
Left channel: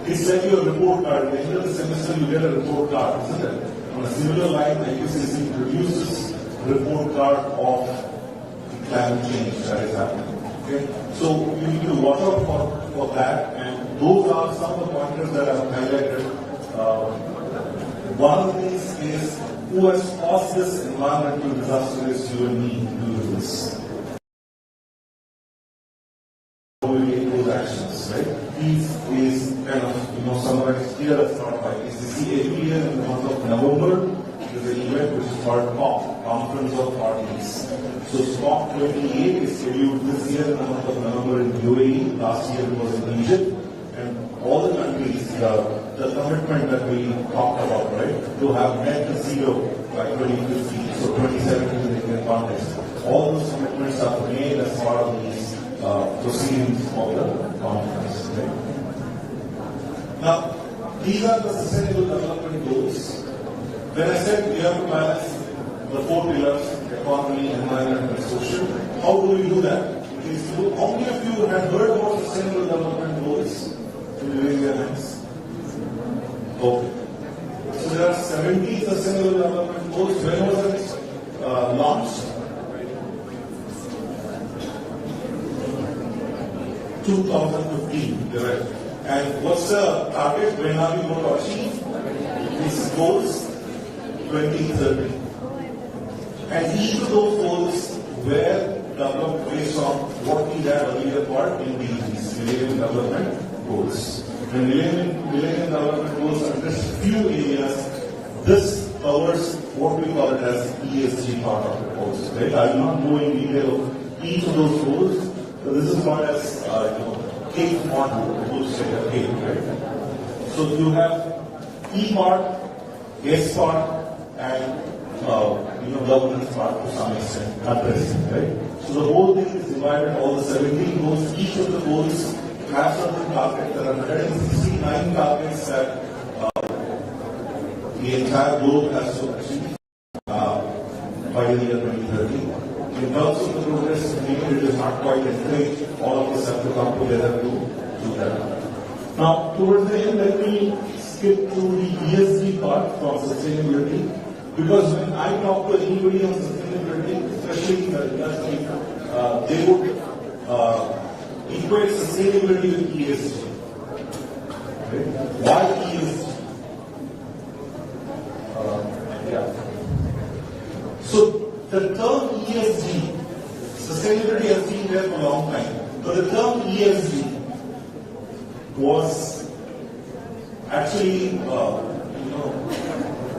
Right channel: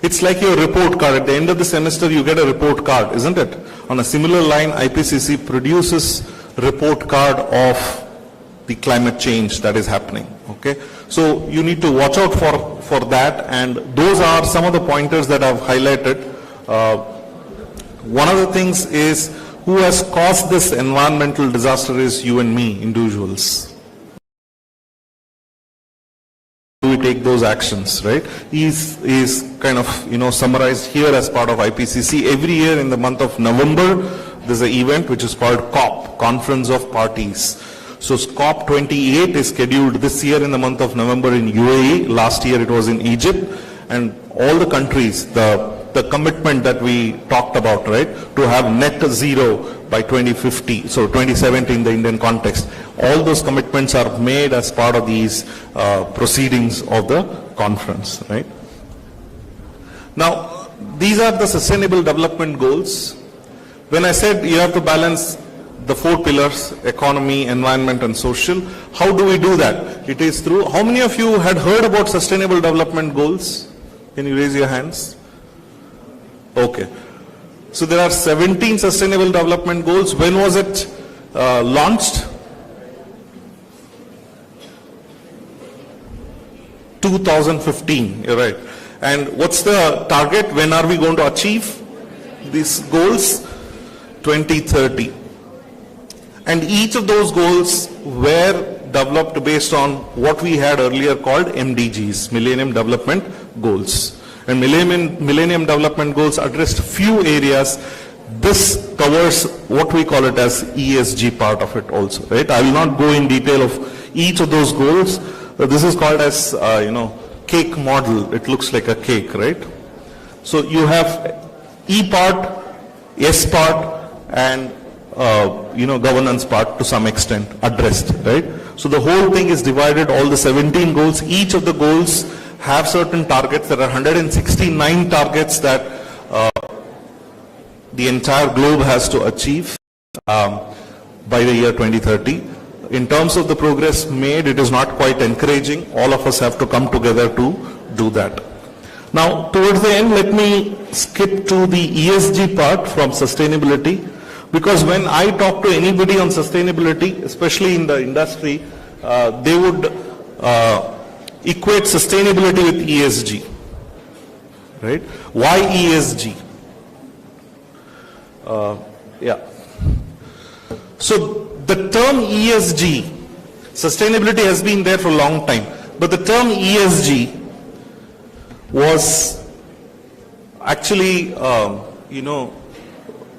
It's like your report card. At the end of the semester, you get a report card, isn't it? On a similar line, IPCC produces report card of the climate change that is happening. Okay, so you need to watch out for that, and those are some of the pointers that I've highlighted. One of the things is, who has caused this environmental disaster is you and me, individuals. We take those actions, right? Is kind of, you know, summarized here as part of IPCC. Every year in the month of November, there's an event which is called COP, Conference of Parties. So COP 28 is scheduled this year in the month of November in UAE. Last year it was in Egypt, and all the countries, the commitment that we talked about, right, to have net zero by 2050, so 2070 in the Indian context. All those commitments are made as part of these proceedings of the conference, right? Now, these are the Sustainable Development Goals. When I said you have to balance the 4 pillars, economy, environment and social, how do we do that? It is through, how many of you had heard about Sustainable Development Goals? Can you raise your hands? Okay. So there are 17 Sustainable Development Goals. When was it launched? 2015, you're right. And what's the target? When are we going to achieve these goals? 2030. And each of those goals were developed based on what we had earlier called MDGs, Millennium Development Goals. And Millennium Development Goals addressed few areas. This covers what we call it as ESG part of it also, right? I will not go in detail of each of those goals. This is called as, cake model. It looks like a cake, right? So you have E part, S part, and governance part to some extent addressed, right? So the whole thing is divided, all the 17 goals. Each of the goals have certain targets. There are 169 targets that the entire globe has to achieve by the year 2030. In terms of the progress made, it is not quite encouraging. All of us have to come together to do that. Now, towards the end, let me skip to the ESG part from sustainability, because when I talk to anybody on sustainability, especially in the industry, they would equate sustainability with ESG. Right? Why ESG? So the term ESG, sustainability has been there for a long time, but the term ESG was actually,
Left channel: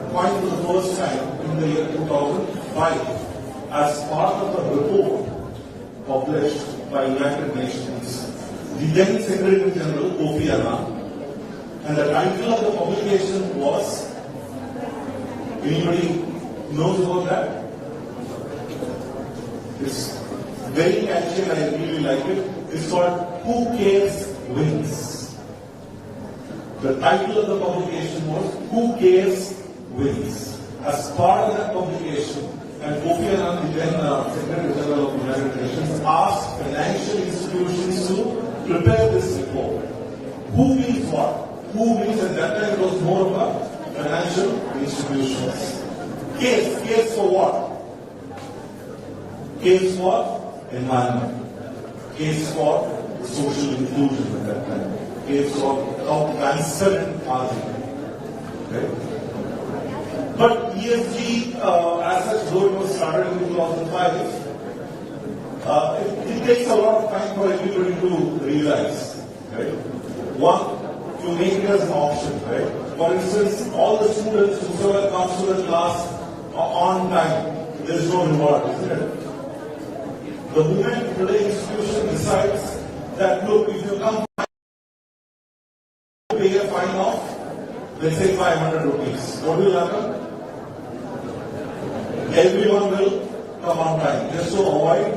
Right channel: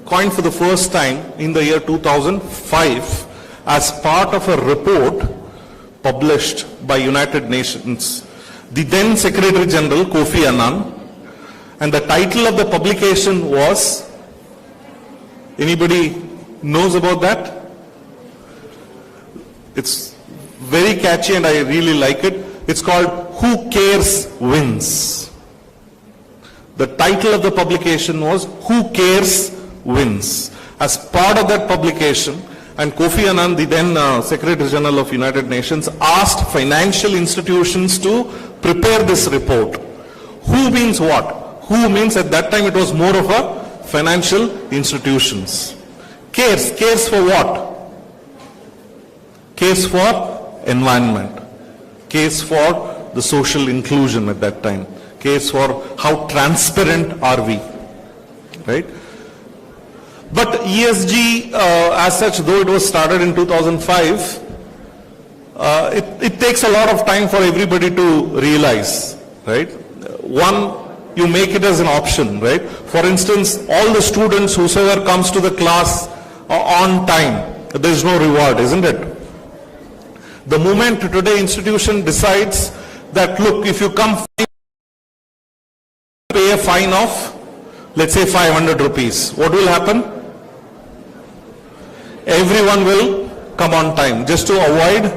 coined for the first time in the year 2005 as part of a report published by United Nations, the then Secretary General Kofi Annan, and the title of the publication was, anybody knows about that? It's very catchy and I really like it. It's called Who Cares Wins. The title of the publication was Who Cares Wins. As part of that publication, and Kofi Annan, the then Secretary General of United Nations, asked financial institutions to prepare this report. Who means what? Who means at that time it was more of a financial institutions. Cares. Cares for what? Cares for environment. Cares for the social inclusion at that time. Cares for how transparent are we. Right? But ESG as such, though it was started in 2005, it takes a lot of time for everybody to realize, right? One, you make it as an option, right? For instance, all the students, whosoever comes to the class on time, there is no reward, isn't it? The moment today institution decides that, look, if you come, pay a fine of, let's say 500 rupees, what will happen? Everyone will come on time just to avoid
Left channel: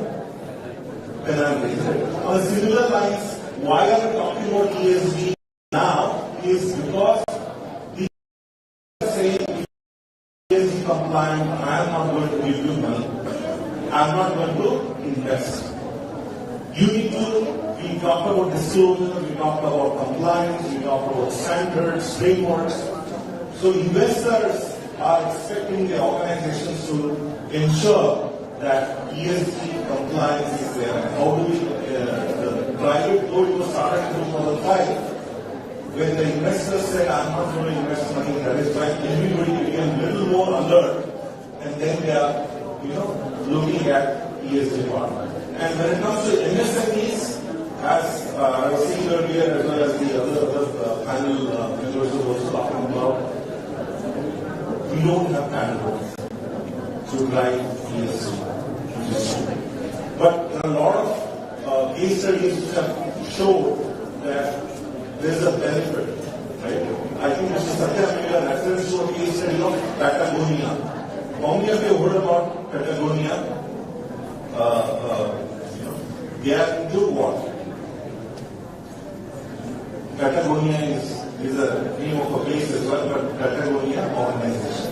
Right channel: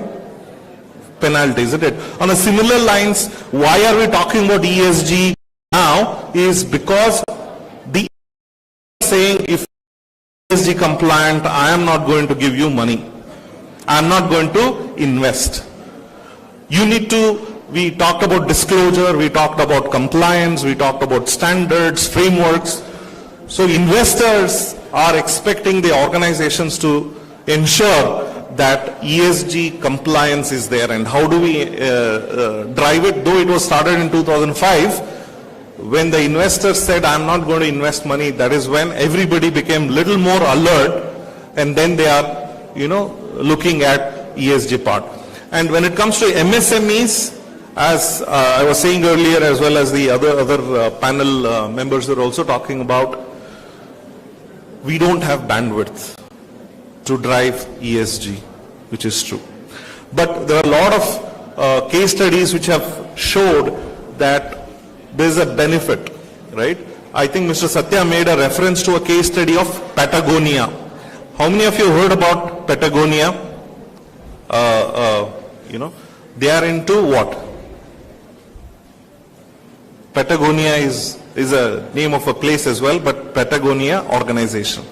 penalties, isn't it? On a similar lines, why are we talking about ESG now is because the saying if ESG compliant, I am not going to give you money. I am not going to invest. You need to, we talked about disclosure, we talked about compliance, we talked about standards, frameworks. So investors are expecting the organizations to ensure that ESG compliance is there. And how do we drive it? Though it was started in 2005, when the investors said, I'm not going to invest money, that is when everybody became little more alert, and then they are, looking at ESG part. And when it comes to MSMEs, as I was saying earlier, as well as the other panel members are also talking about, we don't have bandwidth to drive ESG, which is true. But there are a lot of case studies which have showed that there is a benefit, right? I think Mr. Satya made a reference to a case study of Patagonia. How many of you heard about Patagonia? They are into what? Patagonia is a name of a place as well, but Patagonia organization.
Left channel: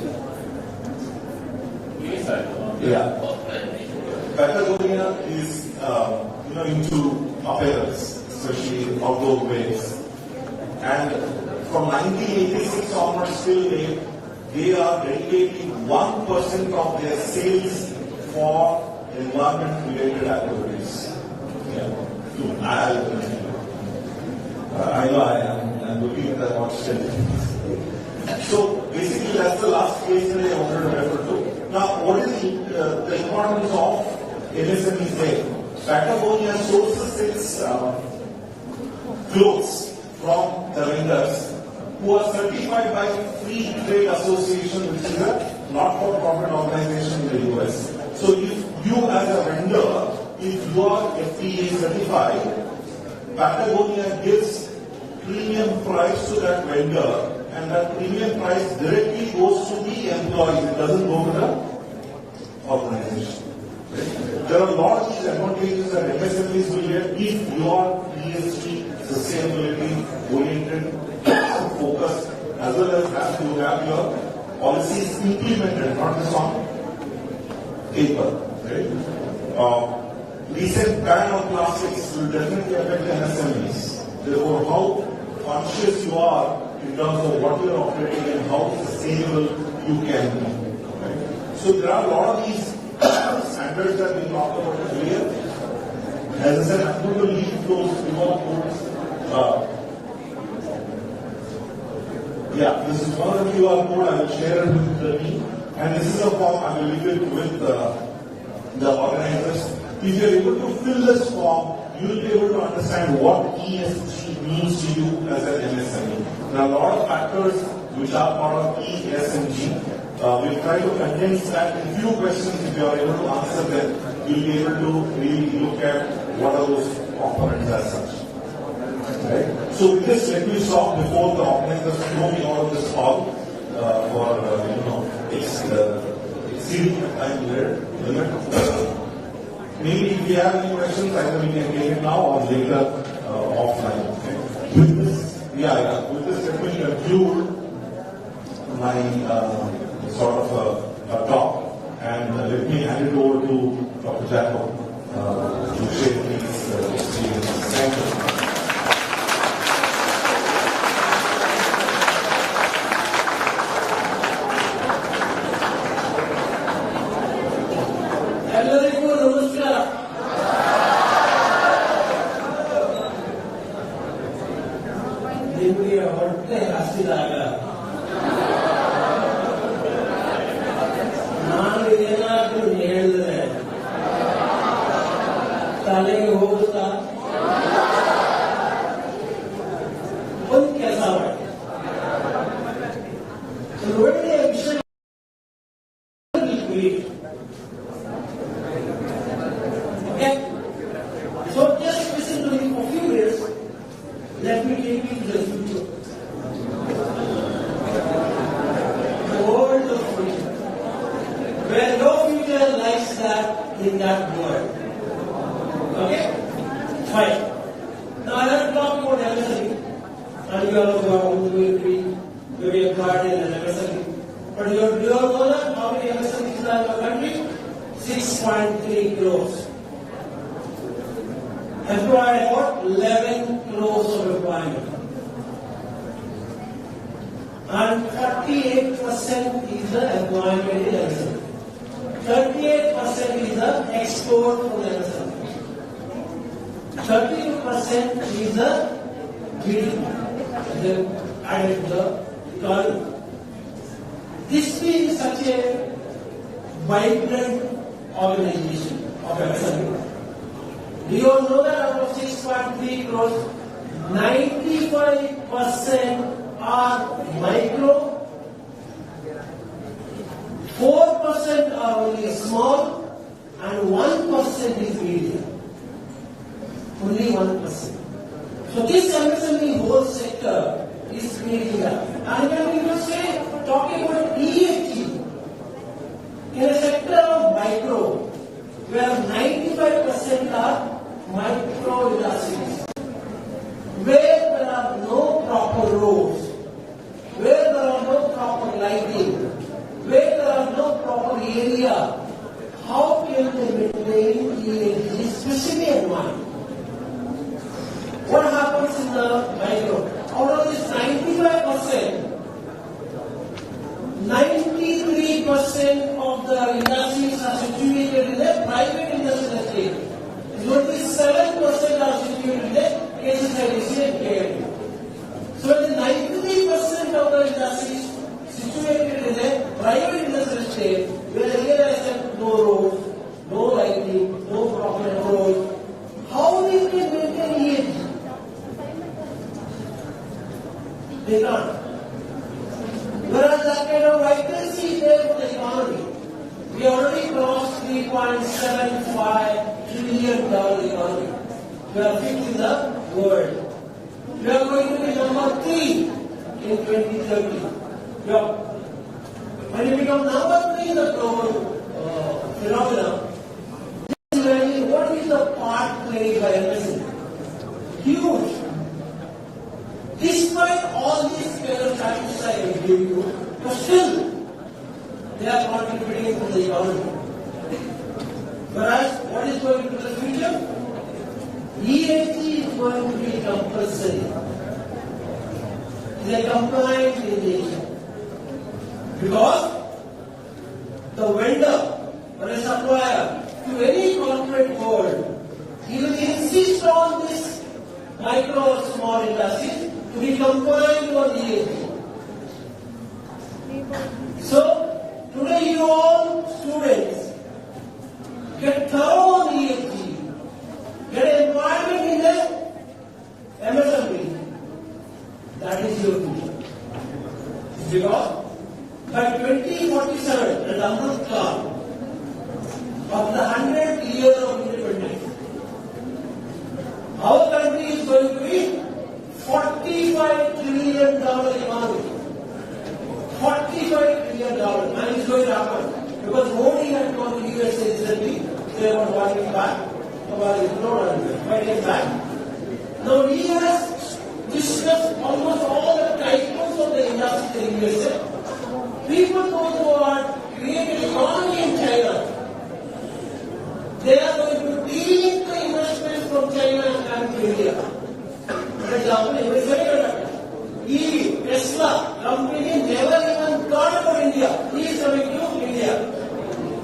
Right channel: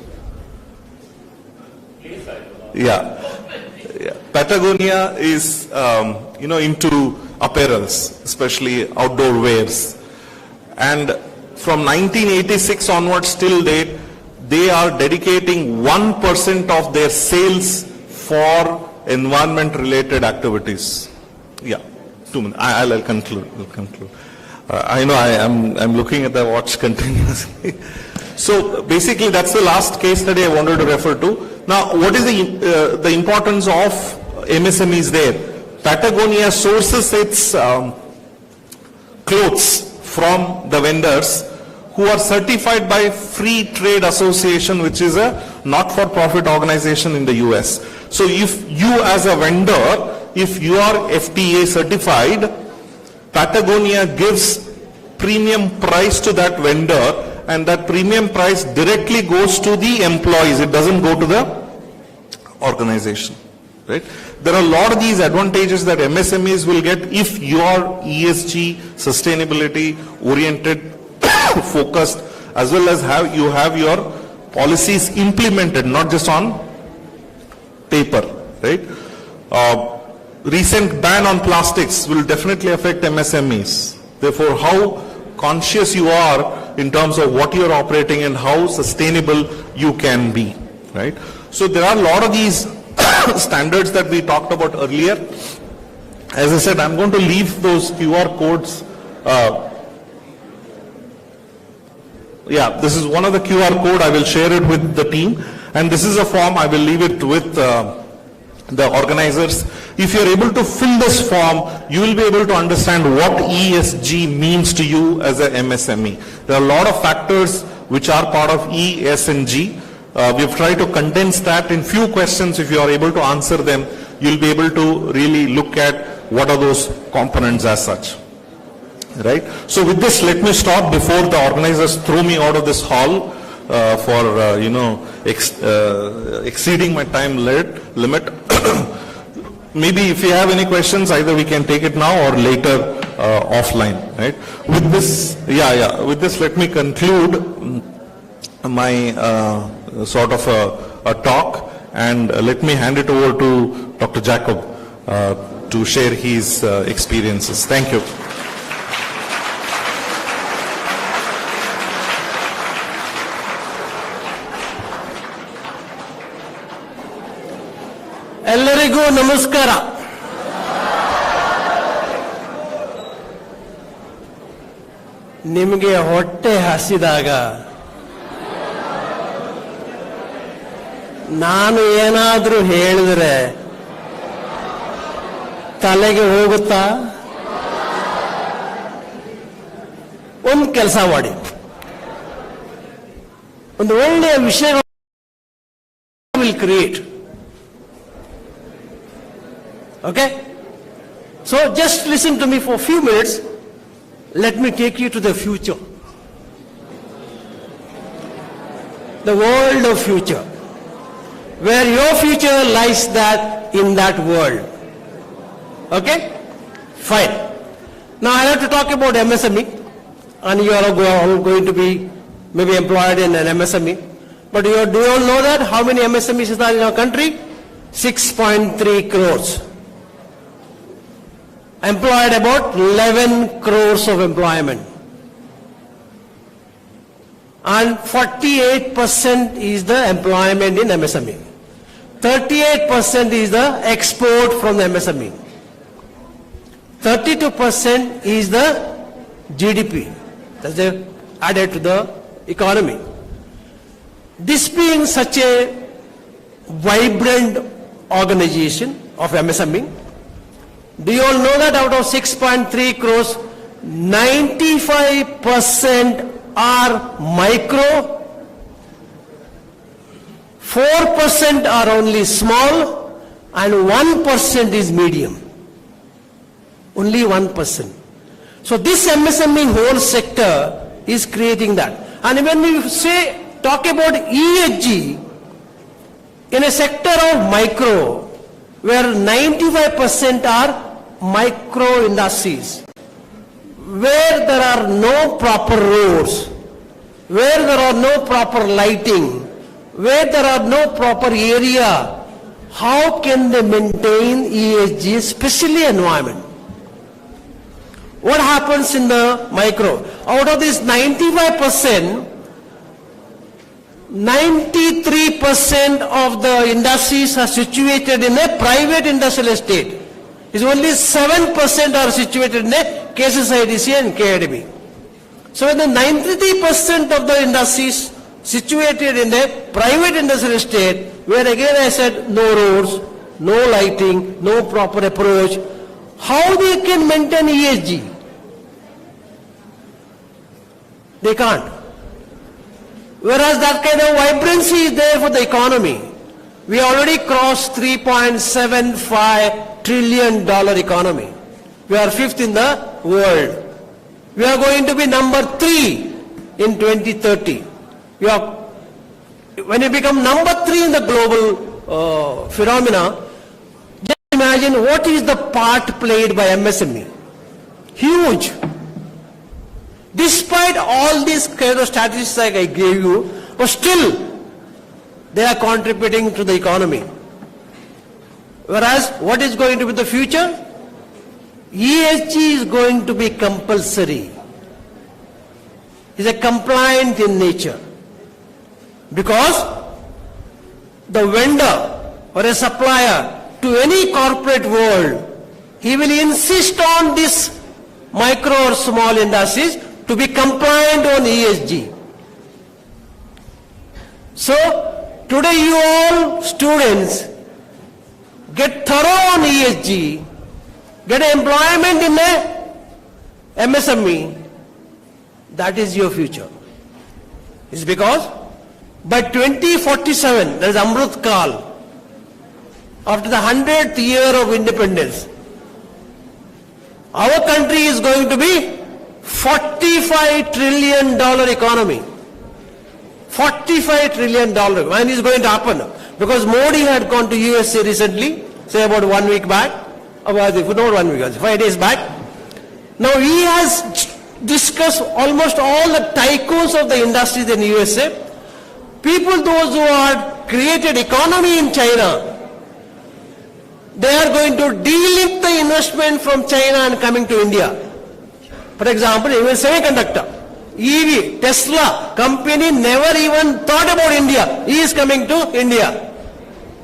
Yeah. Patagonia is, into apparels, especially outdoor wears. And from 1986 onwards till date, they are dedicating 1% of their sales for environment-related activities. Yeah, 2 minutes. I'll conclude. I know I'm looking at the watch continuously. So basically, that's the last case study I wanted to refer to. Now, what is the importance of MSMEs there? Patagonia sources its clothes from the vendors who are certified by Free Trade Association, which is a not-for-profit organization in the US. So if you as a vendor, if you are FTA certified, Patagonia gives premium price to that vendor, and that premium price directly goes to the employees. It doesn't go to the organization, right? There are a lot of these advantages that MSMEs will get if you are ESG, sustainability oriented, focused, as well as you have your policies implemented, not just on paper, right? Recent ban on plastics will definitely affect MSMEs. Therefore, how conscious you are in terms of what you're operating and how sustainable you can be, right? So there are a lot of these standards that we talked about earlier, As I said, I'm going to leave those QR codes. This is one of the QR code. I will share it with the team. And this is a form. I will leave it with the organizers. If you're able to fill this form, you will be able to understand what ESG means to you as a MSME. There are a lot of factors which are part of E, S and G. We've tried to condense that in few questions. If you are able to answer them, you'll be able to really look at what are those components as such. Right? So with this, let me stop before the organizers throw me out of this hall for exceeding my time limit. Maybe if you have any questions, either we can take it now or later offline. Right? With this, with this, let me conclude my sort of a talk, and let me hand it over to Dr. Jacob to share his experiences. Thank you. ಎಲ್ಲರಿಗೂ ನಮಸ್ಕಾರ. ನಿಮಗೆ ಹೊಟ್ಟೆ ಹಸಿದಾಗ ನಾನು ಏನಾದರೂ ಹೇಳಿದರೆ ತಲೆಗೆ ಹೋಗುತ್ತಾ? ಒಂದು ಕೆಲಸ ಮಾಡಿ, ಒಂದು ಒಳ್ಳೆಯ ವಿಷಯ will create. Okay? So just listen to me for a few minutes. Let me take you to the future. The world of future. Where your future lies in that world. Okay? Fine. Now I have to talk about MSME. And you are going to be maybe employed in an MSME. But do you all know that? How many MSMEs are in our country? 6.3 crores. Employed about 11 crores of employment. And 48% is the employment in MSME. 38% is the export from the MSME. 32% is the GDP that's added to the economy. This being such a vibrant organization of MSME, do you all know that out of 6.3 crores, 95% are micro, 4% are only small, and 1% is medium. Only 1%. So this MSME whole sector is creating that. And when we talk about ESG, in a sector of micro, where 95% are micro industries, where there are no proper roads, where there are no proper lighting, where there are no proper area, how can they maintain ESG, especially environment? What happens in the micro? Out of this 95%, 93% of the industries are situated in a private industrial estate. It's only 7% are situated in a KSSIDC and KIDB. So when the 93% of the industries situated in a private industrial estate, where again I said no roads, no lighting, no proper approach, how they can maintain ESG? They can't. Whereas that kind of vibrancy is there for the economy. We already crossed $3.75 trillion economy. We are 5th in the world. We are going to be number 3 in 2030. When you become number 3 in the global phenomena, just imagine what is the part played by MSME. Huge. Despite all these kind of statistics like I gave you, but still they are contributing to the economy. Whereas what is going to be the future? ESG is going to be compulsory. It's a compliant in nature. Because the vendor or a supplier to any corporate world, he will insist on this micro or small industries to be compliant on ESG. So, today you all students get thorough on ESG, get employment in a MSME, that is your future. It's because by 2047, there is Amrut Kal, after the 100th year of independence, our country is going to be $45 trillion economy. $45 trillion. When is going to happen? Because Modi had gone to USA recently, say about 1 week back, not 1 week, 5 days back. Now he has discussed almost all the tycoons of the industries in USA. People, those who have created economy in China, they are going to delink the investment from China and coming to India. For example, even semiconductor, EV, Tesla company never even thought about India. He is coming to India.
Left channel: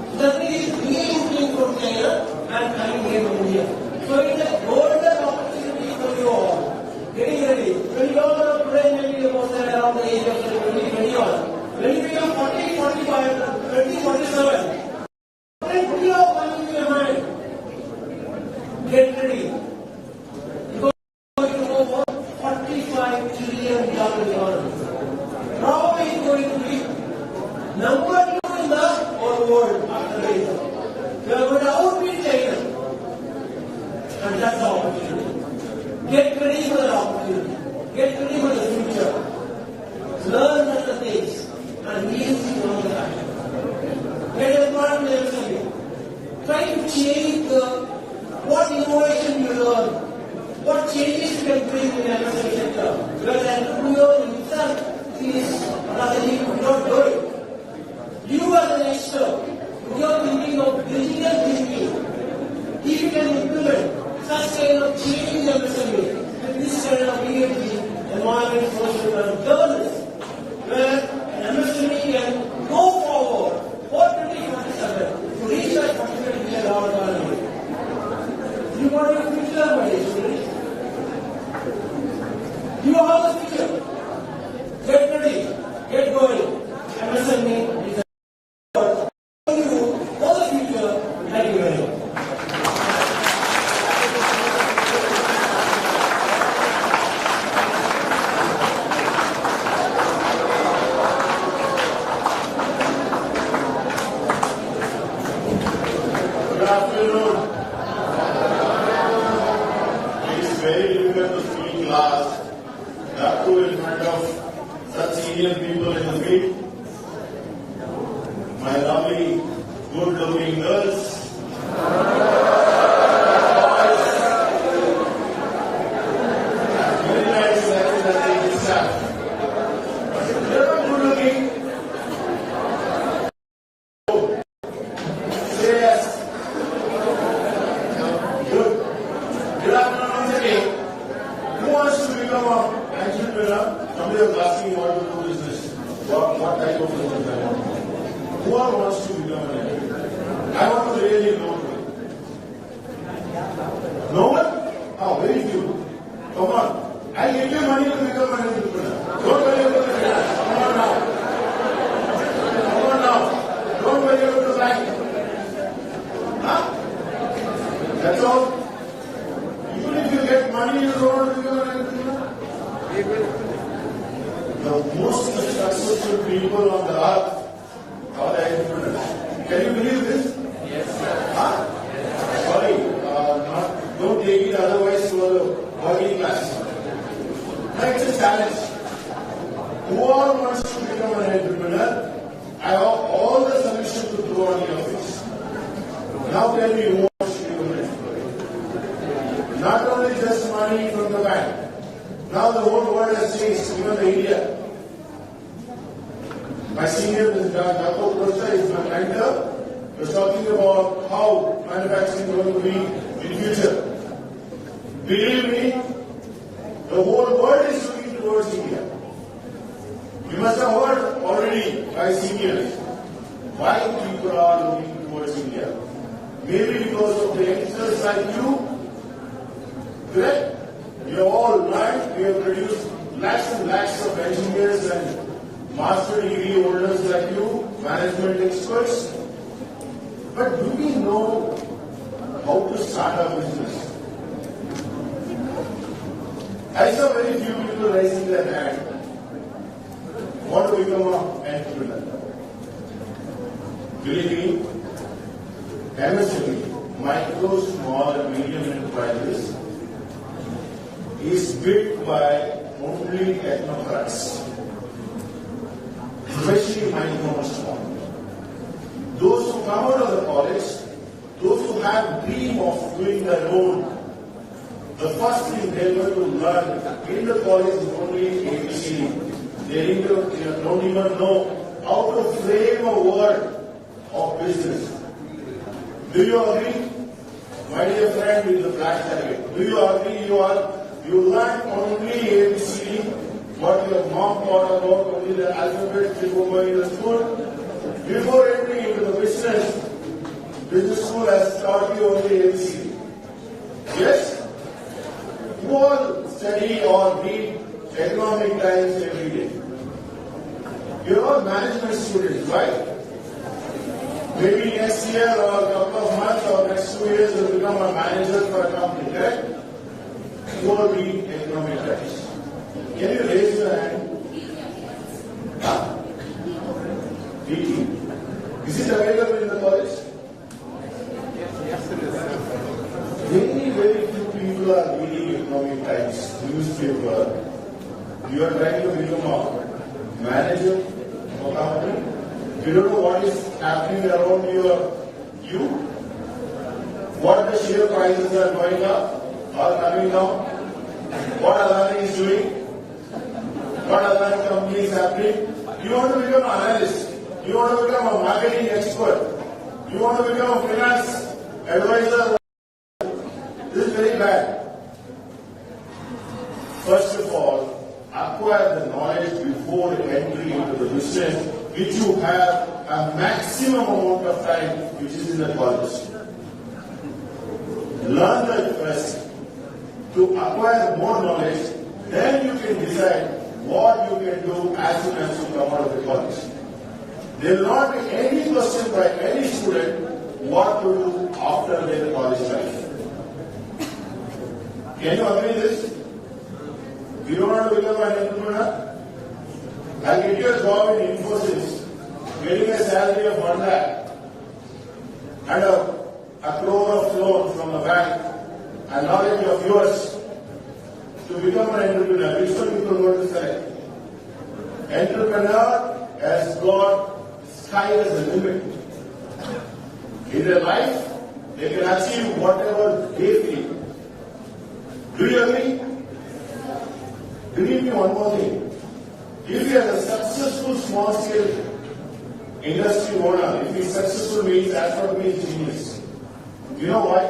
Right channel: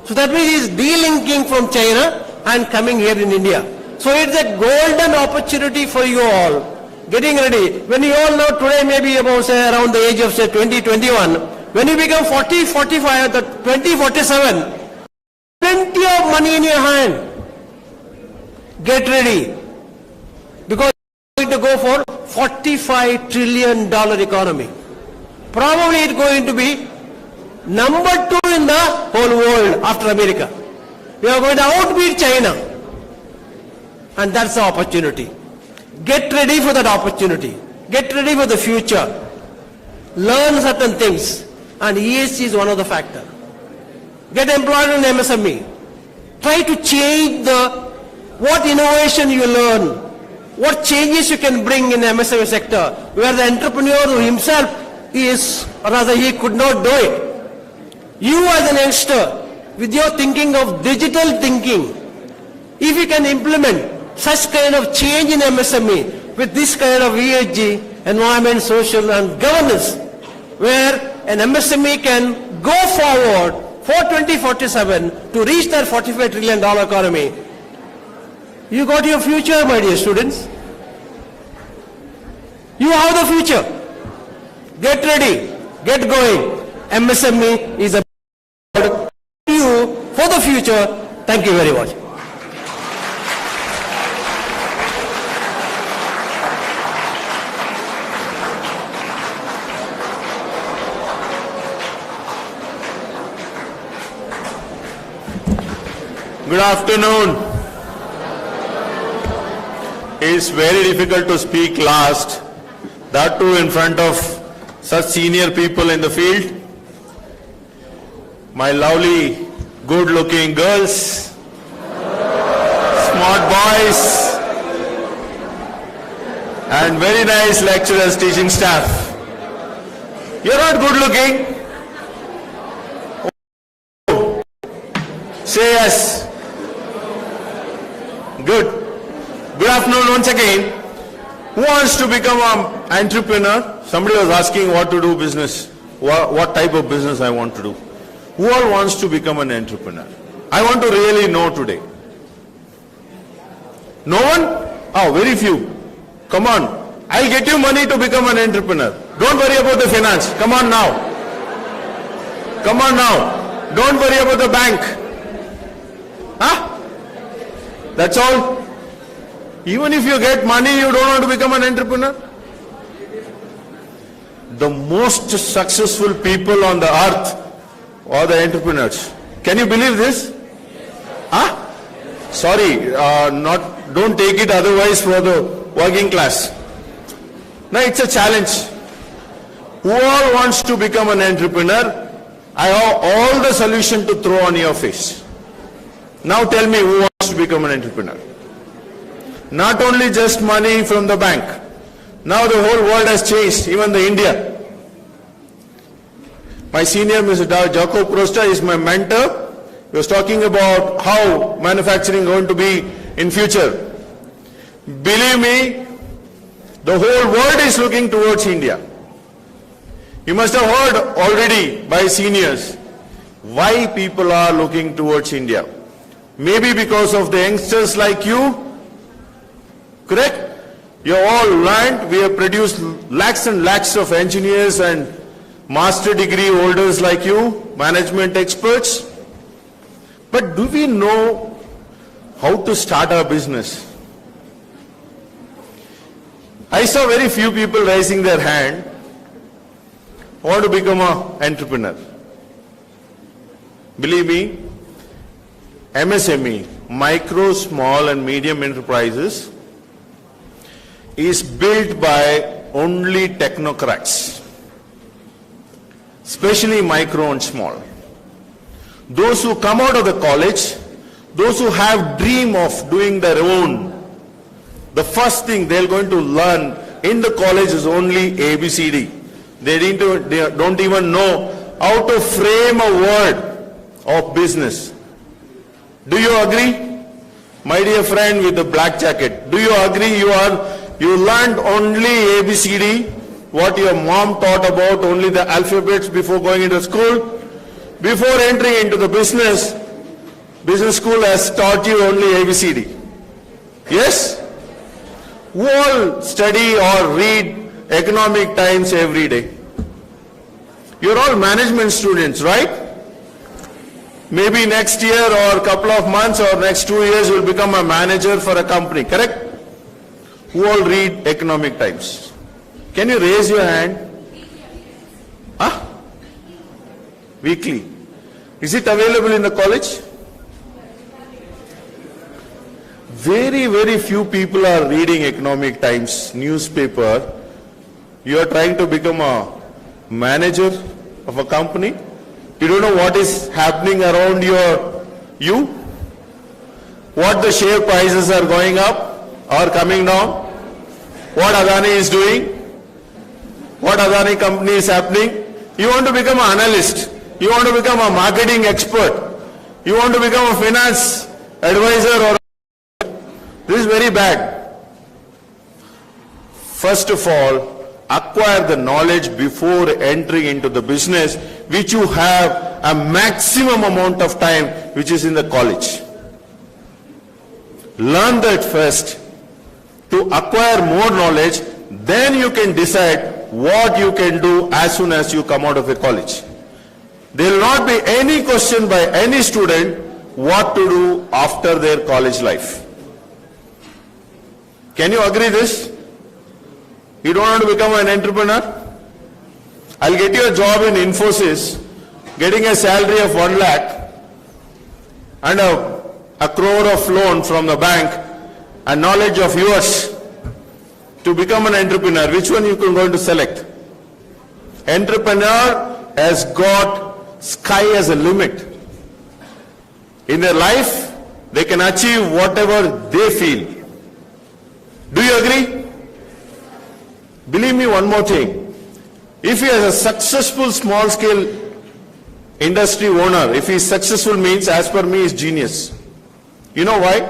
So that means he is delinking from China and coming here in India. So it's a golden opportunity for you all. Getting ready. When you all know today maybe about say around the age of say 20, 21, when you become 40, 45, the 20, 47, plenty of money in your hand. Get ready. Because you are going to go for $45 trillion economy. Probably it's going to be number 2 in the whole world after America. We are going to outbeat China. And that's the opportunity. Get ready for that opportunity. Get ready for the future. Learn certain things. And ESG is one of the factors. Get employed in MSME. Try to change what innovation you learn, what changes you can bring in the MSME sector, where the entrepreneur himself is, or rather he could not do it. You as an youngster, with your thinking of digital thinking, if you can implement such kind of change in MSME with this kind of ESG, environment, social and governance, where an MSME can go forward for 2047 to reach that $45 trillion economy. You got your future, my dear students. You have the future. Get ready. Get going. MSME is a you for the future. Thank you very much. Good afternoon. It's very difficult to speak last, that too in front of such senior people in the field. My lovely, good-looking girls, smart boys, and very nice lecturers, teaching staff. You're not good-looking. Say yes. Good. Good afternoon once again. Who wants to become an entrepreneur? Somebody was asking what to do business, what type of business I want to do. Who all wants to become an entrepreneur? I want to really know today. No one? Oh, very few. Come on. I'll get you money to become an entrepreneur. Don't worry about the finance. Come on now. Come on now. Don't worry about the bank. Huh? That's all. Even if you get money, you don't want to become an entrepreneur? The most successful people on the earth are the entrepreneurs. Can you believe this? Huh? Sorry, don't take it otherwise for the working class. Now it's a challenge. Who all wants to become an entrepreneur? I have all the solution to throw on your face. Now tell me who wants to become an entrepreneur? Not only just money from the bank. Now the whole world has changed, even the India. My senior, Mr. Jacob Crasta, is my mentor. He was talking about how manufacturing is going to be in future. Believe me, the whole world is looking towards India. You must have heard already by seniors why people are looking towards India. Maybe because of the youngsters like you Correct? You have all learned, we have produced lakhs and lakhs of engineers and master degree holders like you, management experts. But do we know how to start our business? I saw very few people raising their hand who want to become an entrepreneur. Believe me, MSME, micro, small and medium enterprises, is built by only technocrats, especially micro and small. Those who come out of the college, those who have dream of doing their own, the first thing they're going to learn in the college is only ABCD. They don't even know how to frame a word of business. Do you agree? My dear friend with the black jacket, do you agree you learned only ABCD, what your mom taught about, only the alphabets before going into school? Before entering into the business school has taught you only ABCD. Yes? Who all study or read Economic Times every day? You're all management students, right? Maybe next year or a couple of months or next 2 years you'll become a manager for a company, correct? Who all read Economic Times? Can you raise your hand? Huh? Weekly. Is it available in the college? Very, very few people are reading Economic Times newspaper. You are trying to become a manager of a company. You don't know what is happening around you? What the share prices are going up or coming down? What Adani is doing? What Adani company is happening? You want to become an analyst. You want to become a marketing expert. You want to become a finance advisor or this is very bad. First of all, acquire the knowledge before entering into the business, which you have a maximum amount of time, which is in the college. Learn that first. To acquire more knowledge, then you can decide what you can do as soon as you come out of the college. There will not be any question by any student what to do after their college life. Can you agree this? You don't want to become an entrepreneur? I'll get you a job in Infosys, getting a salary of 1 lakh and a crore of loan from the bank and knowledge of yours to become an entrepreneur. Which one you are going to select? Entrepreneur has got sky as a limit. In their life, they can achieve whatever they feel. Do you agree? Believe me, one more thing. If he is a successful small-scale industry owner, if he is successful means, as per me, is genius. You know why?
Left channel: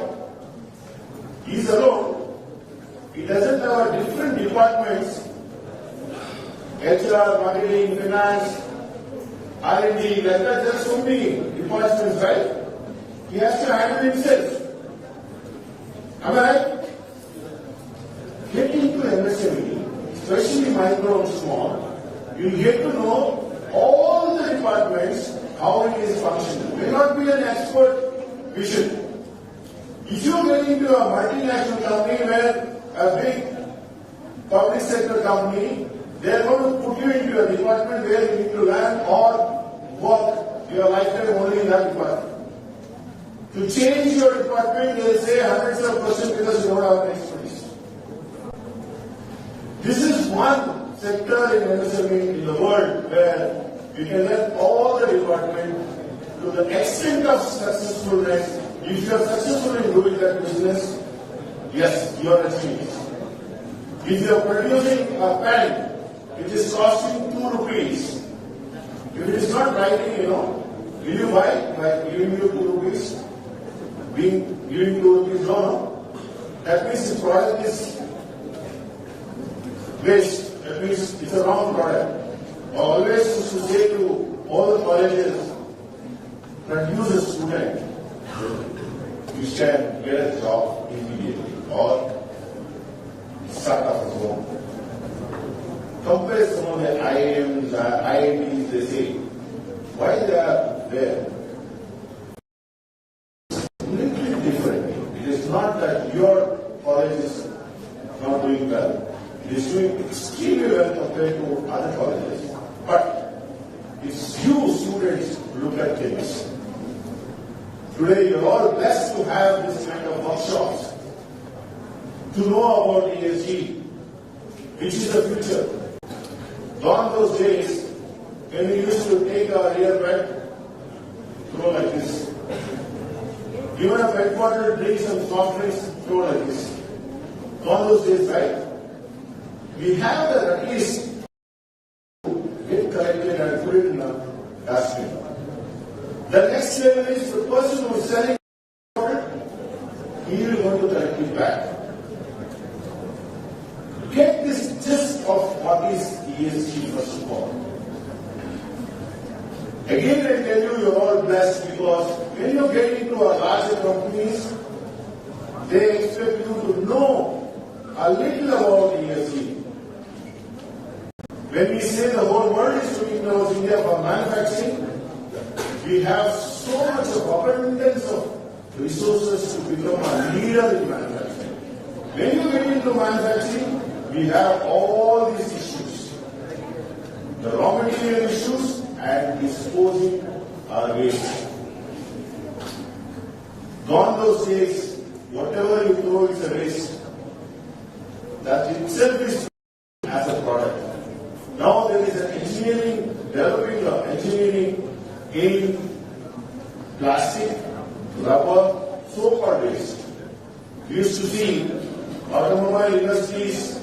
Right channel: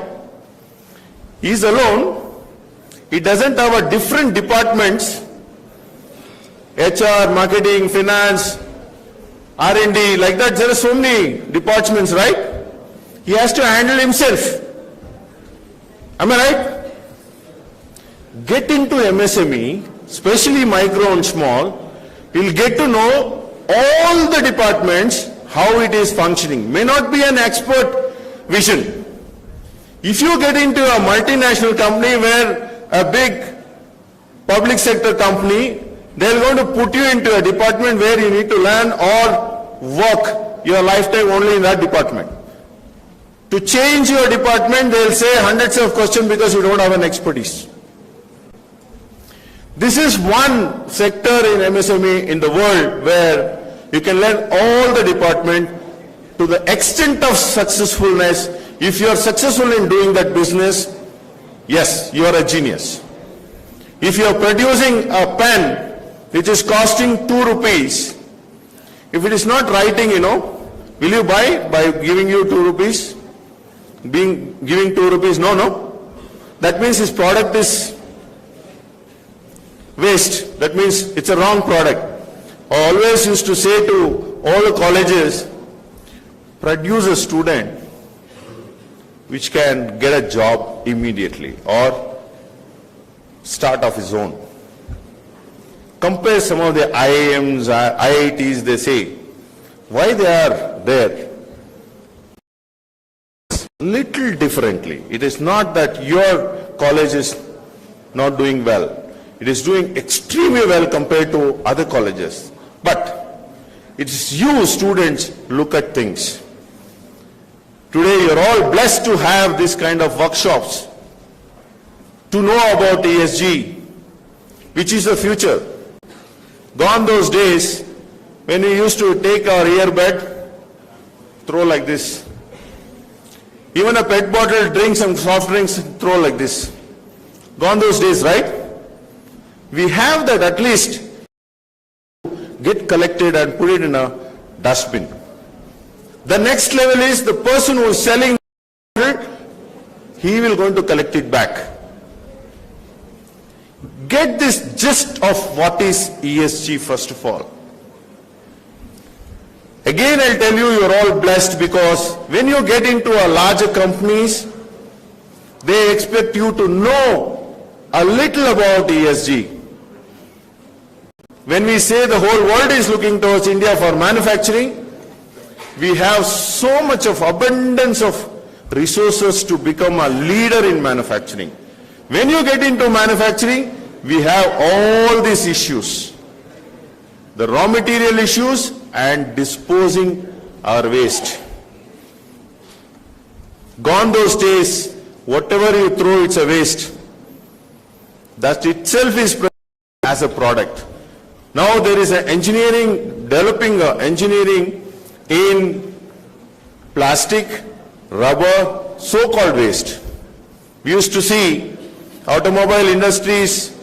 He is alone. He doesn't have a different departments, HR, marketing, finance, R&D, like that. There are so many departments, right? He has to handle himself. Am I right? Get into MSME, especially micro and small, you'll get to know all the departments, how it is functioning. May not be an expert vision. If you get into a multinational company where a big public sector company, they're going to put you into a department where you need to learn or work your lifetime only in that department. To change your department, they'll say hundreds of questions because you don't have an expertise. This is one sector in MSME in the world where you can learn all the department to the extent of successfulness. If you are successful in doing that business, yes, you are a genius. If you are producing a pen which is costing 2 rupees, if it is not writing, will you buy by giving you 2 rupees? Giving 2 rupees? No. That means his product is waste. That means it's a wrong product. I always used to say to all the colleges, produce a student which can get a job immediately or start of his own. Compare some of the IIMs, IITs, they say, why they are there? Little differently. It is not that your college is not doing well. It is doing extremely well compared to other colleges. But it's you students look at things. Today you're all blessed to have this kind of workshops, to know about ESG, which is the future. Gone those days when we used to take our earbud, throw like this. Even a pet bottle, drink some soft drinks, throw like this. Gone those days, right? We have that at least get collected and put it in a dustbin. The next level is the person who is selling it, he will going to collect it back. Get this gist of what is ESG first of all. Again, I'll tell you, you're all blessed because when you get into a larger companies, they expect you to know a little about ESG. When we say the whole world is looking towards India for manufacturing, we have so much of abundance of resources to become a leader in manufacturing. When you get into manufacturing, we have all these issues. The raw material issues and disposing our waste. Gone those days, whatever you throw, it's a waste. That itself is as a product. Now there is an engineering, developing engineering in plastic, rubber, so-called waste. We used to see automobile industries,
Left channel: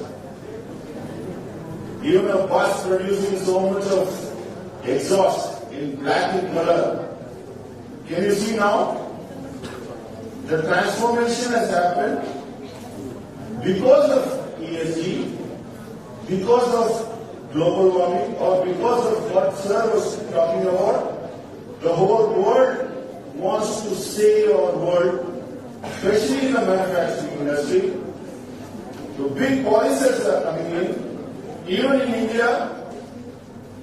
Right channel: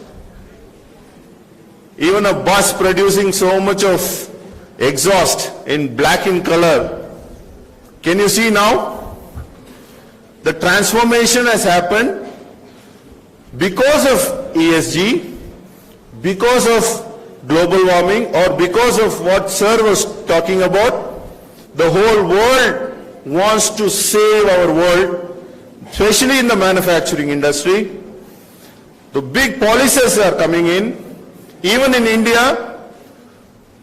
even a bus producing so much of exhaust in black in color. Can you see now? The transformation has happened because of ESG, because of global warming, or because of what Sir was talking about. The whole world wants to save our world, especially in the manufacturing industry. The big policies are coming in. Even in India,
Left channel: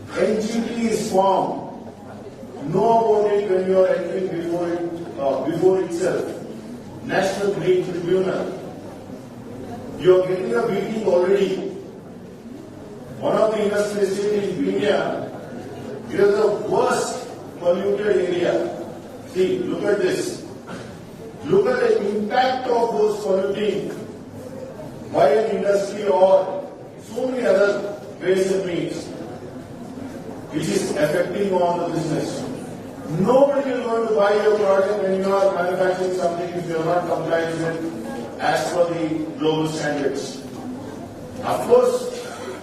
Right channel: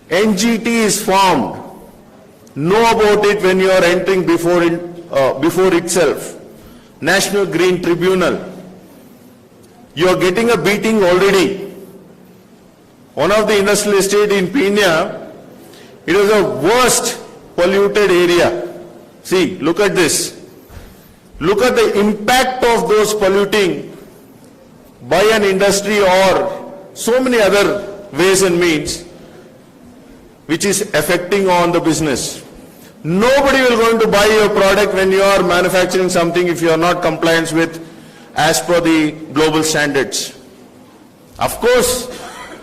NGT is formed. Know about it when you are entering before itself. National Green Tribunal. You are getting a beating already. One of the industrial estate in Pina, it is the worst polluted area. See, look at this. Look at the impact of those polluting by an industry or so many other ways and means which is affecting on the business. Nobody will going to buy your product when you are manufacturing something if you are not compliant with as per the global standards. Of course,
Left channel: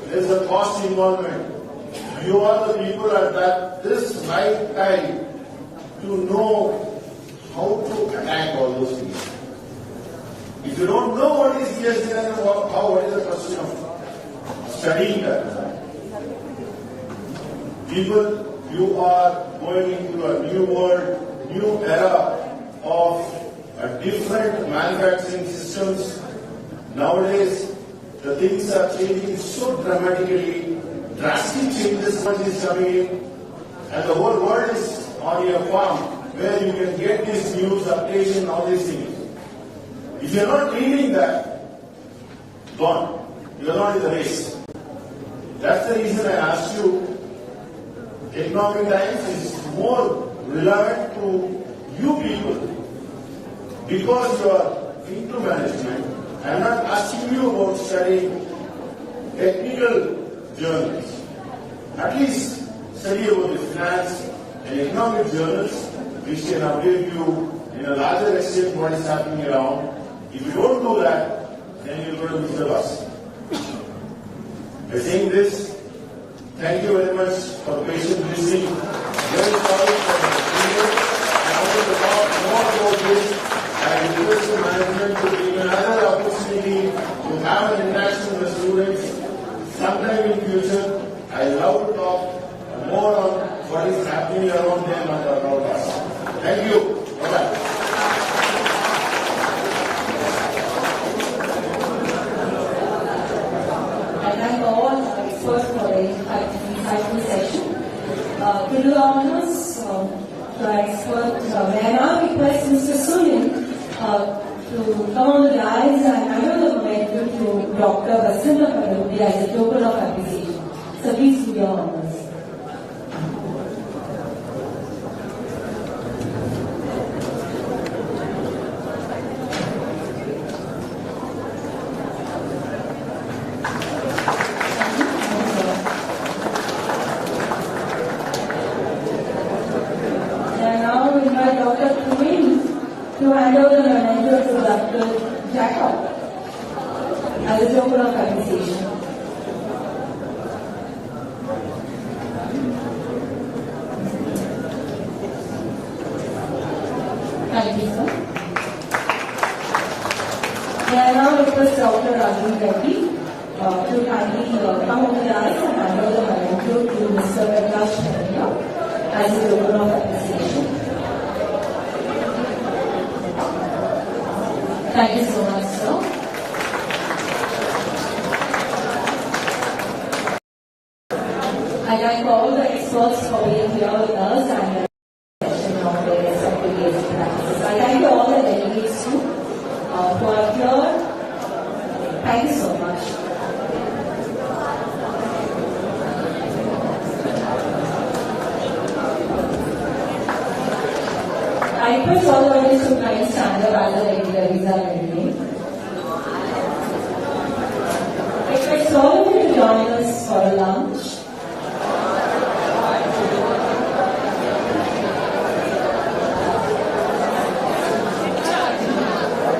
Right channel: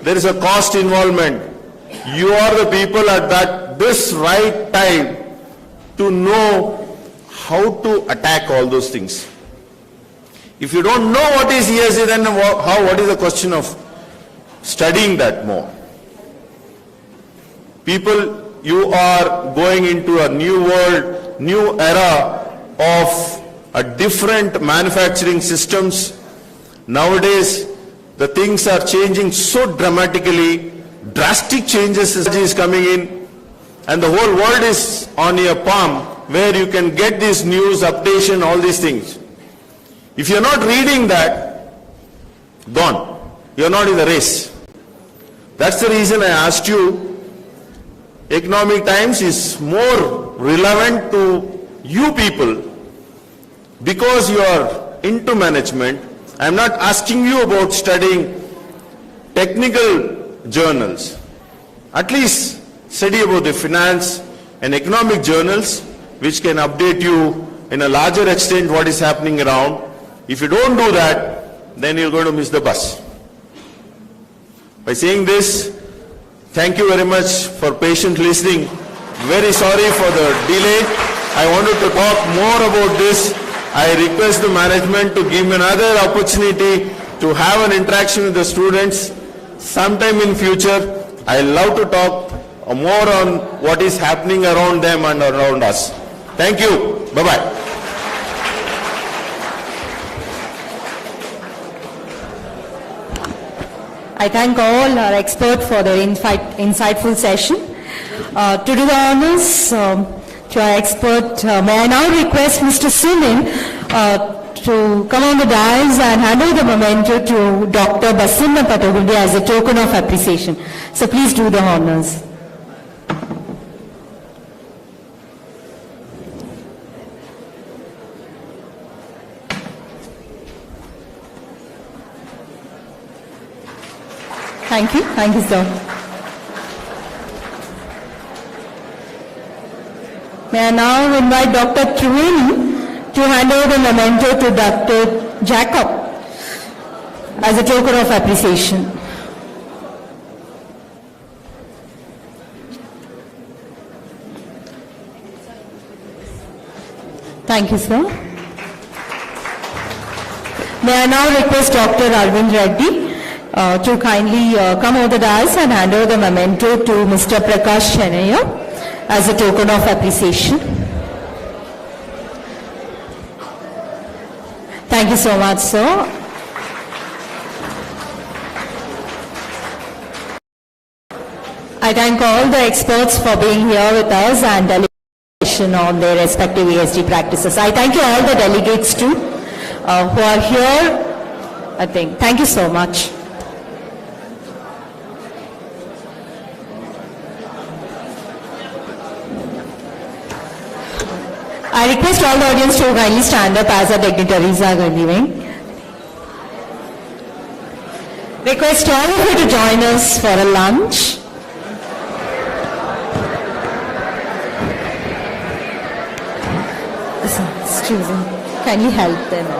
there is a cost involvement. You are the people at this right time to know how to attack all those things. If you don't know what is ESG, then what is the question of studying that more? People, you are going into a new world, new era of a different manufacturing systems. Nowadays, the things are changing so dramatically, drastic changes is coming in, and the whole world is on your palm where you can get this news, updation, all these things. If you're not reading that, gone. You're not in the race. That's the reason I asked you, Economic Times is more relevant to you people because you are into management. I'm not asking you about studying technical journals. At least study about the finance and economic journals which can update you in a larger extent what is happening around. If you don't do that, then you're going to miss the bus. By saying this, thank you very much for patient listening. Very sorry for the delay. I wanted to talk more about this. I request the management to give me another opportunity to have an interaction with the students sometime in future. I love to talk more on what is happening around them and around us. Thank you. Bye-bye. I thank all our experts for the insightful session. To do the honors to our expert, may I now request Mr. Sumin to come on the dais and hand over the memento to Dr. Basanna Patagundi as a token of appreciation. So please do the honors. Thank you, sir. May I now invite Dr. Triveni to hand over the memento to Dr. Jacob as a token of appreciation. Thank you, sir. May I now request Dr. Arvind Reddy to kindly come over the dais and hand over the memento to Mr. Prakash Channaiah as a token of appreciation. Thank you so much, sir. I thank all the experts for being here with us and delegation on their respective ESG practices. I thank you all the delegates too who are here. Thank you so much. I request all the audience to kindly stand up as the dignitaries are leaving. Request all of you to join us for a lunch. Excuse me. Can you help them?